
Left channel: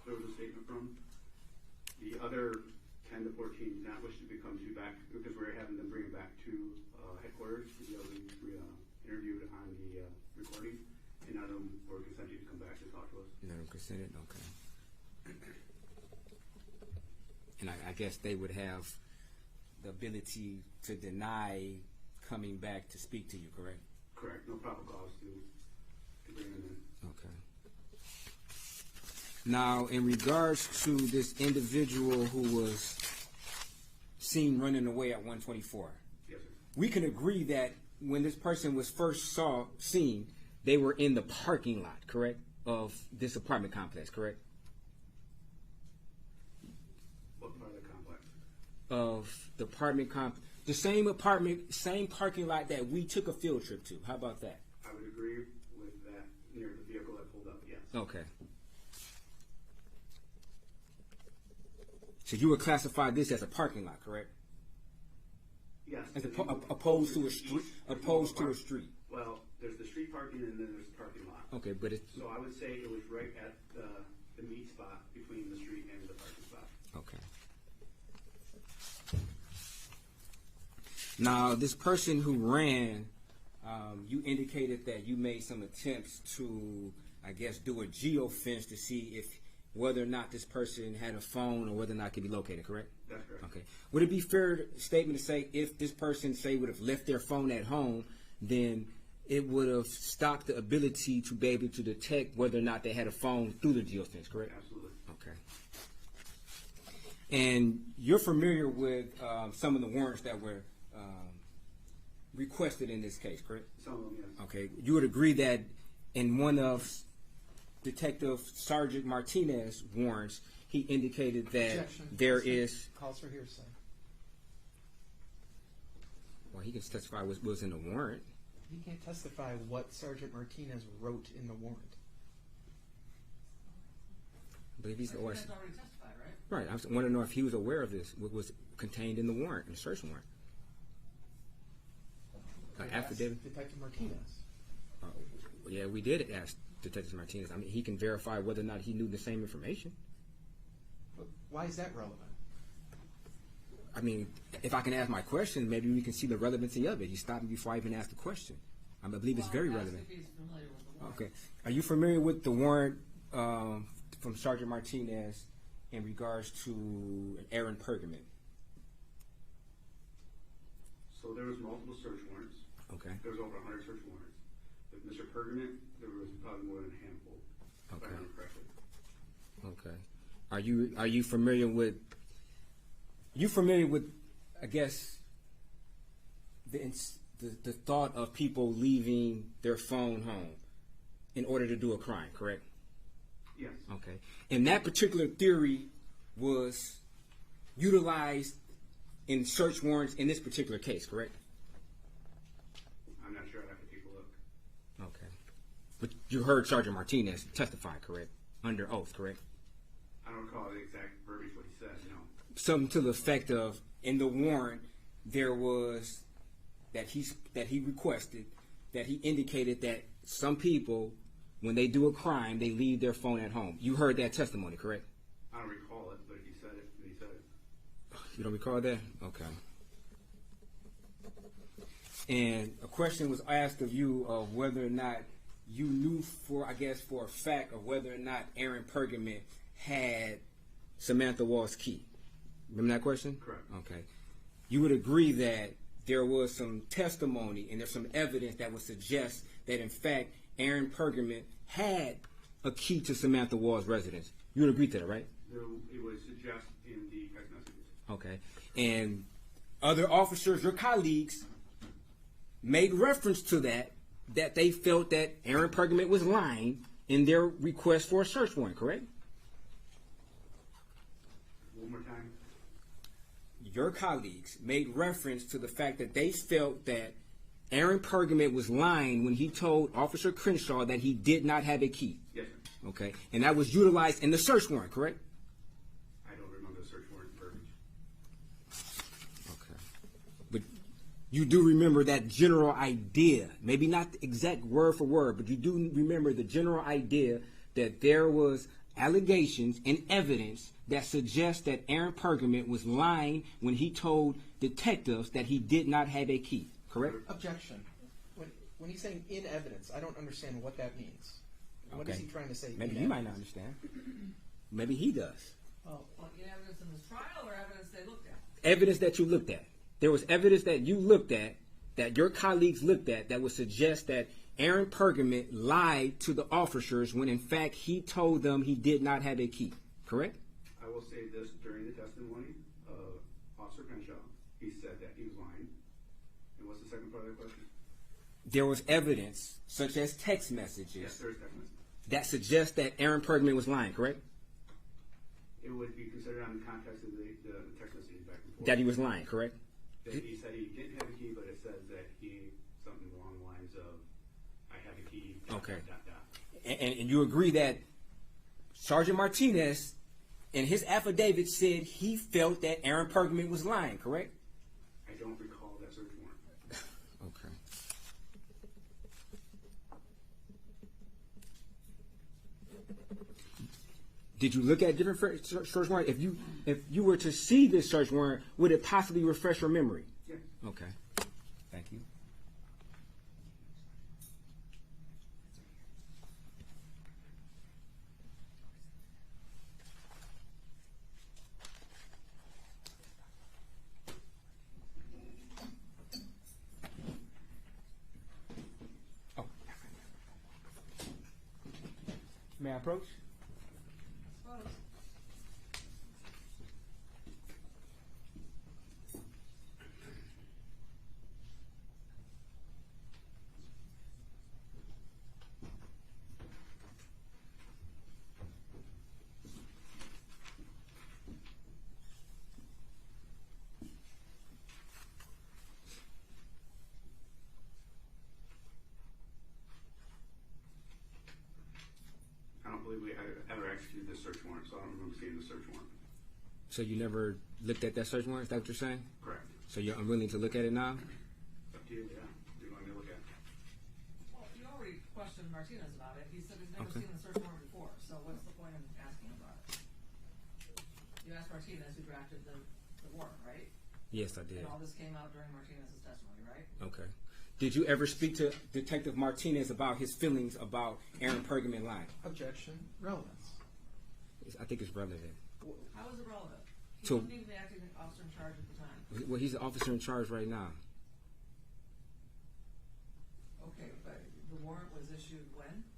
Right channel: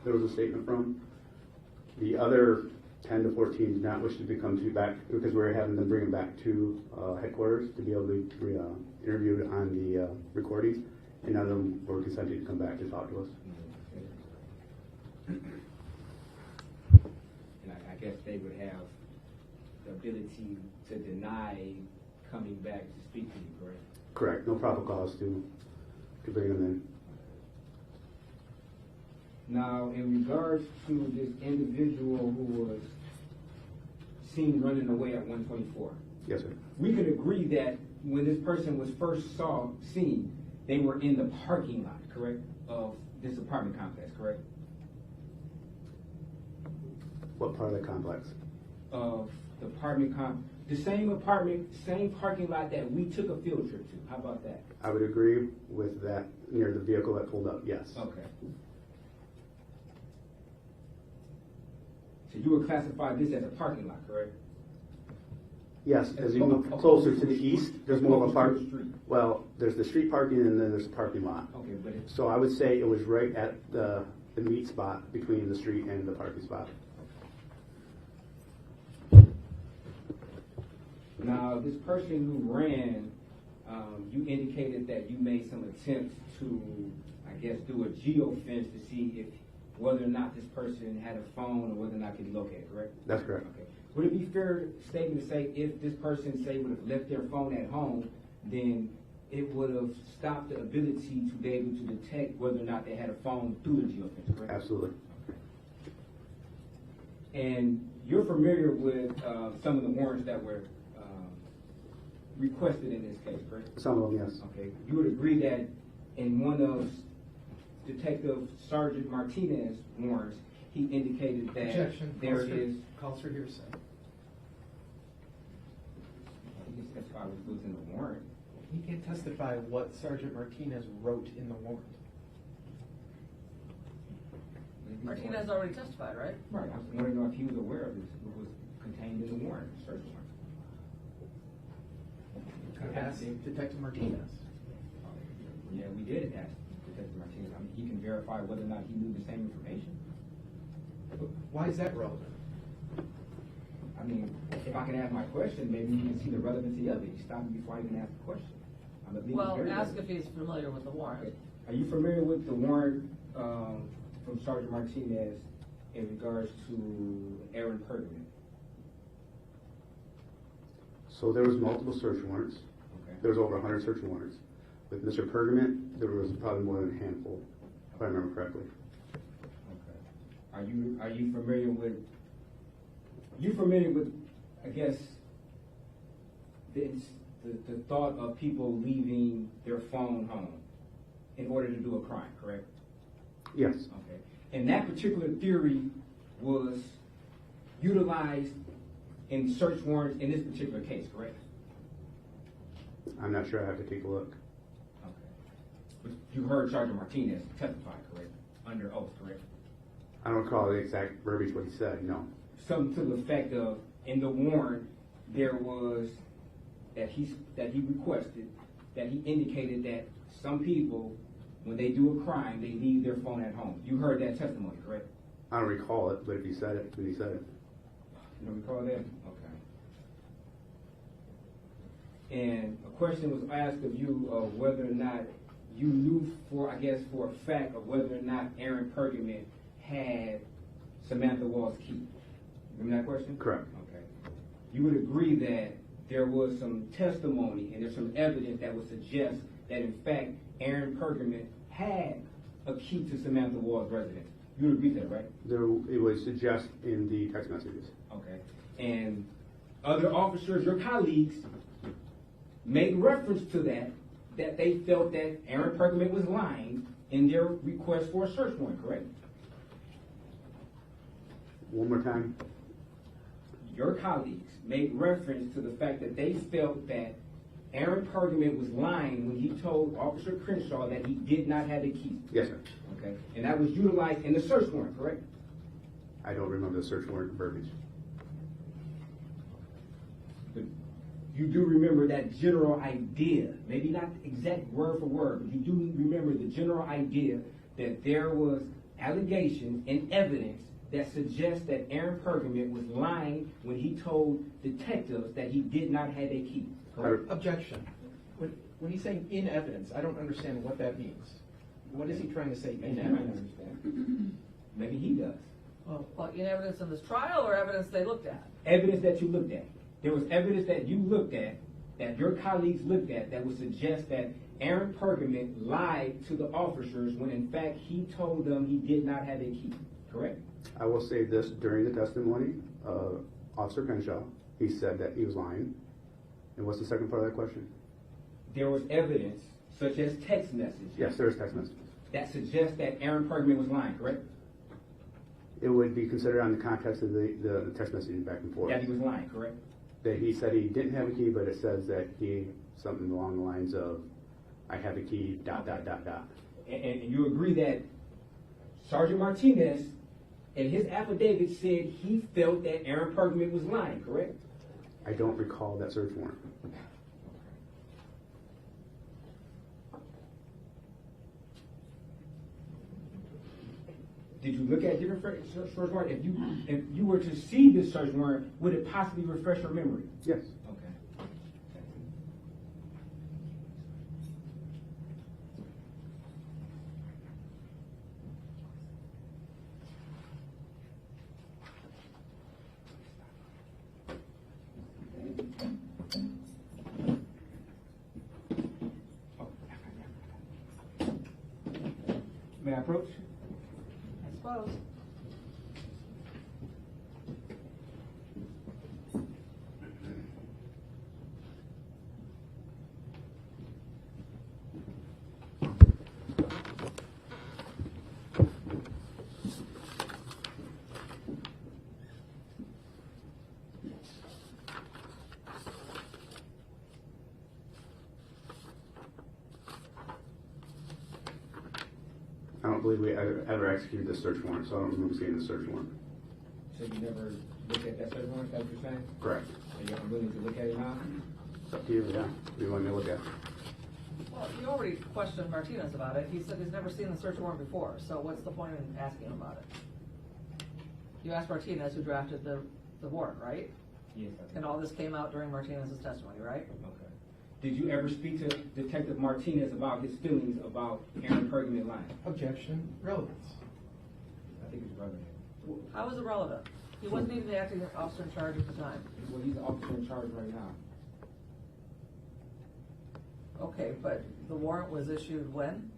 there was a statement from. The other 10 to 14 did not wish to come to back because we're having them bring them back to headquarters to be able to be interviewed on the recording, and none of them were consenting to come back to talk to us. No, consented, okay. And I guess they would have the ability to deny coming back to speak to you, correct? Correct. No probable cause to bring them in. Now, in regards to this individual who was seen running away at 124, Yes, sir. we can agree that when this person was first seen, they were in the parking lot, correct, of this apartment complex, correct? What part of the complex? Of the the same parking lot that we took a field trip to. How about that? I would agree with that near the vehicle that pulled up, yes. Okay. So you would classify this as a parking lot, correct? Yes, as you move closer to the east, there's more of a park. Well, there's the street parking and then there's the parking lot. Okay, but so I would say it was right at the meet spot between the street and the parking spot. Okay. Now, this person who ran, you indicated that you made some attempts to, I guess, do a geofence to see whether or not this person had a phone or whether or not it can be located, correct? That's correct. Okay. Would it be fair statement to say if this person, say, would have left their phone at home, then it would have stopped the ability to be able to detect whether or not they had a phone through the geofence, correct? Absolutely. Okay. And you're familiar with some of the warrants that were requested in this case, correct? Some of them, yes. Okay. You would agree that in one of Detective Sergeant Martinez's warrants, he indicated that there is... Calls for hearsay. Well, he can testify what was in the warrant. He can't testify what Sergeant Martinez wrote in the warrant. Martinez already testified, right? Right. I want to know if he was aware of this, what was contained in the warrant, the search warrant. Detective Martinez. Well, yeah, we did ask Detective Martinez. I mean, he can verify whether or not he knew the same information. Why is that relevant? I mean, if I can ask my question, maybe we can see the relevancy of it. He stopped me before I even asked the question. I believe it's very relevant. Ask if he's familiar with the warrant. Okay. Are you familiar with the warrant from Sergeant Martinez in regards to Aaron Pergament? So there was multiple search warrants. Okay. There was over 100 search warrants. With Mr. Pergament, there was probably more than a handful, if I remember correctly. Okay. Are you familiar with? I guess the thought of people leaving their phone home in order to do a crime, correct? Yes. Okay. And that particular theory was utilized in search warrants in this particular case, correct? I'm not sure. I have to take a look. Okay. But you heard Sergeant Martinez testify, correct? Under oath, correct? I don't recall the exact verbiage what he said, no. Something to the effect of, in the warrant, there was that he requested, that he indicated that some people, when they do a crime, they leave their phone at home. You heard that testimony, correct? I don't recall it, but if he said it, then he said it. You don't recall that? Okay. And a question was asked of you of whether or not you knew for a fact of whether or not Aaron Pergament had Samantha Woll's key. Remember that question? Correct. Okay. You would agree that there was some testimony and there's some evidence that would suggest that in fact Aaron Pergament had a key to Samantha Woll's residence. You would agree to that, right? It would suggest in the text messages. Okay. And other officers, your colleagues, made reference to that they felt that Aaron Pergament was lying in their request for a search warrant, correct? One more time. Your colleagues made reference to the fact that they felt that Aaron Pergament was lying when he told Officer Crenshaw that he did not have a key. Yes, sir. Okay. And that was utilized in the search warrant, correct? I don't remember the search warrant verbiage. Okay. But you do remember that general idea, maybe not exact word for word, but you do remember the general idea that there was allegations and evidence that suggests that Aaron Pergament was lying when he told detectives that he did not have a key, correct? Objection. When he's saying in evidence, I don't understand what that means. What is he trying to say? Maybe he might not understand. Maybe he does. Well, in evidence in this trial or evidence they looked at? Evidence that you looked at. There was evidence that you looked at, that your colleagues looked at, that would suggest that Aaron Pergament lied to the officers when in fact he told them he did not have a key, correct? I will say this, during the testimony, Officer Crenshaw, he said that he was lying. And what's the second part of that question? There was evidence, such as text messages. Yes, there is text messages. That suggests that Aaron Pergament was lying, correct? It would be considered on the context of the text messages back and forth. That he was lying, correct? That he said he didn't have a key, but it says that he, something along the lines of, I have a key, dot. And you agree that Sergeant Martinez, in his affidavit, said he felt that Aaron Pergament was lying, correct? I don't recall that search warrant. Did you look at different search warrants? If you were to see this search warrant, would it possibly refresh your memory? Yes. Okay. Thank you. May I approach? I suppose. I don't believe we ever executed the search warrant, so I don't remember seeing the search warrant. So you never looked at that search warrant? Is that what you're saying? Correct. So you're willing to look at it now? It's up to you, yeah. What do you want me to look at? Well, you already questioned Martinez about it. He said he's never seen the search warrant before, so what's the point in asking him about it? You asked Martinez, who drafted the warrant, right? Yes, I did. And all this came out during Martinez's testimony, right? Okay. Did you ever speak to Detective Martinez about his feelings about Aaron Pergament lying? Objection. Relevance. I think it's relevant. How is it relevant? He So- wasn't even the acting officer in charge at the time. Well, he's the officer in charge right now. Okay, but the warrant was issued when?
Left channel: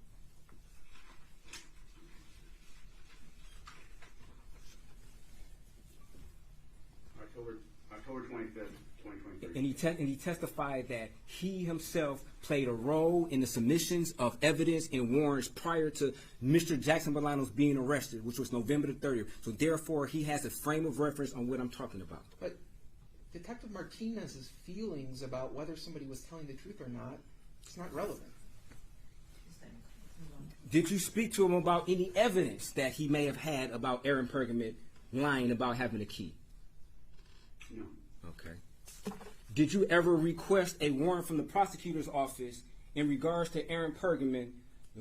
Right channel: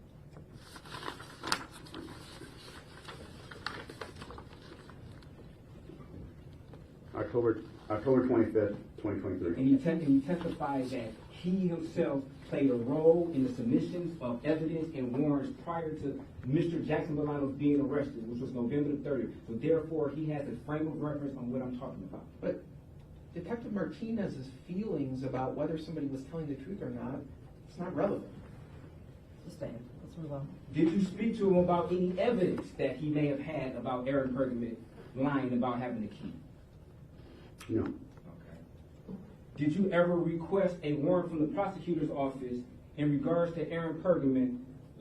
October 25th, 2023. And he testified that he himself played a role in the submissions of evidence and warrants prior to Mr. Jackson-Bolanos being arrested, which was November the 30th. So therefore, he has a frame of reference on what I'm talking about. But Detective Martinez's feelings about whether somebody was telling the truth or not, it's not relevant. Sustained. Let's move on. Did you speak to him about any evidence that he may have had about Aaron Pergament lying about having a key? No. Okay. Did you ever request a warrant from the prosecutor's office in regards to Aaron Pergament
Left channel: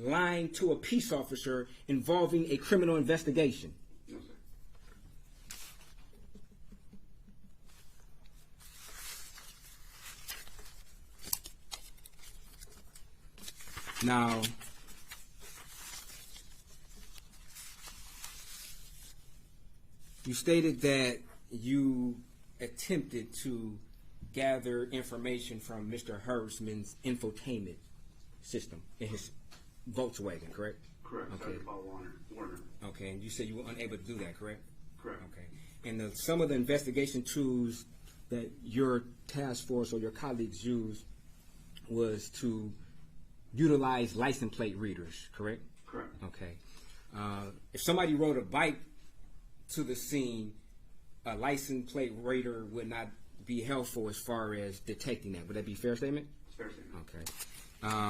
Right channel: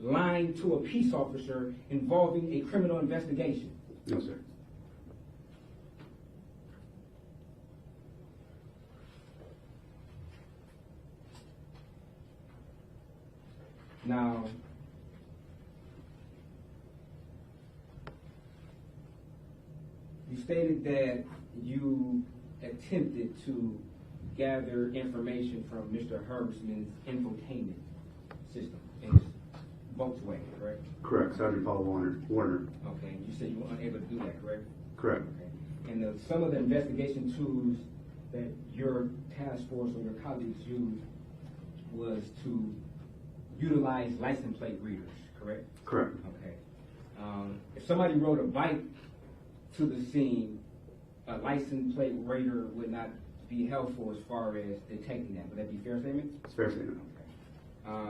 lying to a peace officer involving a criminal investigation? No, sir. Now, you stated that you attempted to gather information from Mr. Herbstman's infotainment system in his Volkswagen, correct? Correct. Sergeant Paul Warner. Okay, and you said you were unable to do that, correct? Correct. Okay. And some of the investigation tools that your task force or your colleagues used was to utilize license plate readers, correct? Correct. Okay. If somebody rode a bike to the scene, a license plate reader would not be helpful as far as detecting that. Would that be a fair statement? It's a fair statement. Okay.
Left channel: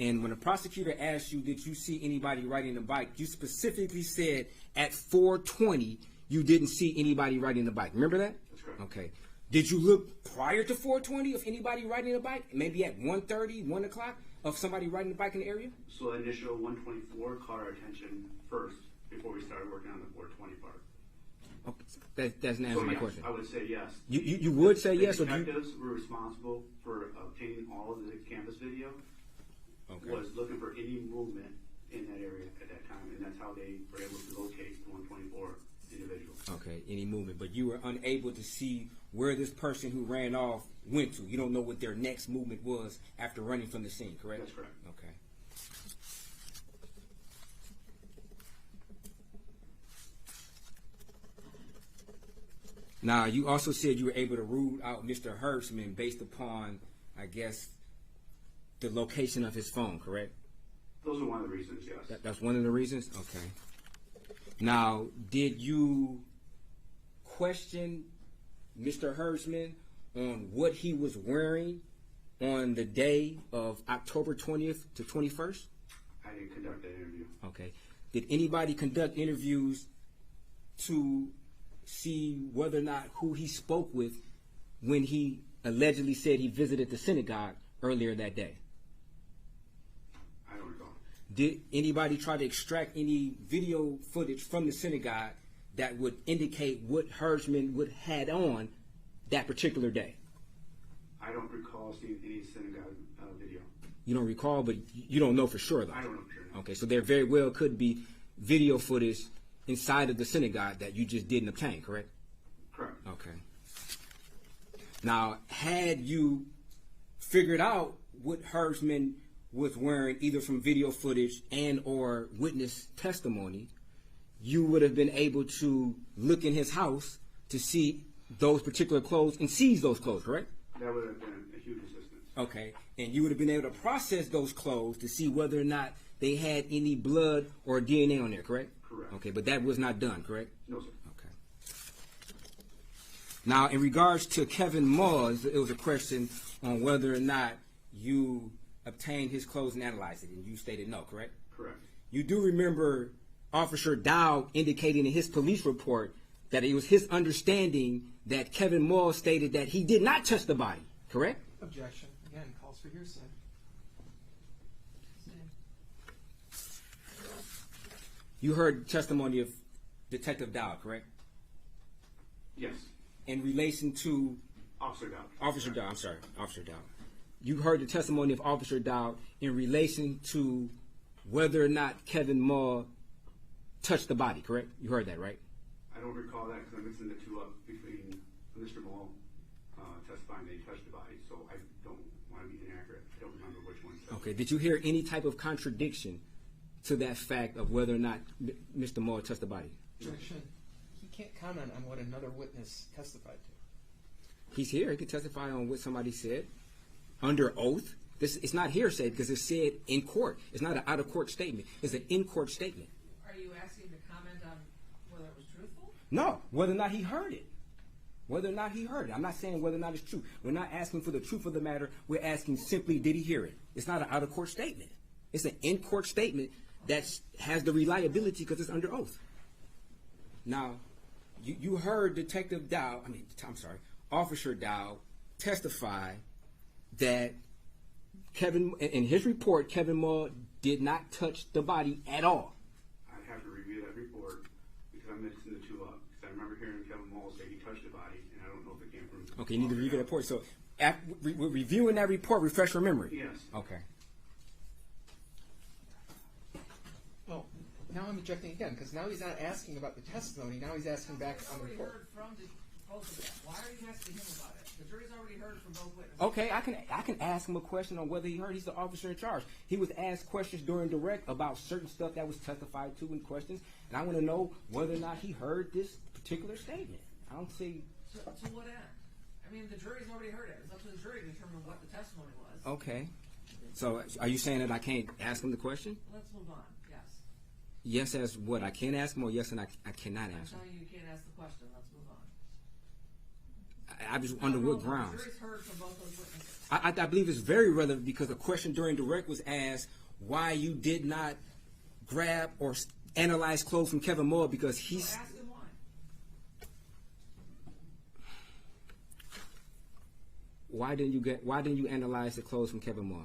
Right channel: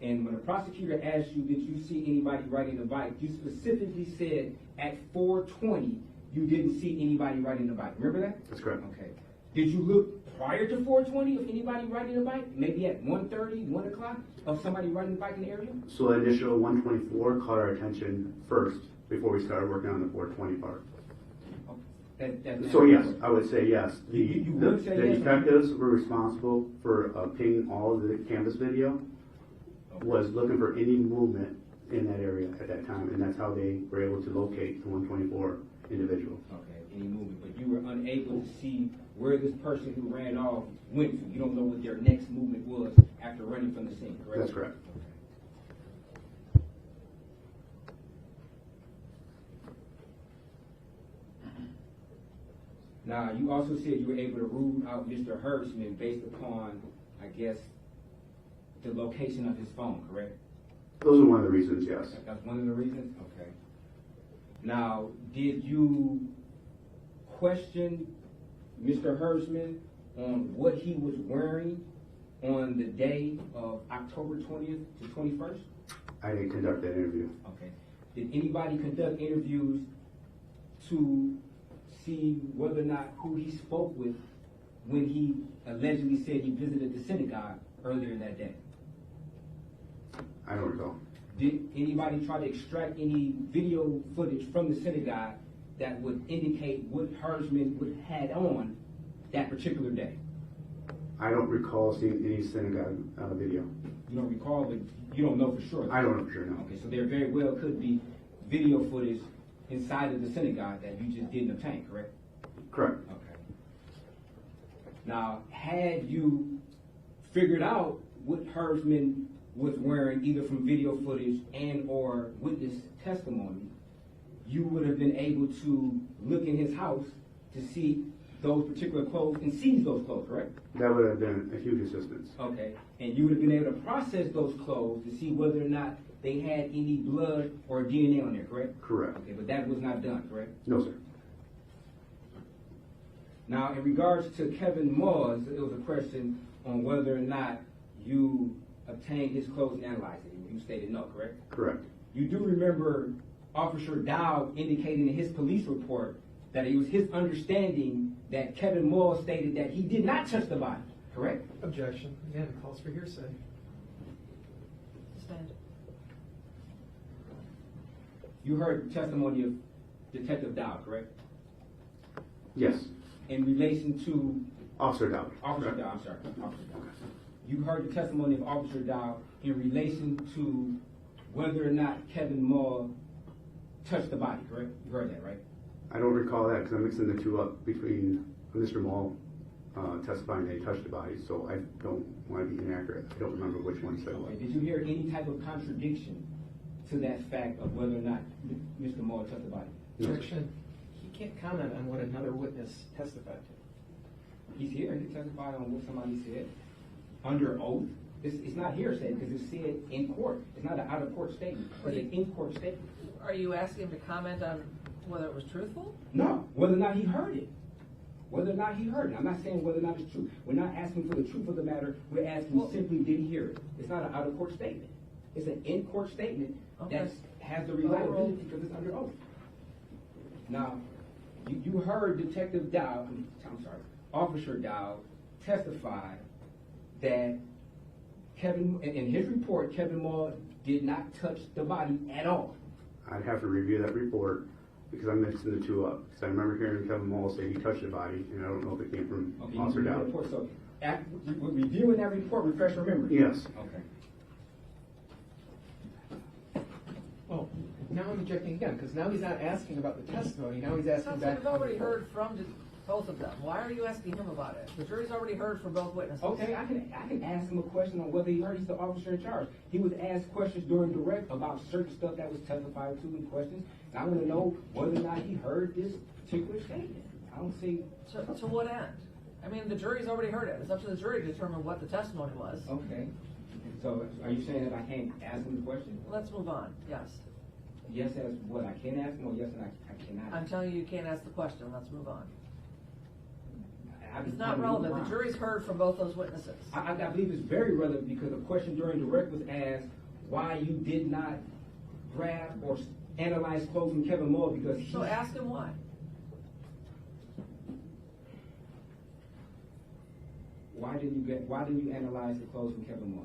And when a prosecutor asked you, did you see anybody riding the bike, you specifically said at 4:20 you didn't see anybody riding the bike. Remember that? That's correct. Okay. Did you look prior to 4:20 of anybody riding a bike? Maybe at 1:30, 1 o'clock of somebody riding a bike in the area? So the initial 124 caught our attention first before we started working on the 420 part. That's not So yes, I would say yes. You would say yes? The detectives were responsible for obtaining all of the canvas video, was looking for any movement in that area at that time, and that's how they were able to locate the 124 individual. Okay, any movement, but you were unable to see where this person who ran off went to. You don't know what their next movement was after running from the scene, correct? That's correct. Okay. Now, you also said you were able to rule out Mr. Herbstman based upon, I guess, the location of his phone, correct? Those are one of the reasons, yes. That's one of the reasons? Okay. Now, did you question Mr. Herbstman on what he was wearing on the day of October 20th to 21st? I didn't conduct that interview. Okay. Did anybody conduct interviews to see whether or not who he spoke with when he allegedly said he visited the synagogue earlier that day? I don't recall. Did anybody try to extract any video footage from the synagogue that would indicate what Herbstman would had on that particular day? I don't recall seeing any synagogue video. You don't recall, but you don't know for sure. I don't know for sure, no. Okay, so there very well could be video footage inside of the synagogue that you just didn't obtain, correct? Correct. Okay. Now, had you figured out what Herbstman was wearing, either from video footage and or witness testimony, you would have been able to look in his house to see those particular clothes and seize those clothes, correct? That would have been a huge assistance. Okay, and you would have been able to process those clothes to see whether or not they had any blood or DNA on there, correct? Correct. Okay, but that was not done, correct? No, sir. Okay. Now, in regards to Kevin Moore, it was a question on whether or not you obtained his clothes and analyzed it, and you stated no, correct? Correct. You do remember Officer Dow indicating in his police report that it was his understanding that Kevin Moore stated that he did not touch the body, correct? Objection. Again, calls for hearsay. You heard testimony of Detective Dow, correct? Yes. In relation to Officer Dow. Officer Dow, I'm sorry, Officer Dow. You heard the testimony of Officer Dow in relation to whether or not Kevin Moore touched the body, correct? You heard that, right? I don't recall that because I'm mixing the two up between Mr. Moore testifying that he touched the body, so I don't want to be inaccurate. I don't remember which one said. Okay. Did you hear any type of contradiction to that fact of whether or not Mr. Moore touched the body? Objection. He can't comment on what another witness testified to. He's here. He can testify on what somebody said under oath. It's not hearsay because it's said in court. It's not an out-of-court statement. It's an in-court statement. Are you asking him to comment on whether it was truthful? No, whether or not he heard it. Whether or not he heard it. I'm not saying whether or not it's true. We're not asking for the truth of the matter. We're asking simply, did he hear it? It's not an out-of-court statement. It's an in-court statement that has the reliability because it's under oath. Now, you heard Detective Dow, Officer Dow testify that in his report, Kevin Moore did not touch the body at all. I'd have to review that report because I'm mixing the two up. Because I remember hearing Kevin Moore say he touched the body, and I don't know if it came from Okay, you need to Officer review Dow. the report. So, reviewing that report, refresh your memory. Yes. Okay. Oh, now I'm objecting again because now he's not asking about the testimony. Now he's asking back. We've already heard from both of them. Why are you asking him about it? The jury's already heard from both witnesses. Okay, I can ask him a question on whether he heard. He's the officer in charge. He was asked questions during direct about certain stuff that was testified to in questions. And I want to know whether or not he heard this particular statement. I don't see. To what end? I mean, the jury's already heard it. It's up to the jury to determine what the testimony was. Okay. So are you saying that I can't ask him the question? Let's move on. Yes. Yes as what? I can ask him, or yes and I cannot ask I'm telling you, you can't ask the question. Let's move on. I just It's not wonder what relevant. grounds. The jury's heard from both those witnesses. I believe it's very relevant because the question during direct was asked why you did not grab or analyze clothes from Kevin Moore because he's... So ask him why. Why didn't you analyze the clothes from Kevin Moore?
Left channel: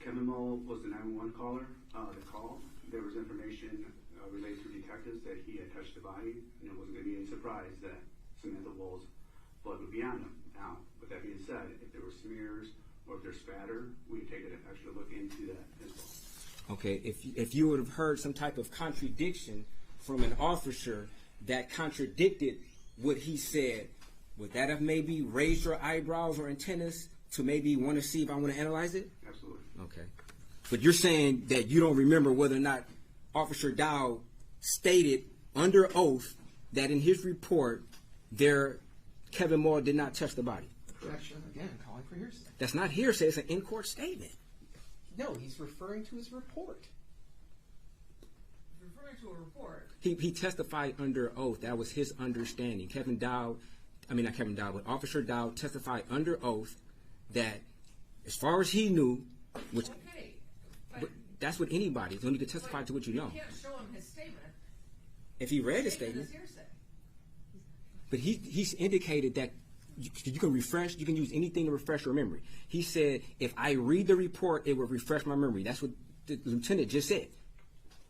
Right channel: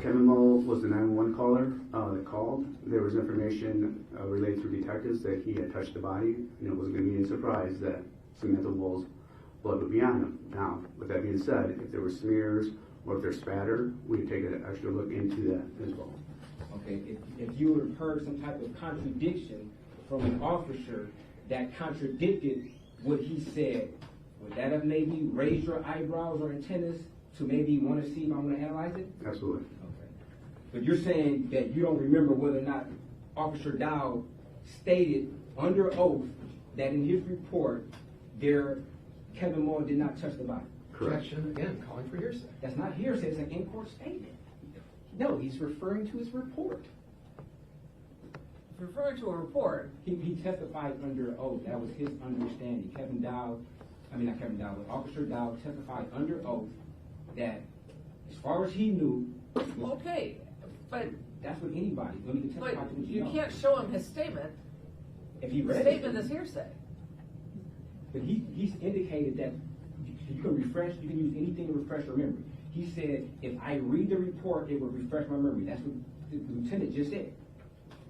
Kevin Moore was the 911 caller that called. There was information related to detectives that he had touched the body, and it wasn't going to be any surprise that Samantha Woll's blood would be on him. Now, with that being said, if there were smears or if there's spatter, we'd take an extra look into that as well. Okay, if you would have heard some type of contradiction from an officer that contradicted what he said, would that have maybe raised your eyebrows or antennas to maybe want to see if I want to analyze it? Absolutely. Okay. But you're saying that you don't remember whether or not Officer Dow stated under oath that in his report Kevin Moore did not touch the body. Objection, again, calling for hearsay. That's not hearsay, it's an in-court statement. No, he's referring to his report. Referring to a report. He testified under oath. That was his understanding. Officer Dow testified under oath that as far as he knew, which Okay, but that's what anybody, you don't need to testify to what you know. You can't show him his statement. If he read His his statement statement, is hearsay. but he's indicated that you can use anything to refresh your memory. He said, if I read the report, it will refresh my memory. That's what the lieutenant just said.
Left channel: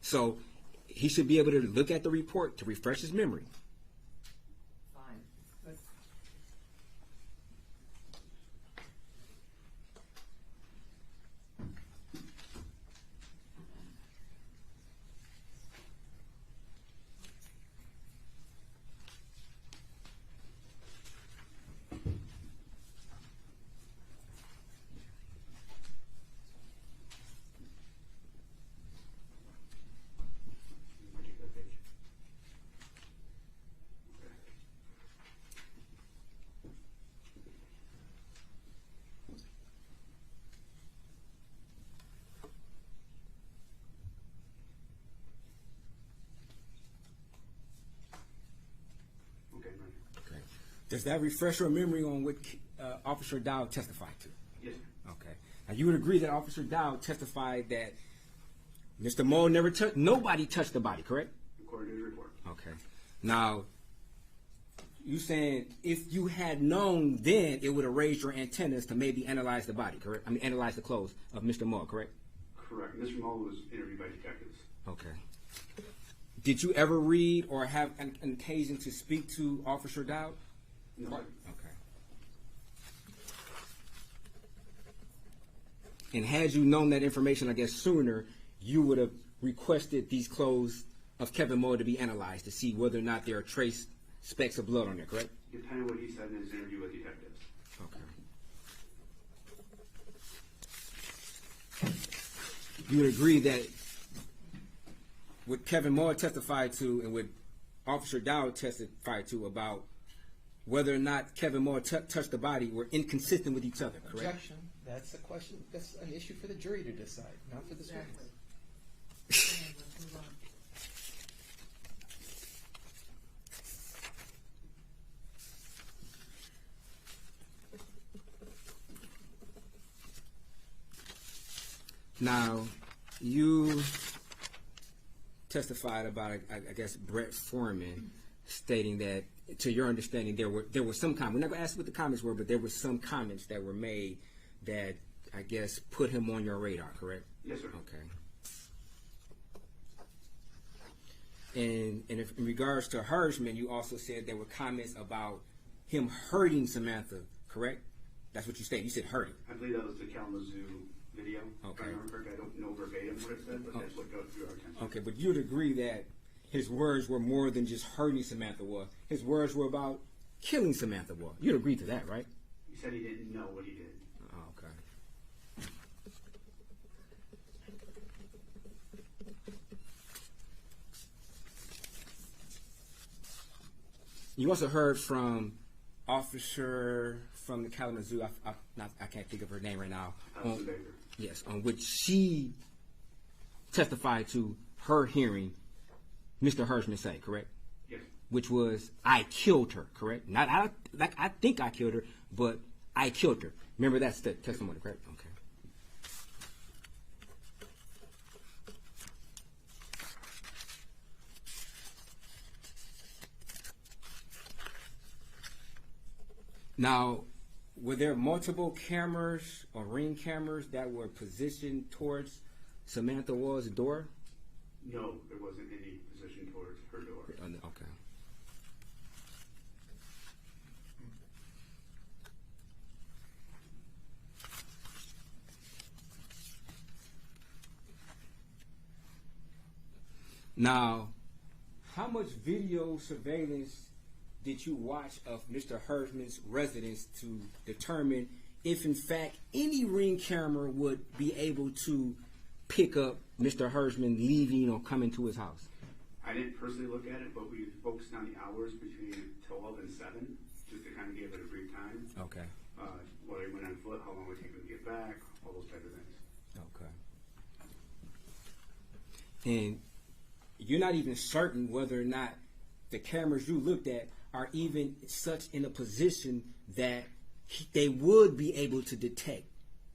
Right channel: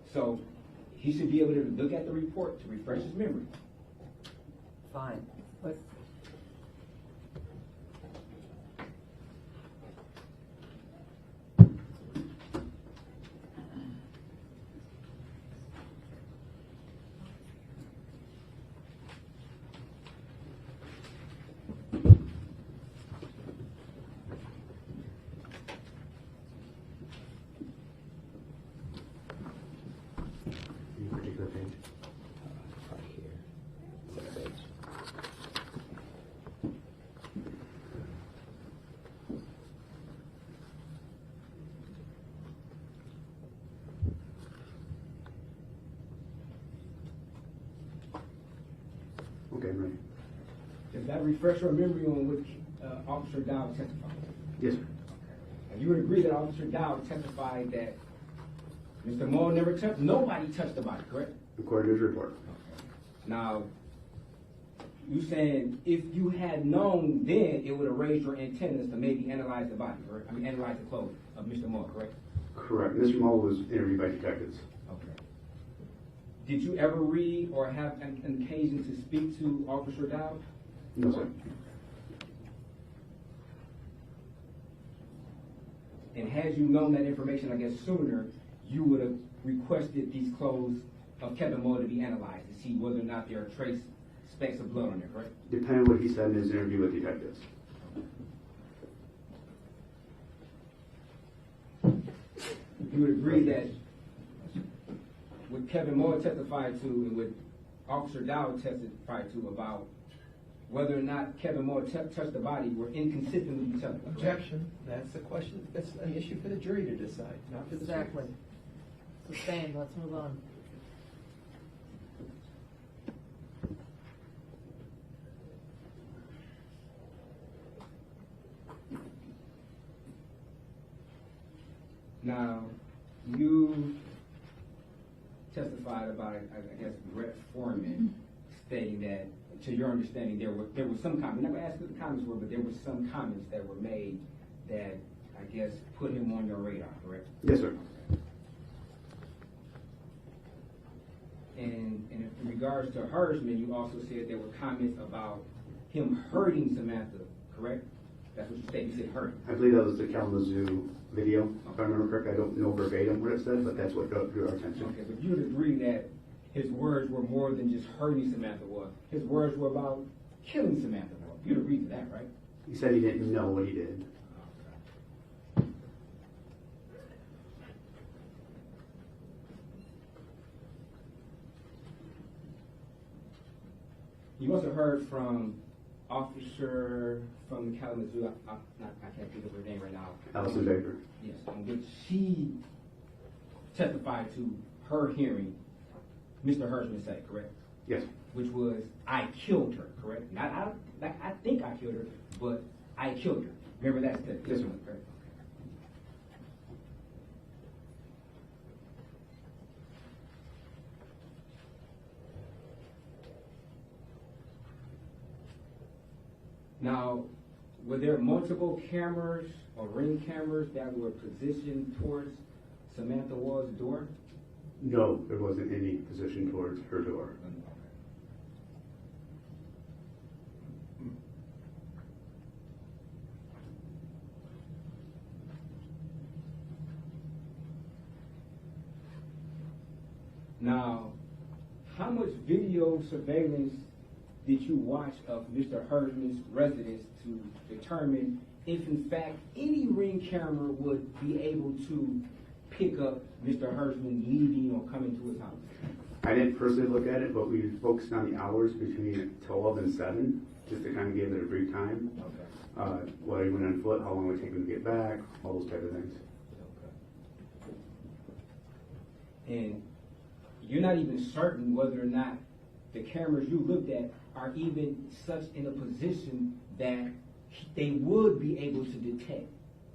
So he should be able to look at the report to refresh his memory. Fine, but Any particular page? Okay, I'm ready. Does that refresh your memory on what Officer Dow testified to? Yes, sir. Okay. Now you would agree that Officer Dow testified that Mr. Moore nobody touched the body, correct? According to his report. Okay. Now, you saying if you had known then, it would have raised your antennas to maybe analyze the body, correct? I mean, analyze the clothes of Mr. Moore, correct? Correct. Mr. Mull was interviewed by detectives. Okay. Did you ever read or have an occasion to speak to Officer Dow? No, sir. And had you known that information, I guess, sooner, you would have requested these clothes of Kevin Moore to be analyzed to see whether or not there are trace specks of blood on there, correct? Depending on what he said in his interview with detectives. Okay. You would agree that what Kevin Moore testified to and what Officer Dow testified to about whether or not Kevin Moore touched the body were inconsistent with each other, correct? Objection. That's a question. That's an issue for the jury to decide, not for the exactly. Same. Let's move on. Now, you testified about, I guess, Brett Foreman stating that, to your understanding, there were some comments. I'm not going to ask what the comments were, but there were some comments that were made that, I guess, put him on your radar, correct? Yes, sir. Okay. And in regards to Hirschman, you also said there were comments about him hurting Samantha, correct? That's what you stated. You said hurting. I believe that was the Kalamazoo video. If I remember correctly, I don't know verbatim what it said, but that's what drew our attention. Okay, but you would agree that his words were more than just hurting Samantha Woll. His words were about killing Samantha Woll. You'd agree to that, right? He said he didn't know what he did. Okay. You also heard from officer from the Kalamazoo, I can't think of her name right now. Allison Baker. Yes, on which she testified to her hearing Mr. Hirschman say, correct? Yes. Which was, I killed her, correct? Not I think I killed her, but I killed her. Remember that's the testimony, correct? Okay. Now, were there multiple cameras or ring cameras that were positioned towards Samantha Woll's door? No, there wasn't any position towards her door. Okay. Now, how much video surveillance did you watch of Mr. Hersman's residence to determine if, in fact, any ring camera would be able to pick up Mr. Hersman leaving or coming to his house? I didn't personally look at it, but we focused on the hours between 12 and 7, just to kind of give it a brief time. Okay. Whether he went on foot, how long it would take him to get back, all those type of things. Okay. And you're not even certain whether or not the cameras you looked at are even such in a position that they would be able to detect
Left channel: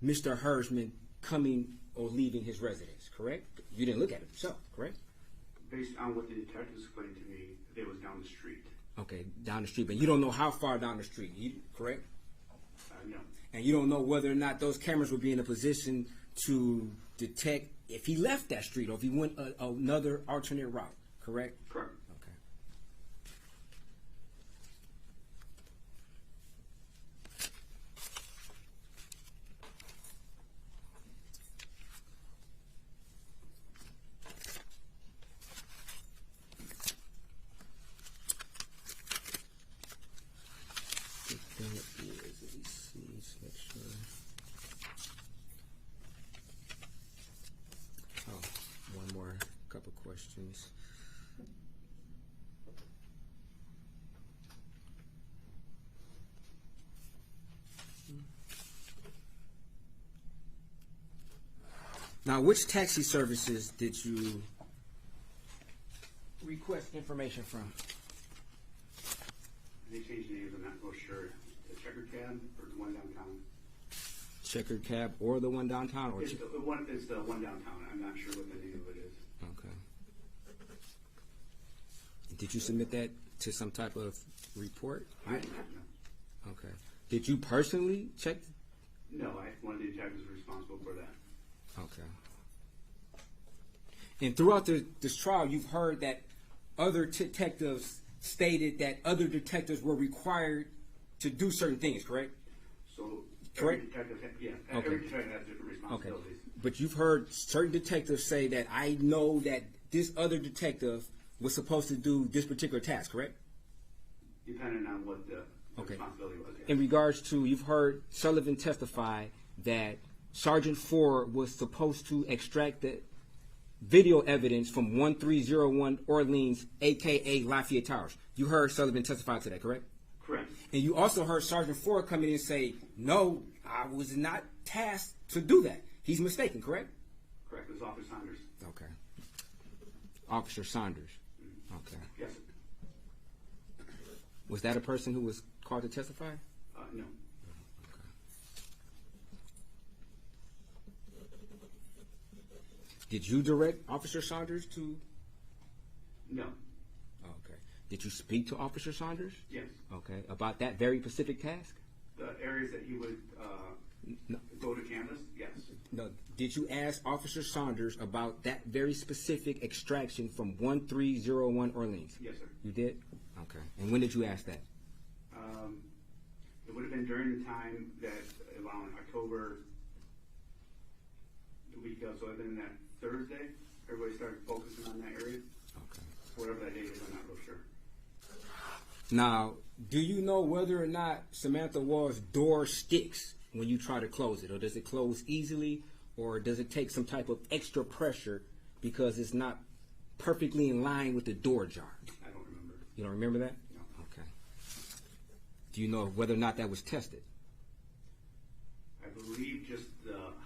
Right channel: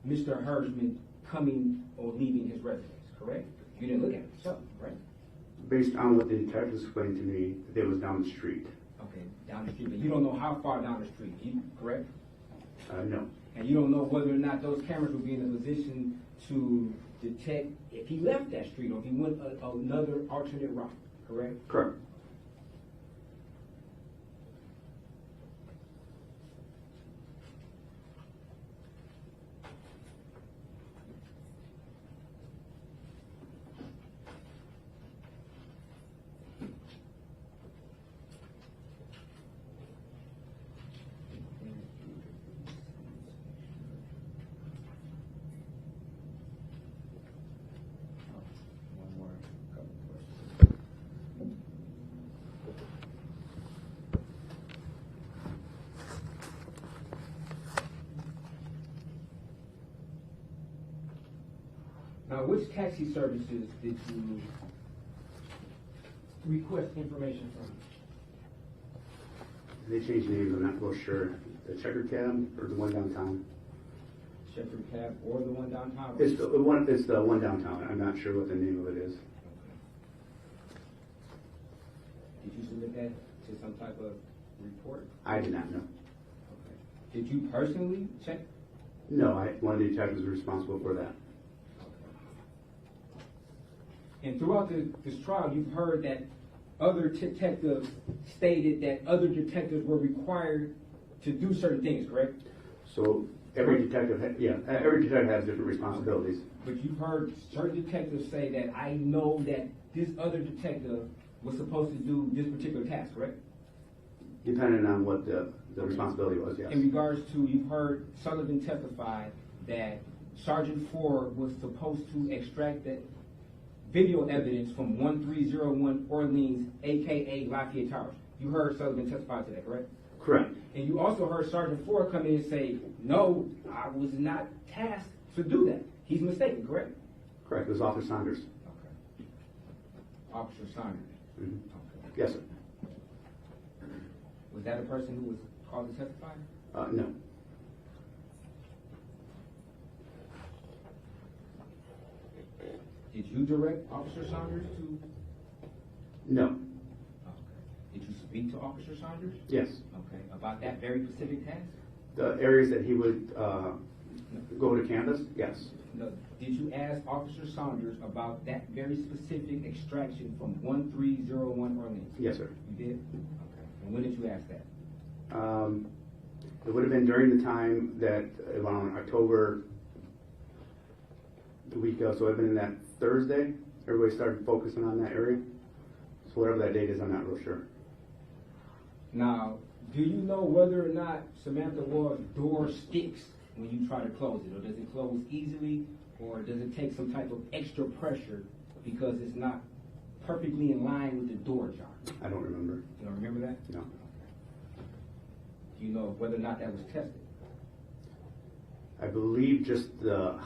Mr. Hersman coming or leaving his residence, correct? You didn't look at it yourself, correct? Based on what the detectives explained to me, it was down the street. Okay, down the street, but you don't know how far down the street, correct? No. And you don't know whether or not those cameras would be in a position to detect if he left that street or if he went another alternate route, correct? Correct. Now, which taxi services did you request information from? They changed names, I'm not real sure. The Checker Cab or the one downtown? Checker Cab or the one downtown? It's the one downtown. I'm not sure what the name of it is. Okay. Did you submit that to some type of report? I did not know. Okay. Did you personally check? No, one of the detectives was responsible for that. And throughout this trial, you've heard that other detectives stated that other detectives were required to do certain things, correct? So every detective, every detective has different responsibilities. Okay. But you've heard certain detectives say that I know that this other detective was supposed to do this particular task, correct? Depending on what the responsibility was, yes. In regards to, you've heard Sullivan testify that Sergeant Ford was supposed to extract the video evidence from 1301 Orleans, a.k.a. Lafayette Towers. You heard Sullivan testify to that, correct? Correct. And you also heard Sergeant Ford come in and say, no, I was not tasked to do that. He's mistaken, correct? Correct. It was Officer Saunders. Okay. Officer Saunders. Mm-hmm. Okay. Yes, sir. Was that a person who was called to testify? No. Did you direct Officer Saunders to? No. Okay. Did you speak to Officer Saunders? Yes. Okay. About that very specific task? The areas that he would go to campus? Yes. No. Did you ask Officer Saunders about that very specific extraction from 1301 Orleans? Yes, sir. You did? Okay. And when did you ask that? It would have been during the time that around October, the week of, so it would have been that Thursday. Everybody started focusing on that area. So whatever that date is, I'm not real sure. Now, do you know whether or not Samantha Woll's door sticks when you try to close it? Or does it close easily? Or does it take some type of extra pressure because it's not perfectly in line with the door jar? I don't remember. You don't remember that? No. Okay. Do you know whether or not that was tested? I believe just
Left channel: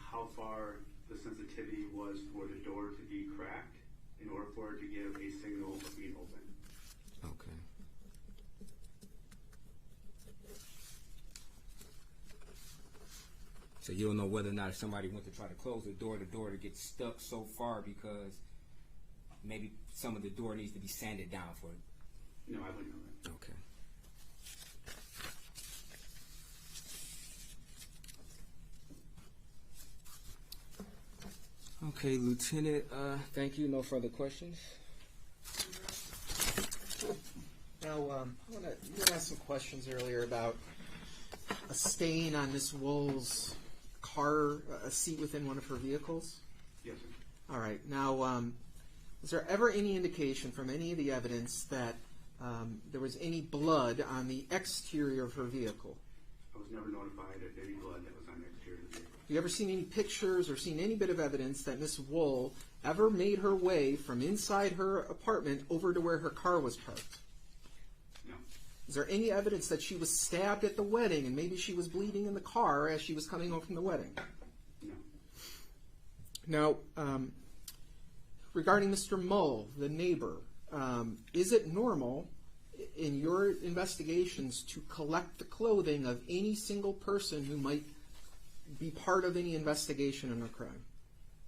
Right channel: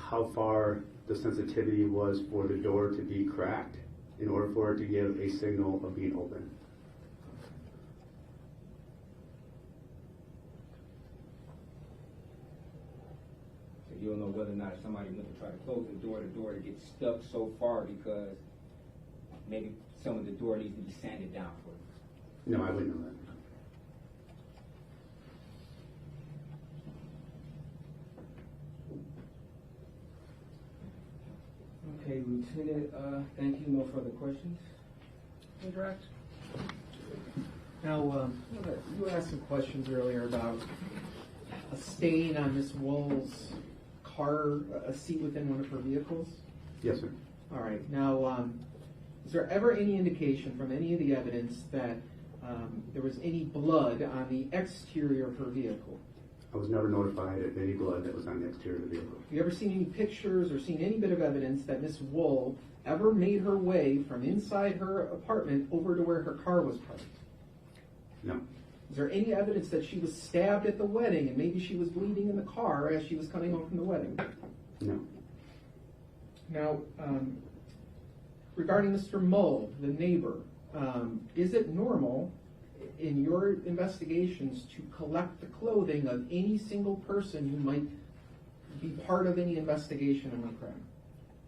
how far the sensitivity was for the door to be cracked in order for it to give a signal of being open. Okay. So you don't know whether or not if somebody went to try to close the door to get stuck so far because maybe some of the door needs to be sanded down for it. No, I wouldn't know that. Okay, Lieutenant, thank you. No further questions? Now, you asked some questions earlier about a stain on Miss Woll's car, a seat within one of her vehicles. Yes, sir. All right. Now, is there ever any indication from any of the evidence that there was any blood on the exterior of her vehicle? I was never notified of any blood that was on the exterior of the vehicle. Have you ever seen any pictures or seen any bit of evidence that Miss Woll ever made her way from inside her apartment over to where her car was parked? No. Is there any evidence that she was stabbed at the wedding and maybe she was bleeding in the car as she was coming home from the wedding? No. Now, regarding Mr. Mull, the neighbor, is it normal in your investigations to collect the clothing of any single person who might be part of any investigation on a crime?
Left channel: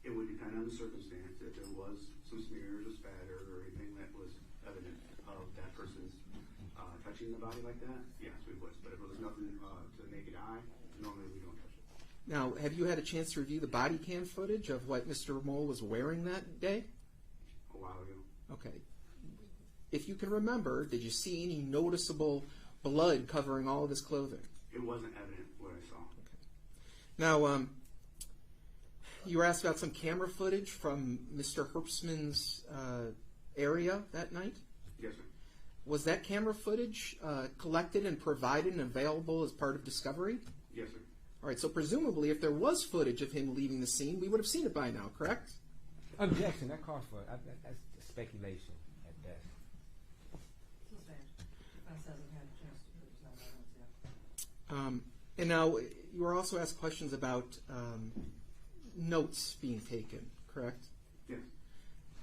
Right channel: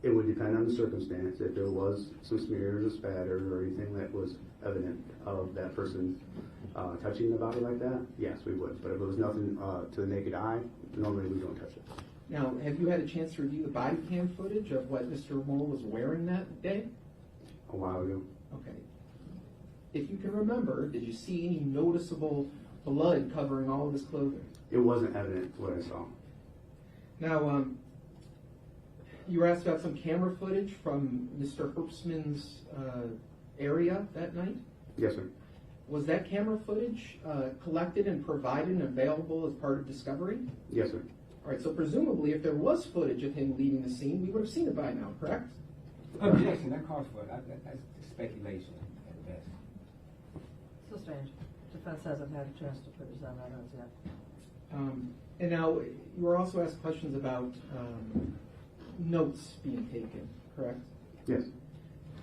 It would depend on the circumstance. If there was some smears or spatter or anything that was evident of that person touching the body like that, yes, we would. But if it was nothing to the naked eye, normally we don't touch it. Now, have you had a chance to review the body cam footage of what Mr. Mull was wearing that day? A while ago. Okay. If you can remember, did you see any noticeable blood covering all of his clothing? It wasn't evident what I saw. Now, you were asked about some camera footage from Mr. Herbstman's area that night? Yes, sir. Was that camera footage collected and provided and available as part of discovery? Yes, sir. All right, so presumably if there was footage of him leaving the scene, we would have seen it by now, correct? Objection, that calls for it. That's just speculation at best. Still strange. Defense hasn't had a chance to put his own evidence yet. And now, you were also asked questions about notes being taken, correct? Yes.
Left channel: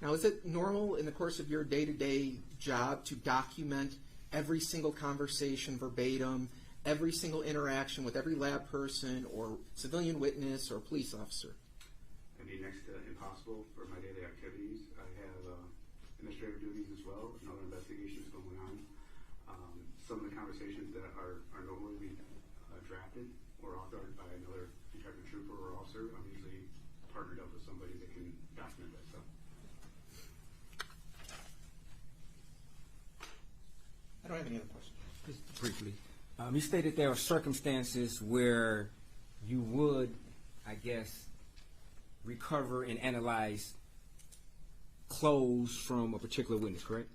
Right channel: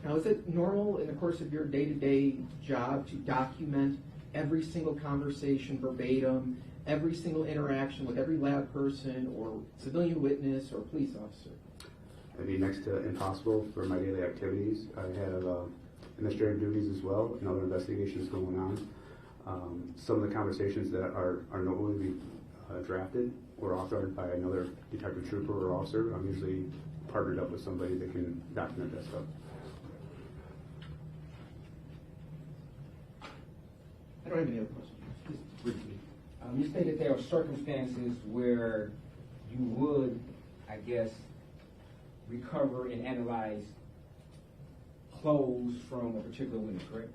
Now, is it normal in the course of your day-to-day job to document every single conversation verbatim, every single interaction with every lab person or civilian witness or police officer? It'd be next to impossible for my daily activities. I have administrative duties as well and other investigations going on. Some of the conversations that are normally drafted or authored by another detective trooper or officer, I'm usually partnered up with somebody that can document that stuff. I don't have any other questions. Just briefly. You stated there are circumstances where you would, I guess, recover and analyze clothes from a particular witness, correct?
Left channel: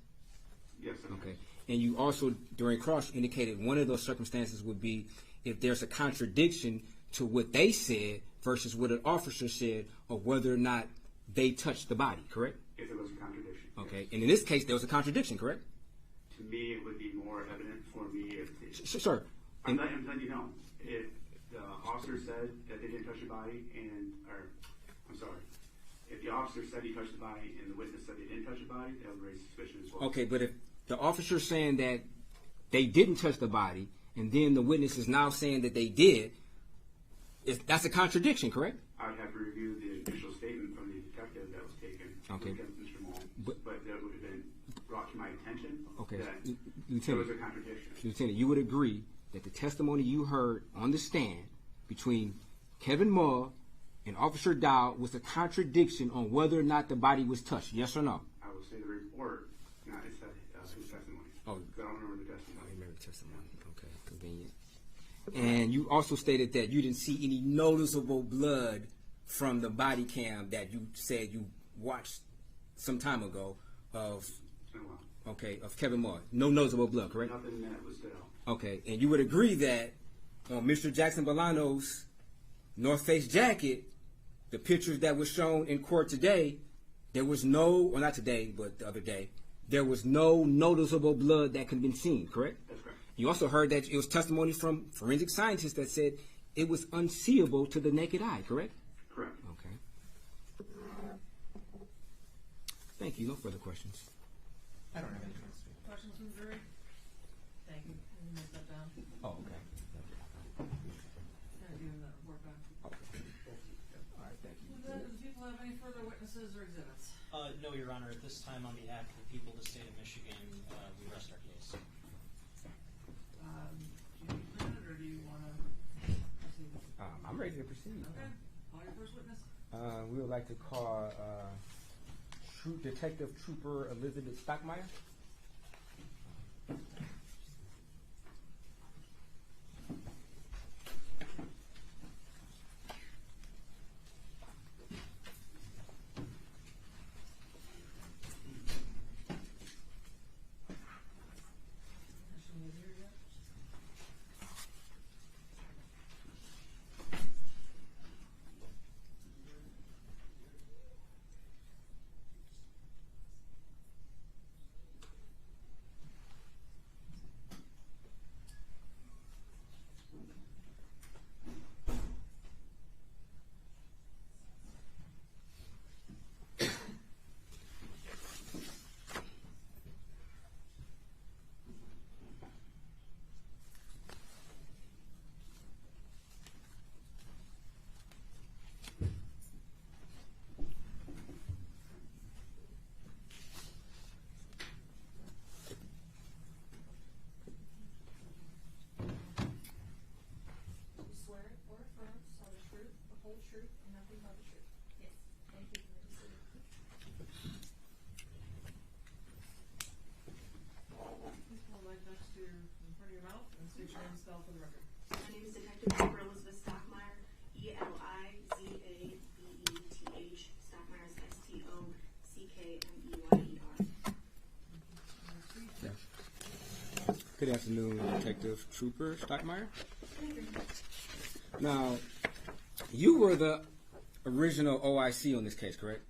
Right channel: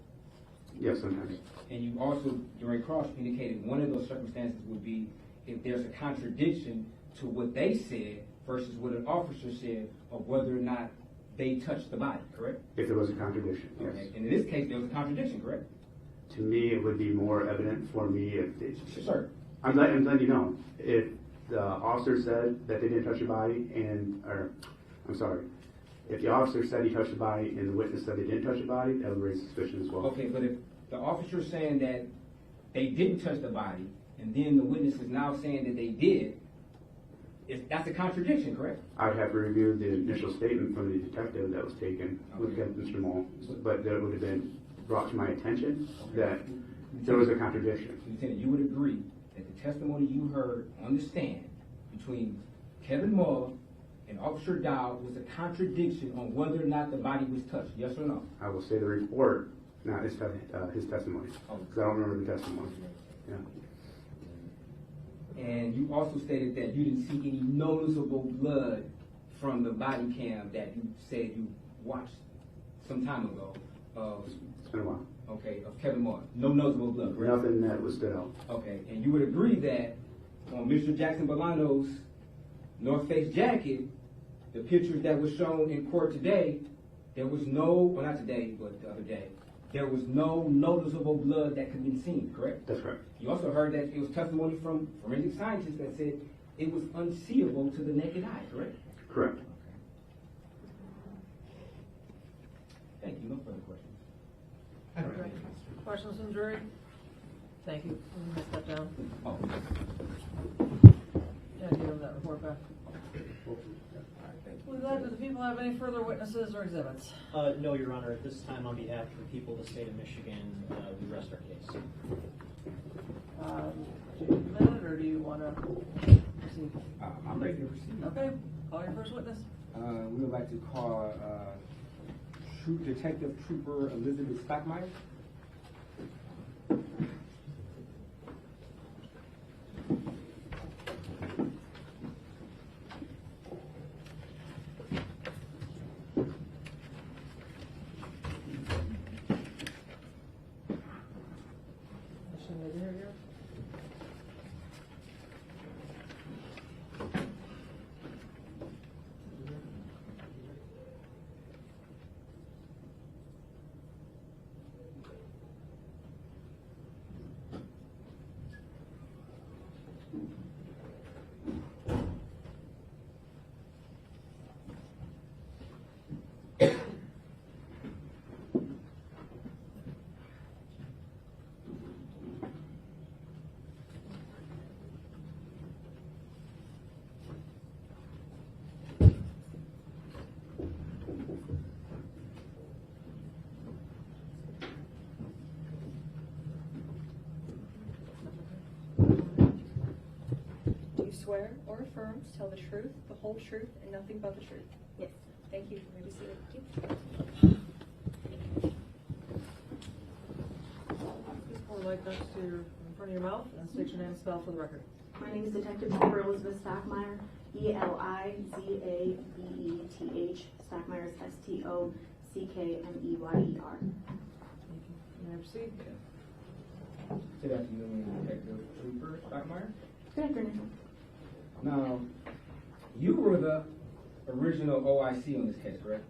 Yes, sometimes. Okay. And you also, during cross, indicated one of those circumstances would be if there's a contradiction to what they said versus what an officer said, or whether or not they touched the body, correct? If there was a contradiction, okay. Yes. And in this case, there was a contradiction, correct? To me, it would be more evident for me if... Sure. I'm letting you know. If the officer said that they didn't touch the body if the officer said he touched the body and the witness said they didn't touch the body, that would raise suspicion as well. Okay, but if the officer's saying that they didn't touch the body, and then the witness is now saying that they did, that's a contradiction, correct? I would have to review the initial statement from the detective that was taken against Mr. Mull, but that would have been brought to my attention that there was a contradiction. Lieutenant, you would agree that the testimony you heard on the stand between Kevin Mull and Officer Dow was a contradiction on whether or not the body was touched, yes or no? I will say the report, not his testimony, because I don't remember the testimony. Yeah. And you also stated that you didn't see any noticeable blood from the body cam that you said you watched some time ago of... It's been a while. Okay, of Kevin Mull. No noticeable blood, correct? Nothing that was stood out. Okay, and you would agree that on Mr. Jackson-Bolanos' North Face jacket, the pictures that were shown in court today, there was no, well not today, but the other day, there was no noticeable blood that could be seen, correct? That's correct. You also heard that it was testimony from forensic scientists that said it was unseeable to the naked eye, correct? Correct. Okay. Thank you. No further questions. I don't have any questions. Questions from the jury? Thank you. I'm going to step down. Oh. Yeah, give them that report back. With that, do the people have any further witnesses or exhibits? No, Your Honor. At this time, on behalf of the people of the state of Michigan, we rest our case. Do you have a minute, or do you want to proceed? I'm ready to proceed. Okay. Call your first witness. We would like to call Detective Trooper Elizabeth Stockmeyer. swear or affirm to tell the truth, the whole truth, and nothing but the truth? Yes. Thank you. You may be seated. Please pour light next to your, in front of your mouth and state your name and spell for the record. My name is Detective Amber Elizabeth Stockmeyer, Elizabeth, Stockmeyer is Stockmeyer. You may proceed. Good afternoon, Detective Trooper Stockmeyer. Good afternoon. Now, you were the original OIC on this case, correct?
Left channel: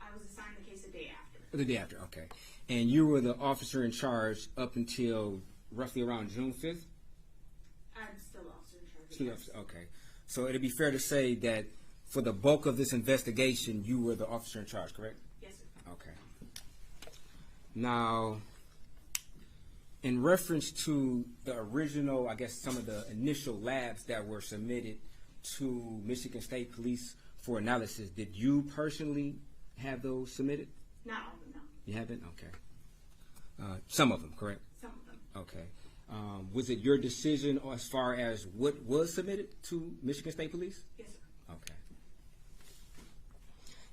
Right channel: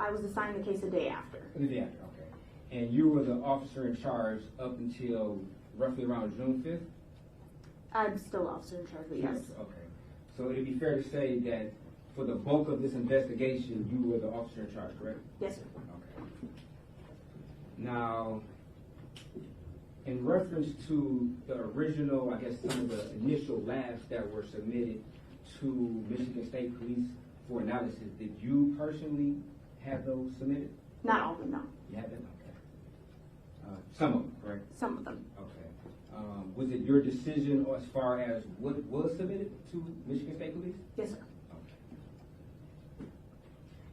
I was assigned the case a day after. The day after, okay. And you were the officer in charge up until roughly around June 5th? I'm still officer in charge, yes. Okay. So it'd be fair to say that for the bulk of this investigation, you were the officer in charge, correct? Yes, sir. Okay. Now, in reference to the original, I guess some of the initial labs that were submitted to Michigan State Police for analysis, did you personally have those submitted? Not all of them, no. You haven't? Okay. Some of them, correct? Some of them. Okay. Was it your decision as far as what was submitted to Michigan State Police? Yes, sir.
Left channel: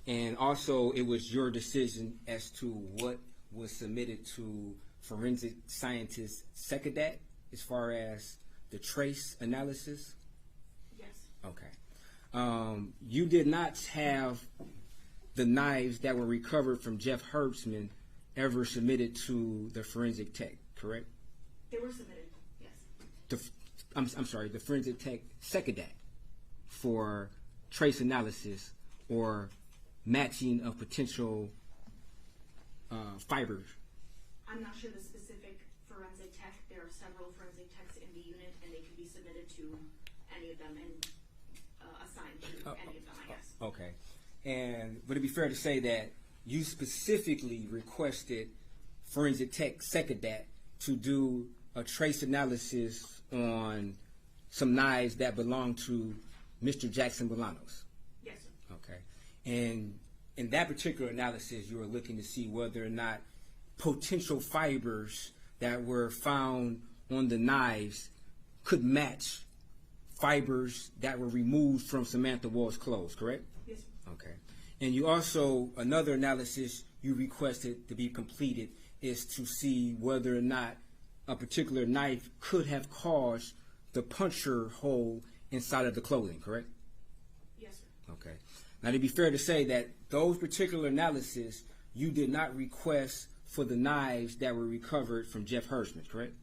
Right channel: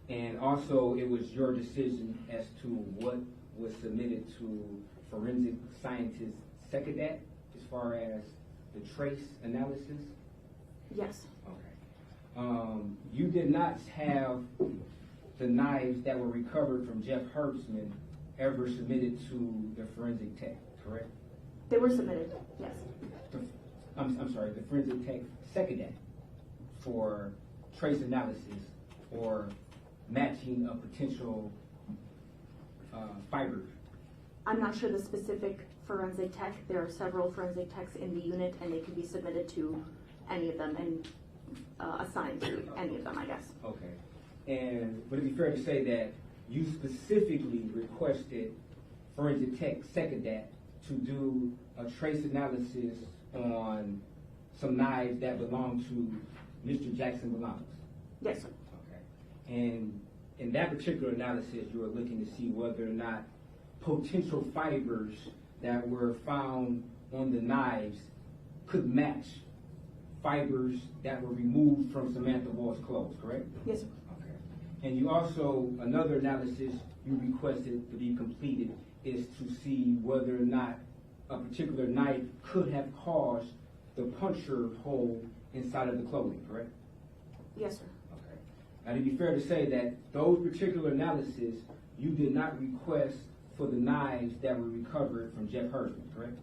Okay. And also, it was your decision as to what was submitted to forensic scientist Secadat as far as the trace analysis? Yes. Okay. You did not have the knives that were recovered from Jeff Herbstman ever submitted to the forensic tech, correct? They were submitted, yes. I'm sorry, the forensic tech Secadat for trace analysis or matching of potential fibers. I'm not sure the specific forensic tech. There are several forensic techs in the unit, and they could be submitted to any of them and assigned to any of them, I guess. Okay. And would it be fair to say that you specifically requested forensic tech Secadat to do a trace analysis on some knives that belong to Mr. Jackson-Bolanos? Yes, sir. Okay. And in that particular analysis, you were looking to see whether or not potential fibers that were found on the knives could match fibers that were removed from Samantha Woll's clothes, correct? Yes, sir. Okay. And you also, another analysis you requested to be completed is to see whether or not a particular knife could have caused the puncture hole inside of the clothing, correct? Yes, sir. Okay. Now, it'd be fair to say that those particular analysis, you did not request for the knives that were recovered from Jeff Herbstman, correct?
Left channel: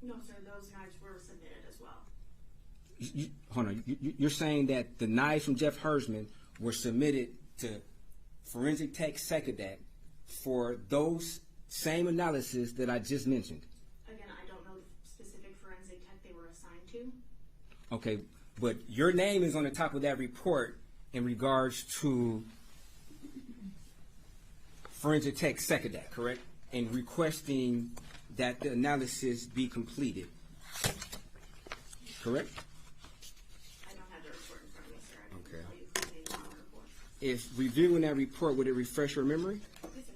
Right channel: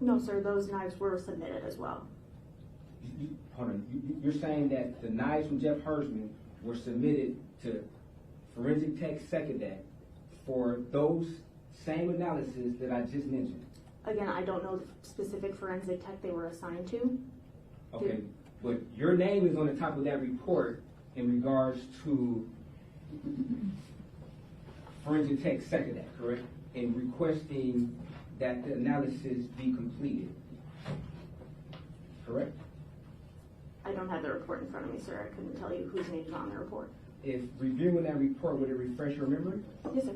No, sir. Those knives were submitted as well. Hold on. You're saying that the knives from Jeff Herbstman were submitted to forensic tech Secadat for those same analysis that I just mentioned? Again, I don't know the specific forensic tech they were assigned to. Okay, but your name is on the top of that report in regards to forensic tech Secadat, correct? And requesting that the analysis be completed, correct? I don't have the report in front of me, sir. I couldn't tell you whose name is on the report. If reviewing that report, would it refresh your memory? Yes, sir.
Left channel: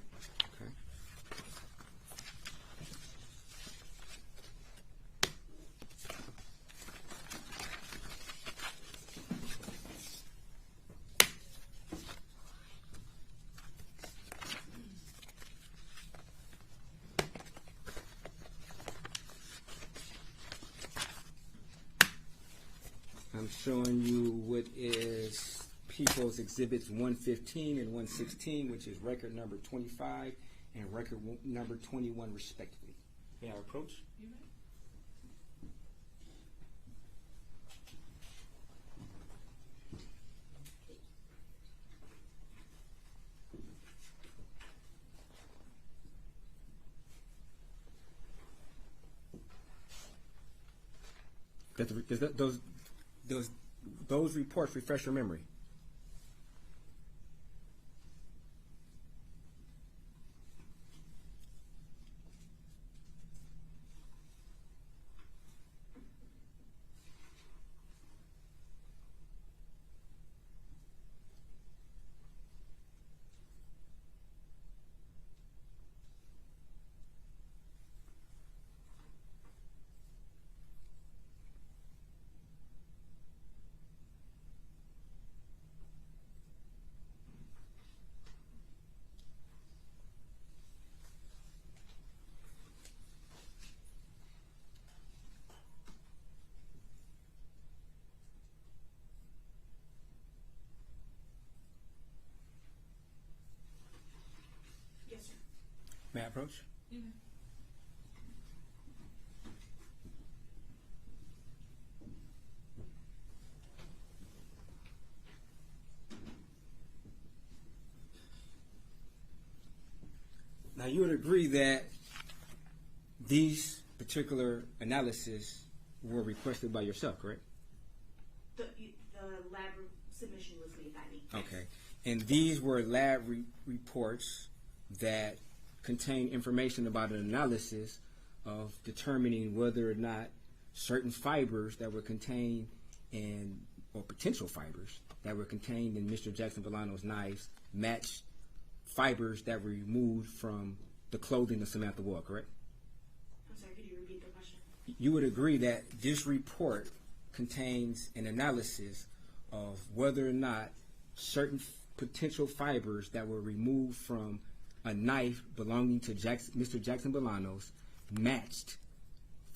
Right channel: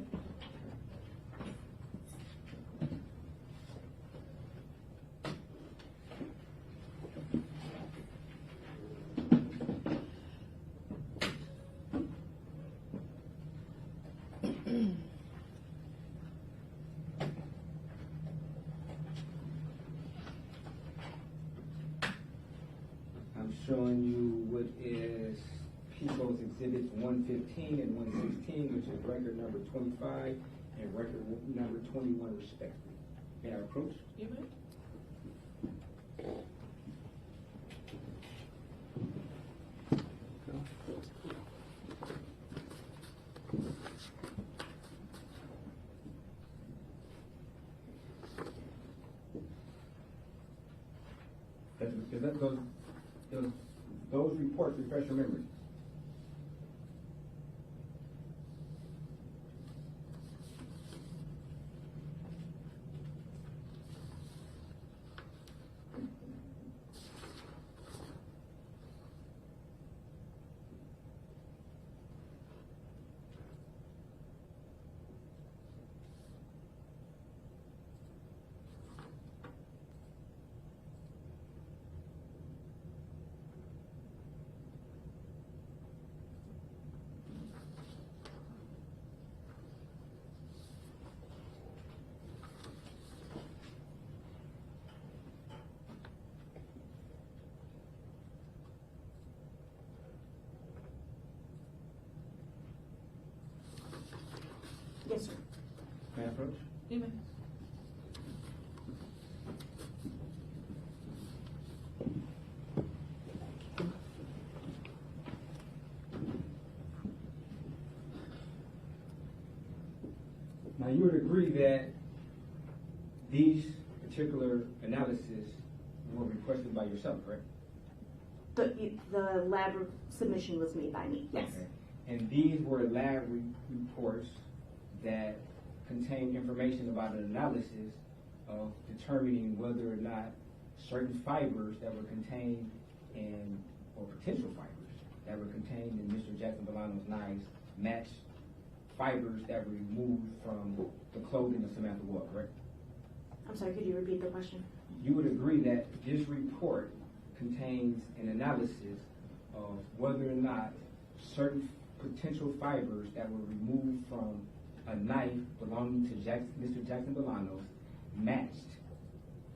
I'm showing you what is People's Exhibits 115 and 116, which is record number 25 and record number 21, respectively. May I approach? You may. Does those reports refresh your memory? agree that these particular analysis were requested by yourself, correct? The lab submission was made by me. Yes. Okay. And these were lab reports that contain information about an analysis of determining whether or not certain fibers that were contained in, or potential fibers that were contained in Mr. Jackson-Bolanos' knives matched fibers that were removed from the clothing of Samantha Woll, correct? I'm sorry, could you repeat the question? You would agree that this report contains an analysis of whether or not certain potential fibers that were removed from a knife belonging to Mr. Jackson-Bolanos matched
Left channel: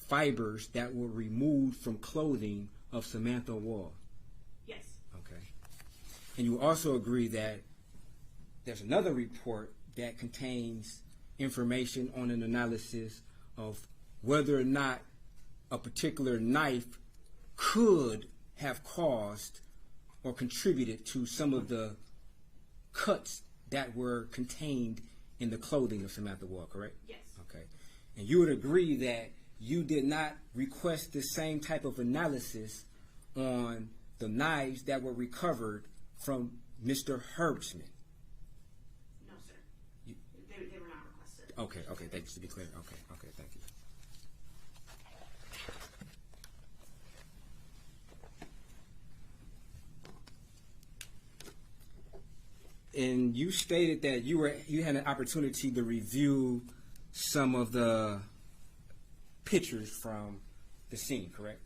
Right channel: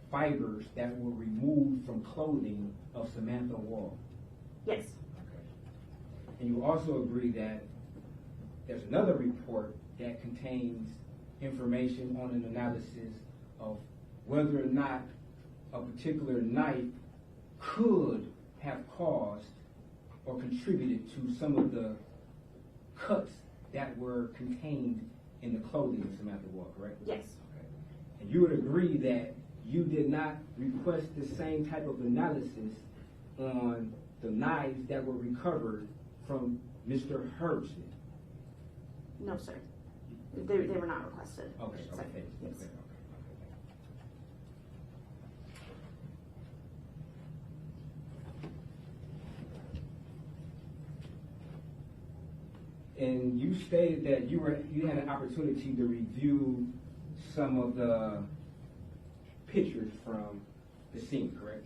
fibers that were removed from clothing of Samantha Woll. Yes. Okay. And you also agree that there's another report that contains information on an analysis of whether or not a particular knife could have caused or contributed to some of the cuts that were contained in the clothing of Samantha Woll, correct? Yes. Okay. And you would agree that you did not request the same type of analysis on the knives that were recovered from Mr. Herbstman? No, sir. They were not requested. Okay, thanks. Okay, thank you. And you stated that you had an opportunity to review some of the pictures from the scene, correct?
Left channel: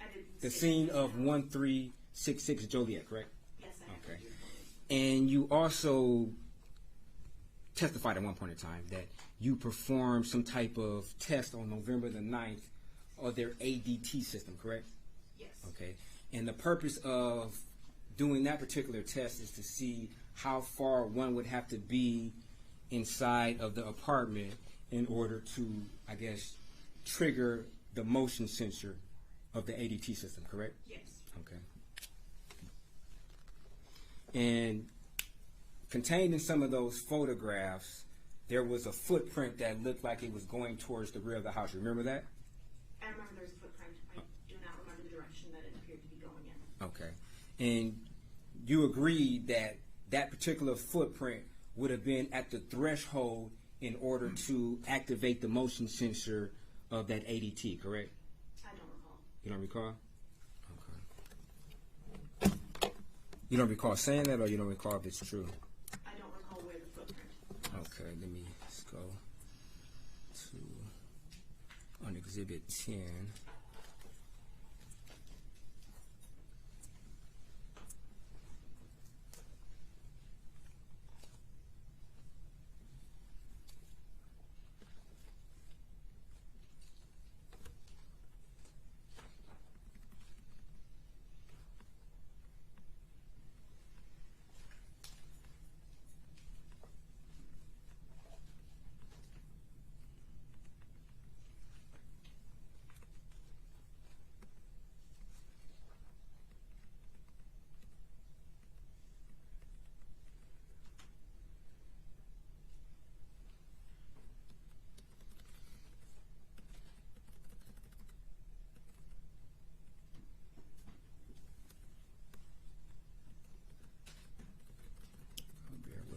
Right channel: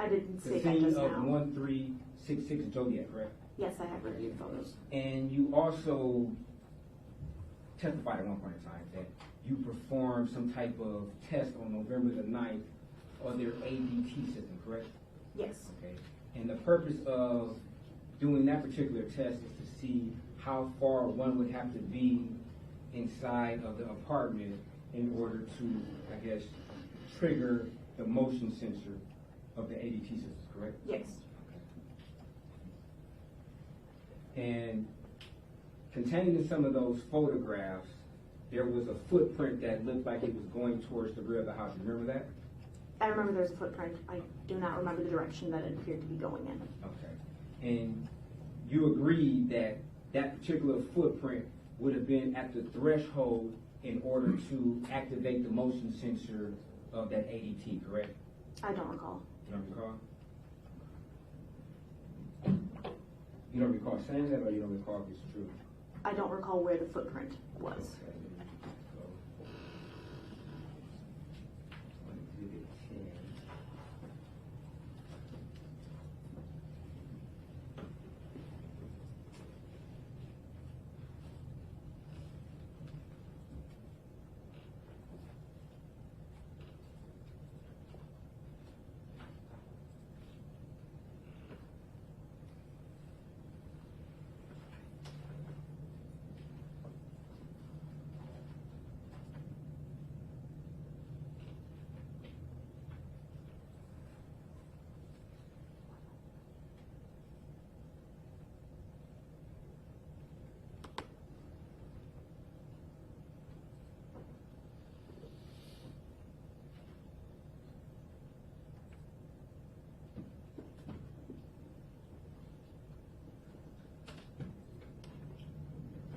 I didn't The say scene that just of now. 1366 Joliet, correct? Yes, I have reviewed photos. And you also testified at one point in time that you performed some type of test on November the 9th of their ADT system, correct? Yes. Okay. And the purpose of doing that particular test is to see how far one would have to be inside of the apartment in order to, I guess, trigger the motion sensor of the ADT system, correct? Yes. Okay. And contained in some of those photographs, there was a footprint that looked like it was going towards the rear of the house. Remember that? I remember there's a footprint. I do not remember the direction that it appeared to be going in. Okay. And you agreed that that particular footprint would have been at the threshold in order to activate the motion sensor of that ADT, correct? I don't recall. You don't recall? Okay. You don't recall saying that, or you don't recall if it's true? I don't recall where the footprint was. Okay, let me just go to on Exhibit 10.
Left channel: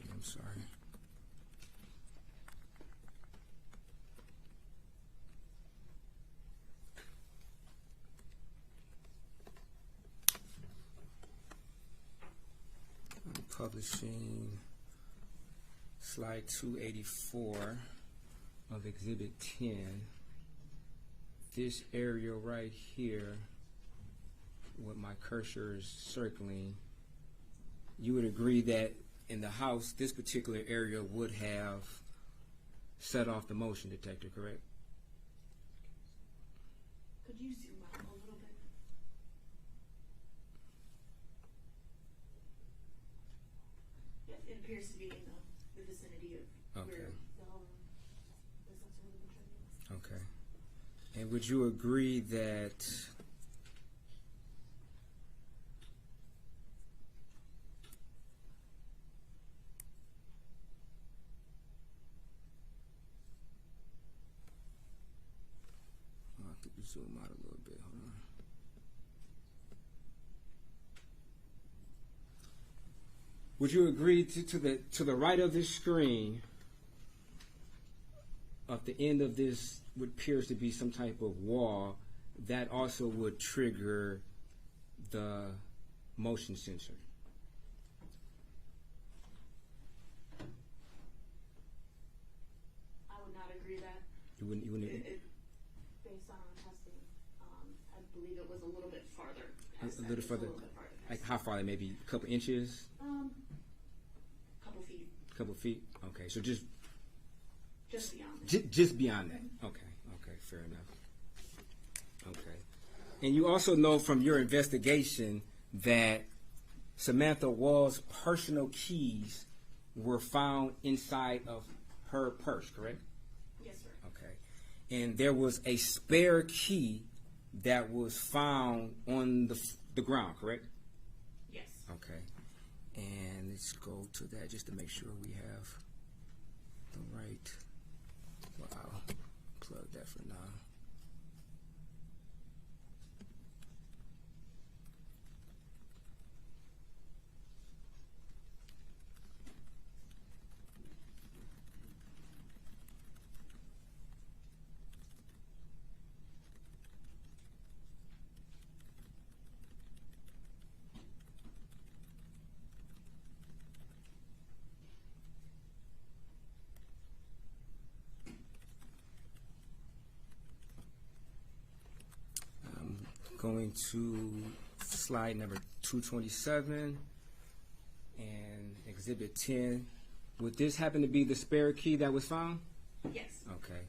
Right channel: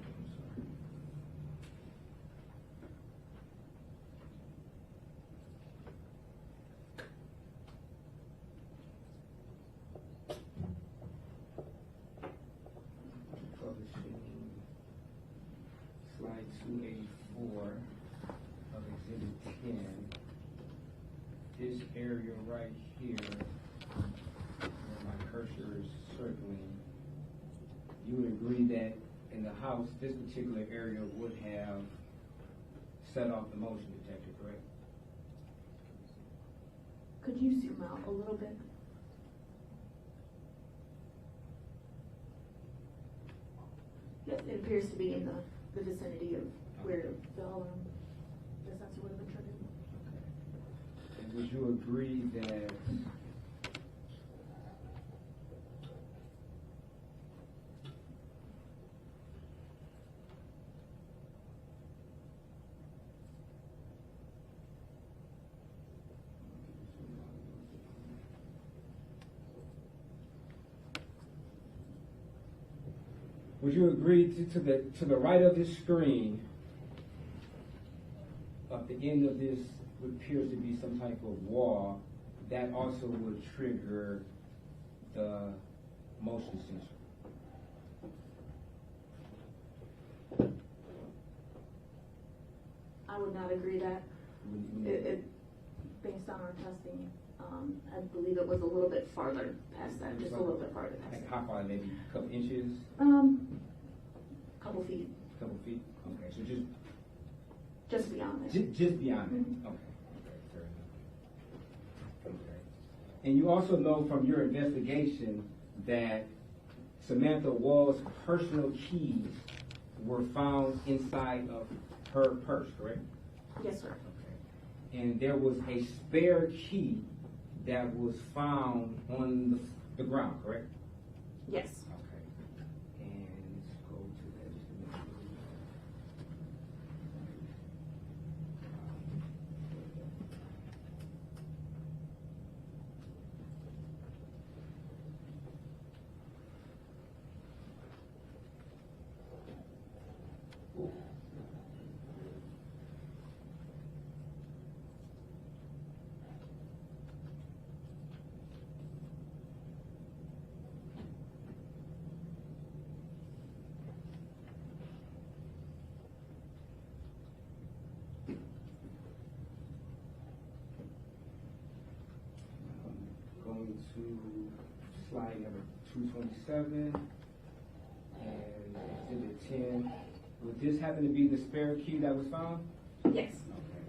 I'm sorry. Publishing slide 284 of Exhibit 10. This area right here, where my cursor is circling, you would agree that in the house, this particular area would have set off the motion detector, correct? Could you zoom out a little bit? Yes, it appears to be in the vicinity of where the sensor would have been triggered. Okay. And would you agree that Would you agree to the right of this screen, at the end of this, what appears to be some type of wall, that also would trigger the motion sensor? I would not agree that. You wouldn't Based on our testing, I believe it was a little bit farther past that. Just a little bit farther past. Like how far? Maybe a couple inches? Couple feet. Couple feet? Okay, so just beyond it. Just beyond that. Okay, fair enough. Okay. And you also know from your investigation that Samantha Woll's personal keys were found inside of her purse, correct? Yes, sir. Okay. And there was a spare key that was found on the ground, correct? Yes. Okay. And let's go to that just to make sure we have right. Wow. Plug that from now. Going to slide number 227 and exhibit 10. Would this happen to be the spare key that was found? Yes. Okay.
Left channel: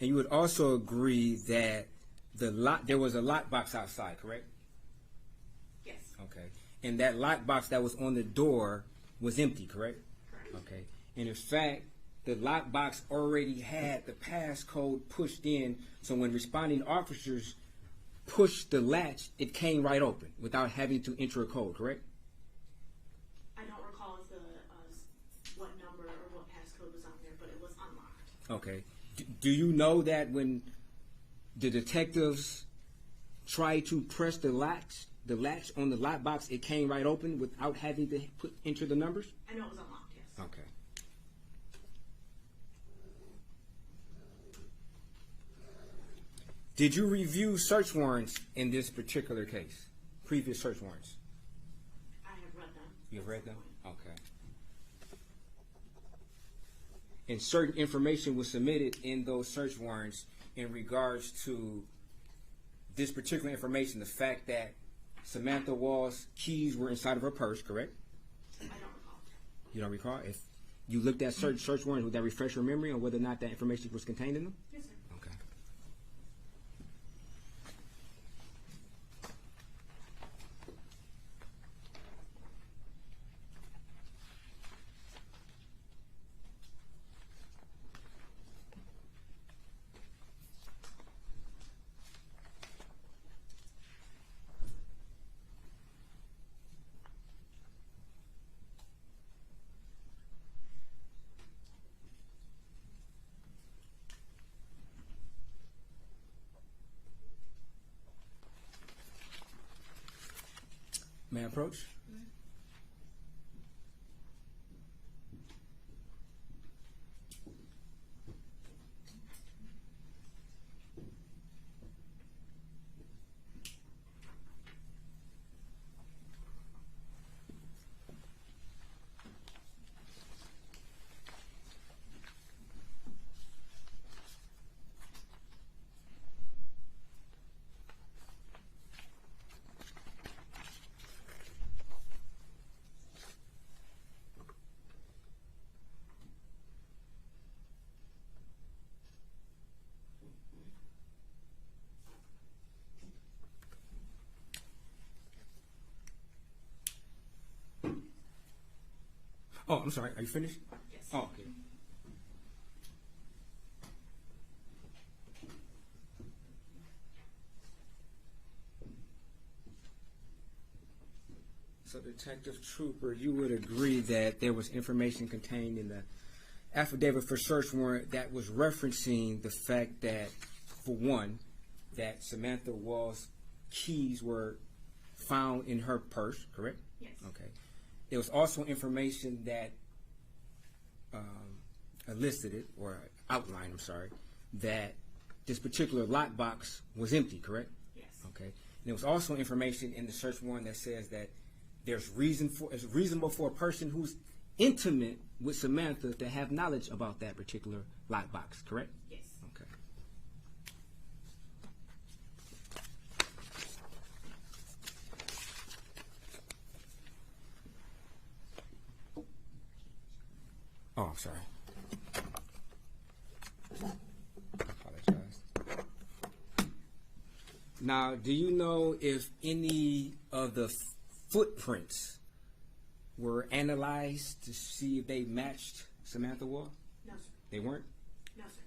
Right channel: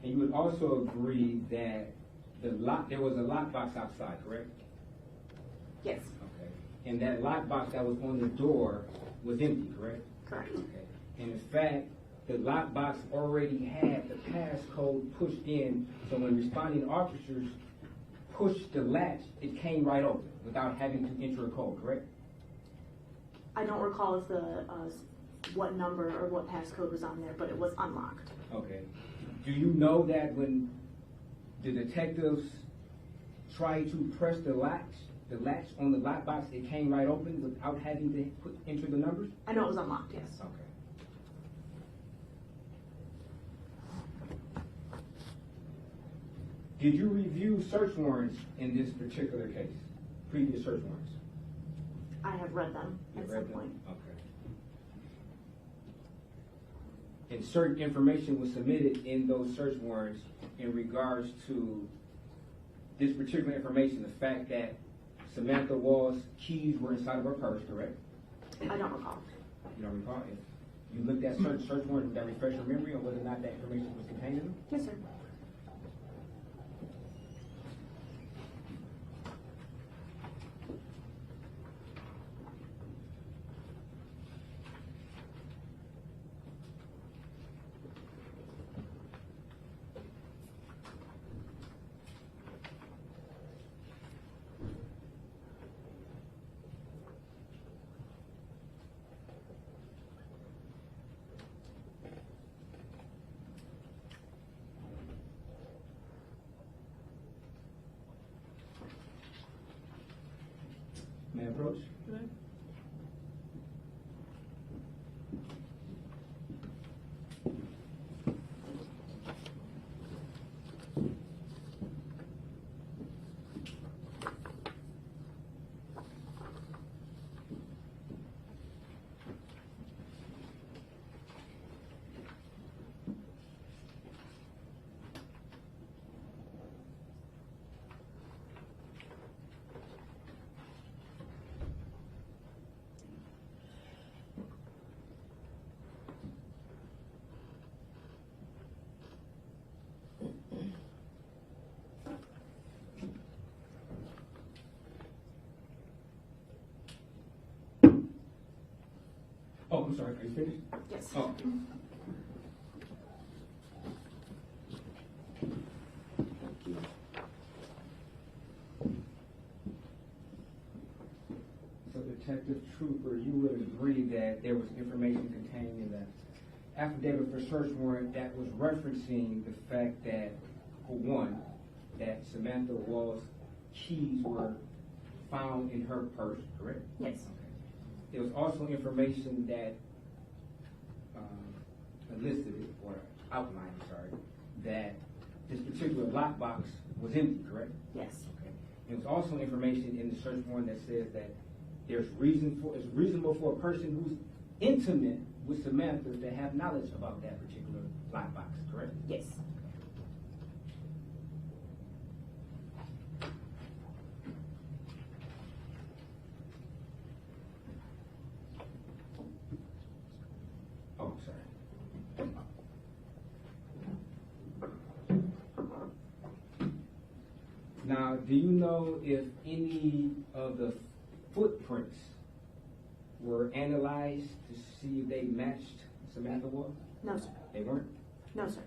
And you would also agree that there was a lockbox outside, correct? Yes. Okay. And that lockbox that was on the door was empty, correct? Correct. Okay. And in fact, the lockbox already had the passcode pushed in, so when responding officers pushed the latch, it came right open without having to enter a code, correct? I don't recall if what number or what passcode was on there, but it was unlocked. Okay. Do you know that when the detectives tried to press the latch on the lockbox, it came right open without having to enter the numbers? I know it was unlocked, yes. Okay. Did you review search warrants in this particular case? Previous search warrants? I have read them. You've at read some them? point. Okay. And certain information was submitted in those search warrants in regards to this particular information, the fact that Samantha Woll's keys were inside of her purse, correct? I don't recall. You don't recall? If you looked at search warrants, would that refresh your memory on whether or not that information was contained in them? Yes, sir. May I approach? Oh, I'm sorry. Are you finished? Yes. Oh. So, Detective Trooper, you would agree that there was information contained in the affidavit for search warrant that was referencing the fact that, for one, that Samantha Woll's keys were found in her purse, correct? Yes. Okay. there was also information that elicited or outlined, that this particular lockbox was empty, correct? Yes. Okay. There was also information in the search warrant that says that it's reasonable for a person who's intimate with Samantha to have knowledge about that particular lockbox, correct? Yes. Oh, I'm sorry. Now, do you know if any of the footprints were analyzed to see if they matched Samantha Woll? No, sir. They weren't? No, sir.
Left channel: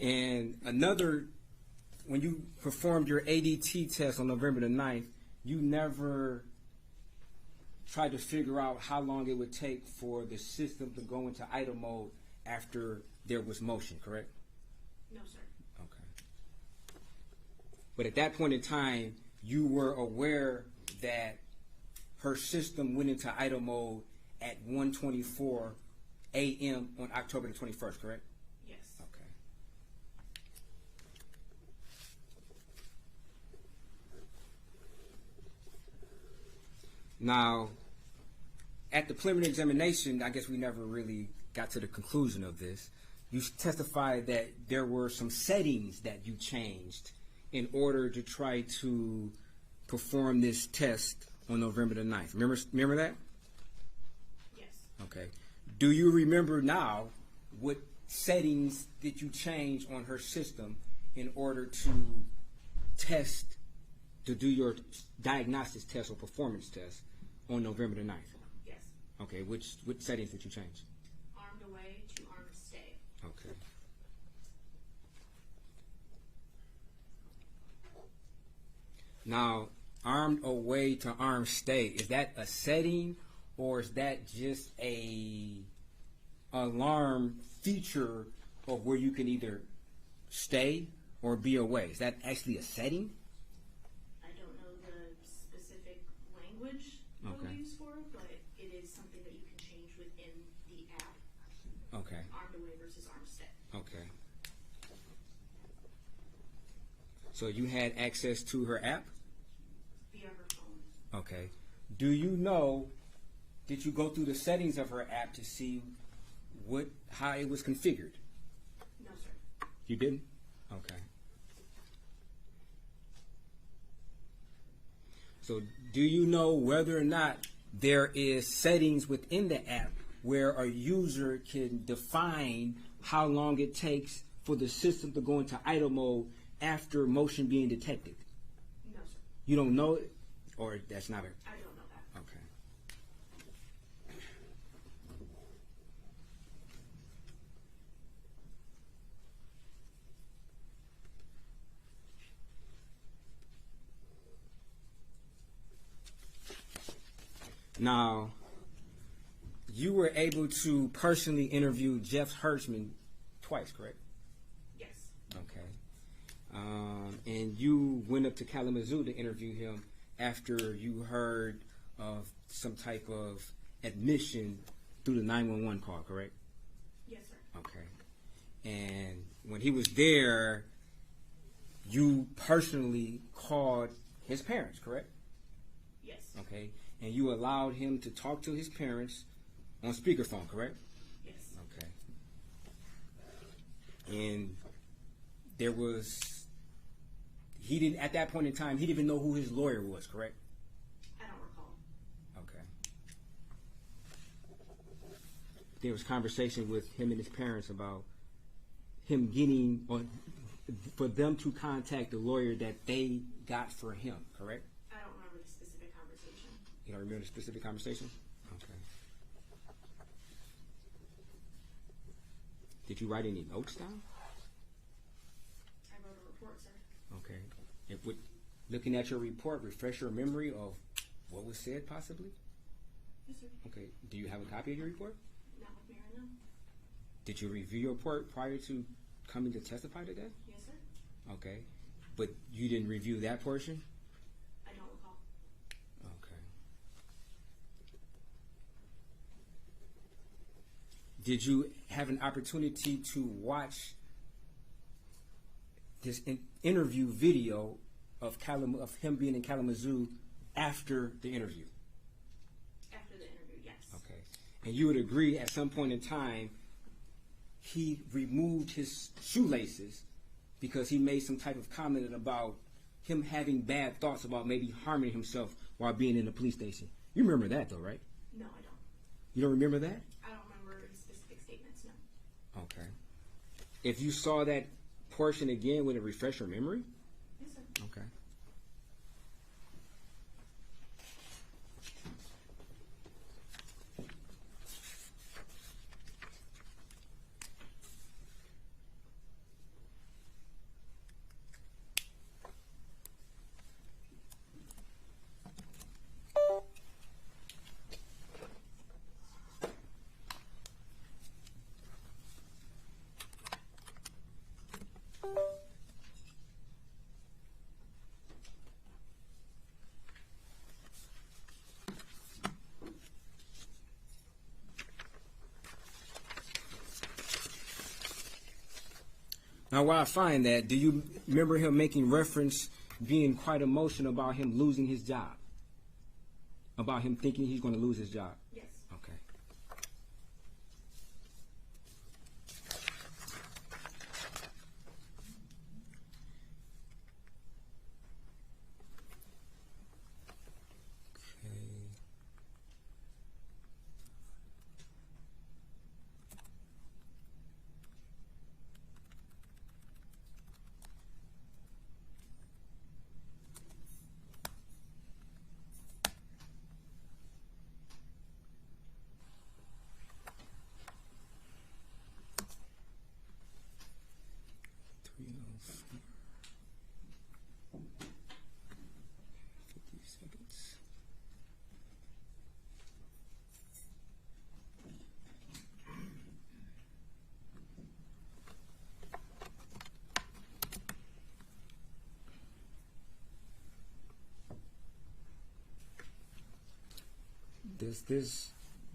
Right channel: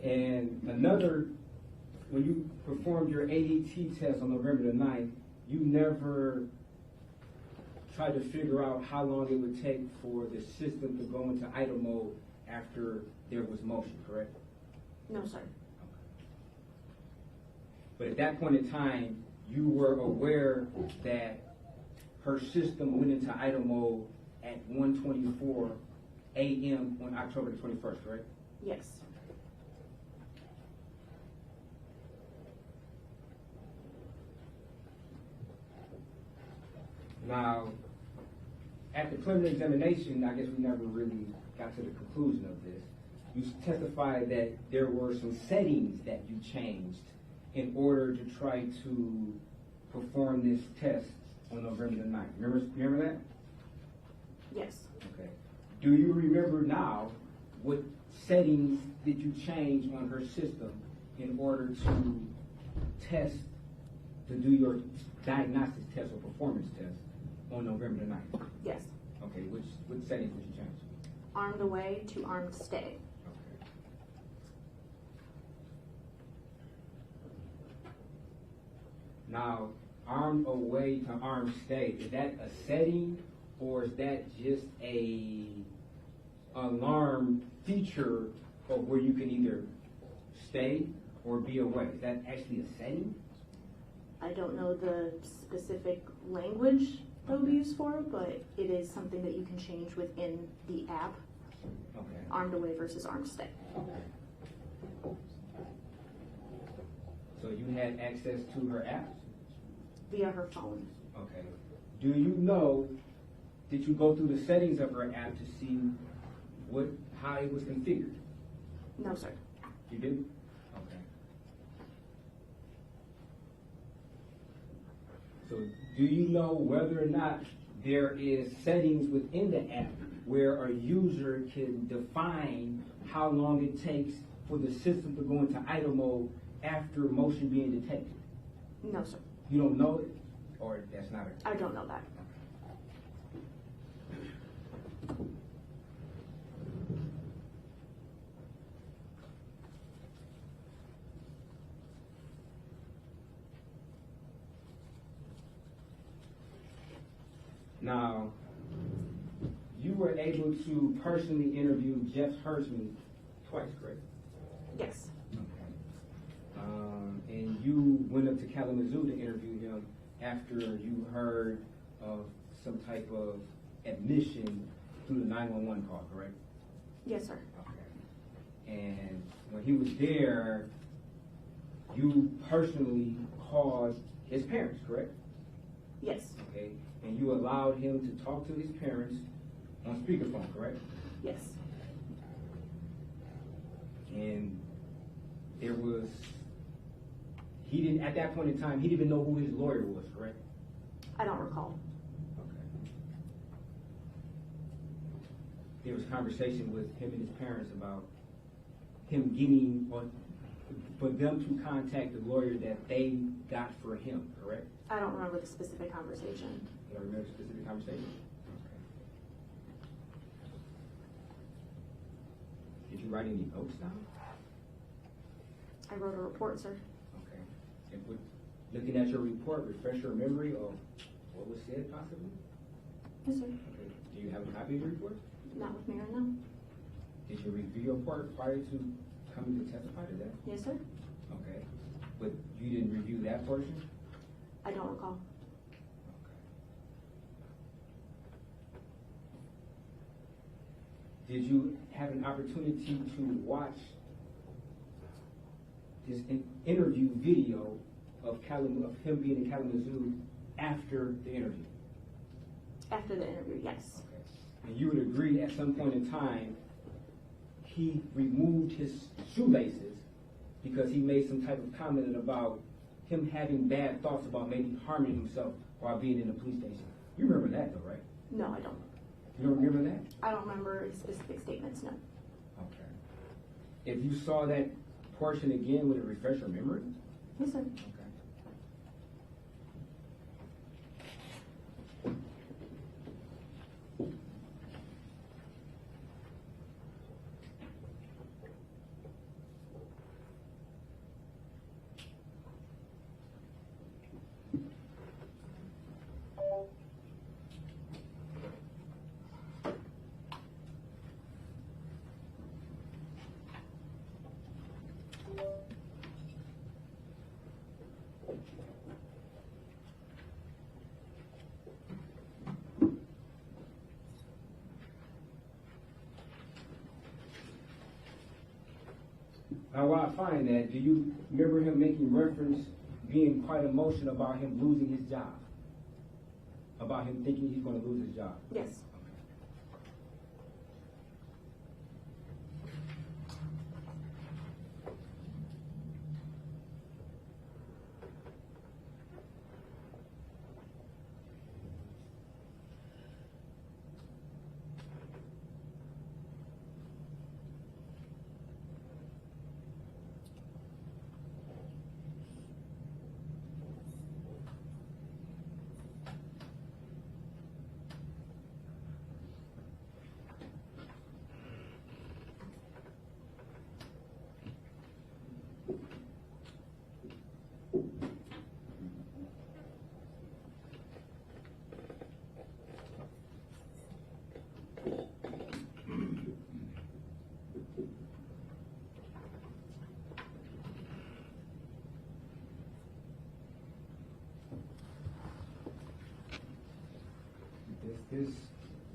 Okay. And another, when you performed your ADT test on November the 9th, you never tried to figure out how long it would take for the system to go into idle mode after there was motion, correct? No, sir. Okay. But at that point in time, you were aware that her system went into idle mode at 1:24 a.m. on October the 21st, correct? Yes. Now, at the preliminary examination, I guess we never really got to the conclusion of this. You testified that there were some settings that you changed in order to try to perform this test on November the 9th. Remember that? Yes. Okay. Do you remember now what settings did you change on her system in order to test, to do your diagnostics test or performance test on November the 9th? Yes. Okay, which settings would you change? Armed away to armed stay. Okay. Now, armed away to armed stay, is that a setting or is that just a alarm feature of where you can either stay or be away? Is that actually a setting? I don't know the specific language that we use for it, but it is something that you can change within the app. Okay. Armed away versus armed stay. Okay. So you had access to her app? Via her phone. Okay. Do you know, did you go through the settings of her app to see how it was configured? No, sir. You didn't? Okay. So do you know whether or not there is settings within the app where a user can define how long it takes for the system to go into idle mode after motion being detected? No, sir. You don't know it? Or that's not it? I don't know that. Now, you were able to personally interview Jeff Hertzman twice, correct? Yes. Okay. And you went up to Kalamazoo to interview him after you heard of some type of admission through the 911 call, correct? Yes, sir. Okay. And when he was there, you personally called his parents, correct? Yes. Okay. And you allowed him to talk to his parents on speakerphone, correct? Yes. Okay. And there was, he didn't, at that point in time, he didn't even know who his lawyer was, correct? I don't recall. Okay. There was conversation with him and his parents about him getting, or for them to contact the lawyer that they got for him, correct? I don't remember the specific conversation. You don't remember the specific conversation? Okay. Did you write any notes down? I wrote a report, sir. Okay. And looking at your report, refresh your memory of what was said, possibly? Yes, sir. Okay. Do you have a copy of your report? Not with me right now. Did you review your report prior to coming to testify today? Yes, sir. Okay. But you didn't review that portion? I don't recall. Okay. Did you have an opportunity to watch this interview video of him being in Kalamazoo after the interview? After the interview, yes. Okay. And you would agree at some point in time he removed his shoelaces because he made some type of comment about him having bad thoughts about maybe harming himself while being in the police station. You remember that though, right? No, I don't. You don't remember that? I don't remember specific statements, no. Okay. If you saw that portion again, would it refresh your memory? Yes, sir. Okay. Now, while I find that, do you remember him making reference, being quite emotional about him losing his job? About him thinking he's going to lose his job? Yes. Okay.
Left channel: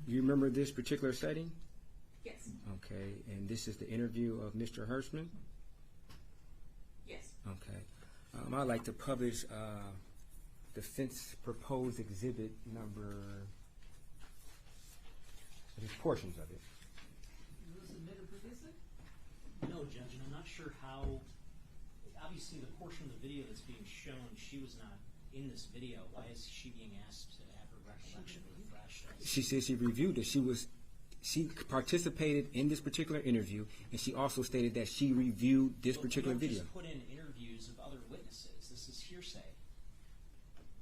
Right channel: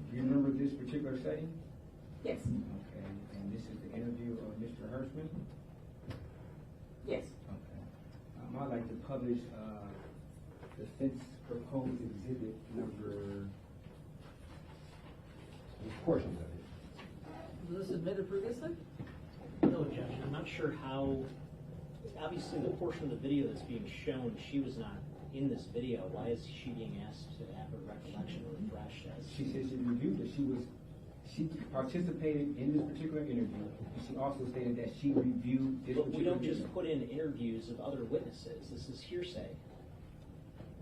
You remember this particular setting? Yes. Okay, and this is the interview of Mr. Hirschman? Yes. Okay. I'd like to publish defense proposed exhibit number, portions of it. Was this admitted previously? No, Judge, I'm not sure how, obviously the portion of the video that's being shown, she was not in this video. Why is she being asked to have her recollection refreshed? She said she reviewed it. She participated in this particular interview, and she also stated that she reviewed this particular video. We don't video. just put in interviews of other witnesses. This is hearsay.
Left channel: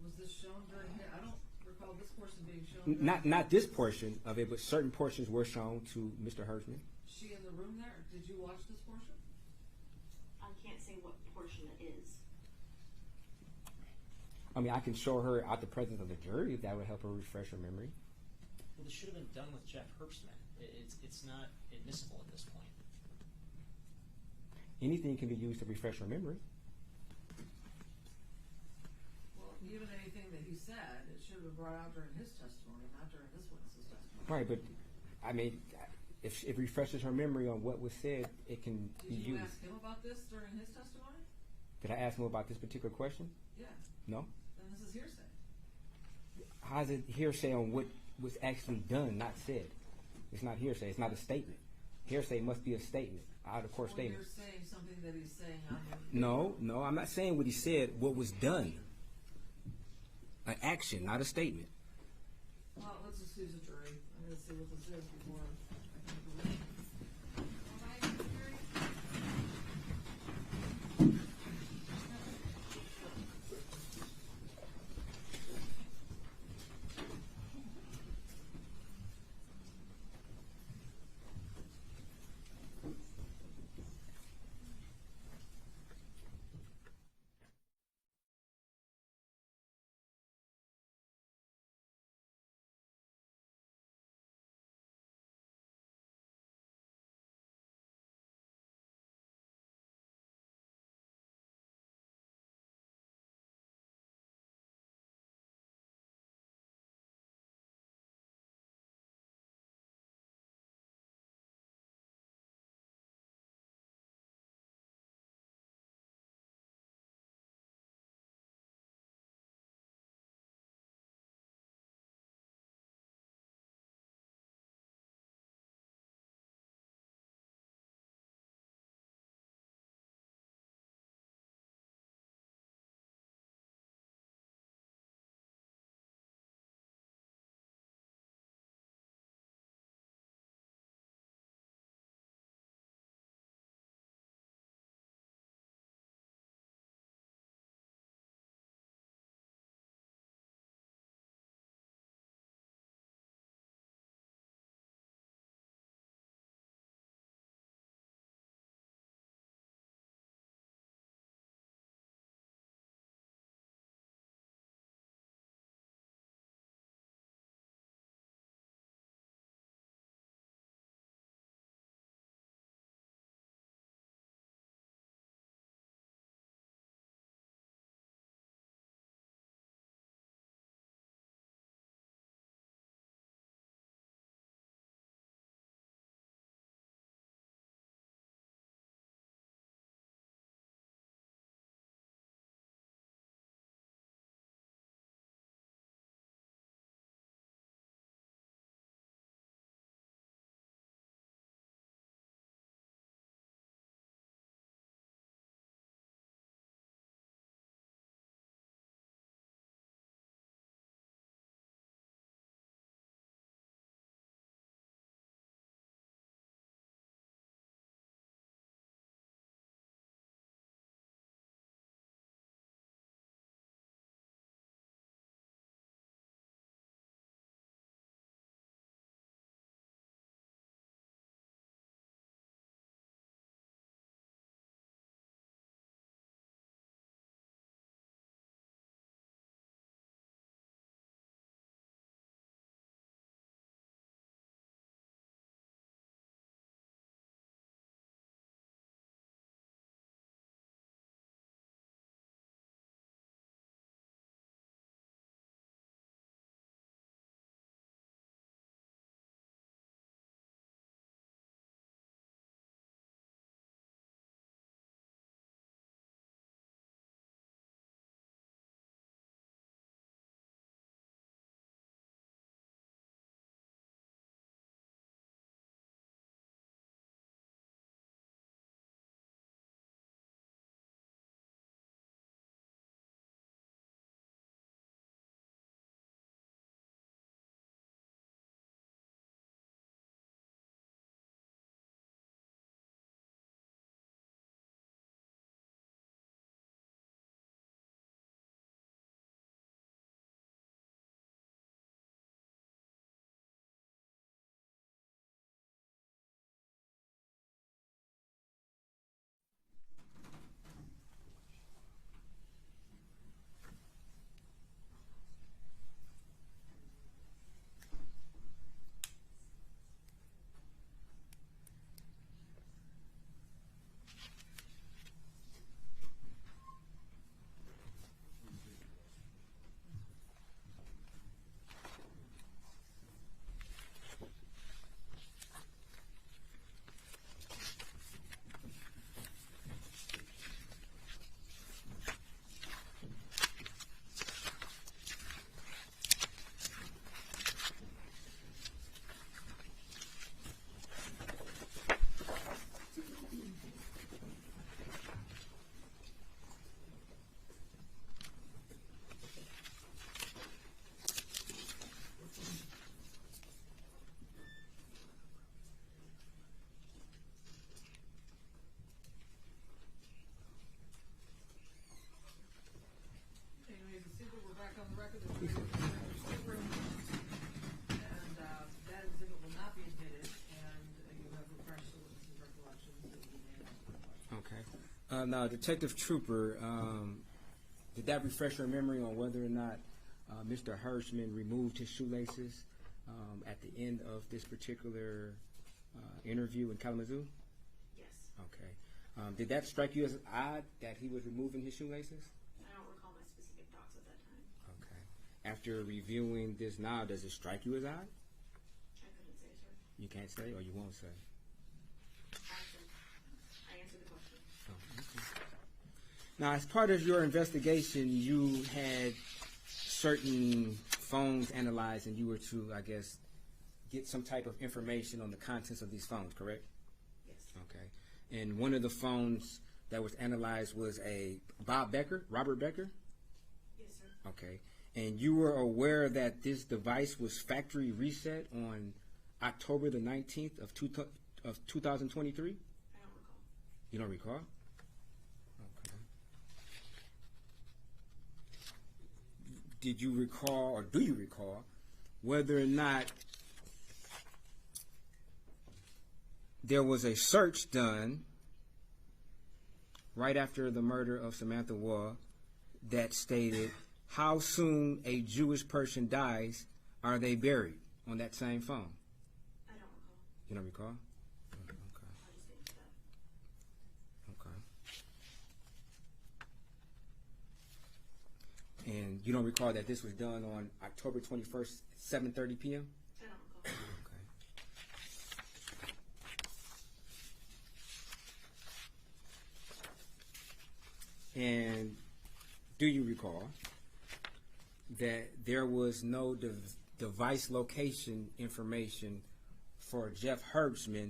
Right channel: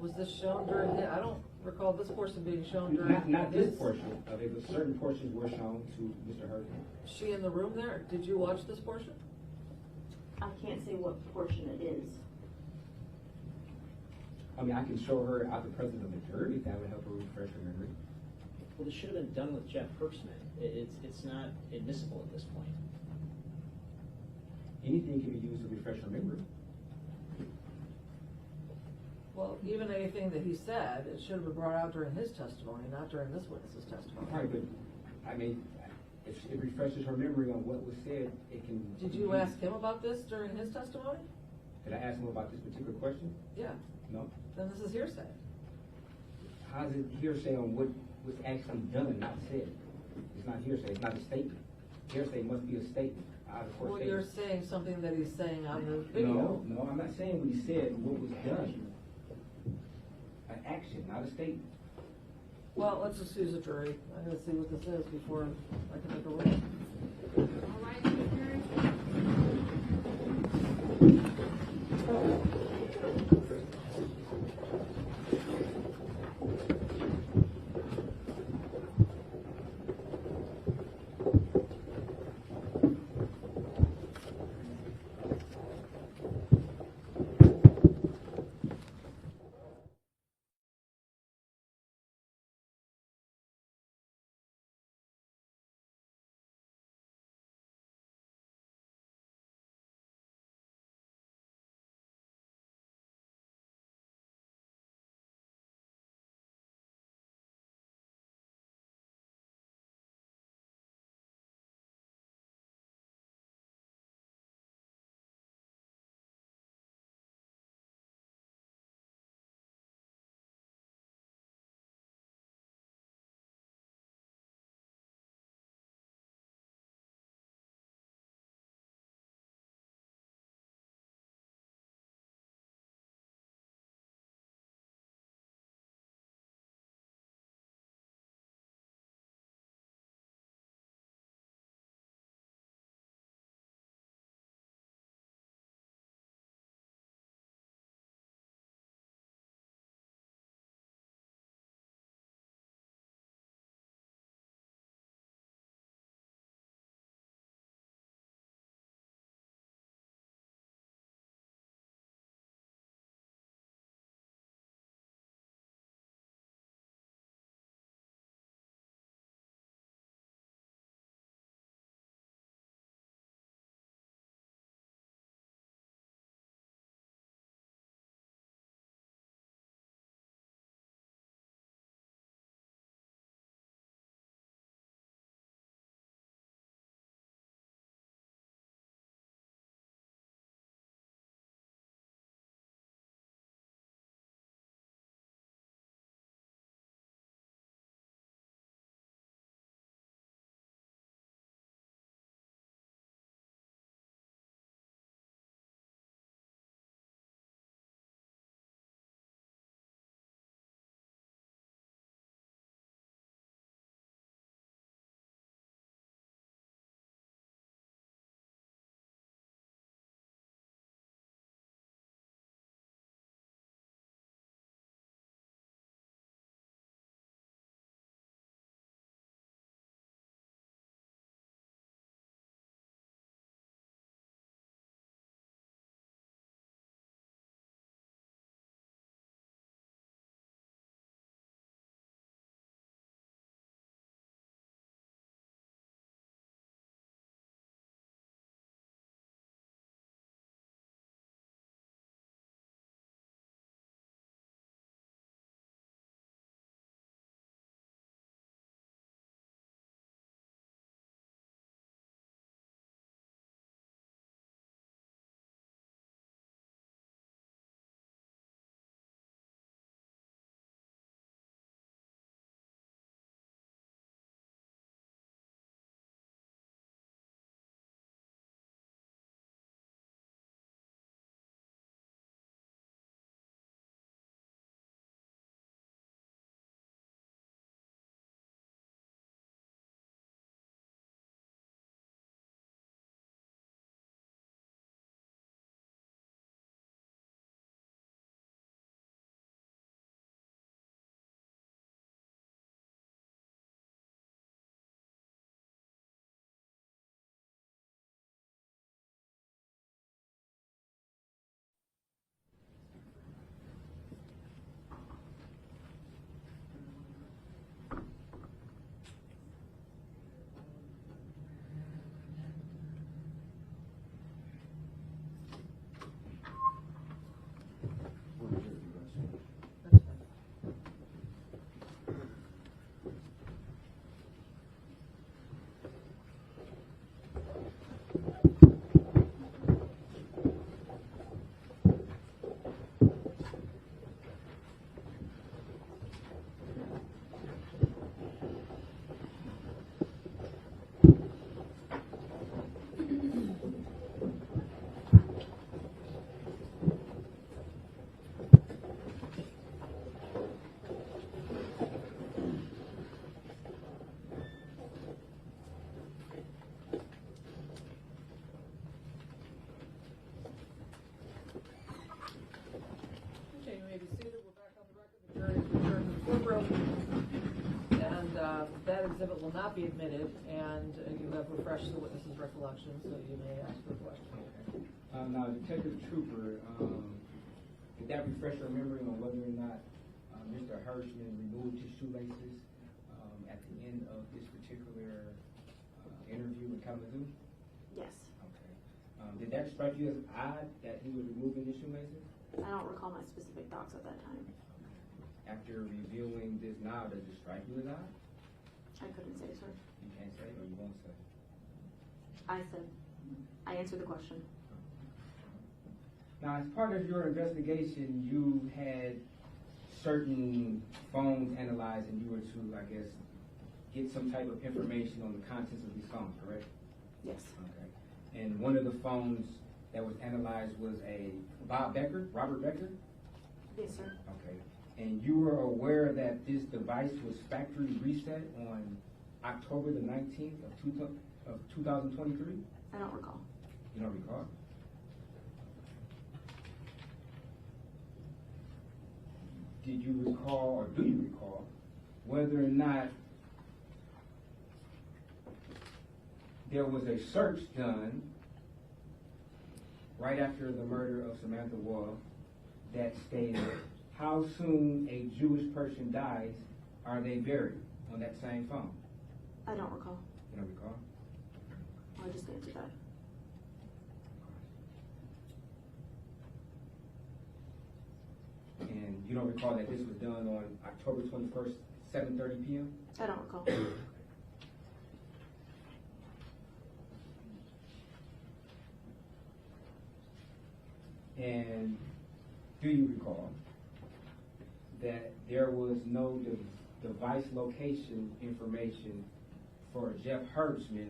Was this shown during I don't recall this portion being shown during Not this portion of it, but certain portions were shown to Mr. Hirschman. Is she in the room there? Did you watch this portion? I can't say what portion it is. I mean, I can show her out the presence of the jury. That would help her refresh her memory. Well, this should have been done with Jeff Hirschman. It's not admissible at this point. Anything can be used to refresh her memory. Well, even anything that he said, it should have been brought out during his testimony, not during this witness's testimony. Right, but I mean, if it refreshes her memory on what was said, it can. Did you ask him about this during his testimony? Did I ask him about this particular question? Yeah. No. Then this is hearsay. How's it hearsay on what was actually done, not said? It's not hearsay. It's not a statement. Hearsay must be a statement, out of court Well, statement. you're saying something that he's saying on the video. No, I'm not saying what he said. What was done? An action, not a statement. Well, let's just use a jury. I'm going to see what this is before I can make a ruling. All right, Mr. refresh the witness's recollection, so you may ask the question. Okay. Now, Detective Trooper, did that refresh your memory on whether or not Mr. Hirschman removed his shoelaces at the end of this particular interview in Kalamazoo? Yes. Okay. Did that strike you as odd that he was removing his shoelaces? I don't recall my specific thoughts at that time. Okay. After reviewing this now, does it strike you as odd? I couldn't say, sir. You can't say, or you won't say? I said. I answered the question. Now, as part of your investigation, you had certain phones analyzed, and you were to, I guess, get some type of information on the contents of these phones, correct? Yes. Okay. And one of the phones that was analyzed was a Robert Becker? Yes, sir. Okay. And you were aware that this device was factory reset on October the 19th of 2023? I don't recall. You don't recall? Did you recall, or do you recall, whether or not there was a search done right after the murder of Samantha Woll that stated, how soon a Jewish person dies, are they buried, on that same phone? I don't recall. You don't recall? I'll just answer that. And you don't recall that this was done on October 21st, 7:30 p.m.? I don't recall. And do you recall that there was no device location information for Jeff Herbstman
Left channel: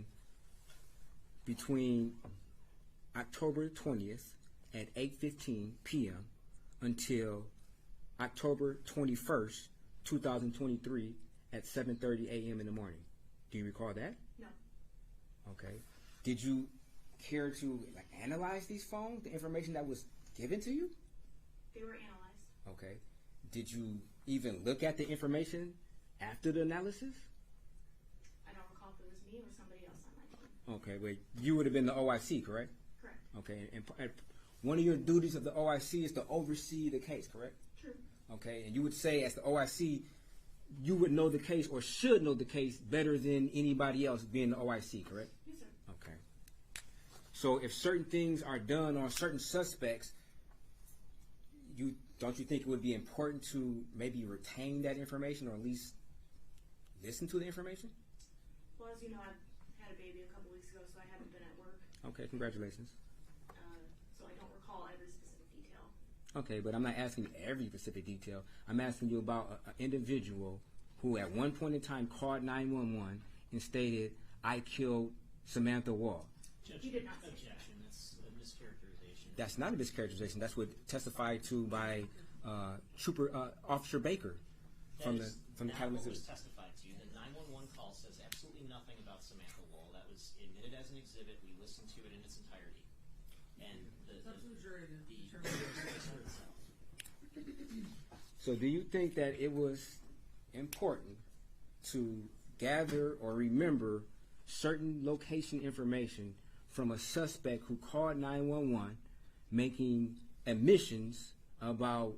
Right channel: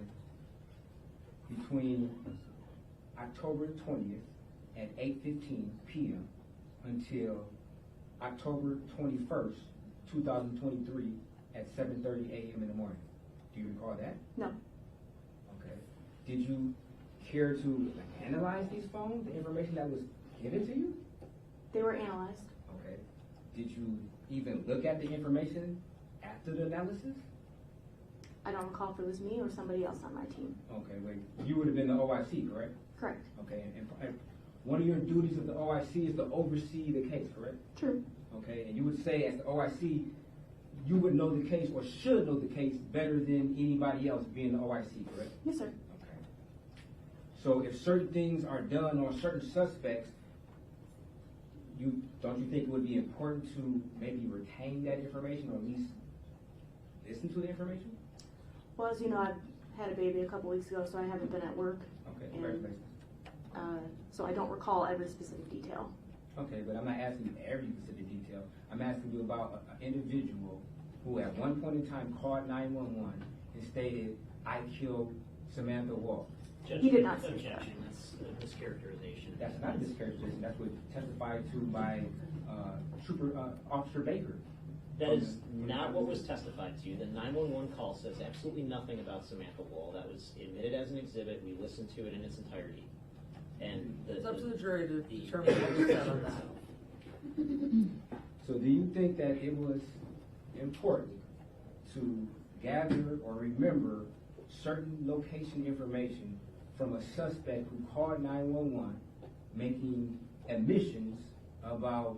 between October 20th at 8:15 p.m. until October 21st, 2023 at 7:30 a.m. in the morning? Do you recall that? No. Okay. Did you care to analyze these phones, the information that was given to you? They were analyzed. Okay. Did you even look at the information after the analysis? I don't recall if it was me or somebody else on my team. Okay, wait. You would have been the OIC, correct? Correct. Okay, and one of your duties of the OIC is to oversee the case, correct? True. Okay, and you would say as the OIC, you would know the case or should know the case better than anybody else being the OIC, correct? Yes, sir. Okay. So if certain things are done on certain suspects, don't you think it would be important to maybe retain that information or at least listen to the information? Well, as you know, I had a baby a couple weeks ago, so I haven't been at work. Okay, congratulations. So I don't recall every specific detail. Okay, but I'm not asking you every specific detail. I'm asking you about an individual who at one point in time called 911 and stated, I killed Samantha Woll. He did not say Objection. That's a mischaracterization. That's not a mischaracterization. That's what testified to by Officer Baker. That is not what was testified to. The 911 call says absolutely nothing about Samantha Woll. That was admitted as an exhibit. We listened to it in its entirety. And It's up to the jury to determine what was said on that. So do you think that it was important to gather or remember certain location information from a suspect who called 911 making admissions about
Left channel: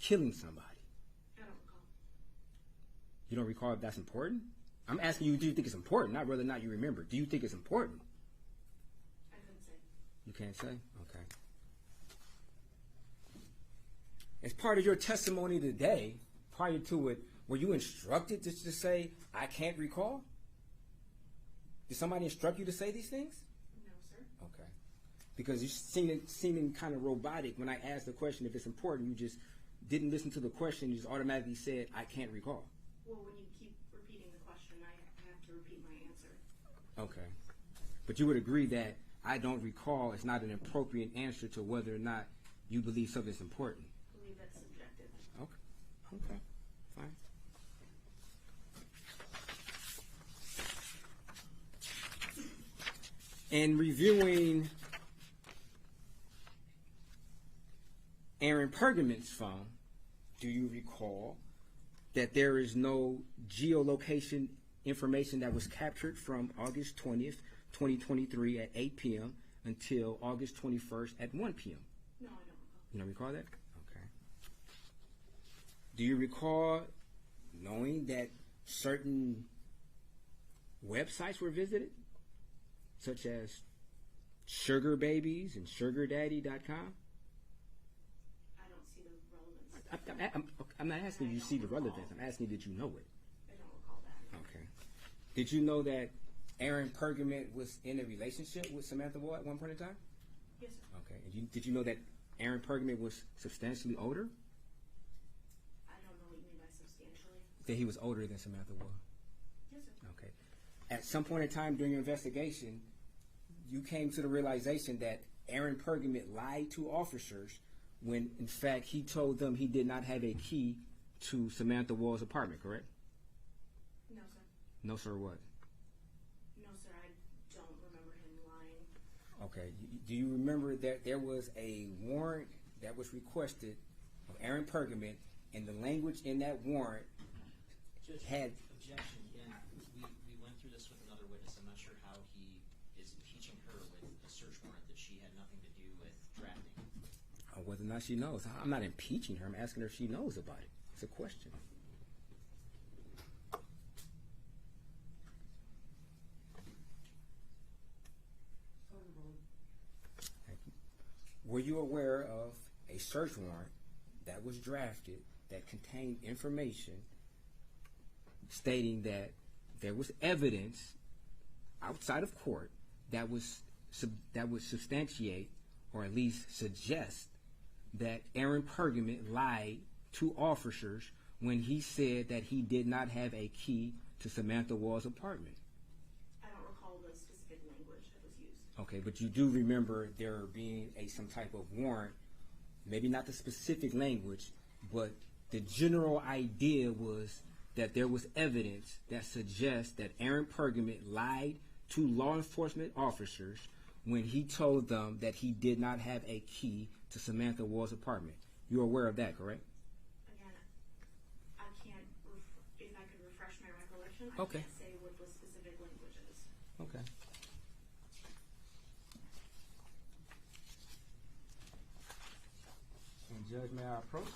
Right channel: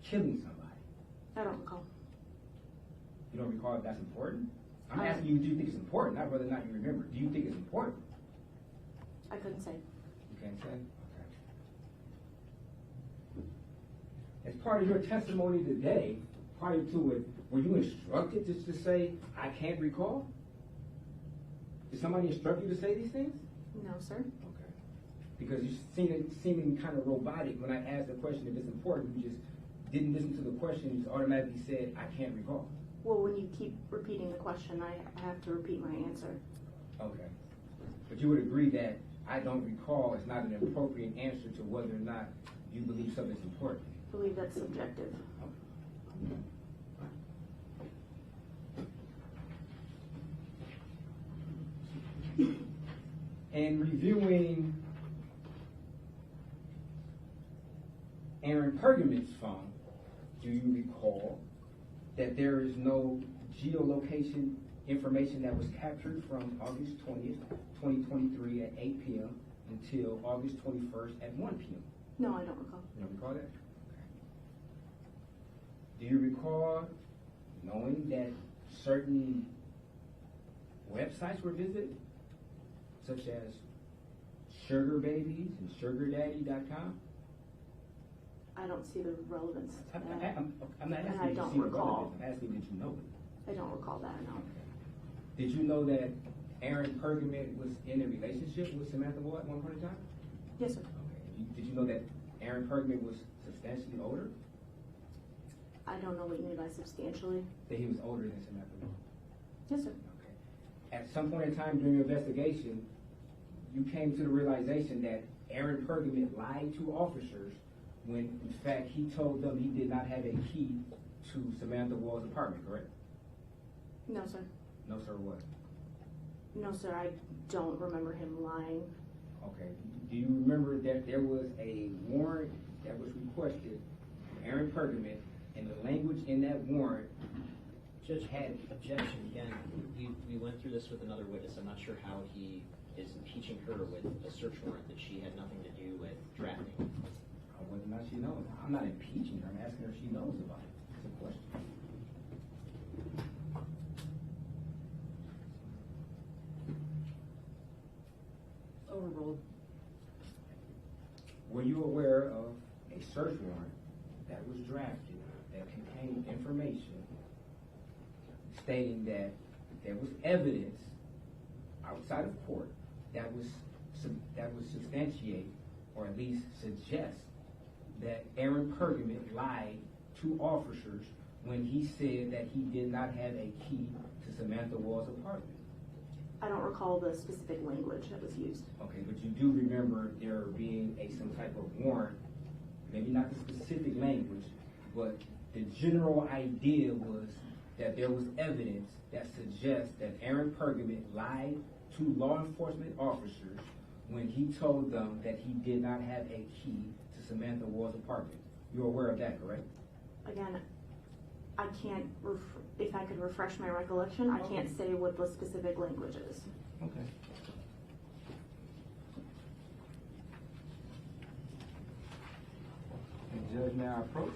killing somebody? I don't recall. You don't recall if that's important? I'm asking you, do you think it's important, not whether or not you remember. Do you think it's important? I couldn't say. You can't say? Okay. As part of your testimony today, prior to it, were you instructed to just say, I can't recall? Did somebody instruct you to say these things? No, sir. Okay. Because you're seeming kind of robotic when I asked the question if it's important. You just didn't listen to the question. You just automatically said, I can't recall. Well, when you keep repeating the question, I have to repeat my answer. Okay. But you would agree that I don't recall is not an appropriate answer to whether or not you believe something's important. I believe that's subjective. Okay. Fine. In reviewing Aaron Pergament's phone, do you recall that there is no geolocation information that was captured from August 20th, 2023 at 8 p.m. until August 21st at 1 p.m. No, I don't recall. You don't recall that? Okay. Do you recall knowing that certain websites were visited, such as Sugar Babies and SugarDaddy.com? I don't see the relevance. I'm not asking you to see the relevance. I'm asking you, did you know it? I don't recall that, no. Okay. Did you know that Aaron Pergament was in a relationship with Samantha Woll at one point in time? Yes, sir. Okay. Did you know that Aaron Pergament was substantially older? I don't know what you mean by substantially. That he was older than Samantha Woll? Yes, sir. Okay. At some point in time during your investigation, you came to the realization that Aaron Pergament lied to officers when, in fact, he told them he did not have a key to Samantha Woll's apartment, correct? No, sir. No, sir, what? No, sir, I don't remember him lying. Okay. Do you remember that there was a warrant that was requested from Aaron Pergament, and the language in that warrant Judge, had... Objection, again, we went through this with another witness. I'm not sure how he is impeaching her with a search warrant that she had nothing to do with drafting. Whether or not she knows. I'm not impeaching her. I'm asking her if she knows about it. It's a question. Overruled. Were you aware of a search warrant that was drafted that contained information stating that there was evidence outside of court that would substantiate or at least suggest that Aaron Pergament lied to officers when he said that he did not have a key to Samantha Woll's apartment? I don't recall the specific language that was used. Okay, but you do remember there being some type of warrant, maybe not the specific language, but the general idea was that there was evidence that suggests that Aaron Pergament lied to law enforcement officers when he told them that he did not have a key to Samantha Woll's apartment. You're aware of that, correct? Again, I can't, if I could refresh my recollection, I Okay. can't say what the specific language is. Okay. And Judge, may I approach?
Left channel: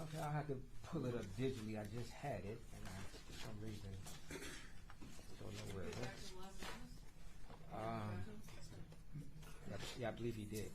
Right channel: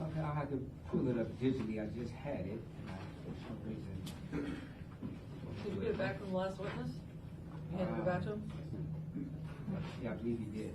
Okay, I had to pull it up digitally. I just had it. And for some reason. Did you get back from the last witness? You had to go back to him? Yeah, I believe he did.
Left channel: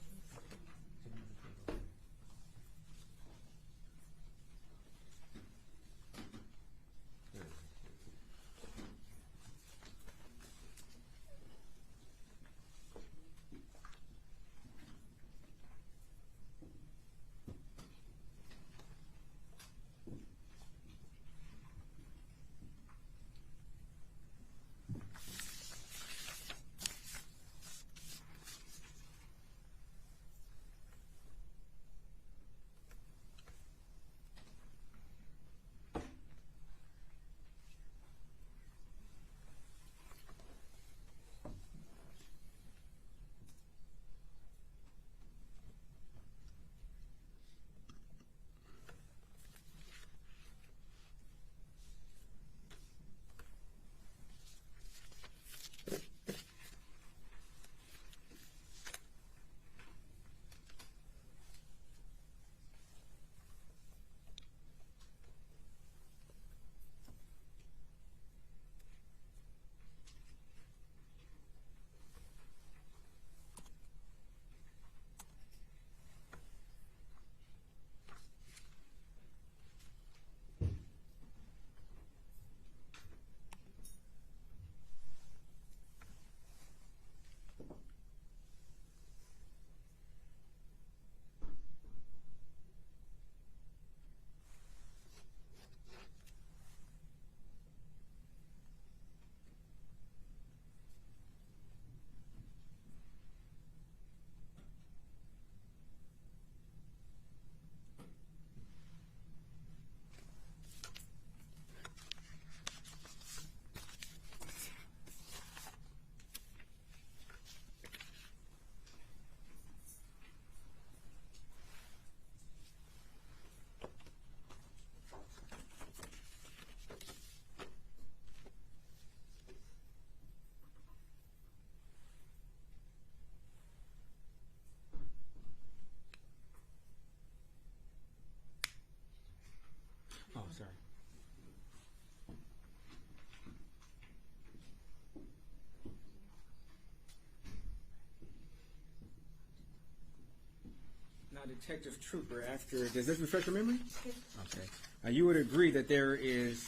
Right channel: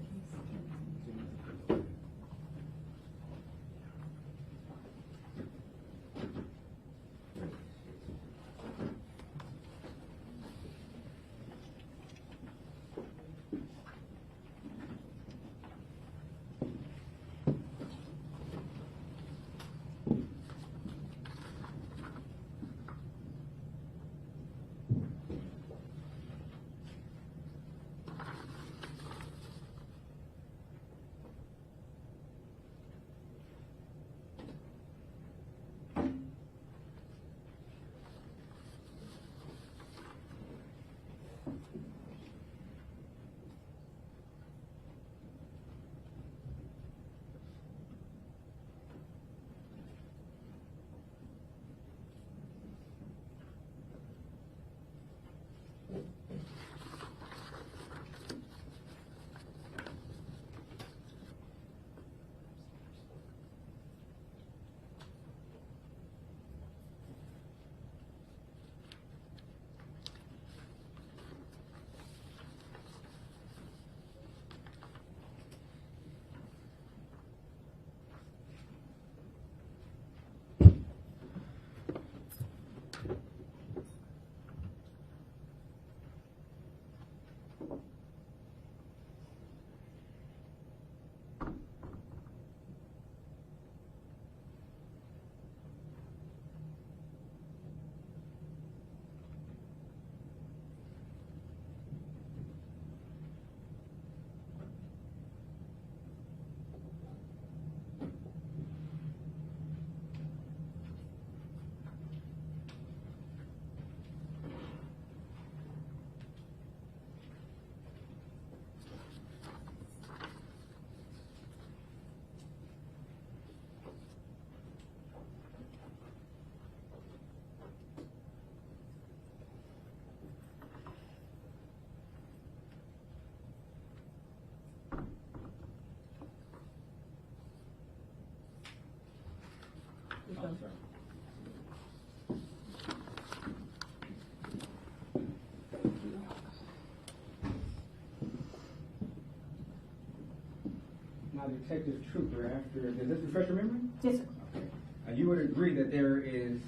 Detective Trooper, after, does this refresh your memory? Yes, sir. Okay. You would agree that there is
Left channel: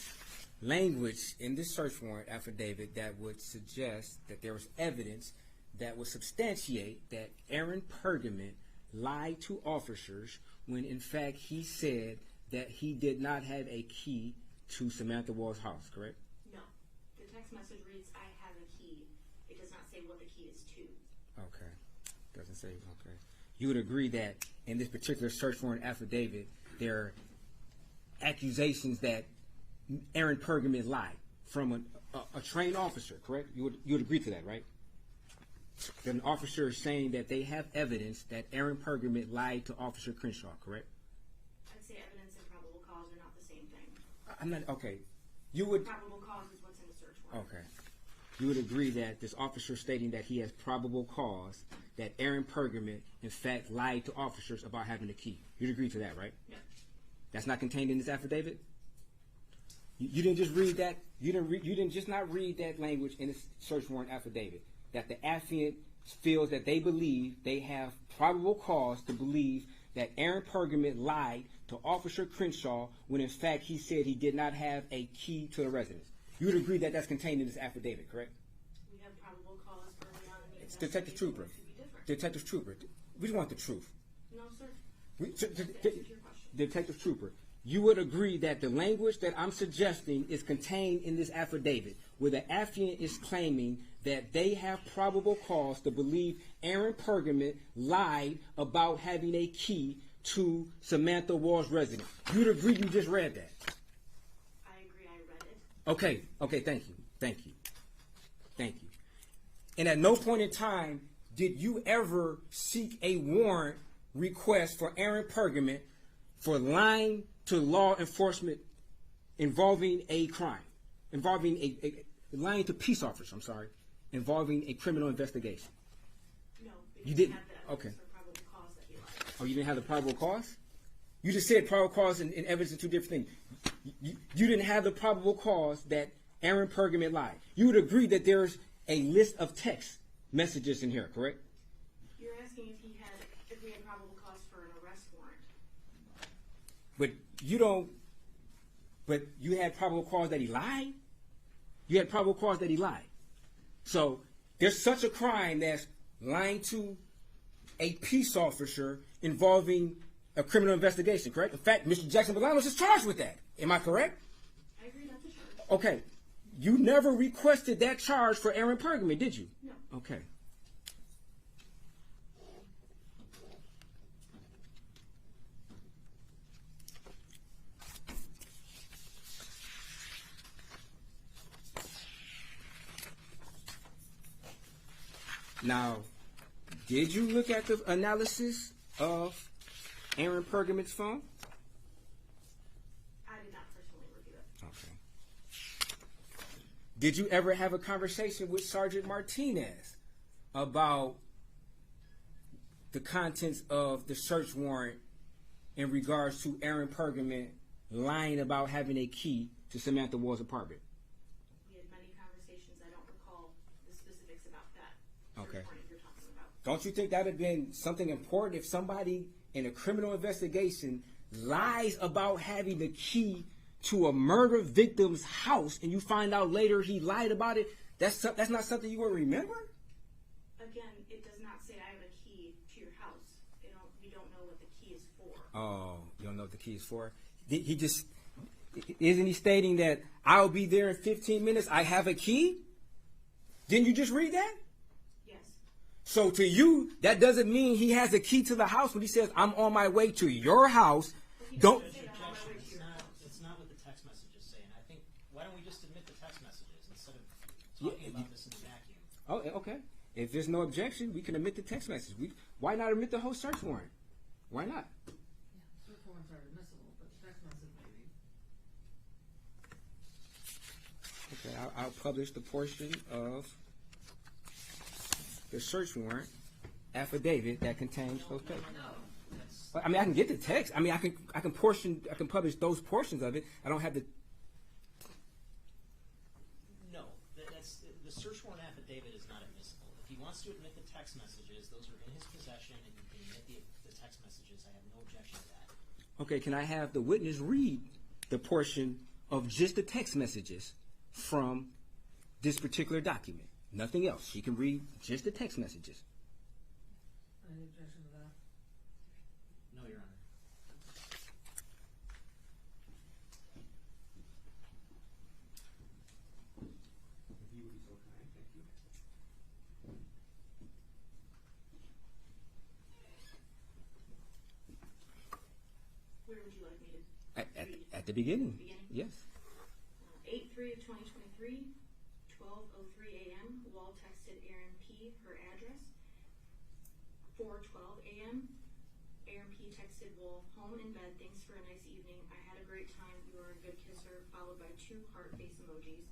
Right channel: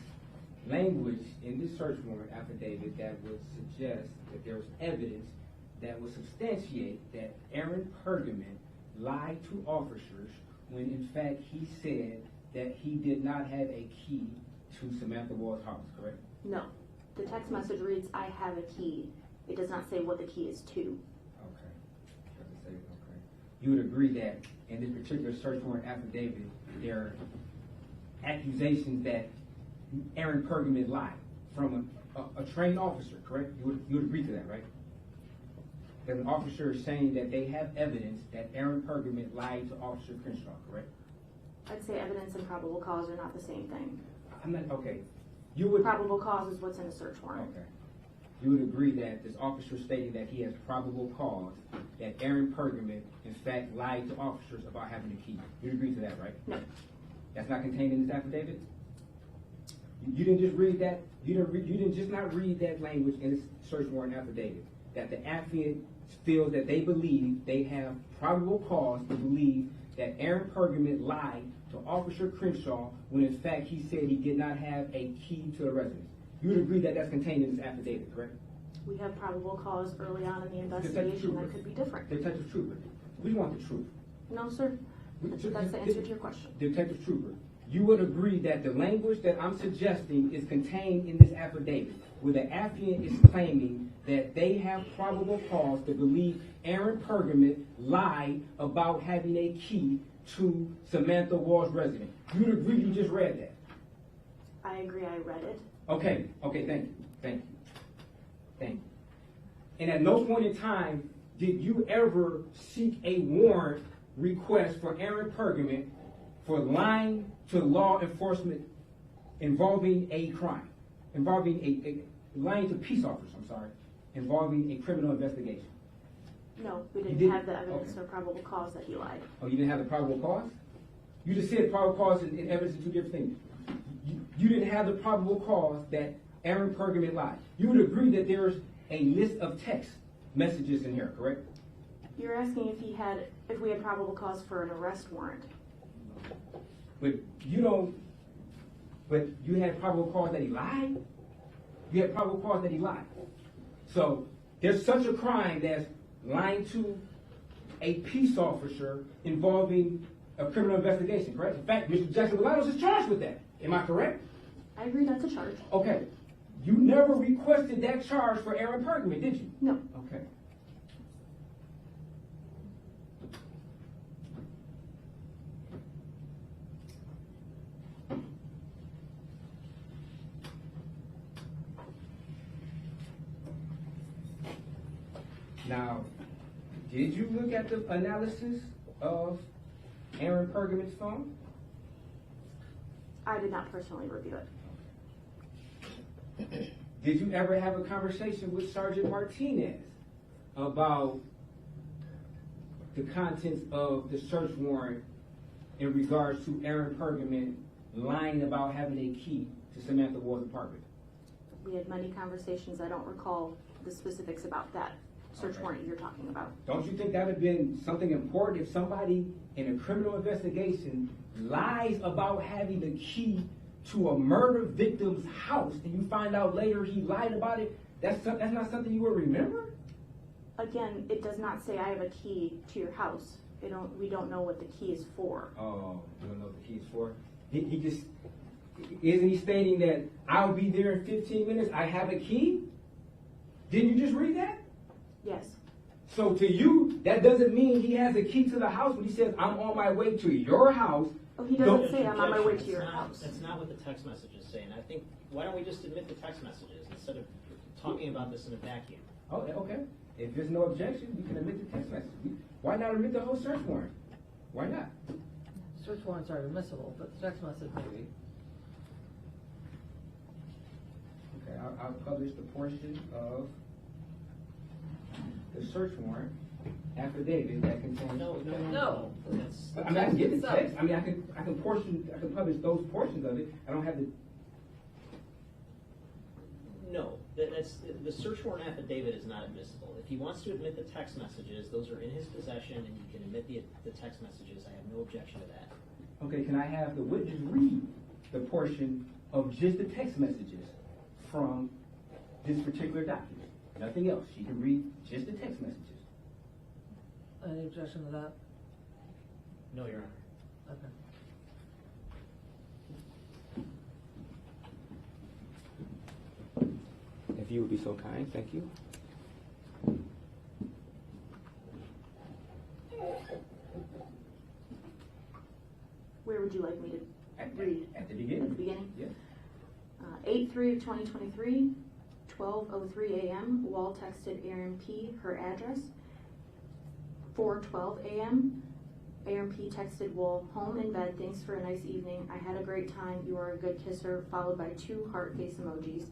language in this search warrant affidavit that would suggest that there was evidence that would substantiate that Aaron Pergament lied to officers when in fact he said that he did not have a key to Samantha Woll's house, correct? No. The text message reads, I have a key. It does not say what the key is to. Okay. Doesn't say, okay. You would agree that in this particular search warrant affidavit, there are accusations that Aaron Pergament lied from a trained officer, correct? You would agree to that, right? That an officer is saying that they have evidence that Aaron Pergament lied to Officer Crenshaw, correct? I'd say evidence and probable cause are not the same thing. I'm not, okay. You would, Probable cause is what's in a search warrant. okay. You would agree that this officer stating that he has probable cause that Aaron Pergament in fact lied to officers about having a key. You'd agree to that, right? No. That's not contained in this affidavit? You didn't just read that, you didn't just not read that language in this search warrant affidavit, that the affiant feels that they believe they have probable cause to believe that Aaron Pergament lied to Officer Crenshaw when in fact he said he did not have a key to the residence. You would agree that that's contained in this affidavit, correct? We have probable cause early on in the Detective investigation Trooper. that could be different. Detective Trooper, we want the truth. No, sir. That's the answer to your question. Detective Trooper, you would agree that the language that I'm suggesting is contained in this affidavit, where the affiant is claiming that they have probable cause to believe Aaron Pergament lied about having a key to Samantha Woll's residence. You'd agree you just read that? I agree, I read it. Okay, thank you. And at no point in time did you ever seek a warrant request for Aaron Pergament for lying to law enforcement involving a crime, involving lying to peace officers, involving a criminal investigation. No, we You didn't have the evidence okay. or probable cause that he lied. Oh, you didn't have the probable cause? You just said probable cause and evidence are two different things. You didn't have the probable cause that Aaron Pergament lied. You would agree that there's a list of text messages in here, correct? You're asking if we had probable cause for an arrest warrant. But you had probable cause that he lied? You had probable cause that he lied. So there's such a crime that's lying to a peace officer involving a criminal investigation, correct? In fact, Mr. Jackson-Bolanos is charged with that. Am I correct? I agree that's a charge. Okay. You never requested that charge for Aaron Pergament, did you? No. Okay. Now, did you look at the analysis of Aaron Pergament's phone? I did not personally review it. Did you ever have a conversation with Sergeant Martinez about the contents of the search warrant in regards to Aaron Pergament lying about having a key to Samantha Woll's apartment? We had many conversations. I don't recall the specifics about that search warrant you're talking about. Don't you think that would have been something important if somebody in a criminal investigation lies about having the key to a murder victim's house and you find out later he lied about it? That's not something you would remember? Again, it does not say I have a key to your house. We don't know what the key is for. Oh, you don't know what the key is for? Isn't he stating that I'll be there in 15 minutes, I have a key? Didn't you just read that? Yes. So to you, that doesn't mean he has a key to the house when he says, I'm on my way to your house. Oh, he doesn't say I'm on my way to your house. That's not what the text message is saying. I think, why don't we just admit the text messages instead of talking about this in a vacuum? Okay. If there's no objection, we can admit the text message. Why not admit the whole search warrant? Why not? Search warrants are admissible, but the text message maybe. Okay, I'll publish the portion of the search warrant affidavit that contains those. No. But, I mean, I can get the text. I mean, I can publish those portions of it. I don't have to. No, that's the search warrant affidavit is not admissible. If he wants to admit the text messages, those are in his possession, and you can admit the text messages. I have no objection to that. Okay, can I have the witness read the portion of just the text messages from this particular document? Nothing else. She can read just the text messages. Any objection to that? No, Your Honor. Okay. If you would be so kind, thank you. Where would you like me to read? At the beginning. At the beginning? Yes. 8/3/2023, 12:03 a.m. Wall texted Aaron P. her address. 4:12 a.m. Aaron P. texted Wall, home in bed, thanks for a nice evening. I had a great time. You are a good kisser, followed by 2 heart face emojis.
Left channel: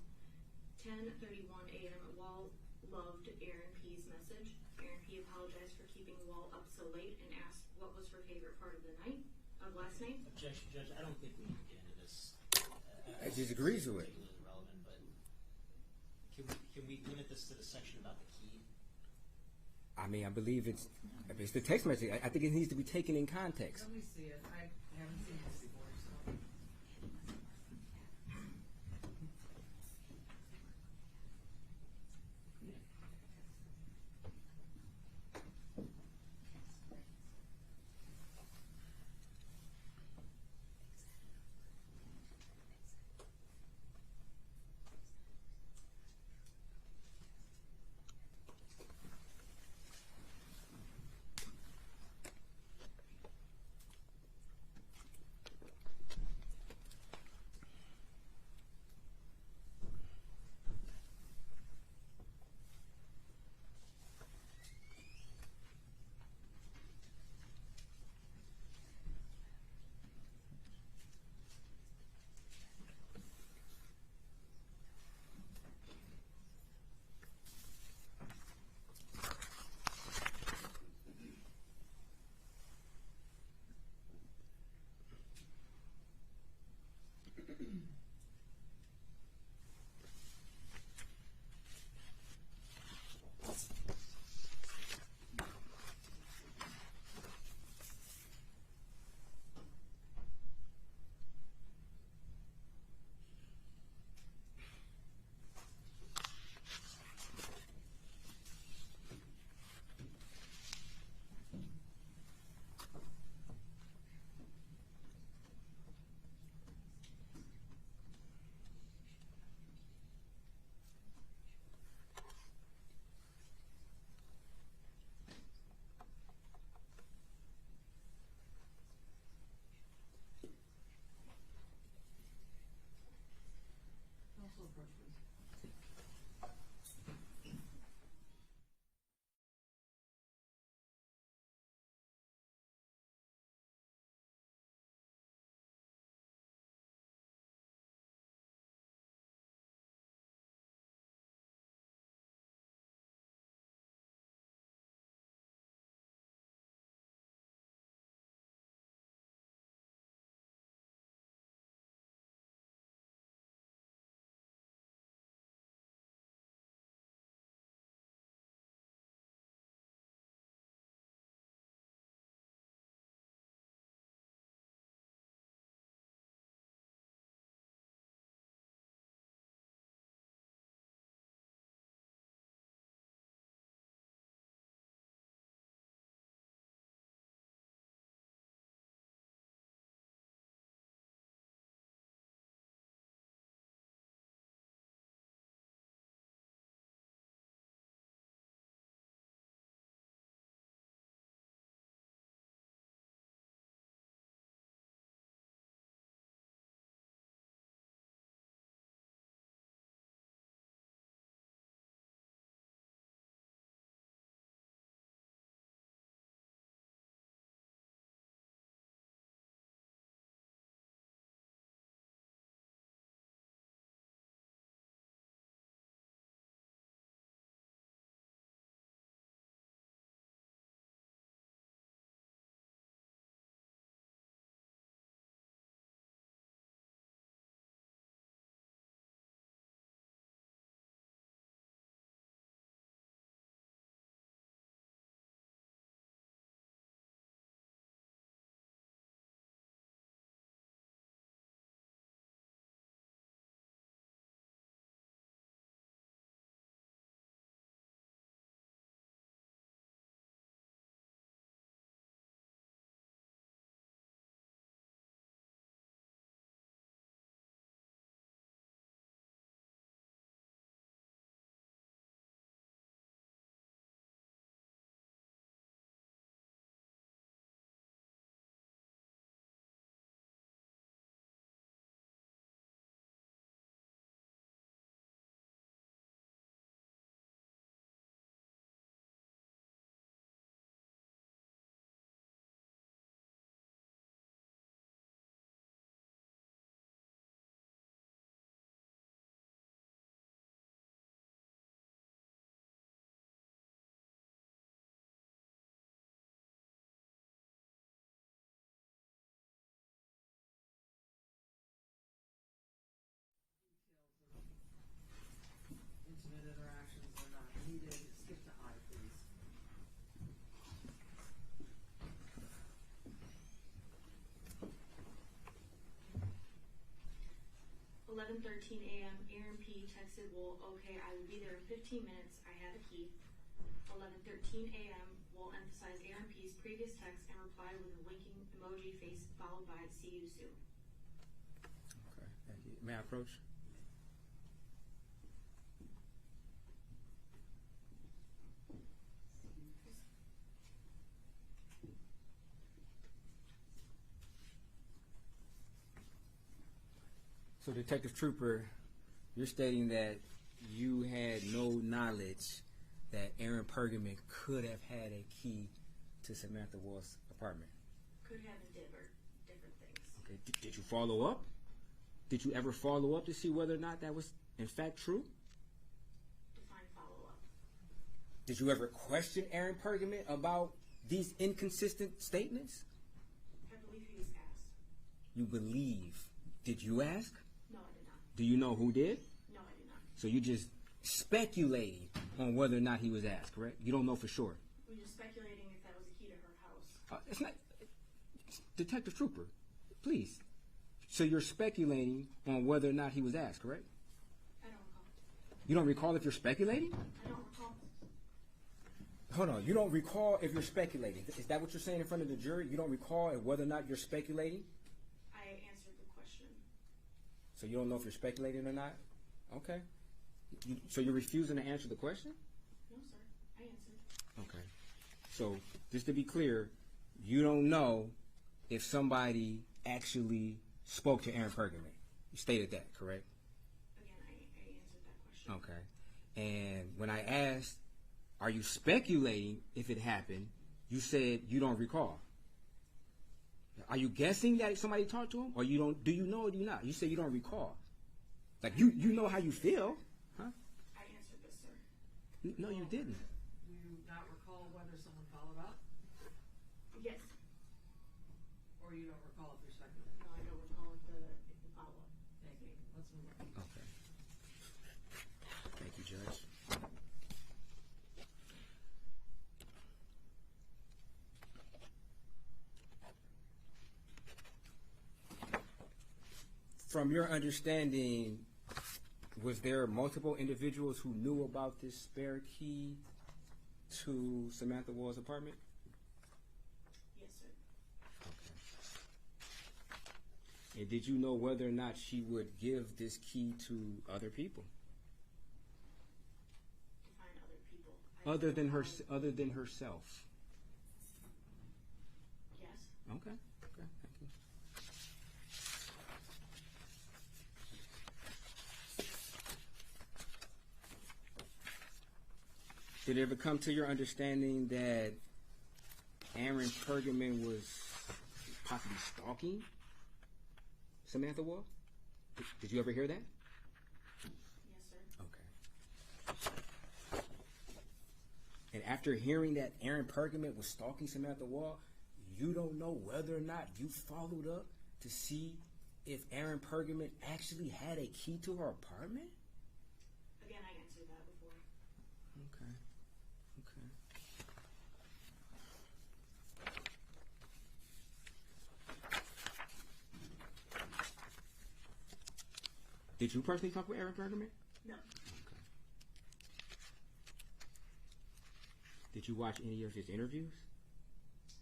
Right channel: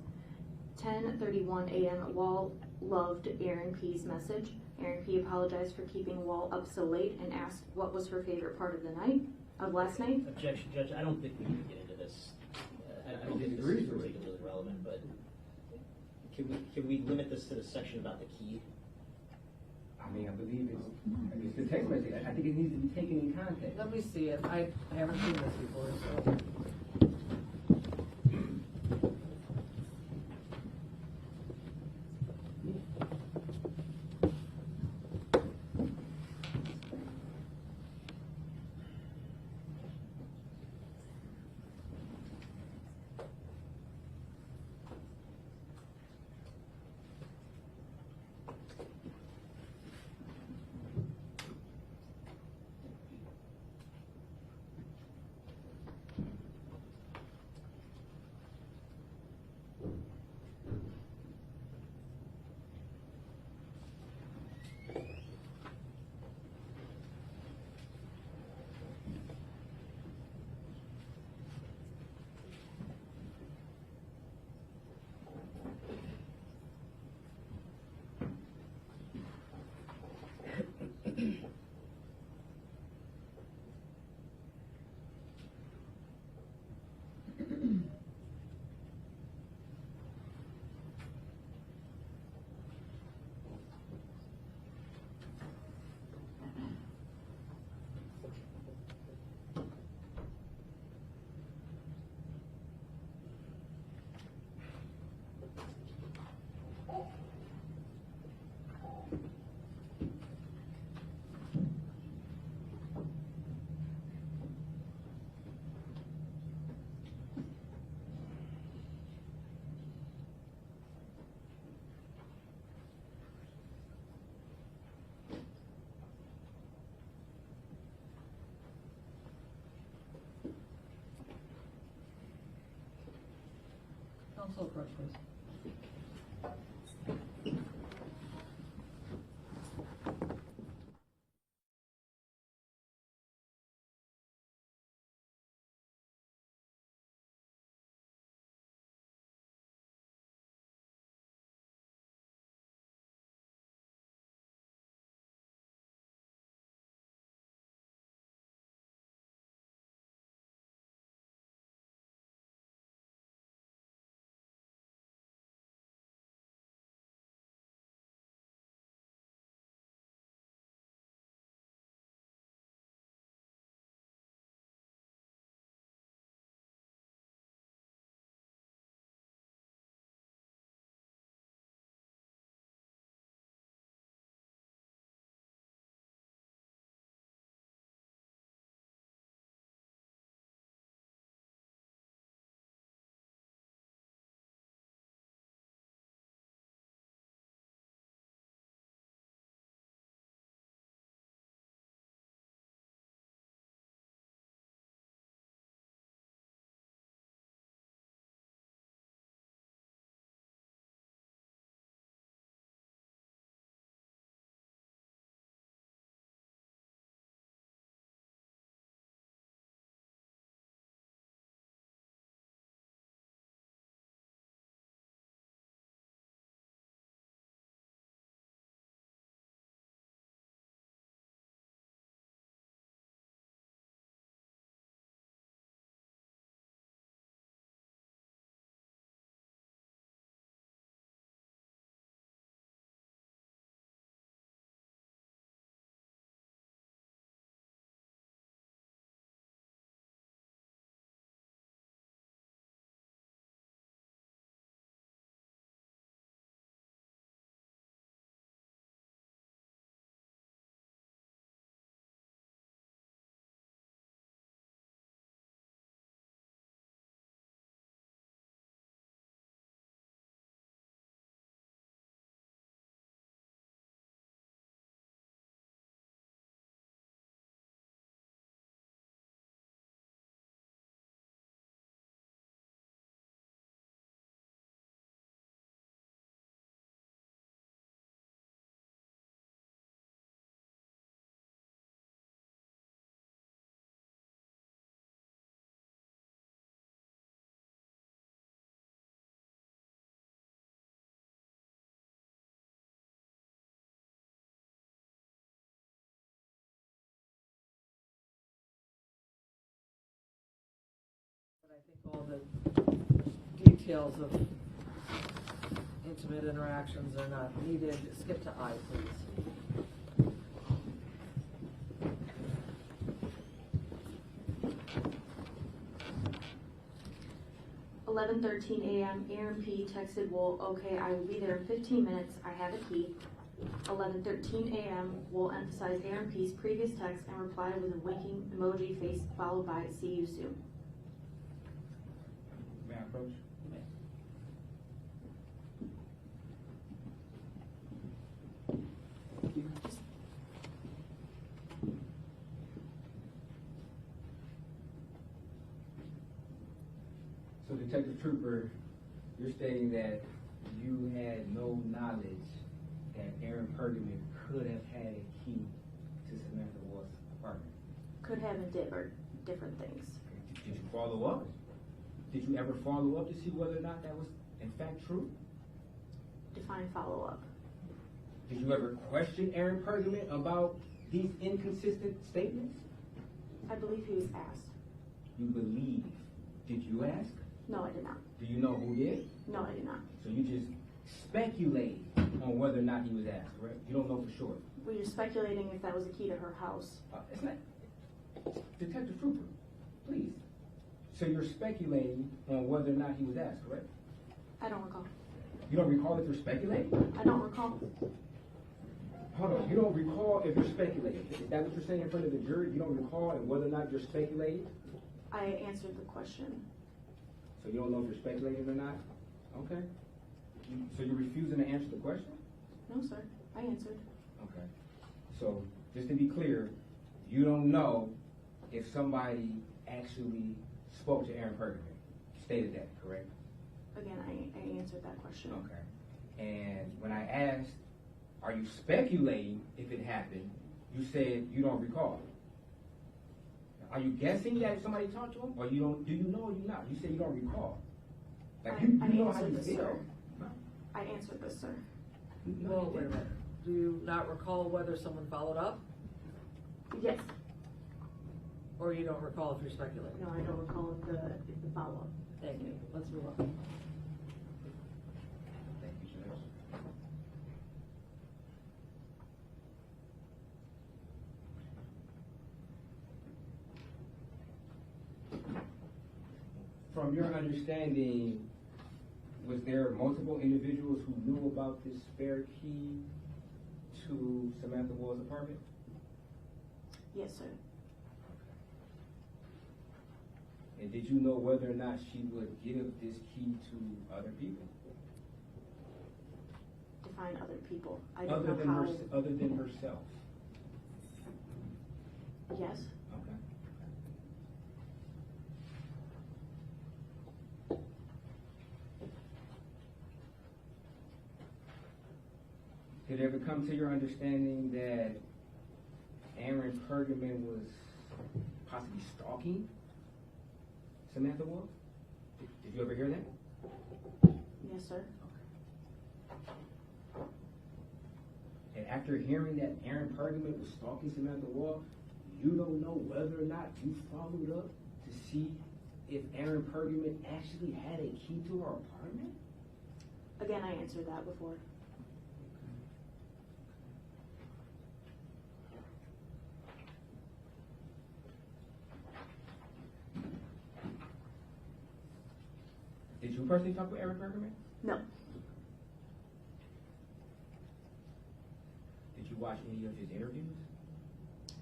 10:31 a.m. Wall loved Aaron P.'s message. Aaron P. apologized for keeping Wall up so late and asked what was her favorite part of the night, of last night. Objection, Judge. I don't think we need to get into this. I disagree with it. Particularly relevant, but can we limit this to the section about the key? I mean, I believe it's the text message. I think it needs to be taken in context. Let me see it. I haven't seen this before, so. Counsel approach, please. details of intimate interactions are not needed. Skip to I, please. "11:13 a.m. Aaron P. texted Woll, okay, I will be there in 15 minutes. I have a key." 11:13 a.m. Woll emphasized Aaron P.'s previous text and replied with a winking emoji face followed by "see you soon." May I approach? So, Detective Trooper, you're stating that you had no knowledge that Aaron Pergamon could have had a key to Samantha Woll's apartment. Could have and did are different things. Did you follow up? Did you ever follow up to see whether or not that was in fact true? Define follow-up. Did you ever question Aaron Pergamon about these inconsistent statements? I believe he was asked. You believe. Did you ask? No, I did not. Do you know who did? No, I did not. So you just speculate on whether or not he was asked, correct? You don't know for sure. We were speculating if that was a key to her house. It's not. Detective Trooper, please. So you're speculating on whether or not he was asked, correct? I don't recall. You don't recall if you're speculating? I don't recall. Hold on. You don't recall if you're speculating. Is that what you're saying in front of the jury? You don't recall whether or not you're speculating? I answered the question. So you don't know if you're speculating or not? Okay. So you're refusing to answer the question? No, sir. I answered. Okay. So just to be clear, you don't know if somebody actually spoke to Aaron Pergamon. You stated that, correct? Again, I answered that question. Okay. And when I asked, are you speculating if it happened, you said you don't recall. Are you guessing that somebody talked to him, or you don't? Do you know or do you not? You said you don't recall. Like you know how you feel. Huh? I answered this, sir. No, you didn't. Do you not recall whether someone followed up? Yes. Or you don't recall if you're speculating? No, I don't recall the follow-up. Thank you. Let's move on. Thank you, Judge. From your understanding, was there multiple individuals who knew about this spare key to Samantha Woll's apartment? Yes, sir. And did you know whether or not she would give this key to other people? Define other people. Other than herself? Yes. Okay. Did it ever come to your understanding that Aaron Pergamon was possibly stalking Samantha Woll? Did you ever hear that? Yes, sir. Okay. And after hearing that Aaron Pergamon was stalking Samantha Woll, you don't know whether or not you followed up to see if Aaron Pergamon actually had a key to her apartment? Again, I answered that before. Did you personally talk with Aaron Pergamon? No. Did you watch any of his interviews?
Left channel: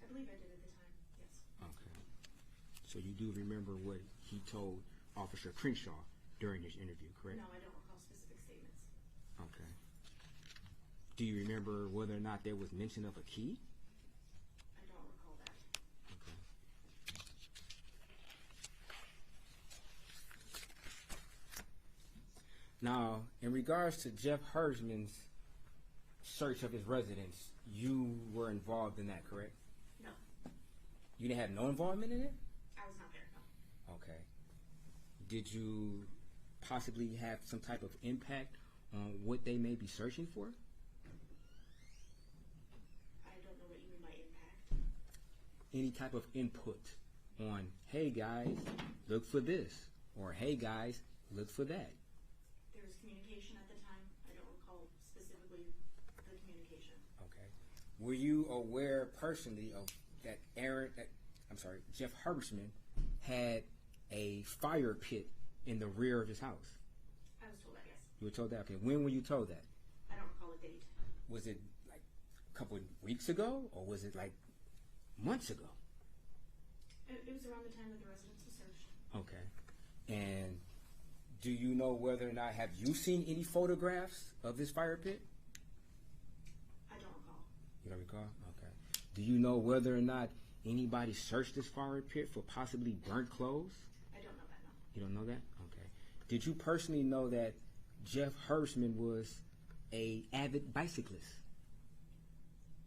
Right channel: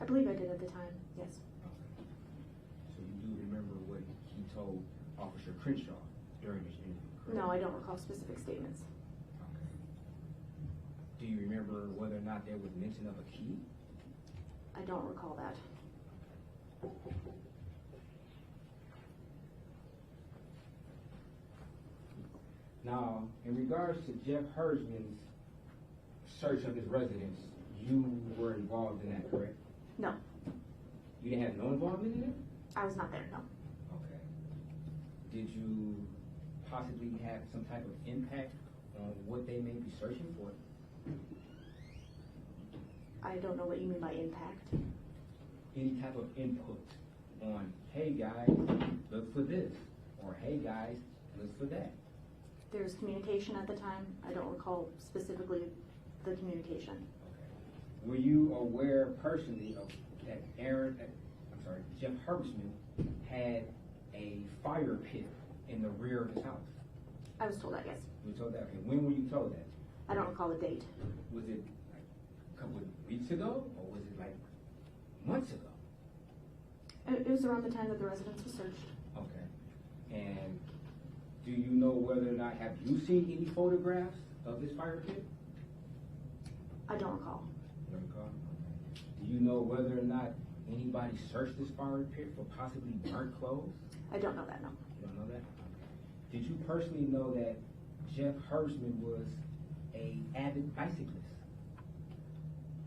I believe I did at the time. Yes. Okay. So you do remember what he told Officer Crenshaw during his interview, correct? No, I don't recall specific statements. Okay. Do you remember whether or not there was mention of a key? I don't recall that. Now, in regards to Jeff Hersman's search of his residence, you were involved in that, correct? No. You didn't have no involvement in it? I was not there, no. Okay. Did you possibly have some type of impact on what they may be searching for? I don't know what you mean by impact. Any type of input on, hey guys, look for this, or hey guys, look for that. There's communication at the time. I don't recall specifically the communication. Okay. Were you aware personally of that Jeff Herbstman had a fire pit in the rear of his house? I was told that, yes. You were told that? Okay. When were you told that? I don't recall the date. Was it like a couple of weeks ago, or was it like months ago? It was around the time that the residence was searched. Okay. And do you know whether or not, have you seen any photographs of this fire pit? I don't recall. You don't recall? Okay. Do you know whether or not anybody searched this fire pit for possibly burnt clothes? I don't know that, no. You don't know that? Okay. Did you personally know that Jeff Herbstman was an avid bicyclist?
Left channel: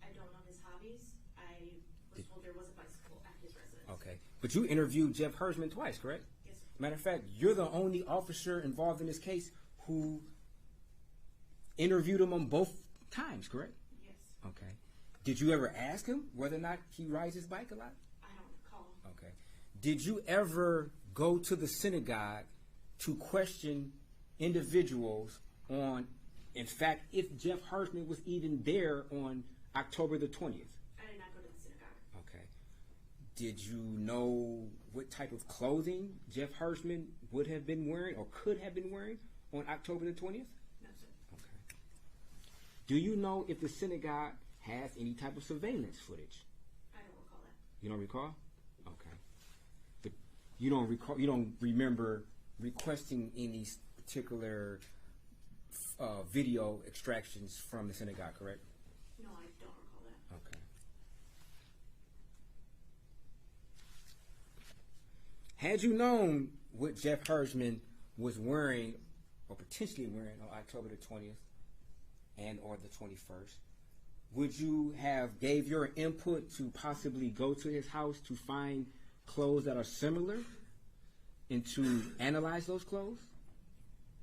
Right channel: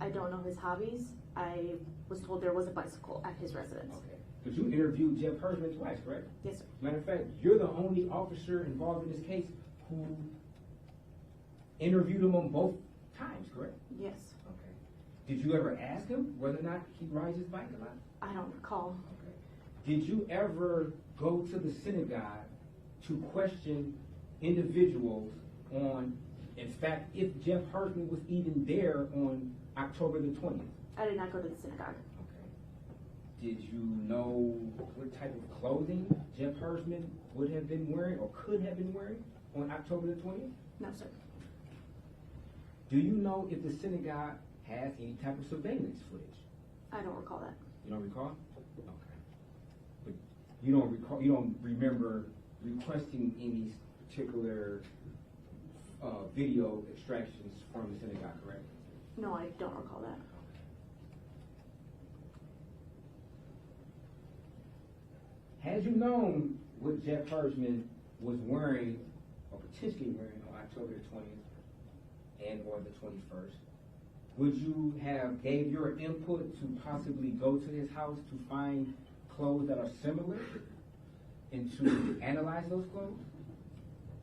I don't know his hobbies. I was told there was a bicycle at his residence. Okay. But you interviewed Jeff Herbstman twice, correct? Yes, sir. Matter of fact, you're the only officer involved in this case who interviewed him on both times, correct? Yes. Okay. Did you ever ask him whether or not he rides his bike a lot? I don't recall. Okay. Did you ever go to the synagogue to question individuals on, in fact, if Jeff Herbstman was even there on October the 20th? I did not go to the synagogue. Okay. Did you know what type of clothing Jeff Herbstman would have been wearing or could have been wearing on October the 20th? No, sir. Do you know if the synagogue has any type of surveillance footage? I don't recall that. You don't recall? Okay. You don't remember requesting any particular video extractions from the synagogue, correct? No, I don't recall that. Okay. Had you known what Jeff Herbstman was wearing or potentially wearing on October the 20th and or the 21st, would you have gave your input to possibly go to his house to find clothes that are similar and to analyze those clothes?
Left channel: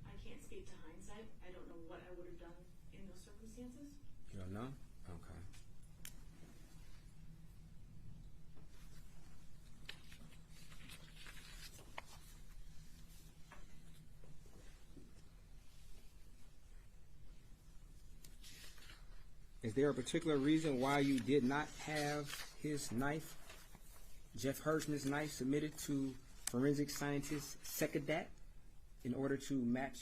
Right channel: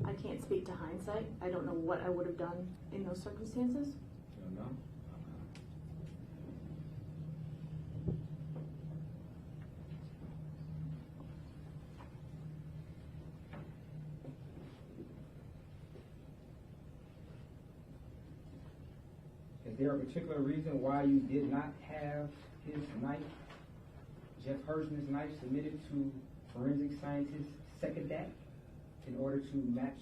I can't speak to hindsight. I don't know what I would have done in those circumstances. You don't know? Okay. Is there a particular reason why you did not have his knife, Jeff Herbstman's knife, submitted to forensic scientist Sekadat in order to match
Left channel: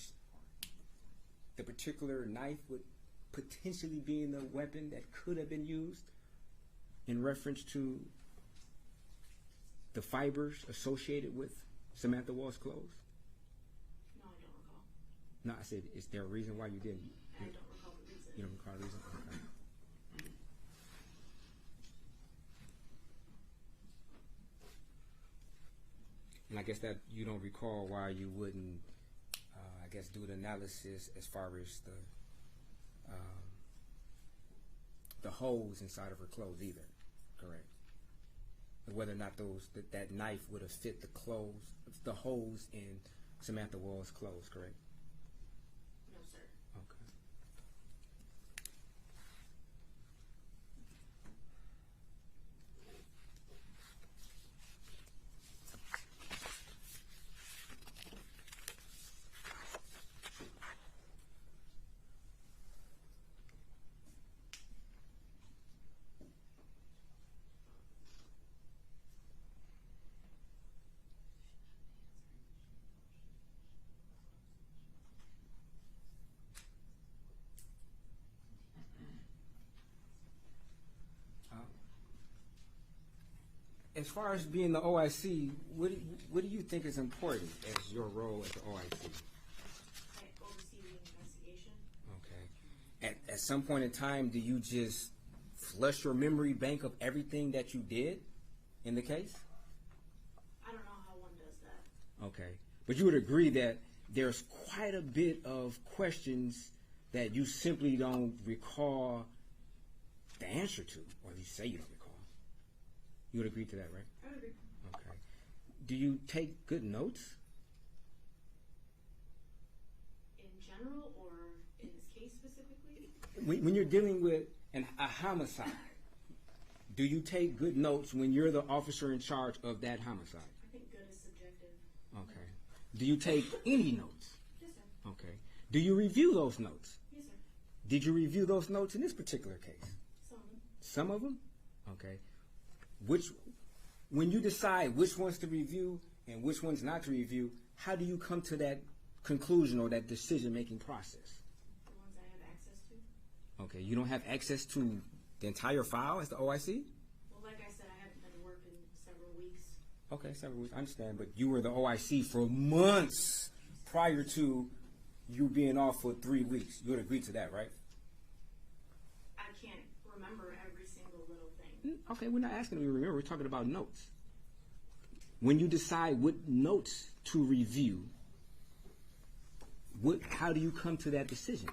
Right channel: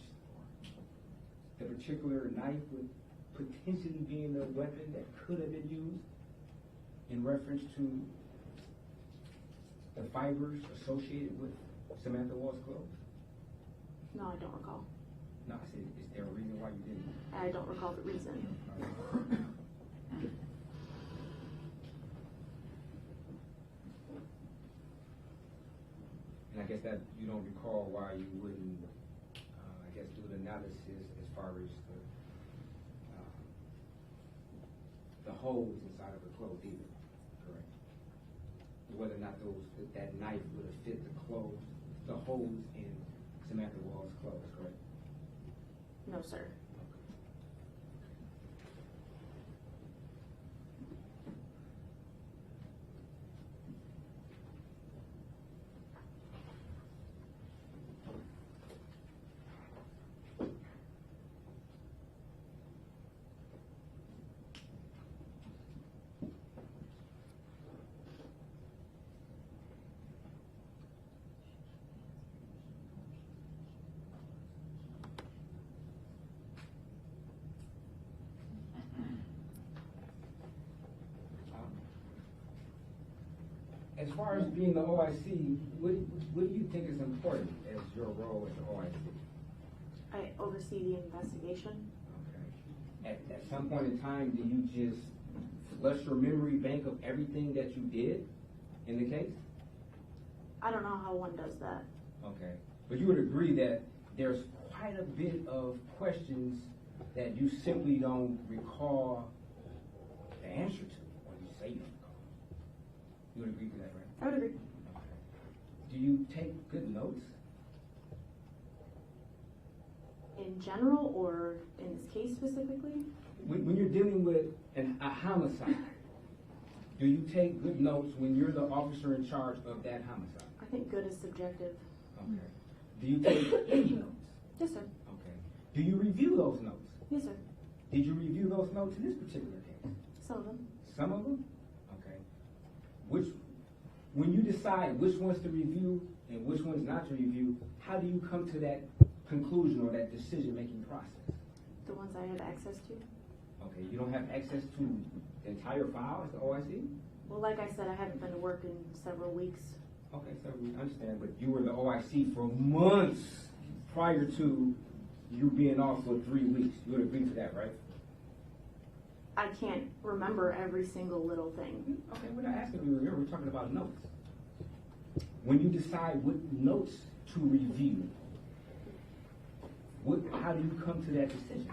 the particular knife with potentially being the weapon that could have been used in reference to the fibers associated with Samantha Woll's clothes? No, I don't recall. No, I said, is there a reason why you didn't? I don't recall the reason. You don't recall that? And I guess that you don't recall why you wouldn't, I guess, do an analysis as far as the holes inside of her clothes either, correct? Whether or not that knife would have fit the holes in Samantha Woll's clothes, correct? No, sir. As far as being the OIC, what do you think is important as your role as the OIC? I oversee the investigation. Okay. At some point in time, do you just flush your memory bank of everything that you did in the case? I don't know how one does that. Okay. But you would agree that there's quite a bit of questions that you simply don't recall the answer to, or you say you don't recall. You would agree to that, right? I would agree. Okay. Do you take good notes? In general, or in this case specifically? When you're dealing with a homicide, do you take good notes when you're the officer in charge of that homicide? I think good is subjective. Okay. Do you take any notes? Yes, sir. Okay. Do you review those notes? Yes, sir. Did you review those notes in this particular case? Some of them. Some of them? Okay. When you decide which ones to review and which ones not to review, how do you come to that conclusion or that decision-making process? The ones I have access to. Okay, you don't have access to the entire file as the OIC? Well, like I said, I haven't been to work in several weeks. Okay, several weeks, I understand, but you were the OIC for months prior to you being off for 3 weeks. You would agree to that, right? I can't remember every single little thing. Okay, we're not asking you to remember, we're talking about notes. When you decide what notes to review, how do you come to that decision?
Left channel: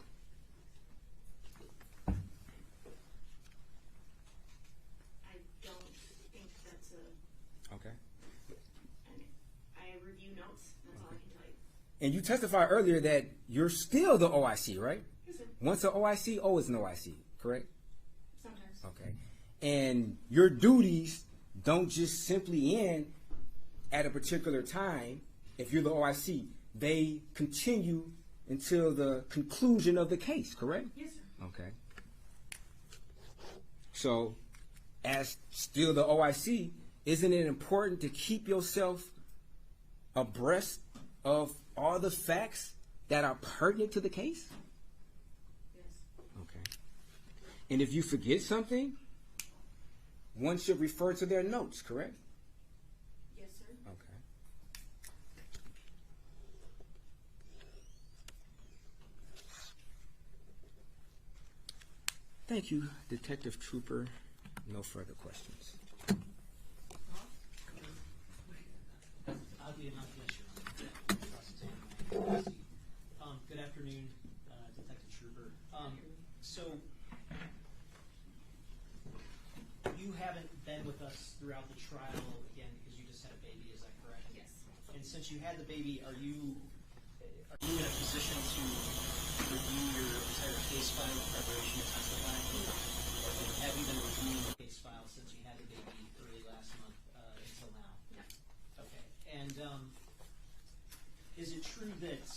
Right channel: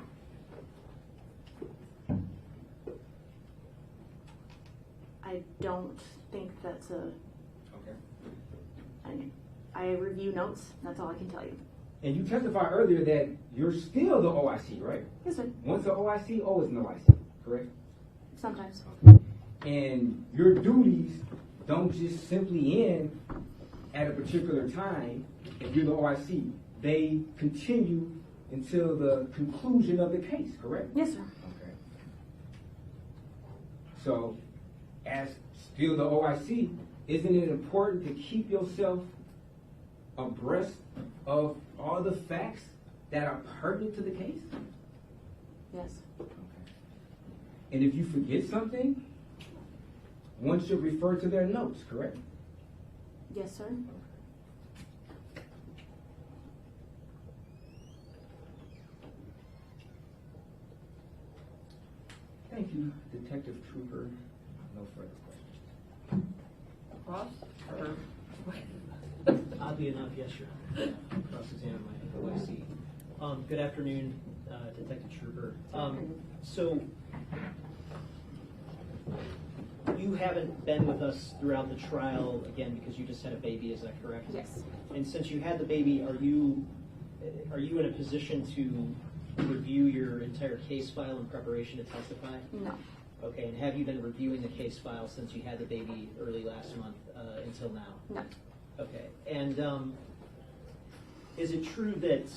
I don't think that's a... Okay. I review notes, that's all I can tell you. And you testified earlier that you're still the OIC, right? Yes, sir. Once an OIC, always an OIC, correct? Sometimes. Okay. And your duties don't just simply end at a particular time if you're the OIC. They continue until the conclusion of the case, correct? Yes, sir. Okay. So, as still the OIC, isn't it important to keep yourself abreast of all the facts that are pertinent to the case? Yes. Okay. And if you forget something, one should refer to their notes, correct? Yes, sir. Okay. Thank you, Detective Trooper. No further questions. Ross? Oddly enough, yes, sir. Cross-examine my OIC. Good afternoon, Detective Trooper. So, you haven't been with us throughout the trial, again, because you just had a baby, is that correct? Yes. And since you had the baby, are you in a position to review your entire case file in preparation to testify? No. Okay, and have you been reviewing the case file since you had the baby early last month until now? No. Okay, and is it true that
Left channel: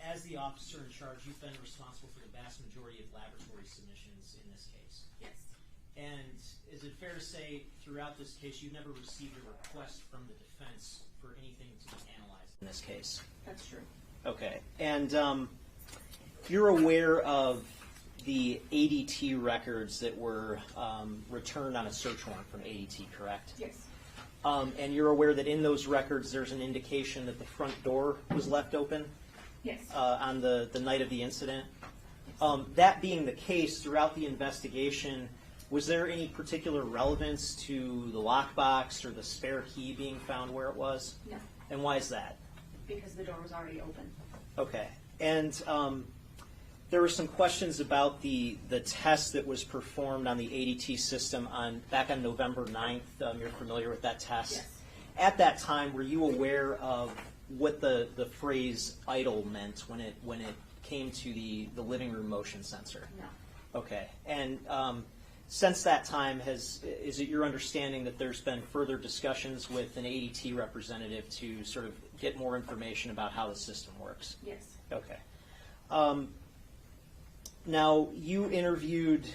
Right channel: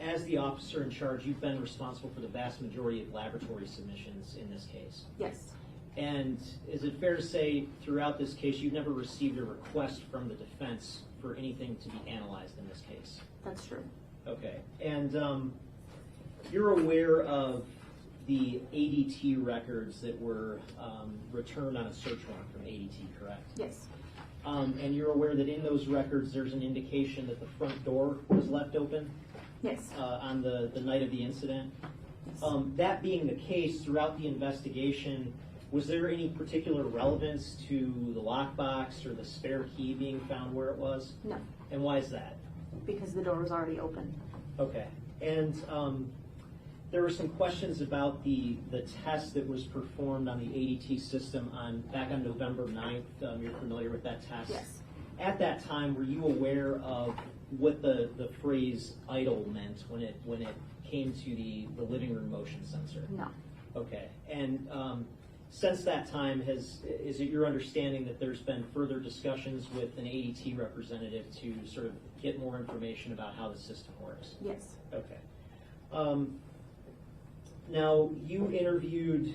as the officer in charge, you've been responsible for the vast majority of laboratory submissions in this case? Yes. And is it fair to say throughout this case you've never received a request from the defense for anything to be analyzed in this case? That's true. Okay, and you're aware of the ADT records that were returned on a search warrant from ADT, correct? Yes. And you're aware that in those records there's an indication that the front door was left open? Yes. On the night of the incident? That being the case, throughout the investigation, was there any particular relevance to the lockbox or the spare key being found where it was? No. And why is that? Because the door was already open. Okay. And there were some questions about the test that was performed on the ADT system back on November 9th. You're familiar with that test? Yes. At that time, were you aware of what the phrase idle meant when it came to the living room motion sensor? No. Okay. And since that time, is it your understanding that there's been further discussions with an ADT representative to sort of get more information about how the system works? Yes. Okay. Now, you interviewed,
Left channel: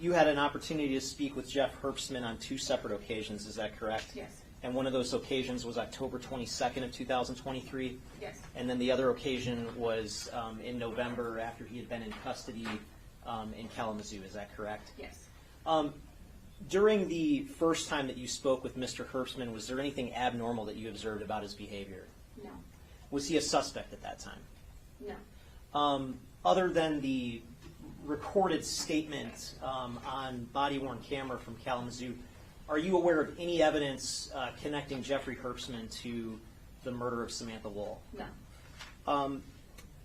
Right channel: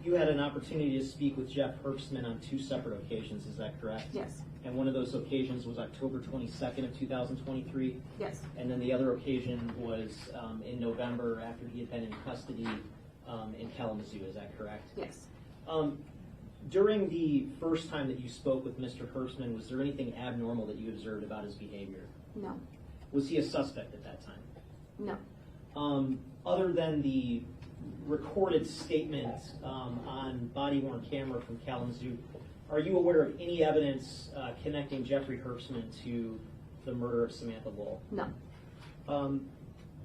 you had an opportunity to speak with Jeff Herbstman on 2 separate occasions, is that correct? Yes. And one of those occasions was October 22nd of 2023? Yes. And then the other occasion was in November after he had been in custody in Kalamazoo, is that correct? Yes. During the first time that you spoke with Mr. Herbstman, was there anything abnormal that you observed about his behavior? No. Was he a suspect at that time? No. Other than the recorded statement on body-worn camera from Kalamazoo, are you aware of any evidence connecting Jeffrey Herbstman to the murder of Samantha Woll? No.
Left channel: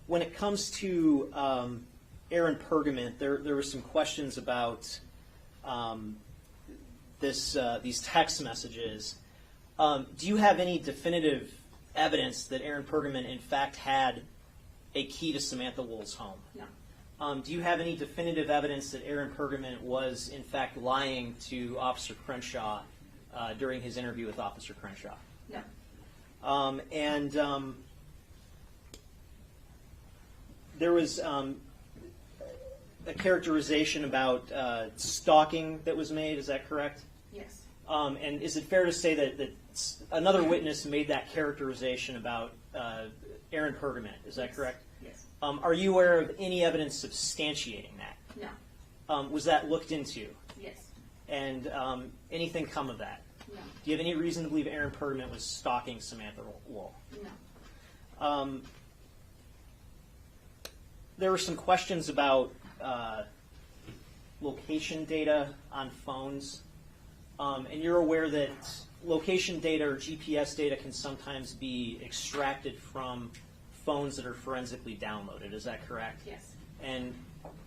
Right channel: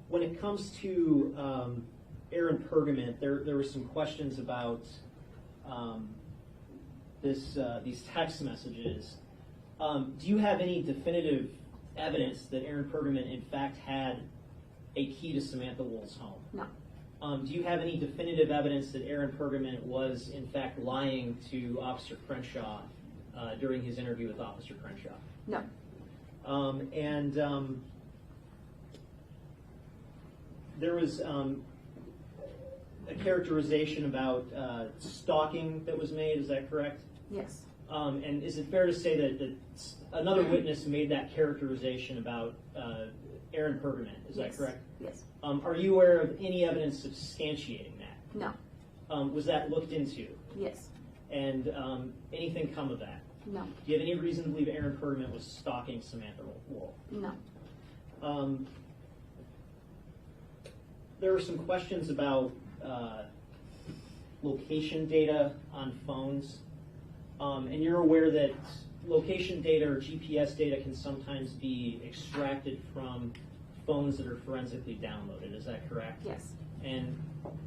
When it comes to Aaron Pergament, there were some questions about these text messages. Do you have any definitive evidence that Aaron Pergament in fact had a key to Samantha Woll's home? No. Do you have any definitive evidence that Aaron Pergament was in fact lying to Officer Crenshaw during his interview with Officer Crenshaw? No. there was a characterization about stalking that was made. Is that correct? Yes. And is it fair to say that another witness made that characterization about Aaron Pergament? Is that correct? Yes. Are you aware of any evidence substantiating that? No. Was that looked into? Yes. And anything come of that? No. Do you have any reason to believe Aaron Pergament was stalking Samantha Woll? No. There were some questions about location data on phones. And you're aware that location data or GPS data can sometimes be extracted from phones that are forensically downloaded. Is that correct? Yes. And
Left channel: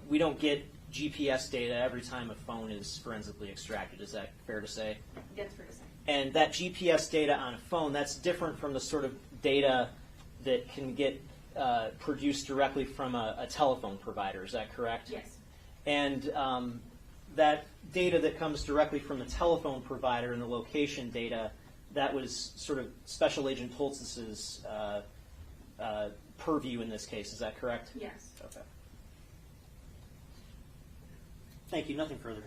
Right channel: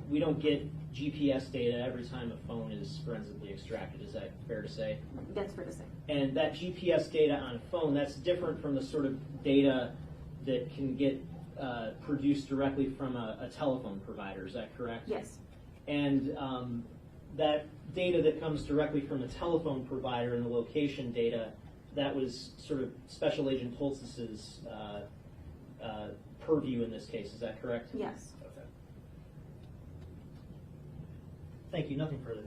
we don't get GPS data every time a phone is forensically extracted. Is that fair to say? That's fair to say. And that GPS data on a phone, that's different from the sort of data that can get produced directly from a telephone provider. Is that correct? Yes. And that data that comes directly from the telephone provider and the location data, that was sort of Special Agent Holtz's purview in this case. Is that correct? Yes. Okay. Thank you. Nothing further.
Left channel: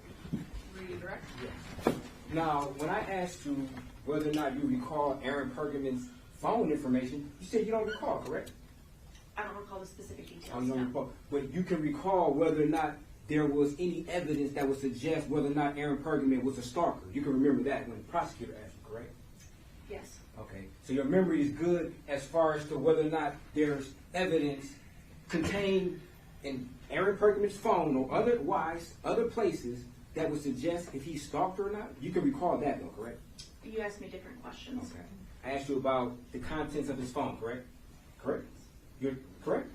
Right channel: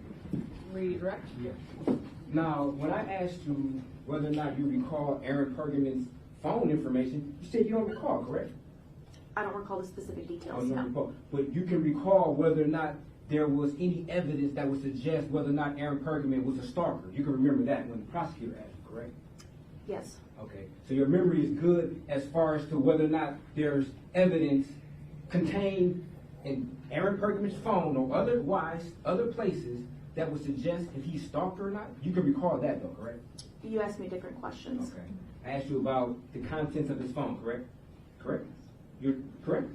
Redirect? Yes. Now, when I asked you whether or not you recall Aaron Pergament's phone information, you said you don't recall, correct? I don't recall the specific details. You don't No. recall. But you can recall whether or not there was any evidence that would suggest whether or not Aaron Pergament was a stalker. You can remember that when the prosecutor asked you, correct? Yes. Okay. So your memory is good as far as to whether or not there's evidence contained in Aaron Pergament's phone or otherwise other places that would suggest if he stalked her or not. You can recall that though, correct? You asked me different questions. Okay. I asked you about the contents of his phone, correct? Correct? You're correct?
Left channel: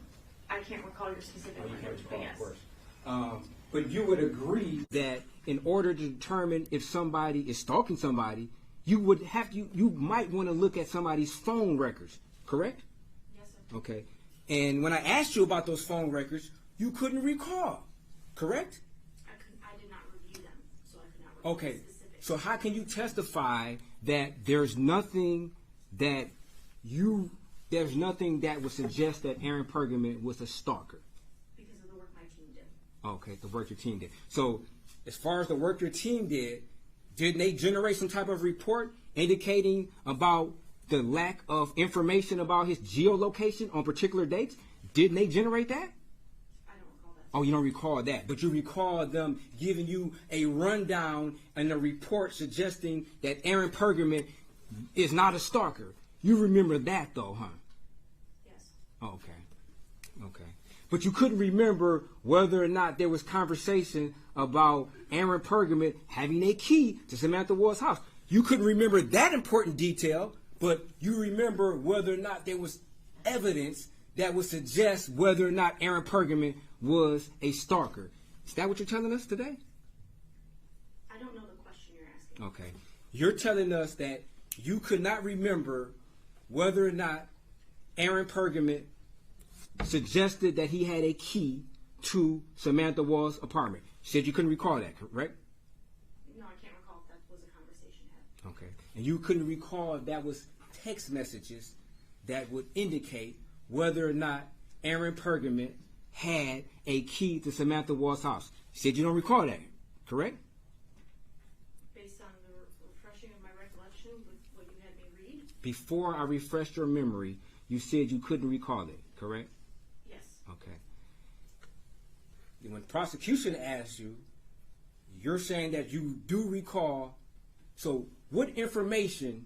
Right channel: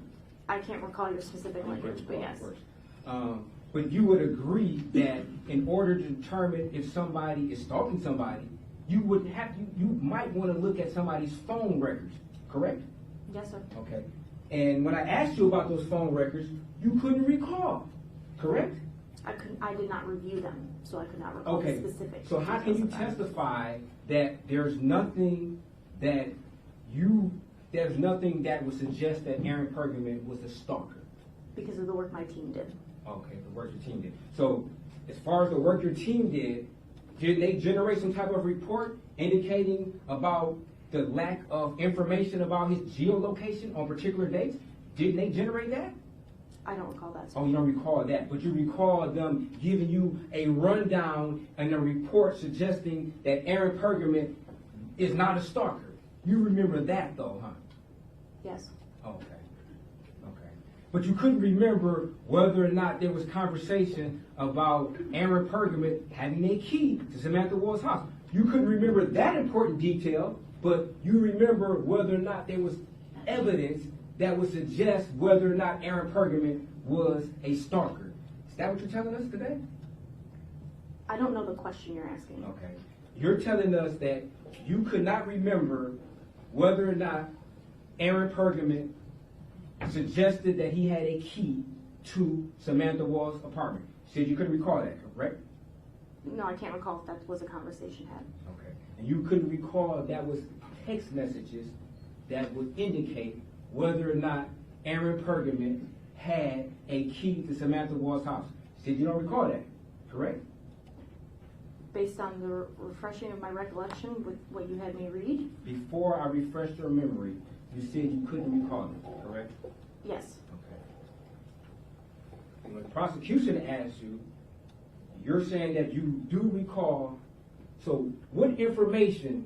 I can't recall your specific language, but yes. Of course. But you would agree that in order to determine if somebody is stalking somebody, you would have to, you might want to look at somebody's phone records, correct? Yes, sir. Okay. And when I asked you about those phone records, you couldn't recall, correct? I did not review them, so I could not recall Okay. the specifics. So how can you testify that there's nothing that would suggest that Aaron Pergament was a stalker? Because of the work my team did. Okay, the work your team did. So as far as the work your team did they generate some type of report indicating about the lack of information about his geolocation on particular dates? Didn't they generate that? I don't recall that. Oh, you don't recall that, but you recall them giving you a rundown and a report suggesting that Aaron Pergament is not a stalker. You remember that though, huh? Yes. Okay. But you couldn't remember whether or not there was conversation about Aaron Pergament having a key to Samantha Woll's house. You couldn't remember that important detail, but you remember whether or not there was evidence that would suggest whether or not Aaron Pergament was a stalker. Is that what you're telling us today? I don't know the question you're asking. Okay. You're telling us that you could not remember whether or not Aaron Pergament suggested that he had a key to Samantha Woll's apartment. You said you couldn't recall that, correct? No, I can't recall if that was a conversation had. Okay. And you couldn't recall if that was text messages that would indicate whether or not Aaron Pergament had a key to Samantha Woll's house. You said you don't recall that, correct? Based on the refreshing of my recollection with what you had me read? Before I refreshed your memory, you said you couldn't recall it, correct? Yes. Okay. And when the prosecution asks you, you're saying that you do recall. So what information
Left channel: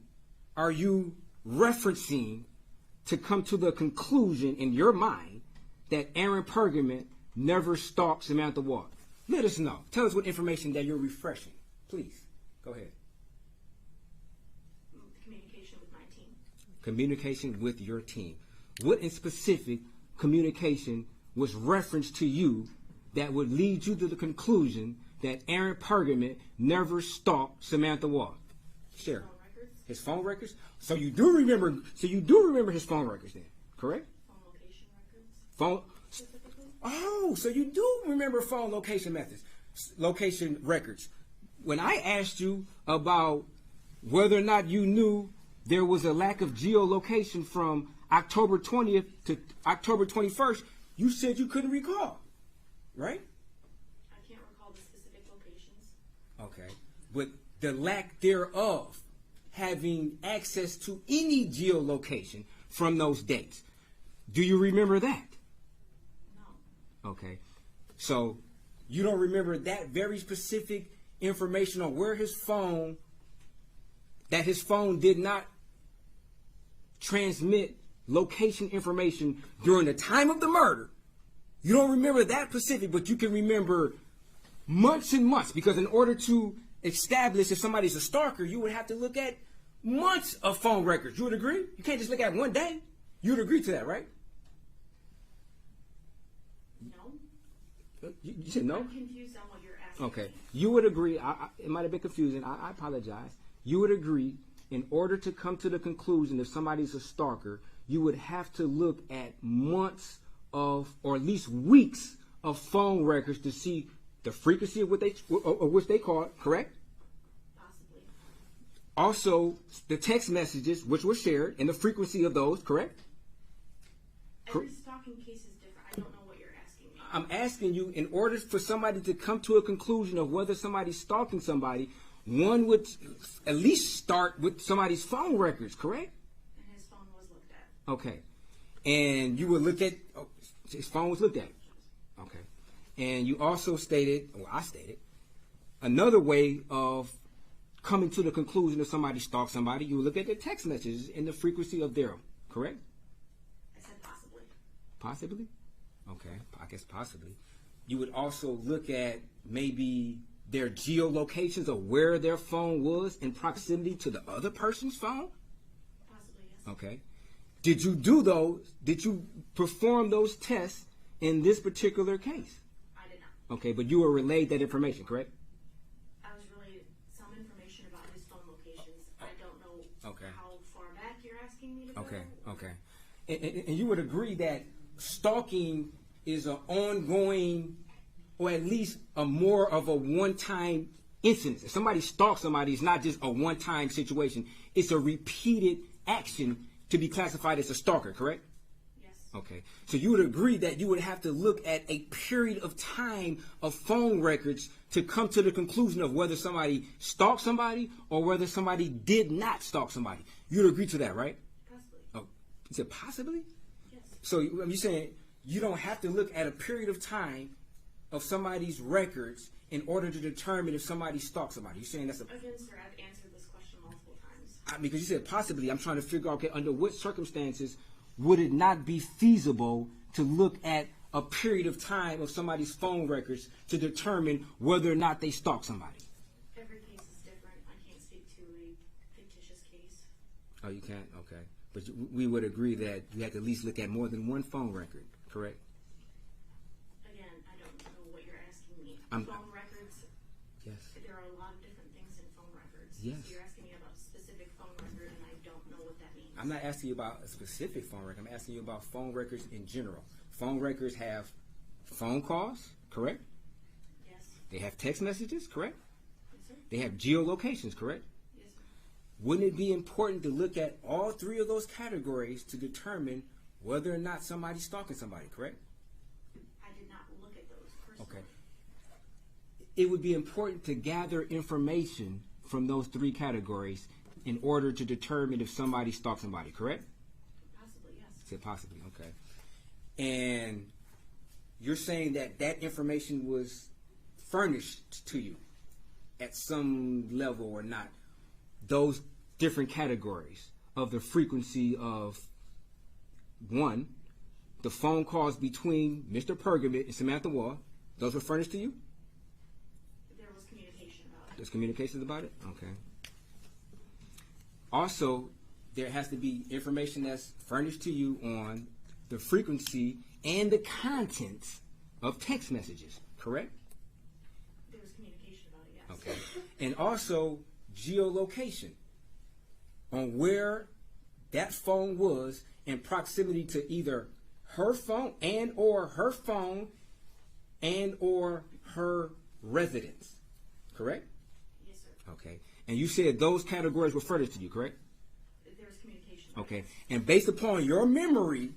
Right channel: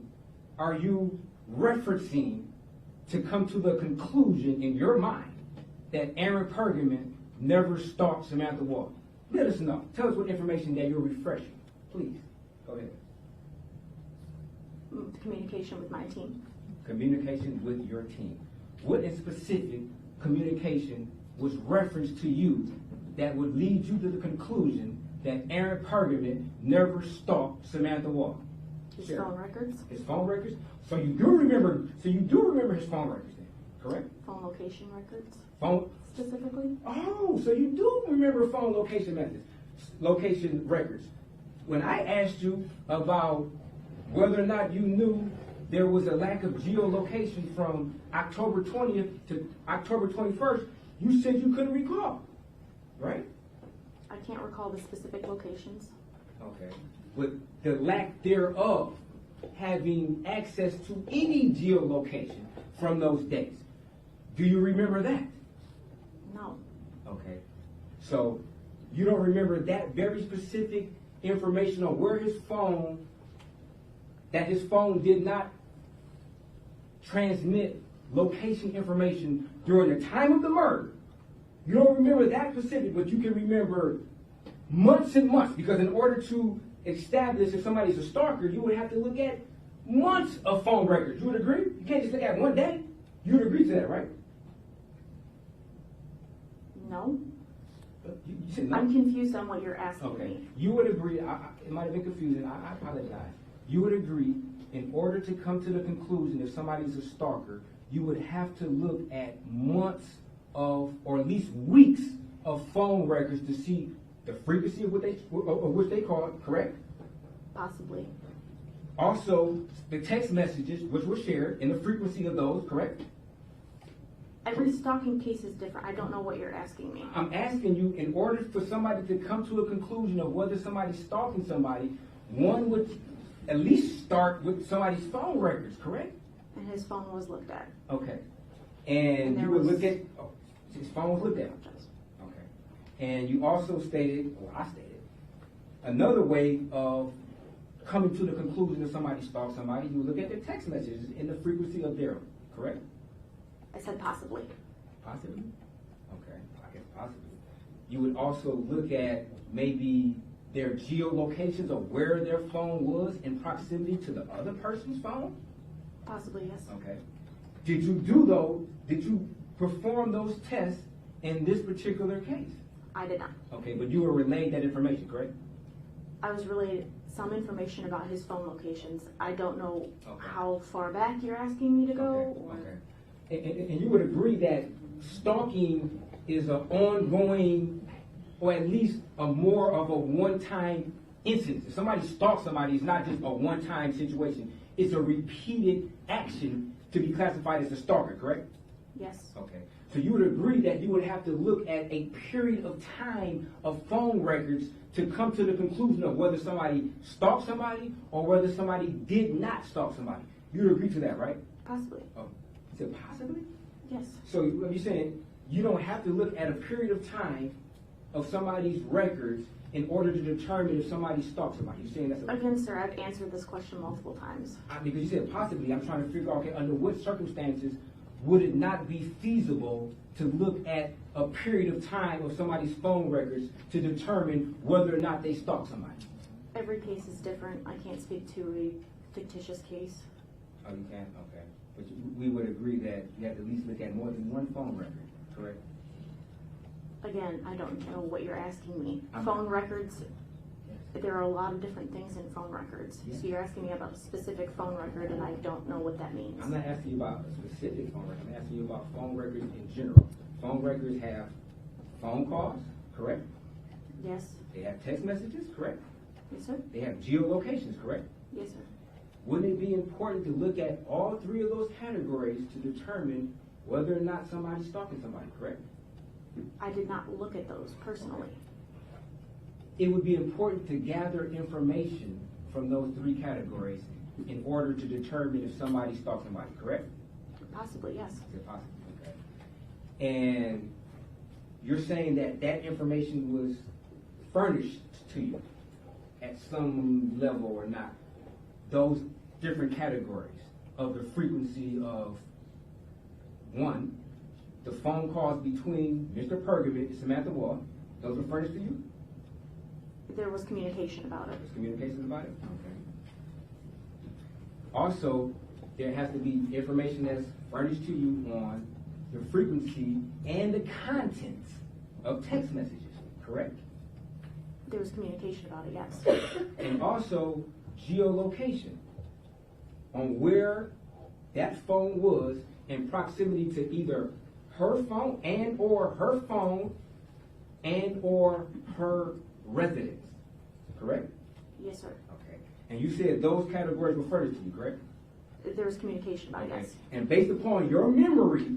are you referencing to come to the conclusion in your mind that Aaron Pergament never stalked Samantha Woll? Let us know. Tell us what information that you're refreshing. Please, go ahead. Communication with my team. Communication with your team. What in specific communication was referenced to you that would lead you to the conclusion that Aaron Pergament never stalked Samantha Woll? His phone records. His phone records? So you do remember his phone records then, correct? Phone location records. Phone specifically? Oh, so you do remember phone location records. When I asked you about whether or not you knew there was a lack of geolocation from October 20th to October 21st, you said you couldn't recall, right? I can't recall the specific locations. Okay. With the lack thereof having access to any geolocation from those dates. Do you remember that? No. Okay. So you don't remember that very specific information on where his phone did not transmit location information during the time of the murder. You don't remember that specific, but you can remember months and months, because in order to establish if somebody's a stalker, you would have to look at months of phone records. You would agree? You can't just look at one day. You would agree to that, right? No. You said no? I'm confused on what you're asking Okay. me. You would agree, it might have been confusing, I apologize. You would agree, in order to come to the conclusion if somebody's a stalker, you would have to look at months of, or at least weeks of phone records to see the frequency of which they call it, correct? Possibly. Also, the text messages which were shared and the frequency of those, correct? Every stalking case is different. I don't know what you're asking me. I'm asking you, in order for somebody to come to a conclusion of whether somebody's stalking somebody, one would at least start with somebody's phone records, correct? And his phone was looked at. Okay. And you would look at, his phone was looked at. Okay. And you also stated, or I stated, another way of coming to the conclusion if somebody stalks somebody, you would look at their text messages and the frequency of them, correct? I said possibly. Possibly? Okay, I guess possibly. You would also look at maybe their geolocations of where their phone was in proximity to the other person's phone? Possibly, yes. Okay. Did you perform those tests in this particular case? I did not. Okay, but you were relayed that information, correct? I was relayed some information about his phone locations. I don't know Okay. how far back you're asking me to go. Okay, or- okay. And you would agree that stalking is an ongoing, or at least a more of a one-time incident. If somebody stalks somebody, it's not just a one-time situation. It's a repeated action to be classified as a stalker, correct? Yes. Okay. So you would agree that you would have to look at a period of time of phone records to come to the conclusion of whether somebody stalked somebody or whether somebody did not stalk somebody. You would agree to that, right? Possibly. Oh, is it possibly? Yes. So you're saying you don't have to look at a period of time of somebody's records in order to determine if somebody stalked somebody. You're saying that's Again, sir, I've answered this question multiple times. I mean, because you said possibly. I'm trying to figure out, okay, under what circumstances would it not be feasible to look at a period of time of somebody's phone records to determine whether or not they stalked somebody? Every case is different. I can't speak to a fictitious case. Oh, you can't? Okay. But we would agree that you have to at least look at more than one phone record, correct? Again, I don't know what you're asking me. I'm- Phone records, Yes. there are a lot of different things in phone records. Yes. So you're asking me about a specific phone record, and I don't know what that means. I'm not asking you about a specific phone record. I'm asking you about phone records in general. Phone records have phone calls, correct? Yes. They have text messages, correct? Yes, sir. They have geolocations, correct? Yes, sir. Wouldn't it be important to look at all three of those categories to determine whether or not somebody's stalking somebody, correct? I did not look at those personally. It would be important to gather information from those three categories in order to determine if somebody stalked somebody, correct? Possibly, yes. I said possibly, okay. And you're saying that that information was furnished to you at some level or not? Those different categories of the frequency of, one, the phone calls between Mr. Pergament and Samantha Woll, those were furnished to you? There was communication about it. There's communications about it? Okay. Also, there has to be information that's furnished to you on the frequency and the contents of text messages, correct? There was communication about it, yes. Okay. And also geolocation on where that phone was in proximity to either her phone and or her residence, correct? Yes, sir. Okay. And you said those categories were furnished to you, correct? There was communication about it, Okay. yes. And based upon your memory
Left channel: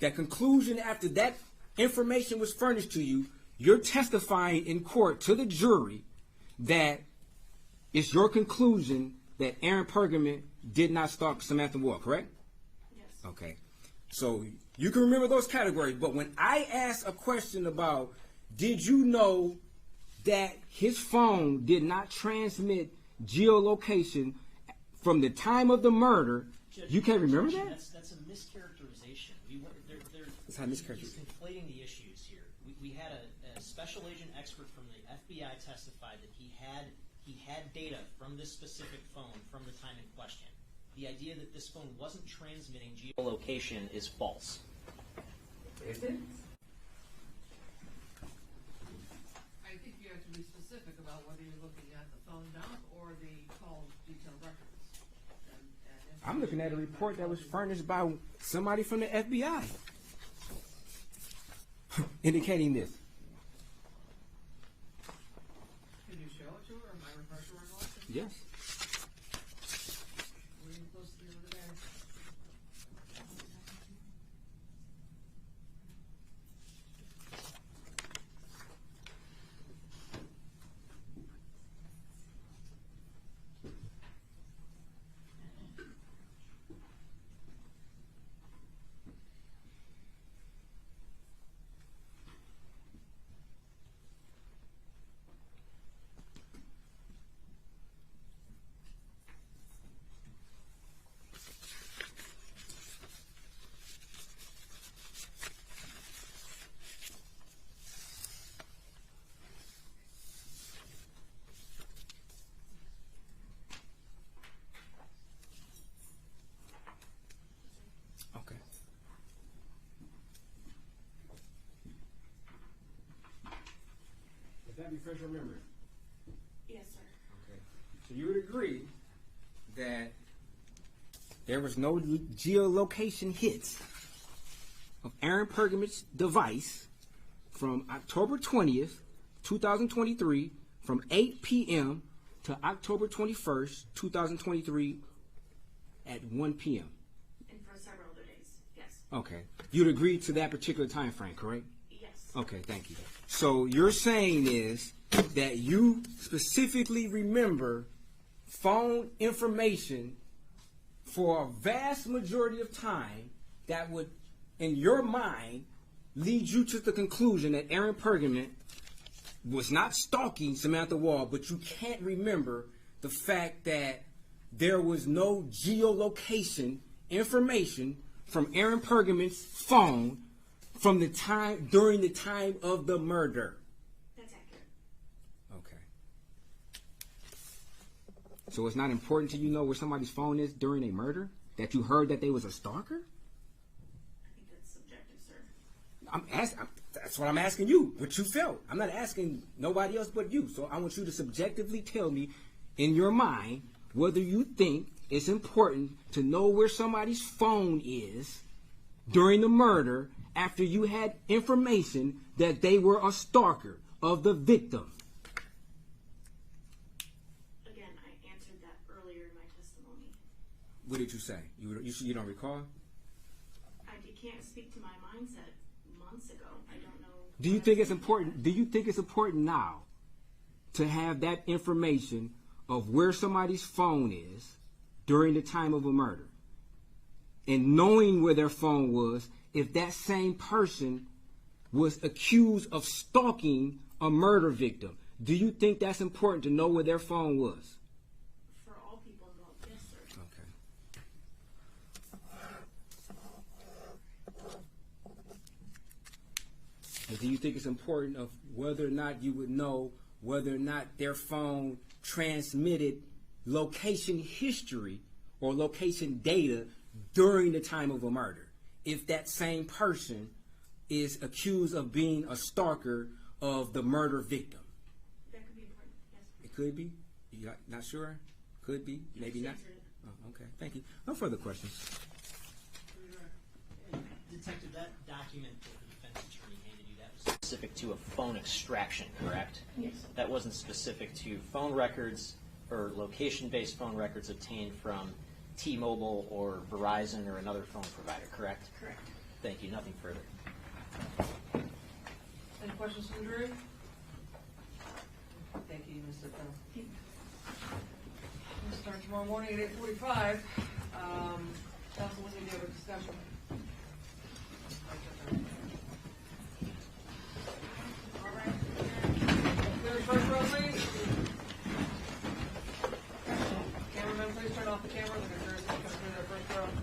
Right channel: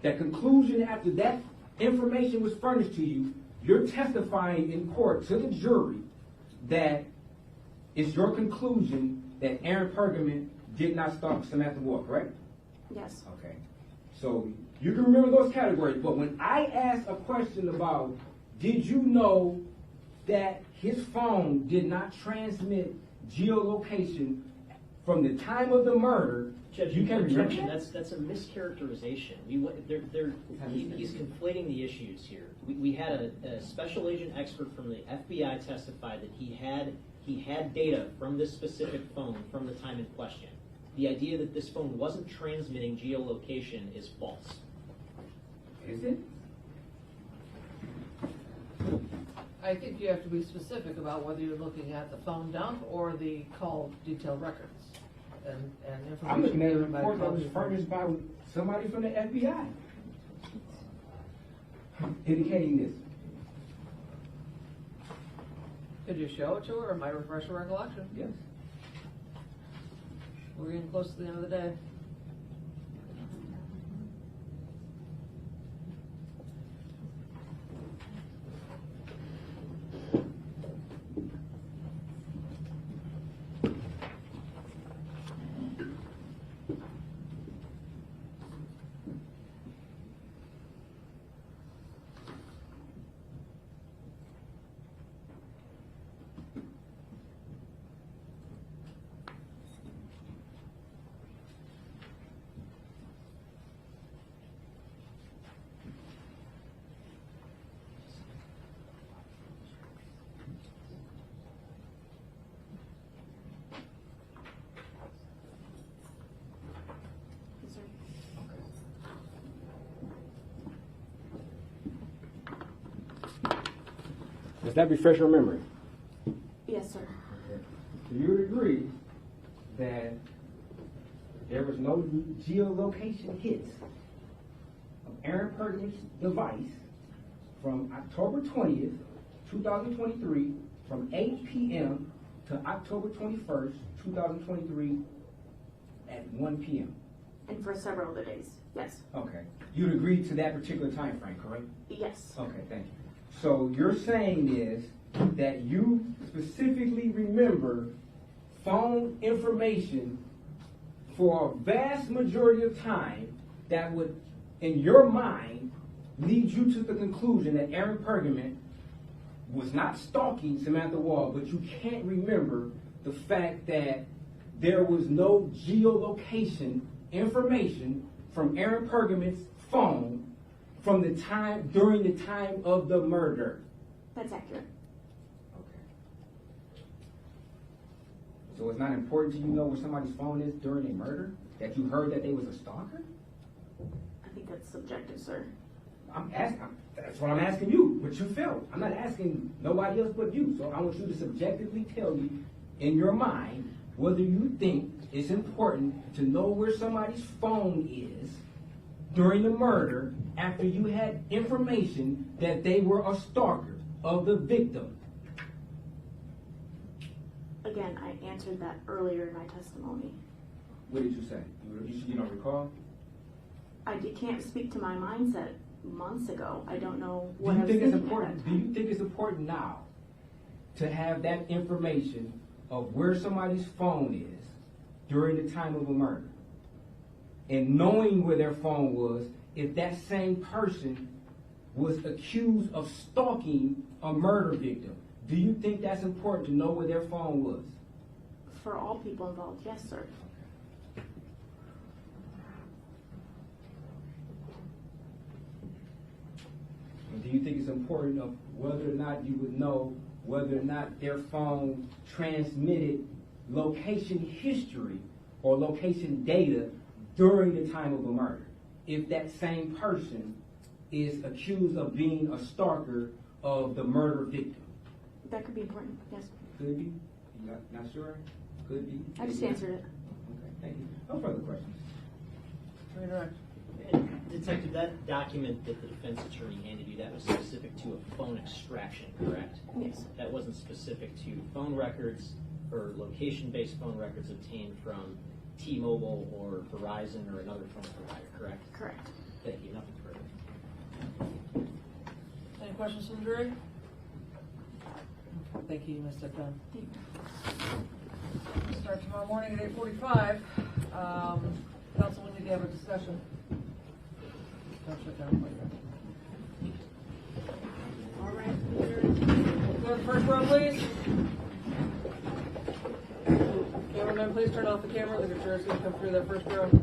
that conclusion after that information was furnished to you, you're testifying in court to the jury that it's your conclusion that Aaron Pergament did not stalk Samantha Woll, correct? Yes. Okay. So you can remember those categories, but when I asked a question about did you know that his phone did not transmit geolocation from the time of the murder, Judge, you can't remember Judge, that? that's a mischaracterization. He's conflating the issues here. We had a special agent expert from the FBI testify that he had data from this specific phone from the time in question. The idea that this phone wasn't transmitting geolocation is false. Is it? I think you have to be specific about whether you're looking at the phone dump or the call detail records. And I'm looking at a given by report that call was detail. furnished by somebody from the FBI indicating this. Could you show it to her, or my refresh her recollection? Yes. We're getting close to the end of the day. Does that refresh your memory? Yes, sir. So you would agree that there was no geolocation hits of Aaron Pergament's device from October 20th, 2023, from 8 p.m. to October 21st, 2023 at 1 p.m. And for several other days, yes. Okay. You'd agree to that particular time frame, correct? Yes. Okay, thank you. So you're saying is that you specifically remember phone information for a vast majority of time that would, in your mind, lead you to the conclusion that Aaron Pergament was not stalking Samantha Woll, but you can't remember the fact that there was no geolocation information from Aaron Pergament's phone from the time, during the time of the murder. That's accurate. Okay. So it's not important to you know where somebody's phone is during a murder? That you heard that they was a stalker? I think that's subjective, sir. That's what I'm asking you, what you felt. I'm not asking nobody else but you. So I want you to subjectively tell me, in your mind, whether you think it's important to know where somebody's phone is during the murder after you had information that they were a stalker of the victim. Again, I answered that earlier in my testimony. What did you say? You don't recall? Can't speak to my mindset months ago. I don't know. Do you think it's important? Do you think it's important now to have that information of where somebody's phone is during the time of a murder, and knowing where their phone was if that same person was accused of stalking a murder victim? Do you think that's important to know where their phone was? For all people involved, yes, sir. Okay. And do you think it's important of whether or not you would know whether or not their phone transmitted location history or location data during the time of a murder, if that same person is accused of being a stalker of the murder victim? That could be important, yes. It could be? You're not sure? Could be? I just answered it. Okay, thank you. No further questions. Detective, that document that the defense attorney handed you, that was specific to a phone extraction, correct? Yes. That wasn't specific to phone records or location-based phone records obtained from T-Mobile or Verizon or another phone provider, correct? Correct. Thank you. Nothing further. Any questions from the jury? Thank you, Ms. Sipka. We'll start tomorrow morning at 8:45. Council, we need to have a discussion. All right. Clear the first row, please. Cameraman, please turn off the camera. The jurors will come through their first row.